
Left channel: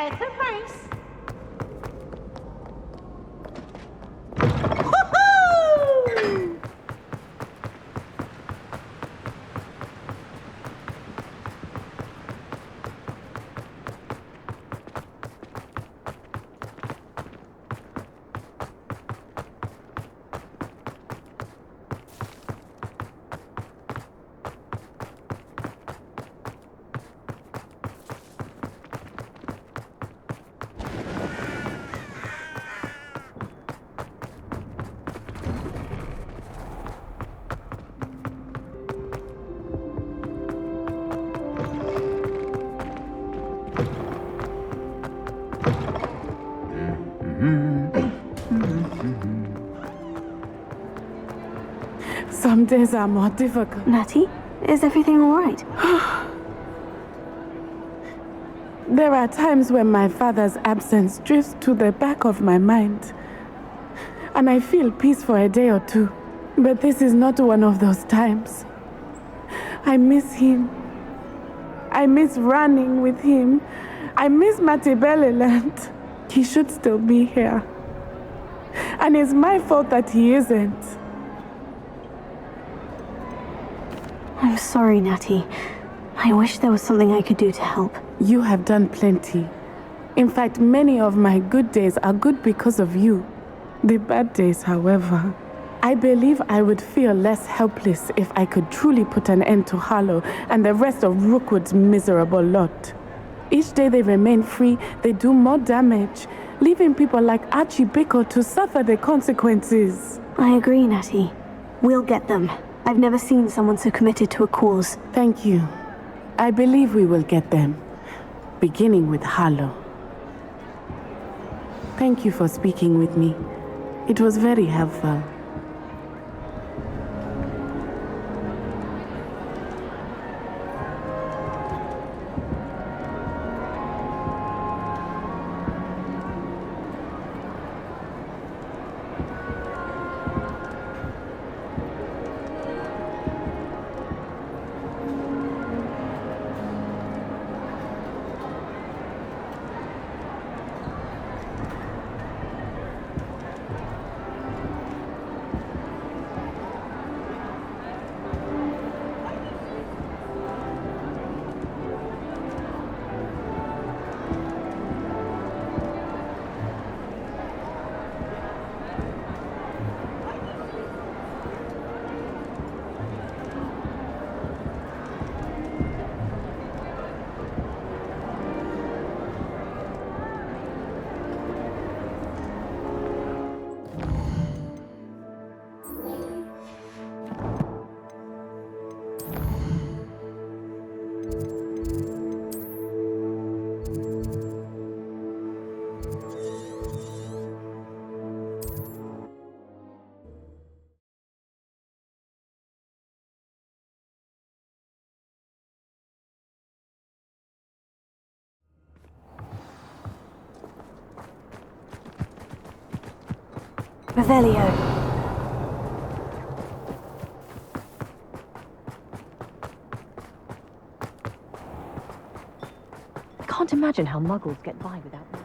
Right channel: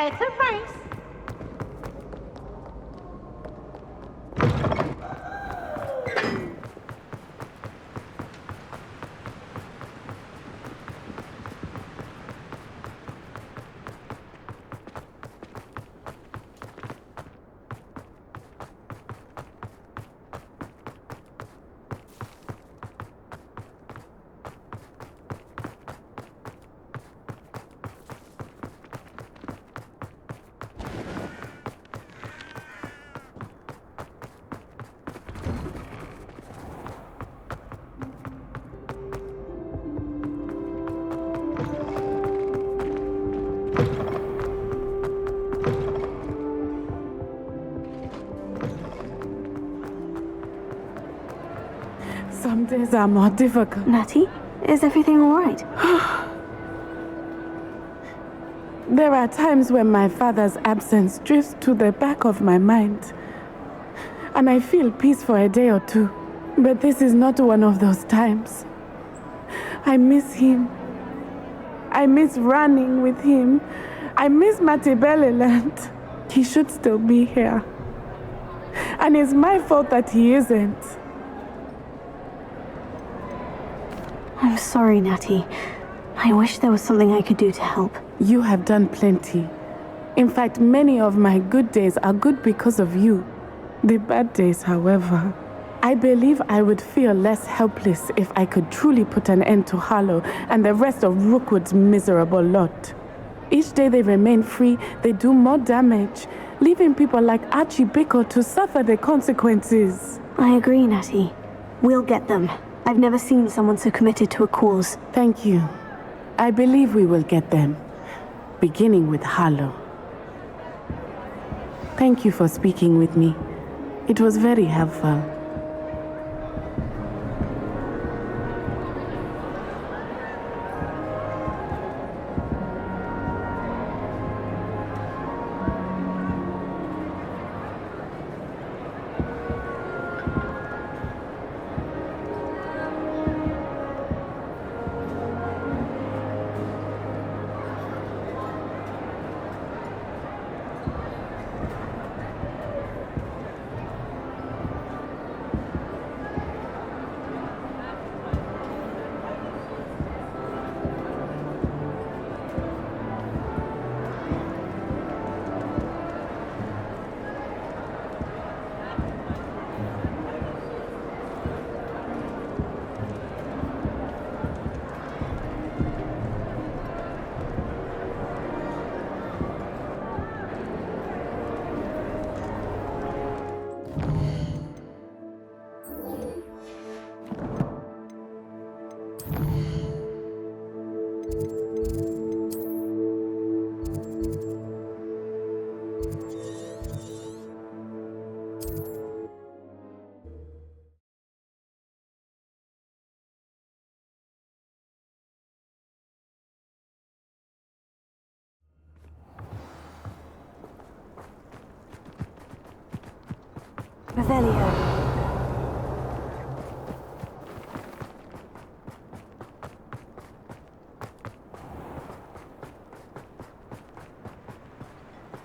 It's a race. Some days are more difficult. Natty, is everything all right? There are times when my father's absence drifts to the back of my mind, and I feel peace for a day or two. But this is not one of those times. I miss him. I miss running with him. I miss Matibeleland. He should still be here. And it's my fault that he isn't. I'm sorry, Natty. I wish there was something I could do to help. You have done plenty. In fact, many of my good days are good because of you. The bad days, however, I believe I would feel less helpless if I could truly put an end to Harlow and the rest of Rookwood's miserable lot. Each day they remain free, they do more damage, leaving people like Archie Bickle to suffer the consequences. I agree, Natty. We'll get them. I've never seen someone so committed to a cause. Thank you. I believe we will get them, beginning with Harlow. Thank you for speaking with me. It was very helpful. Revelio. I can't imagine how muggles get by without that.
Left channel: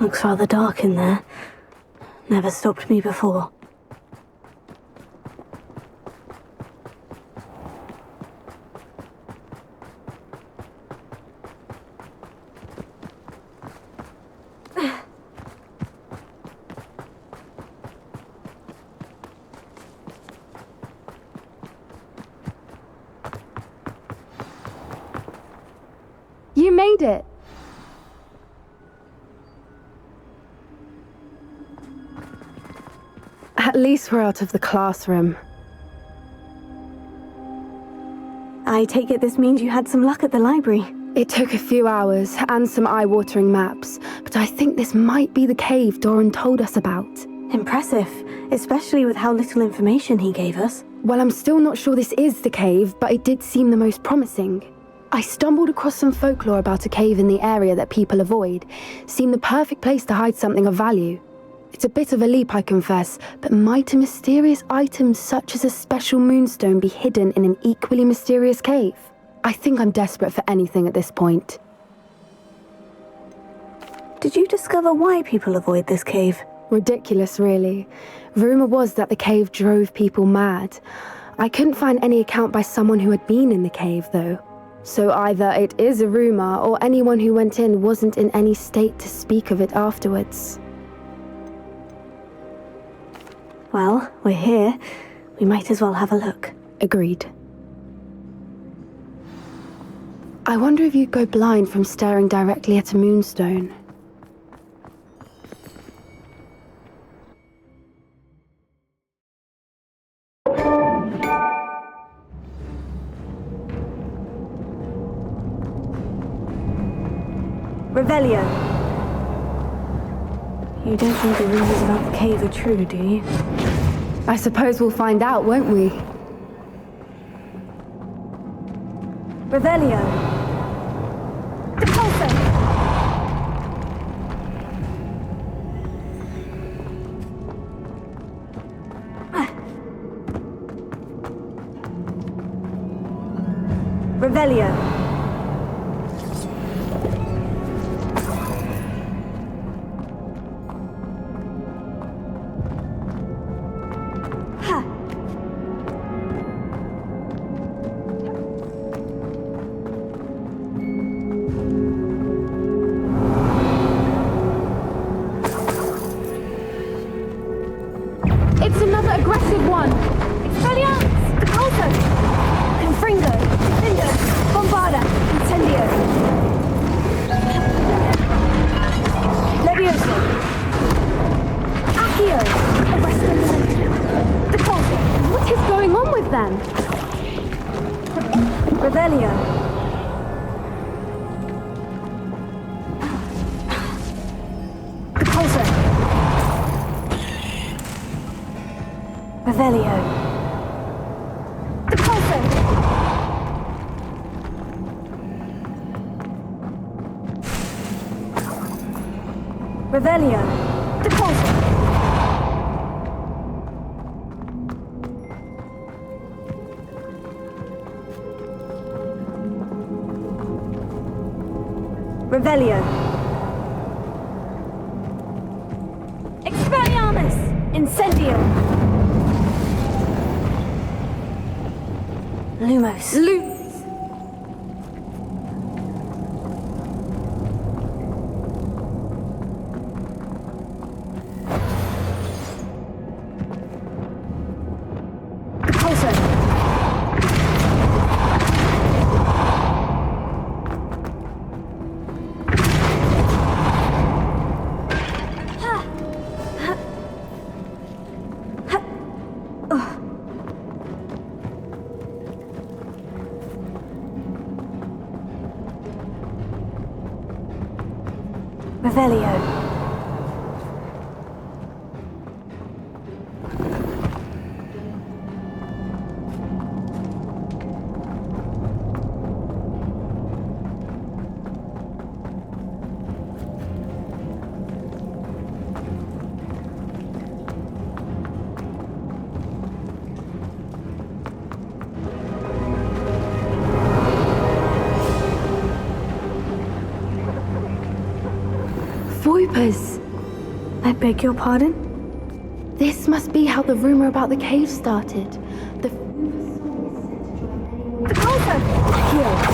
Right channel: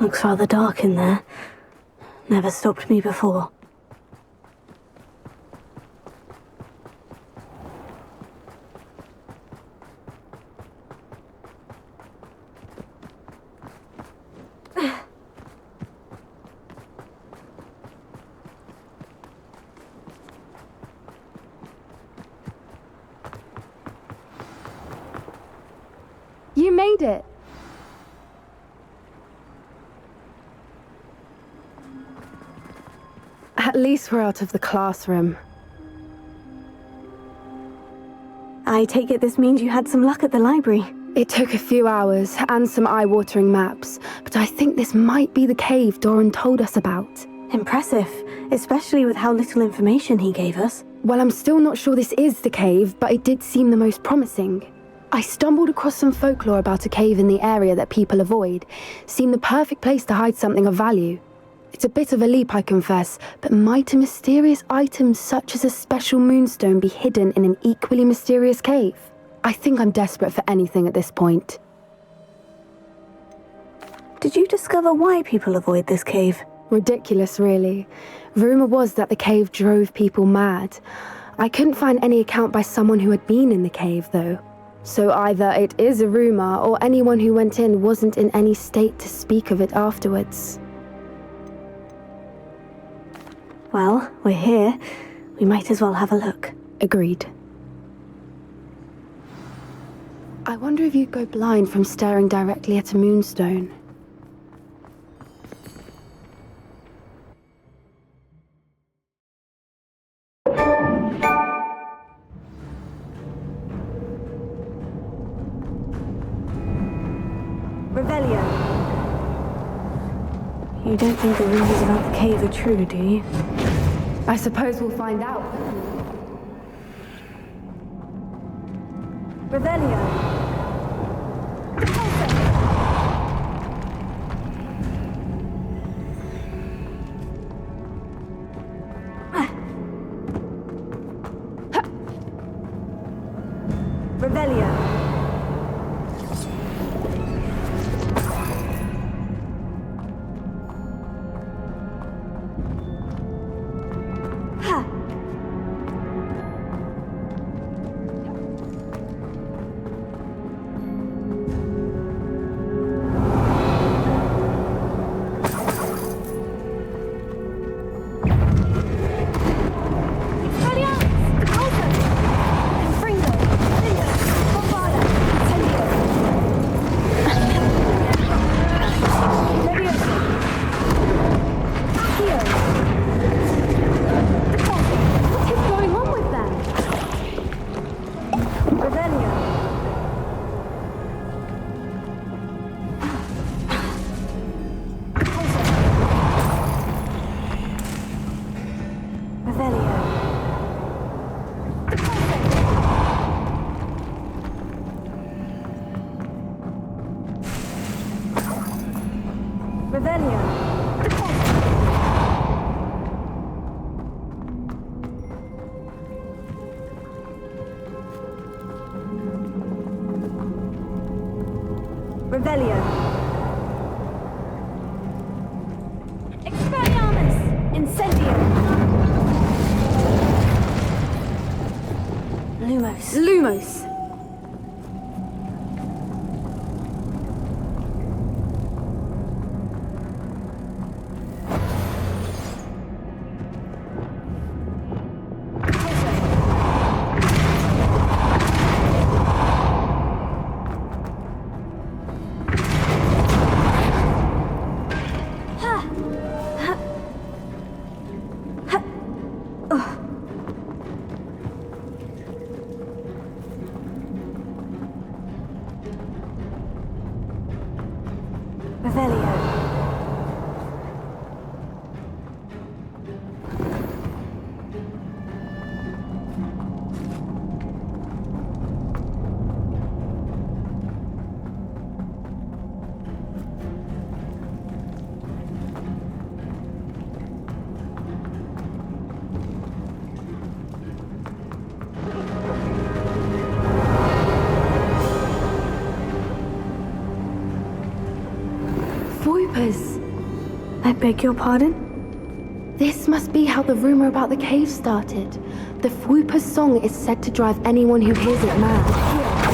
Looks rather dark in there. Never stopped me before. made it. At least we're out of the classroom. I take it this means you had some luck at the library. It took a few hours and some eye-watering maps, but I think this might be the cave Doran told us about. Impressive, especially with how little information he gave us. Well, I'm still not sure this is the cave, but it did seem the most promising. I stumbled across some folklore about a cave in the area that people avoid. Seemed the perfect place to hide something of value. It's a bit of a leap, I confess, but might a mysterious item such as a special moonstone be hidden in an equally mysterious cave? I think I'm desperate for anything at this point. Did you discover why people avoid this cave? Ridiculous, really. Rumor was that the cave drove people mad. I couldn't find any account by someone who had been in the cave, though. So either it is a rumor, or anyone who went in wasn't in any state to speak of it afterwards. Well, we're here. We might as well have a look. Agreed. I wonder if you'd go blind from staring directly at a moonstone. Revelio. You don't think the rumors about the cave are true, do you? I suppose we'll find out, won't we? Revelio. Revelio. Revelio. Expelliarmus! Incendio! Lumos. Lumos! Revelio. Voipers! I beg your pardon? This must be how the rumor about the cave started. The Voiper's song is said to drive anyone who hears it mad.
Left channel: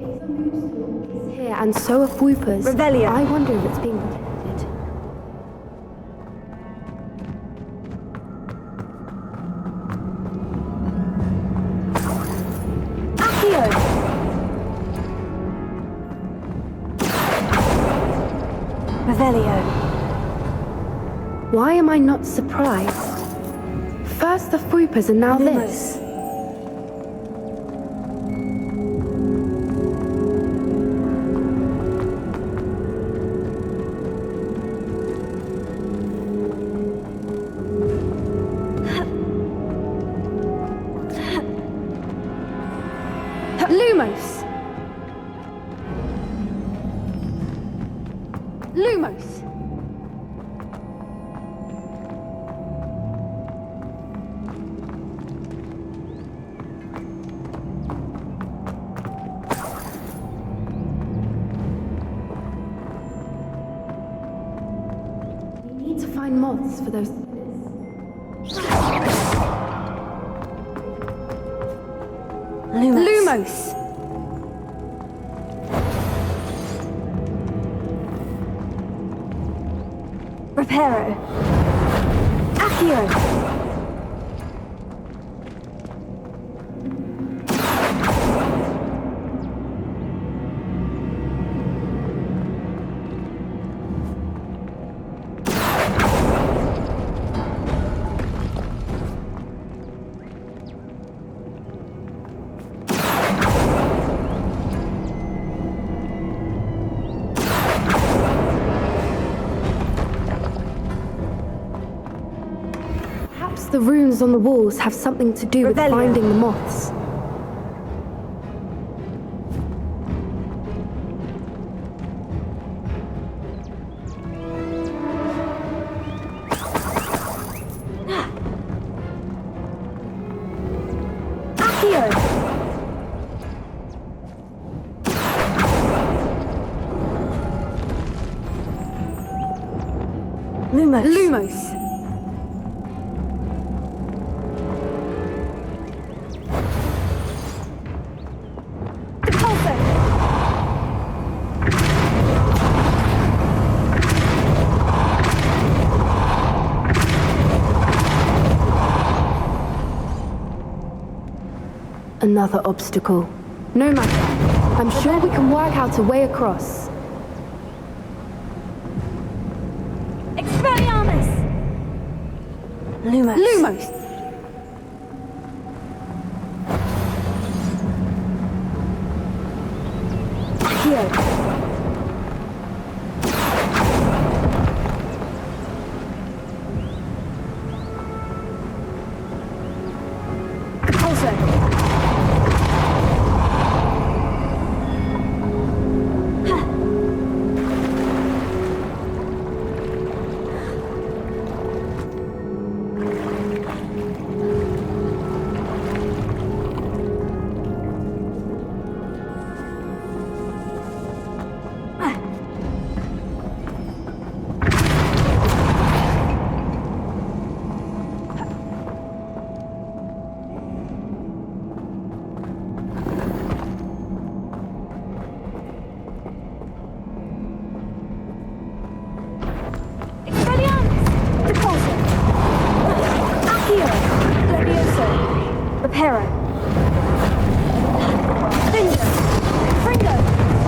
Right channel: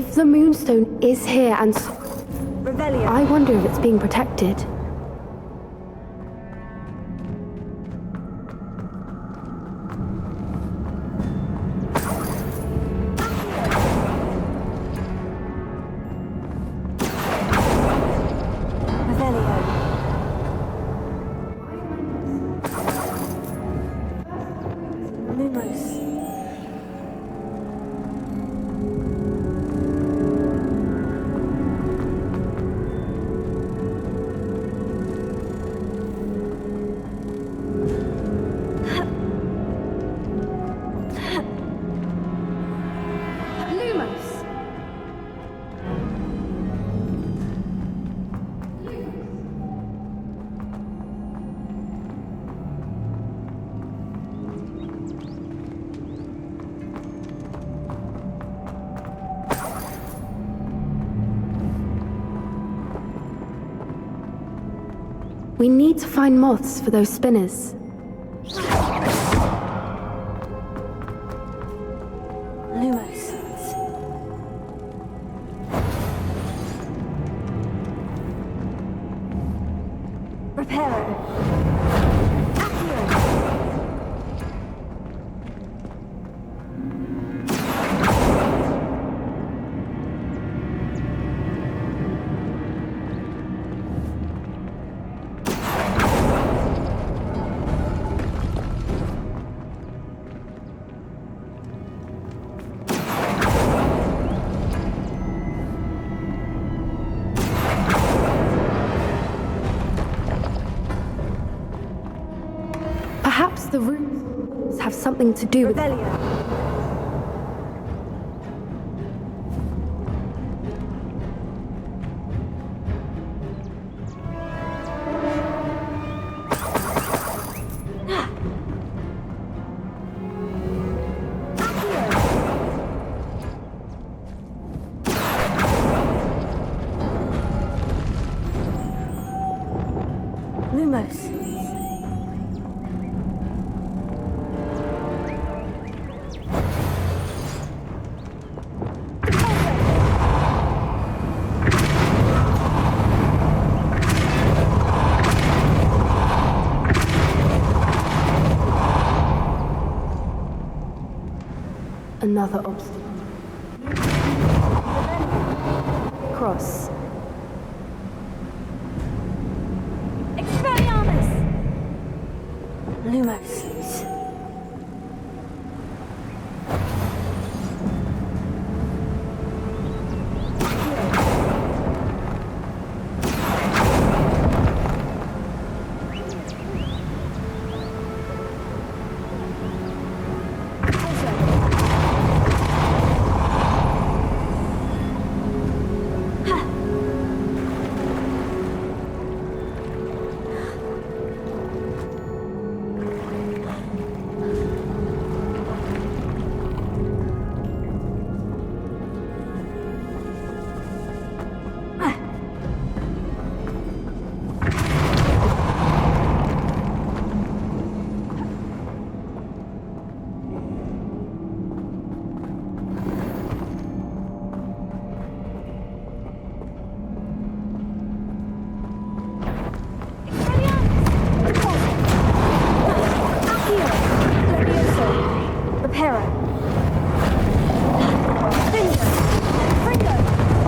If the Moonstone is here and so are Whoopers, Revelio. I wonder if it's being protected. Revelio. Why am I not surprised? First the Whoopers and now this. Lumos! Lumos! We need to find moths for those spinners. Lumos! Reparo. Accio. Perhaps the runes on the walls have something to do with finding the moths. Lumos. Lumos. Another obstacle. No matter. I'm sure we can work out a way across. Expelliarmus! Lumos. Lumos! Accio. Reparo. Bingo. Fringo.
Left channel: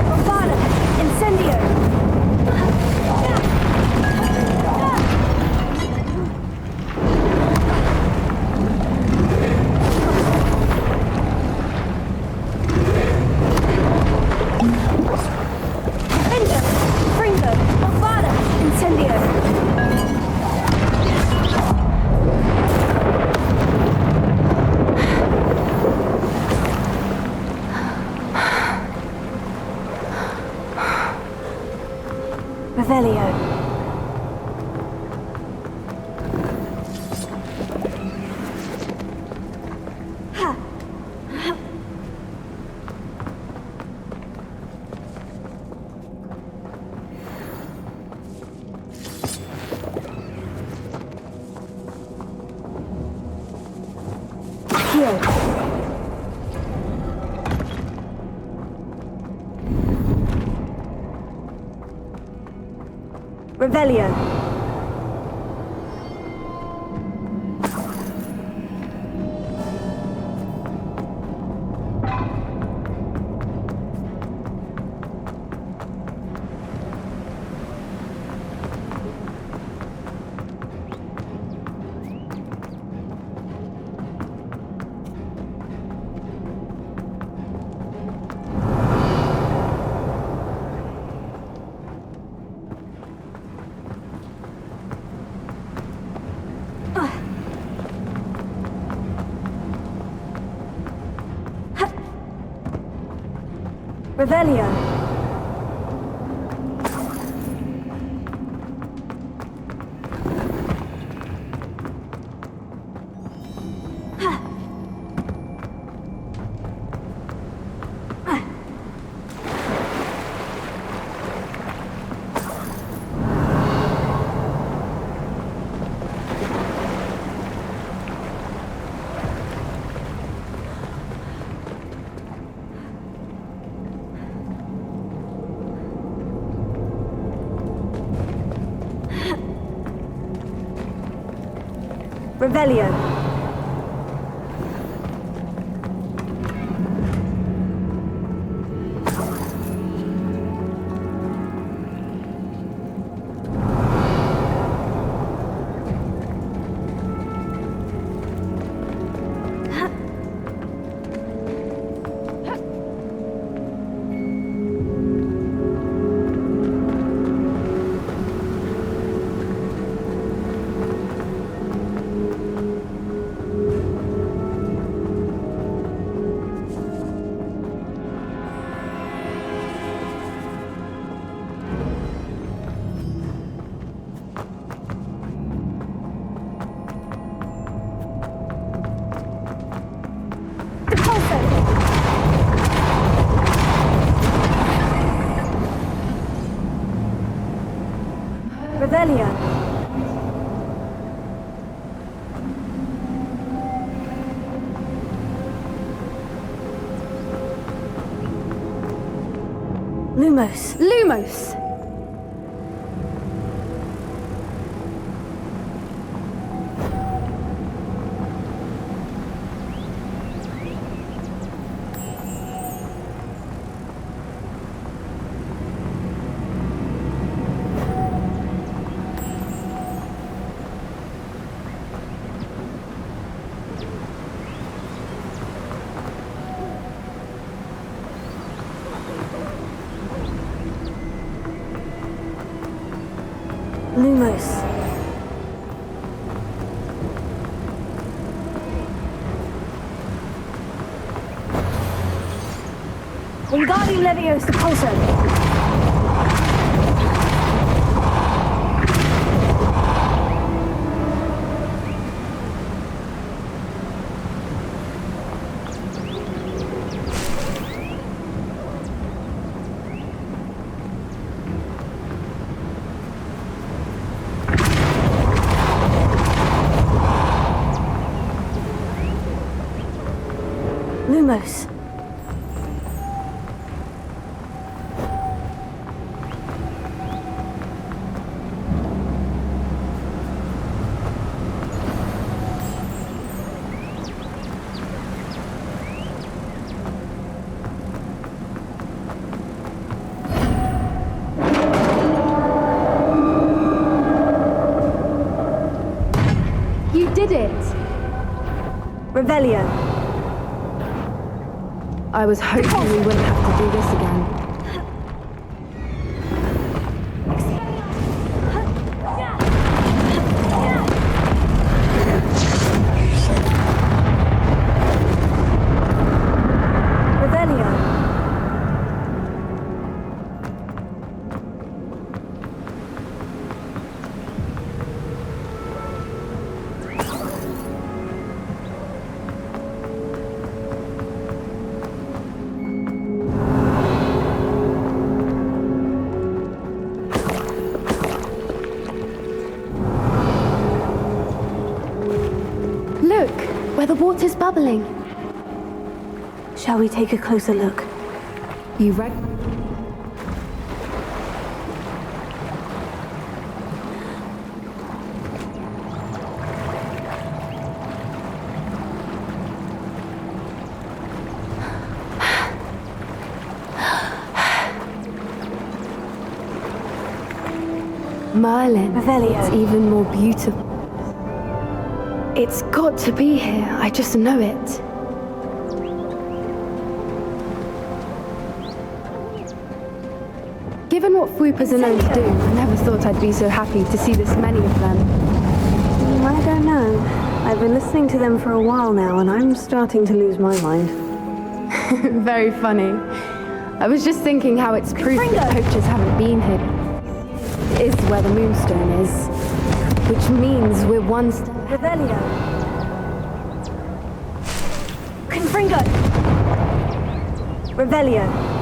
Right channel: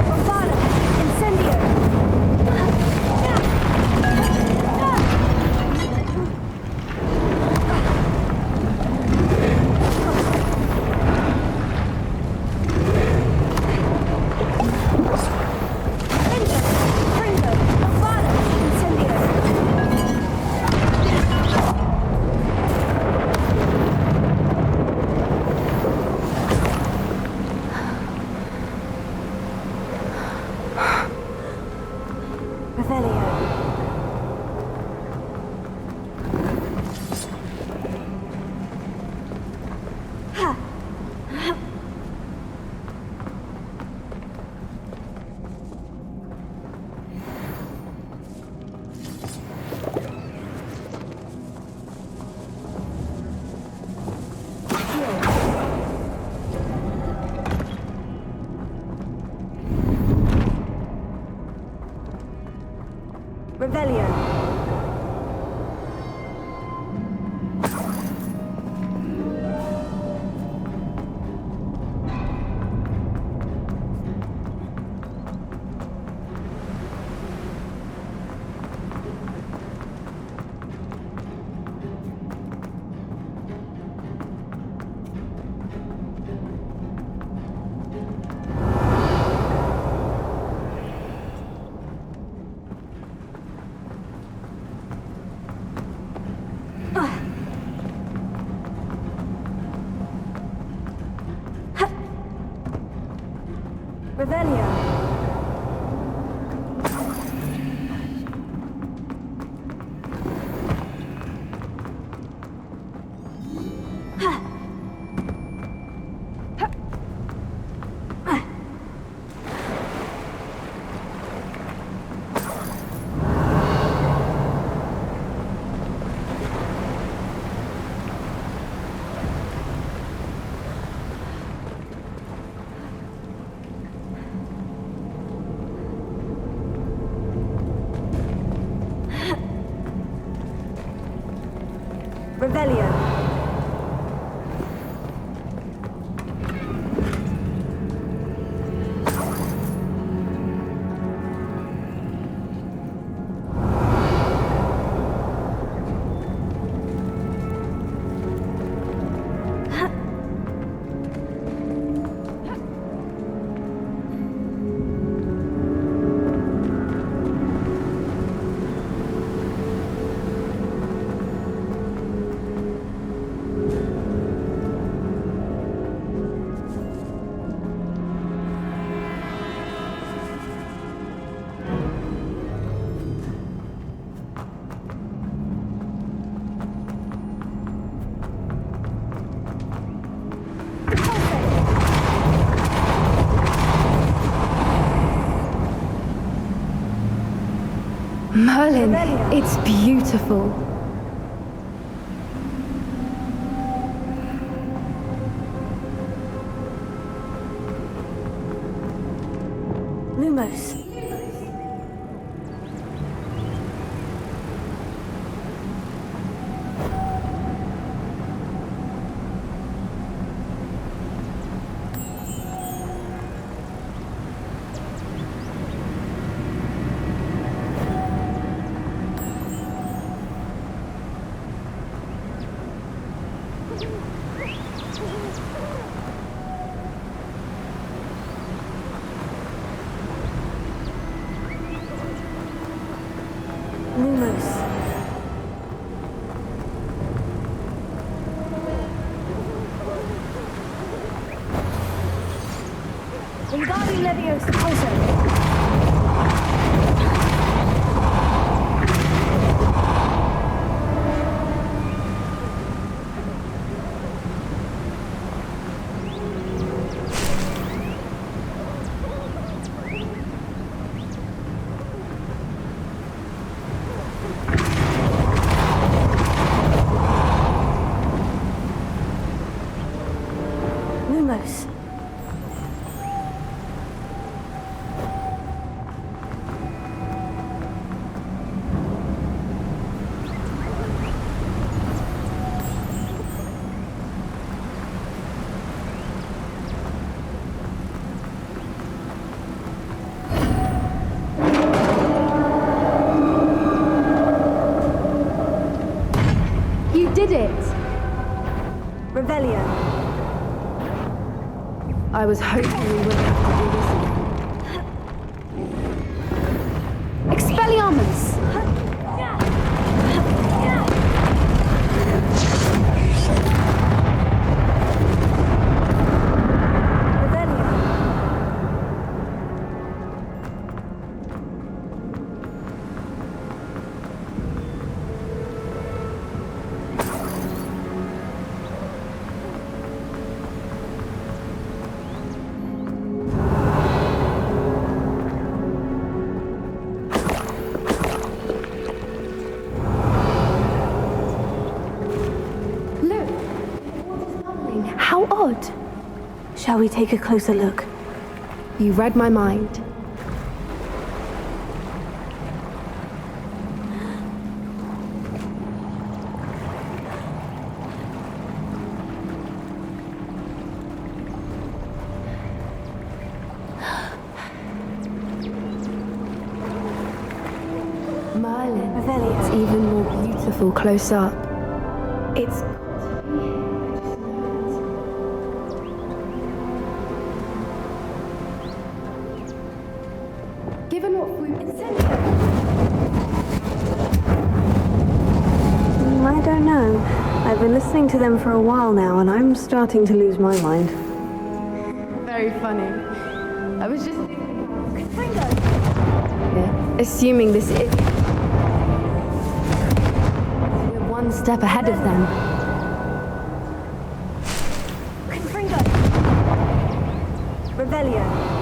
Bombada. Incendio. Bingo. Fringo. Bombada. Incendio. Revelio. Revelio. Revelio. Revelio. Merlin, Revelio. it's beautiful. Lumos. Lumos! Lumos. Wingardium Leviosa Pulso. Lumos. You did it! Revelio. I was hoping we wouldn't have to do this again. Expelliarmus! Revelio. Look, where the water's bubbling. How odd. Shall we take a closer look? You read my mind. Merlin. Revelio. It's even more beautiful close up. It's got to be here. I just know it. Given what Fwoopas are known to do, I never thought I'd be so happy to see this many of them. I don't know. I've been listening to them for a while now, and I'm starting to lose my mind. Very funny. I was just thinking how it's proof that the poachers haven't been here, assuming this is where the Moonstone is. Which means we're one step ahead of them. Confringo! Revelio.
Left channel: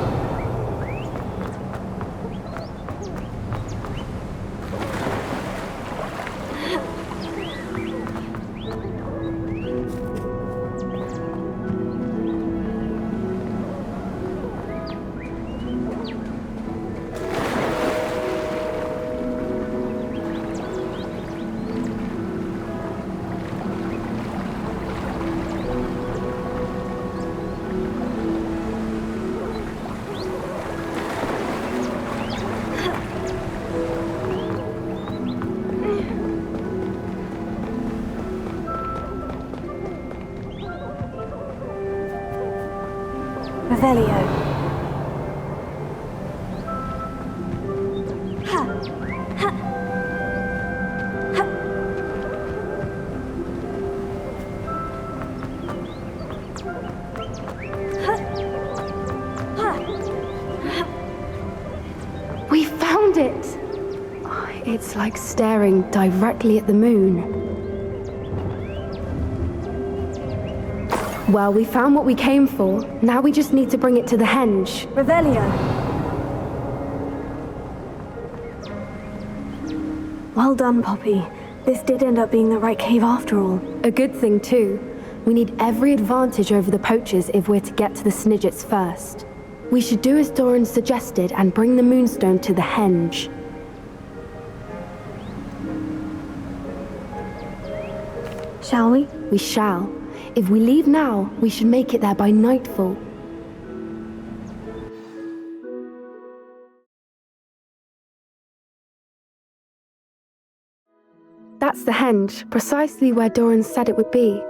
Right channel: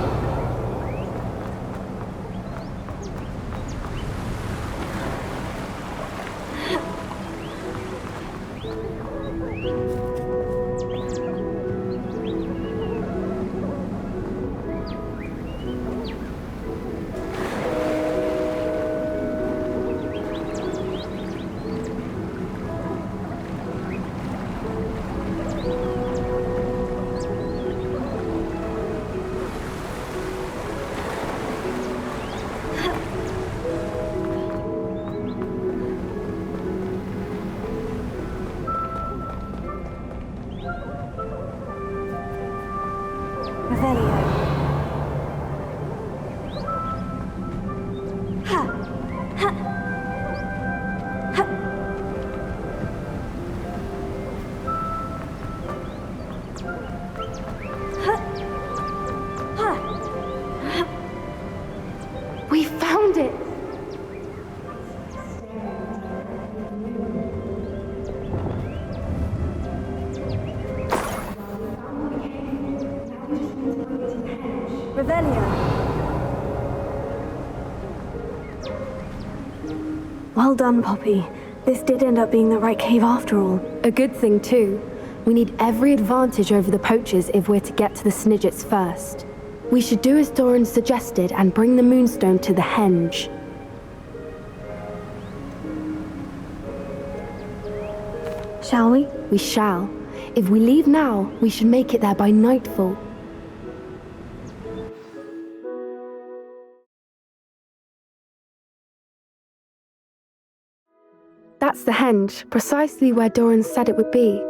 Revelio. Ha! Ha! Ha! Ha! We found it! It's like staring directly at the moon. Well, we found what we came for. Now we just need to bring it to the henge. Revelio. Well done, Poppy. This did end up being the right cave after all. A good thing, too. We need every advantage over the poachers if we're to get to the Snidgets first. We should do as Doran suggested and bring the Moonstone to the henge. Shall we? We shall. If we leave now, we should make it there by nightfall. That's the henge, precisely where Doran said it would be.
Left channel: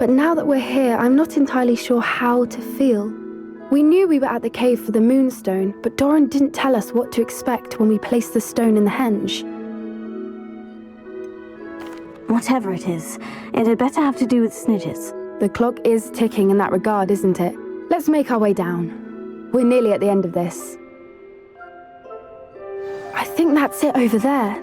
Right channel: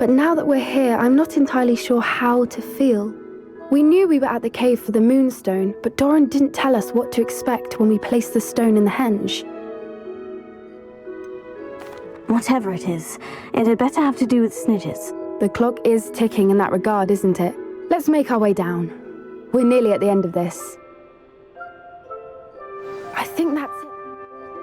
But now that we're here, I'm not entirely sure how to feel. We knew we were at the cave for the Moonstone, but Doran didn't tell us what to expect when we placed the stone in the henge. Whatever it is, it had better have to do with Snidgets. The clock is ticking in that regard, isn't it? Let's make our way down. We're nearly at the end of this. I think that's it over there.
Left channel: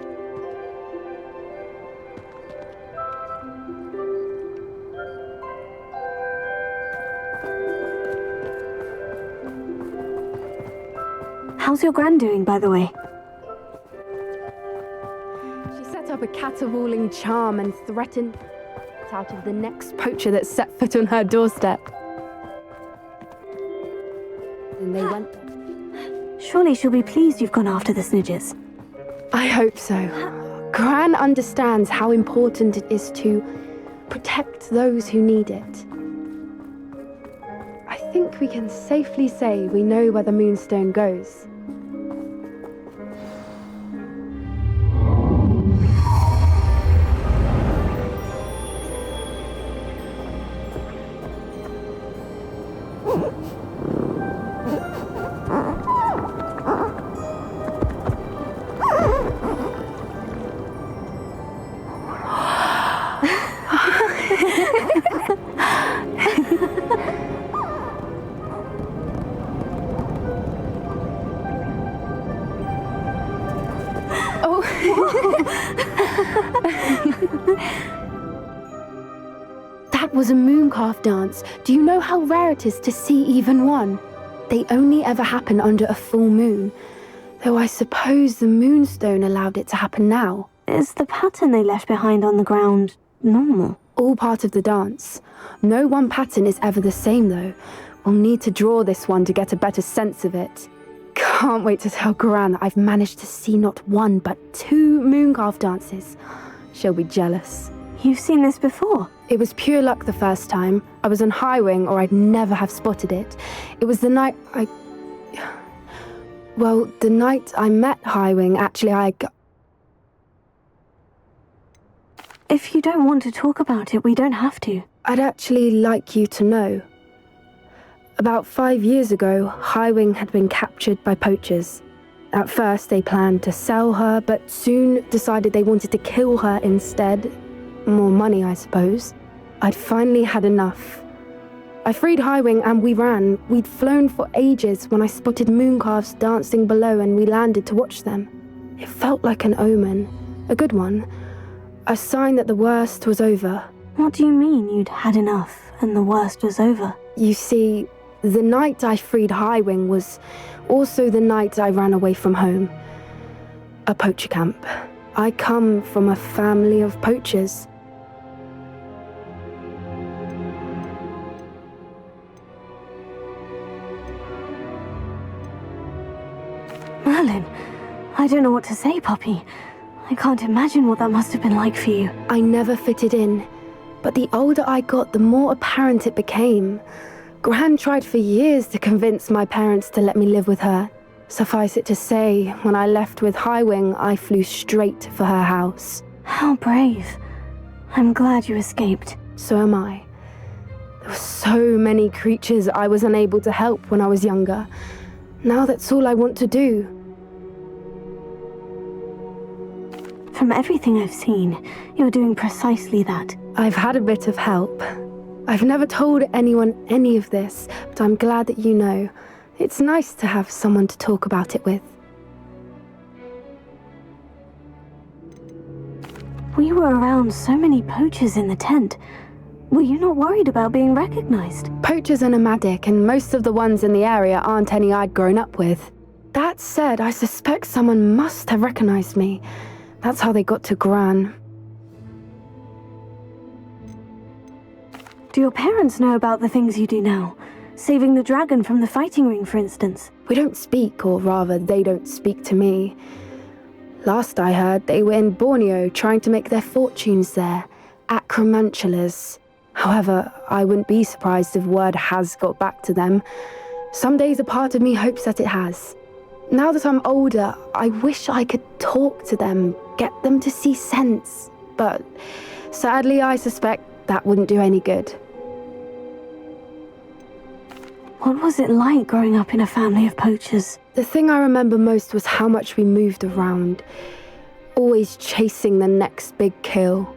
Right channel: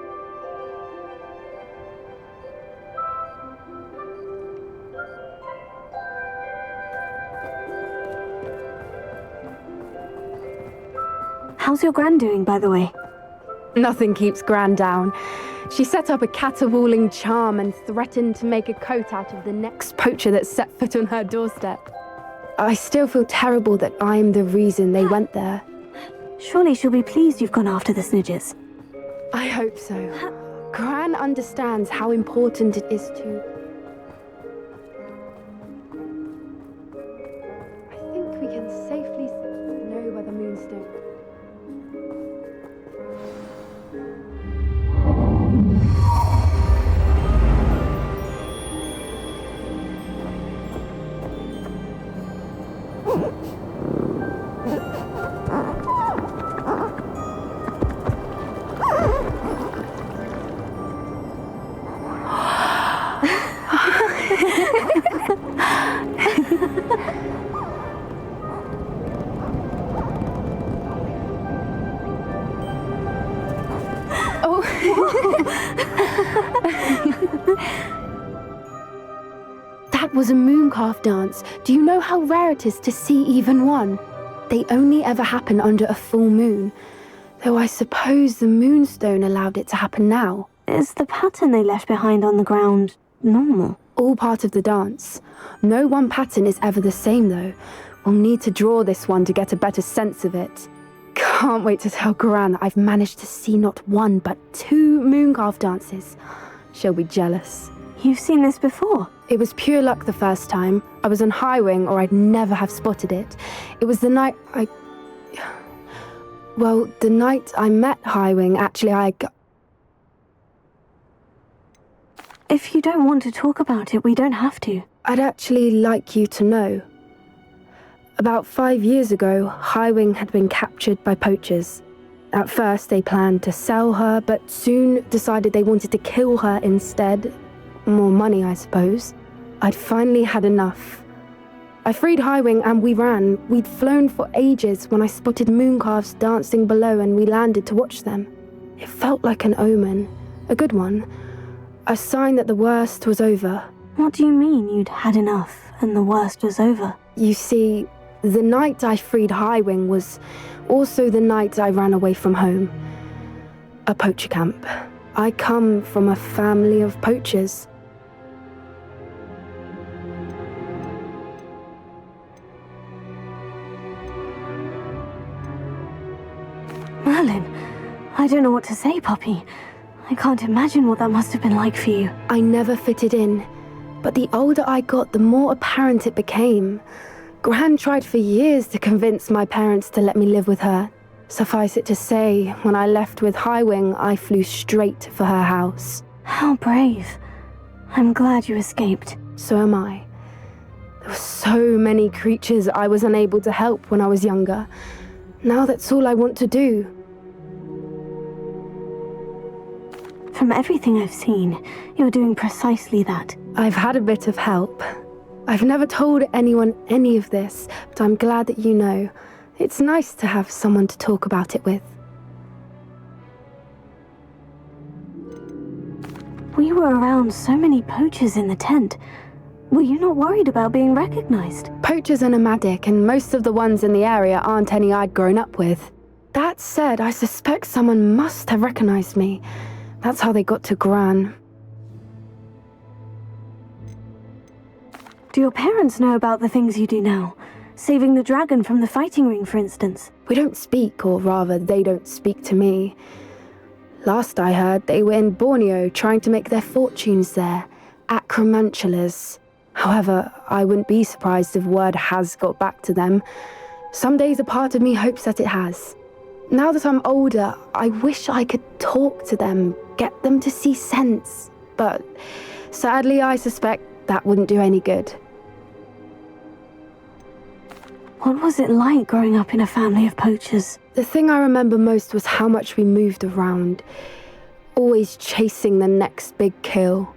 How's your Gran doing, by the way? Nothing keeps Gran down. She set up a caterwauling charm and threatened to make a coat out of the next poacher that set foot on her doorstep. I still feel terrible that I'm the reason they went there. Surely she'll be pleased you've gone after the Snidgets. I hope so. Gran understands how important it is to protect those who need it. I think we can safely say we know where the Moonstone goes. That was a mooncalf dance. Do you know how rare it is to see even one? They only ever happen under a full moon. Though I suppose the Moonstone allowed it to happen now. Is the pattern they left behind on the ground normal? All part of the dance. No one pattern is ever the same, though. We'll need to draw this one to get a better sense of it. Can't wait to tell Gran that I've managed to see not one, but 2 mooncalf dances. She'll be jealous. You've seen this before? It was pure luck the first time. I was on Highwing, or I'd never have spotted it. It was the night the night I met Highwing, actually, If you don't want to talk about it, we don't have to. I'd actually like you to know. About 5 years ago, Highwing had been captured by poachers. At first, they planned to sell her, but soon decided they wanted to kill her instead. More money, I suppose. I'd finally had enough. I freed Highwing and we ran. We'd flown for ages when I spotted mooncalves dancing below and we landed to watch them. It felt like an omen. A good one. A sign that the worst was over. What do you mean you'd had enough and the worst was over? You see, the night I freed Highwing was also the night I ran away from home. A poacher camp. I come from a family of poachers. Merlin, I don't know what to say, puppy. I can't imagine what that must have been like for you. I never fitted in, but the older I got, the more apparent it became. Gran tried for years to convince my parents to let me live with her. Suffice it to say, when I left with Highwing, I flew straight for her house. How brave. I'm glad you escaped. So am I. There were so many creatures I was unable to help when I was younger. Now that's all I want to do. From everything I've seen, you're doing precisely that. I've had a bit of help. I've never told anyone any of this, but I'm glad that you know. It's nice to have someone to talk about it with. We were around so many poachers in the tent. Were you not worried about being recognized? Poachers are nomadic, and most of the ones in the area aren't any I'd grown up with. That said, I suspect someone must have recognized me. That's how they got to Gran. Do your parents know about the things you do now? Saving the dragon from the fighting ring, for instance? We don't speak, or rather, they don't speak to me. Last I heard, they were in Borneo trying to make their fortunes there. Acromantulas. However, I wouldn't be surprised if word has got back to them. Some days a part of me hopes that it has. Now that I'm older, I wish I could talk to them, get them to see sense. But sadly, I suspect that wouldn't do any good. What was it like growing up in a family of poachers? The thing I remember most was how much we moved around, always chasing the next big kill.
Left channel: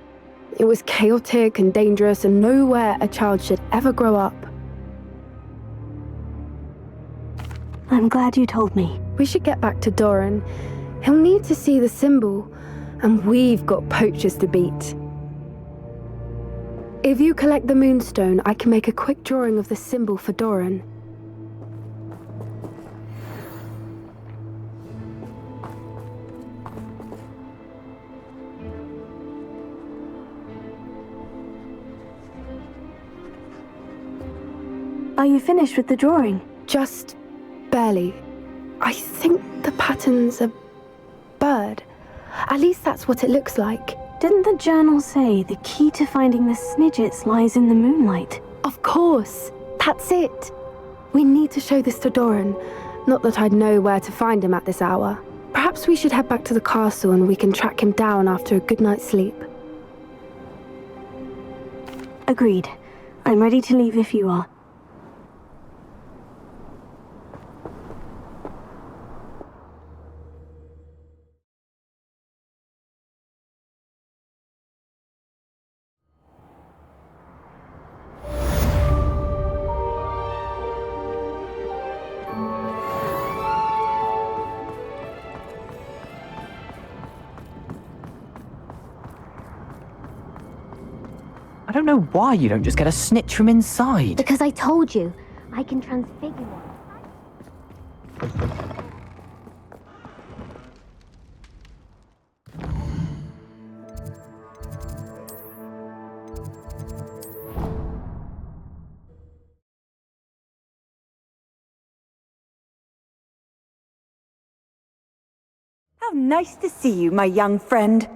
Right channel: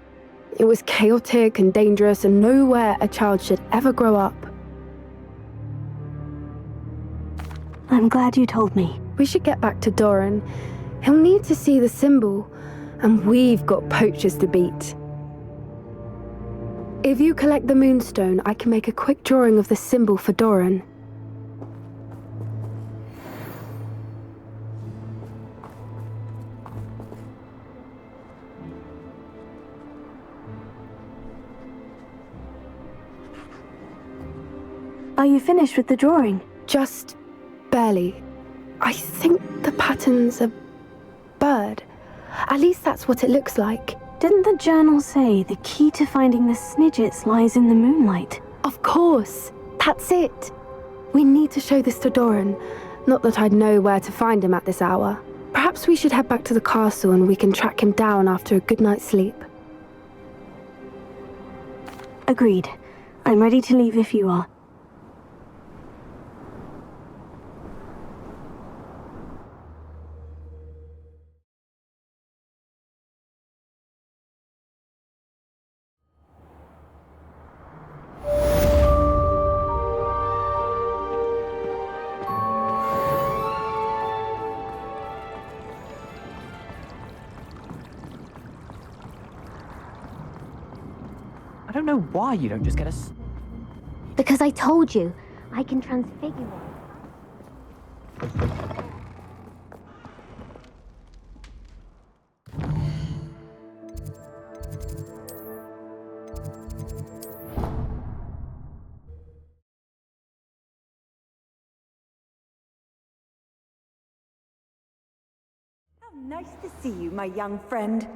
It was chaotic and dangerous, and nowhere a child should ever grow up. I'm glad you told me. We should get back to Doran. He'll need to see the symbol, and we've got poachers to beat. If you collect the moonstone, I can make a quick drawing of the symbol for Doran. Are you finished with the drawing? Just barely. I think the pattern's a bird. At least that's what it looks like. Didn't the journal say the key to finding the Snidgets lies in the moonlight? Of course. That's it. We need to show this to Doran. Not that I'd know where to find him at this hour. Perhaps we should head back to the castle and we can track him down after a good night's sleep. Agreed. I'm ready to leave if you are. I don't know why you don't just get a snitch from inside. Because I told you, I can transfigure one. How nice to see you, my young friend.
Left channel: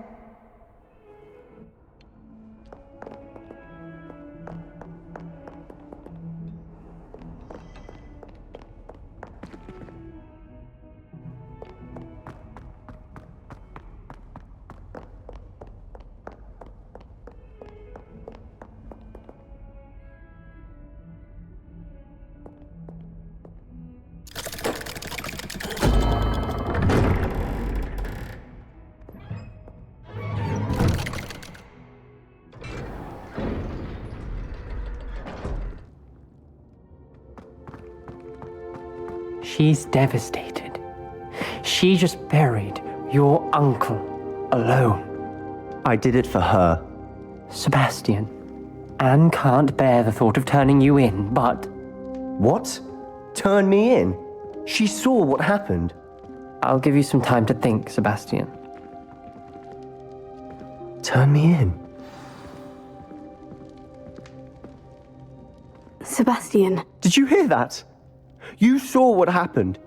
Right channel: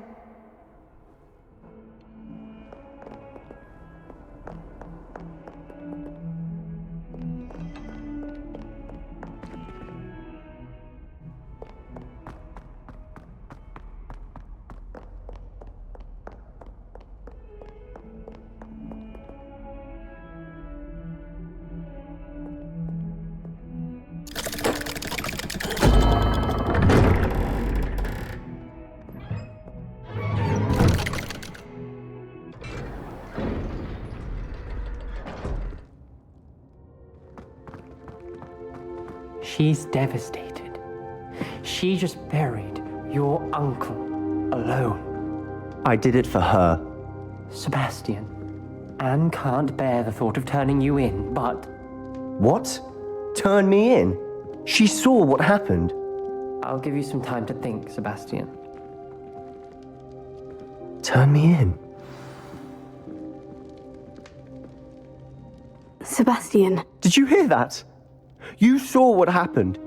She's devastated. She just buried your uncle alone. I did it for her. Sebastian, Anne can't bear the thought of turning you in, but... What? Turn me in? She saw what happened. I'll give you some time to think, Sebastian. Turn me in? Sebastian. Did you hear that? You saw what happened.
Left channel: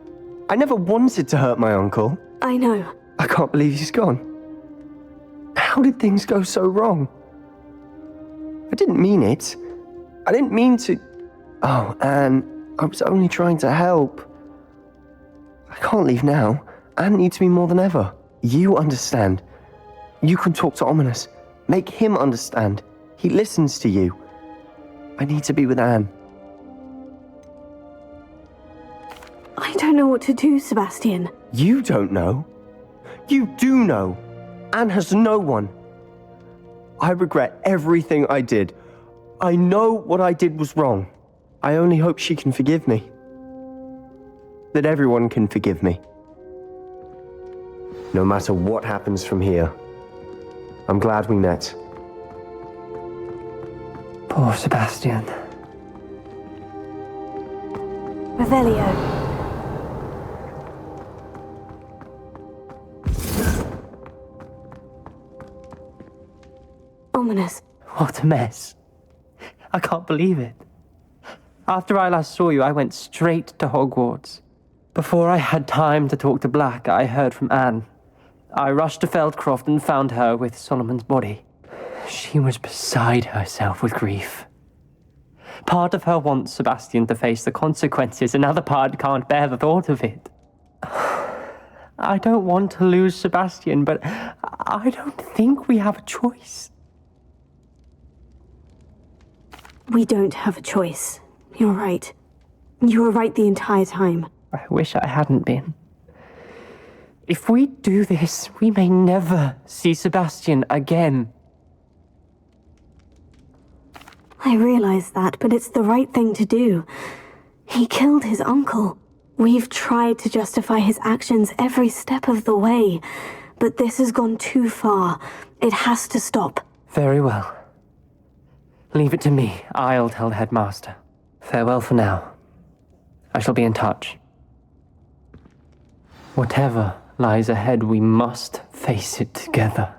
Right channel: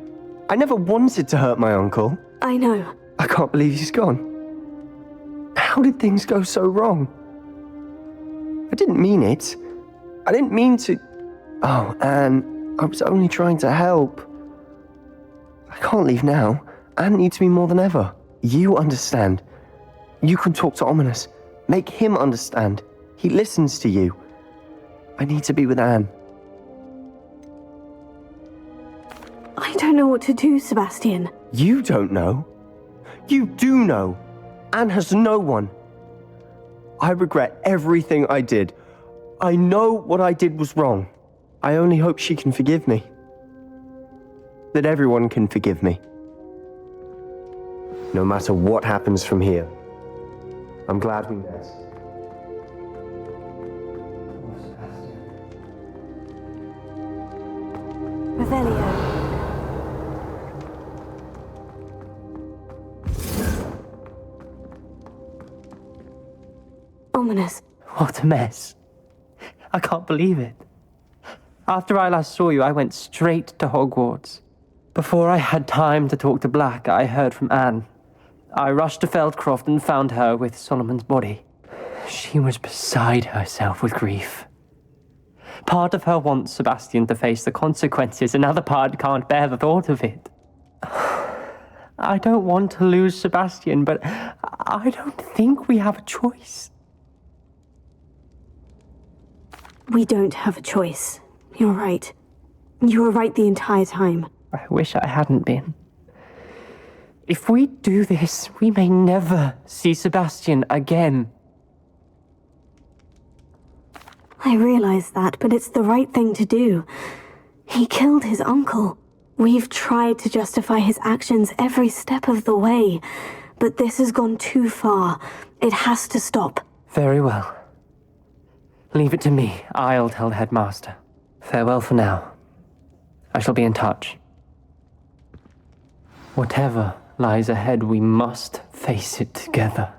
I never wanted to hurt my uncle. I know. I can't believe he's gone. How did things go so wrong? I didn't mean it. I didn't mean to... Oh, Anne, I was only trying to help. I can't leave now. Anne needs me more than ever. You understand. You can talk to Ominous. Make him understand. He listens to you. I need to be with Anne. I don't know what to do, Sebastian. You don't know. You do know. Anne has no one. I regret everything I did. I know what I did was wrong. I only hope she can forgive me. That everyone can forgive me. No matter what happens from here. I'm glad we met. Poor Sebastian. Revelio. Ominous. What a mess. I can't believe it. After I last saw you, I went straight to Hogwarts. Before I had time to talk to Black, I heard from Anne. I rushed to Feldcroft and found her with Solomon's body. She was beside herself with grief. Part of her wants Sebastian to face the consequences, another part can't bear the thought of it. I don't want to lose Sebastian, but I don't think we have a choice. We don't have a choice. You're right. You were right the entire time. I wish I hadn't been. If we do this, we may never see Sebastian again. I realize that, but it's the right thing to do. He killed his uncle. We've tried to justify his actions every step of the way, but this has gone too far. It has to stop. Very well. Leave it to me. I'll tell the headmaster. Farewell for now. I shall be in touch. Whatever lies ahead, we must face it together.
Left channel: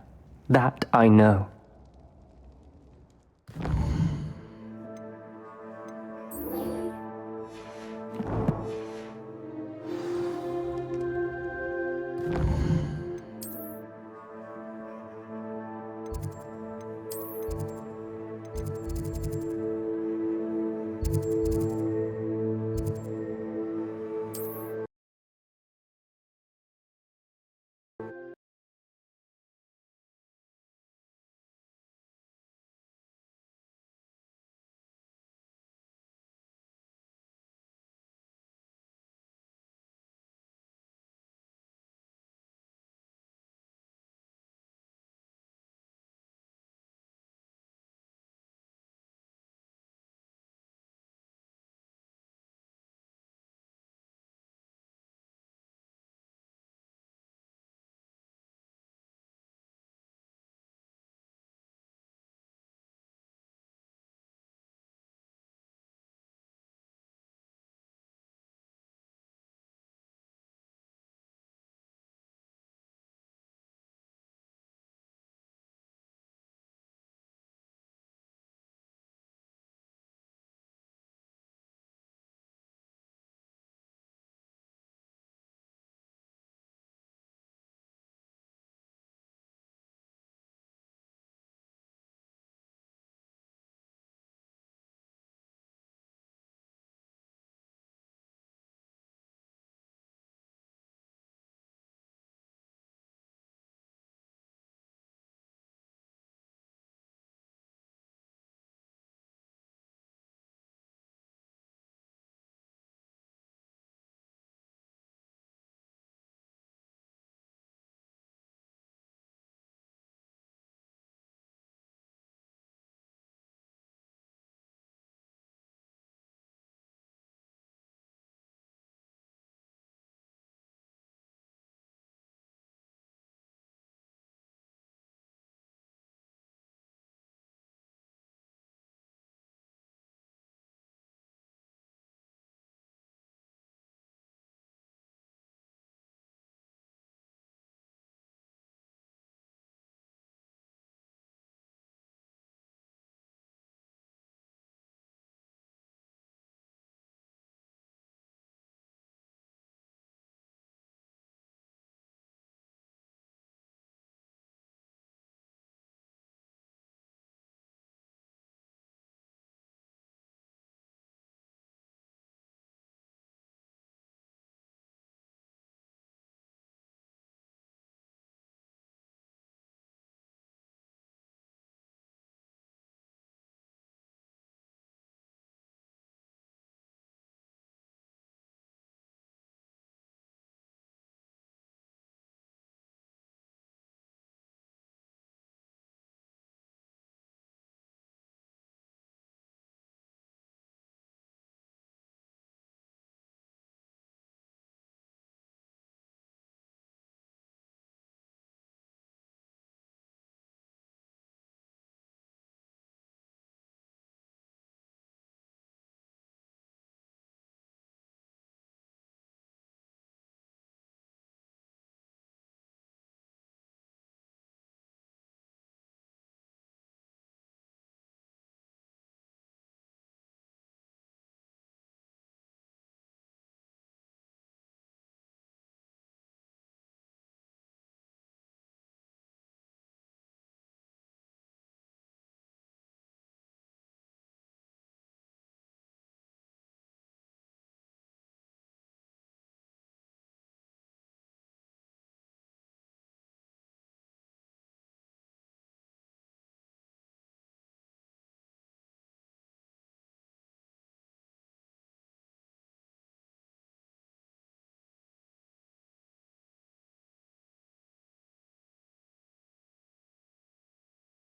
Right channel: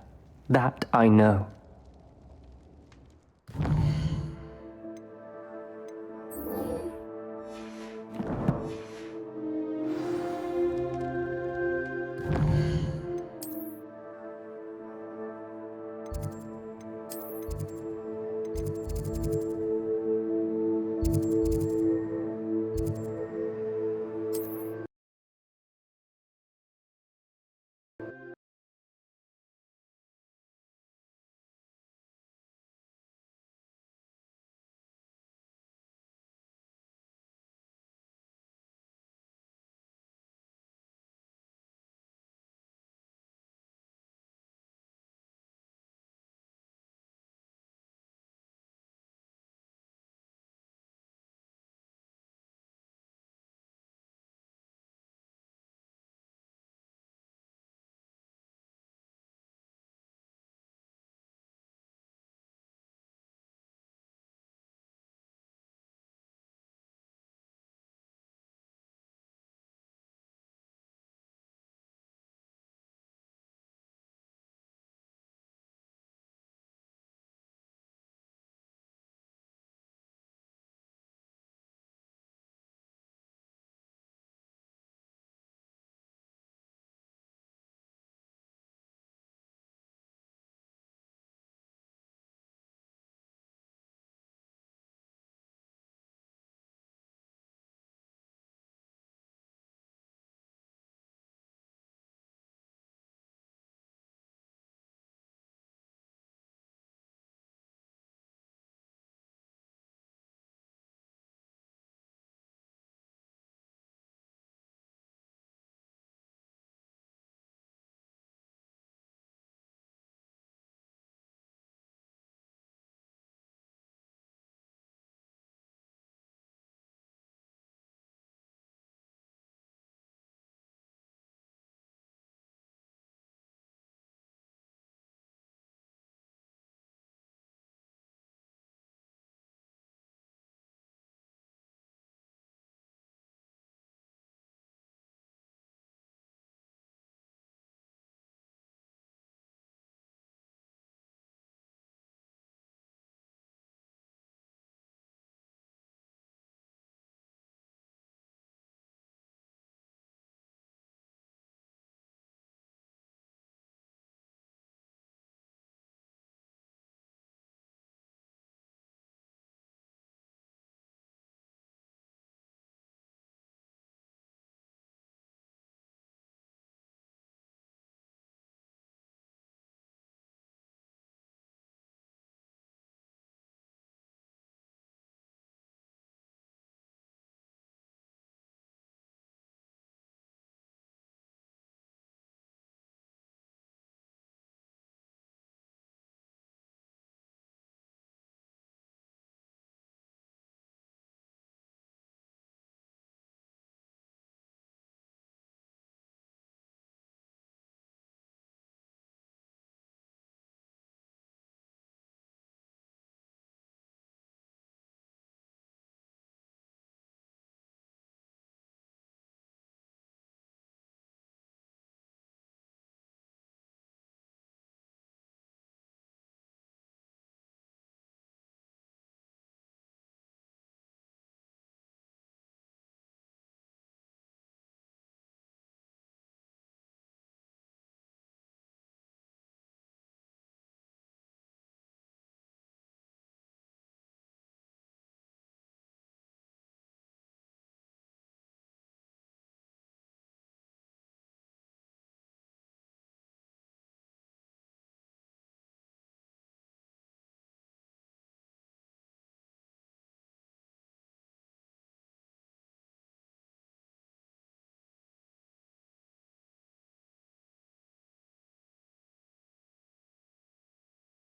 That I know.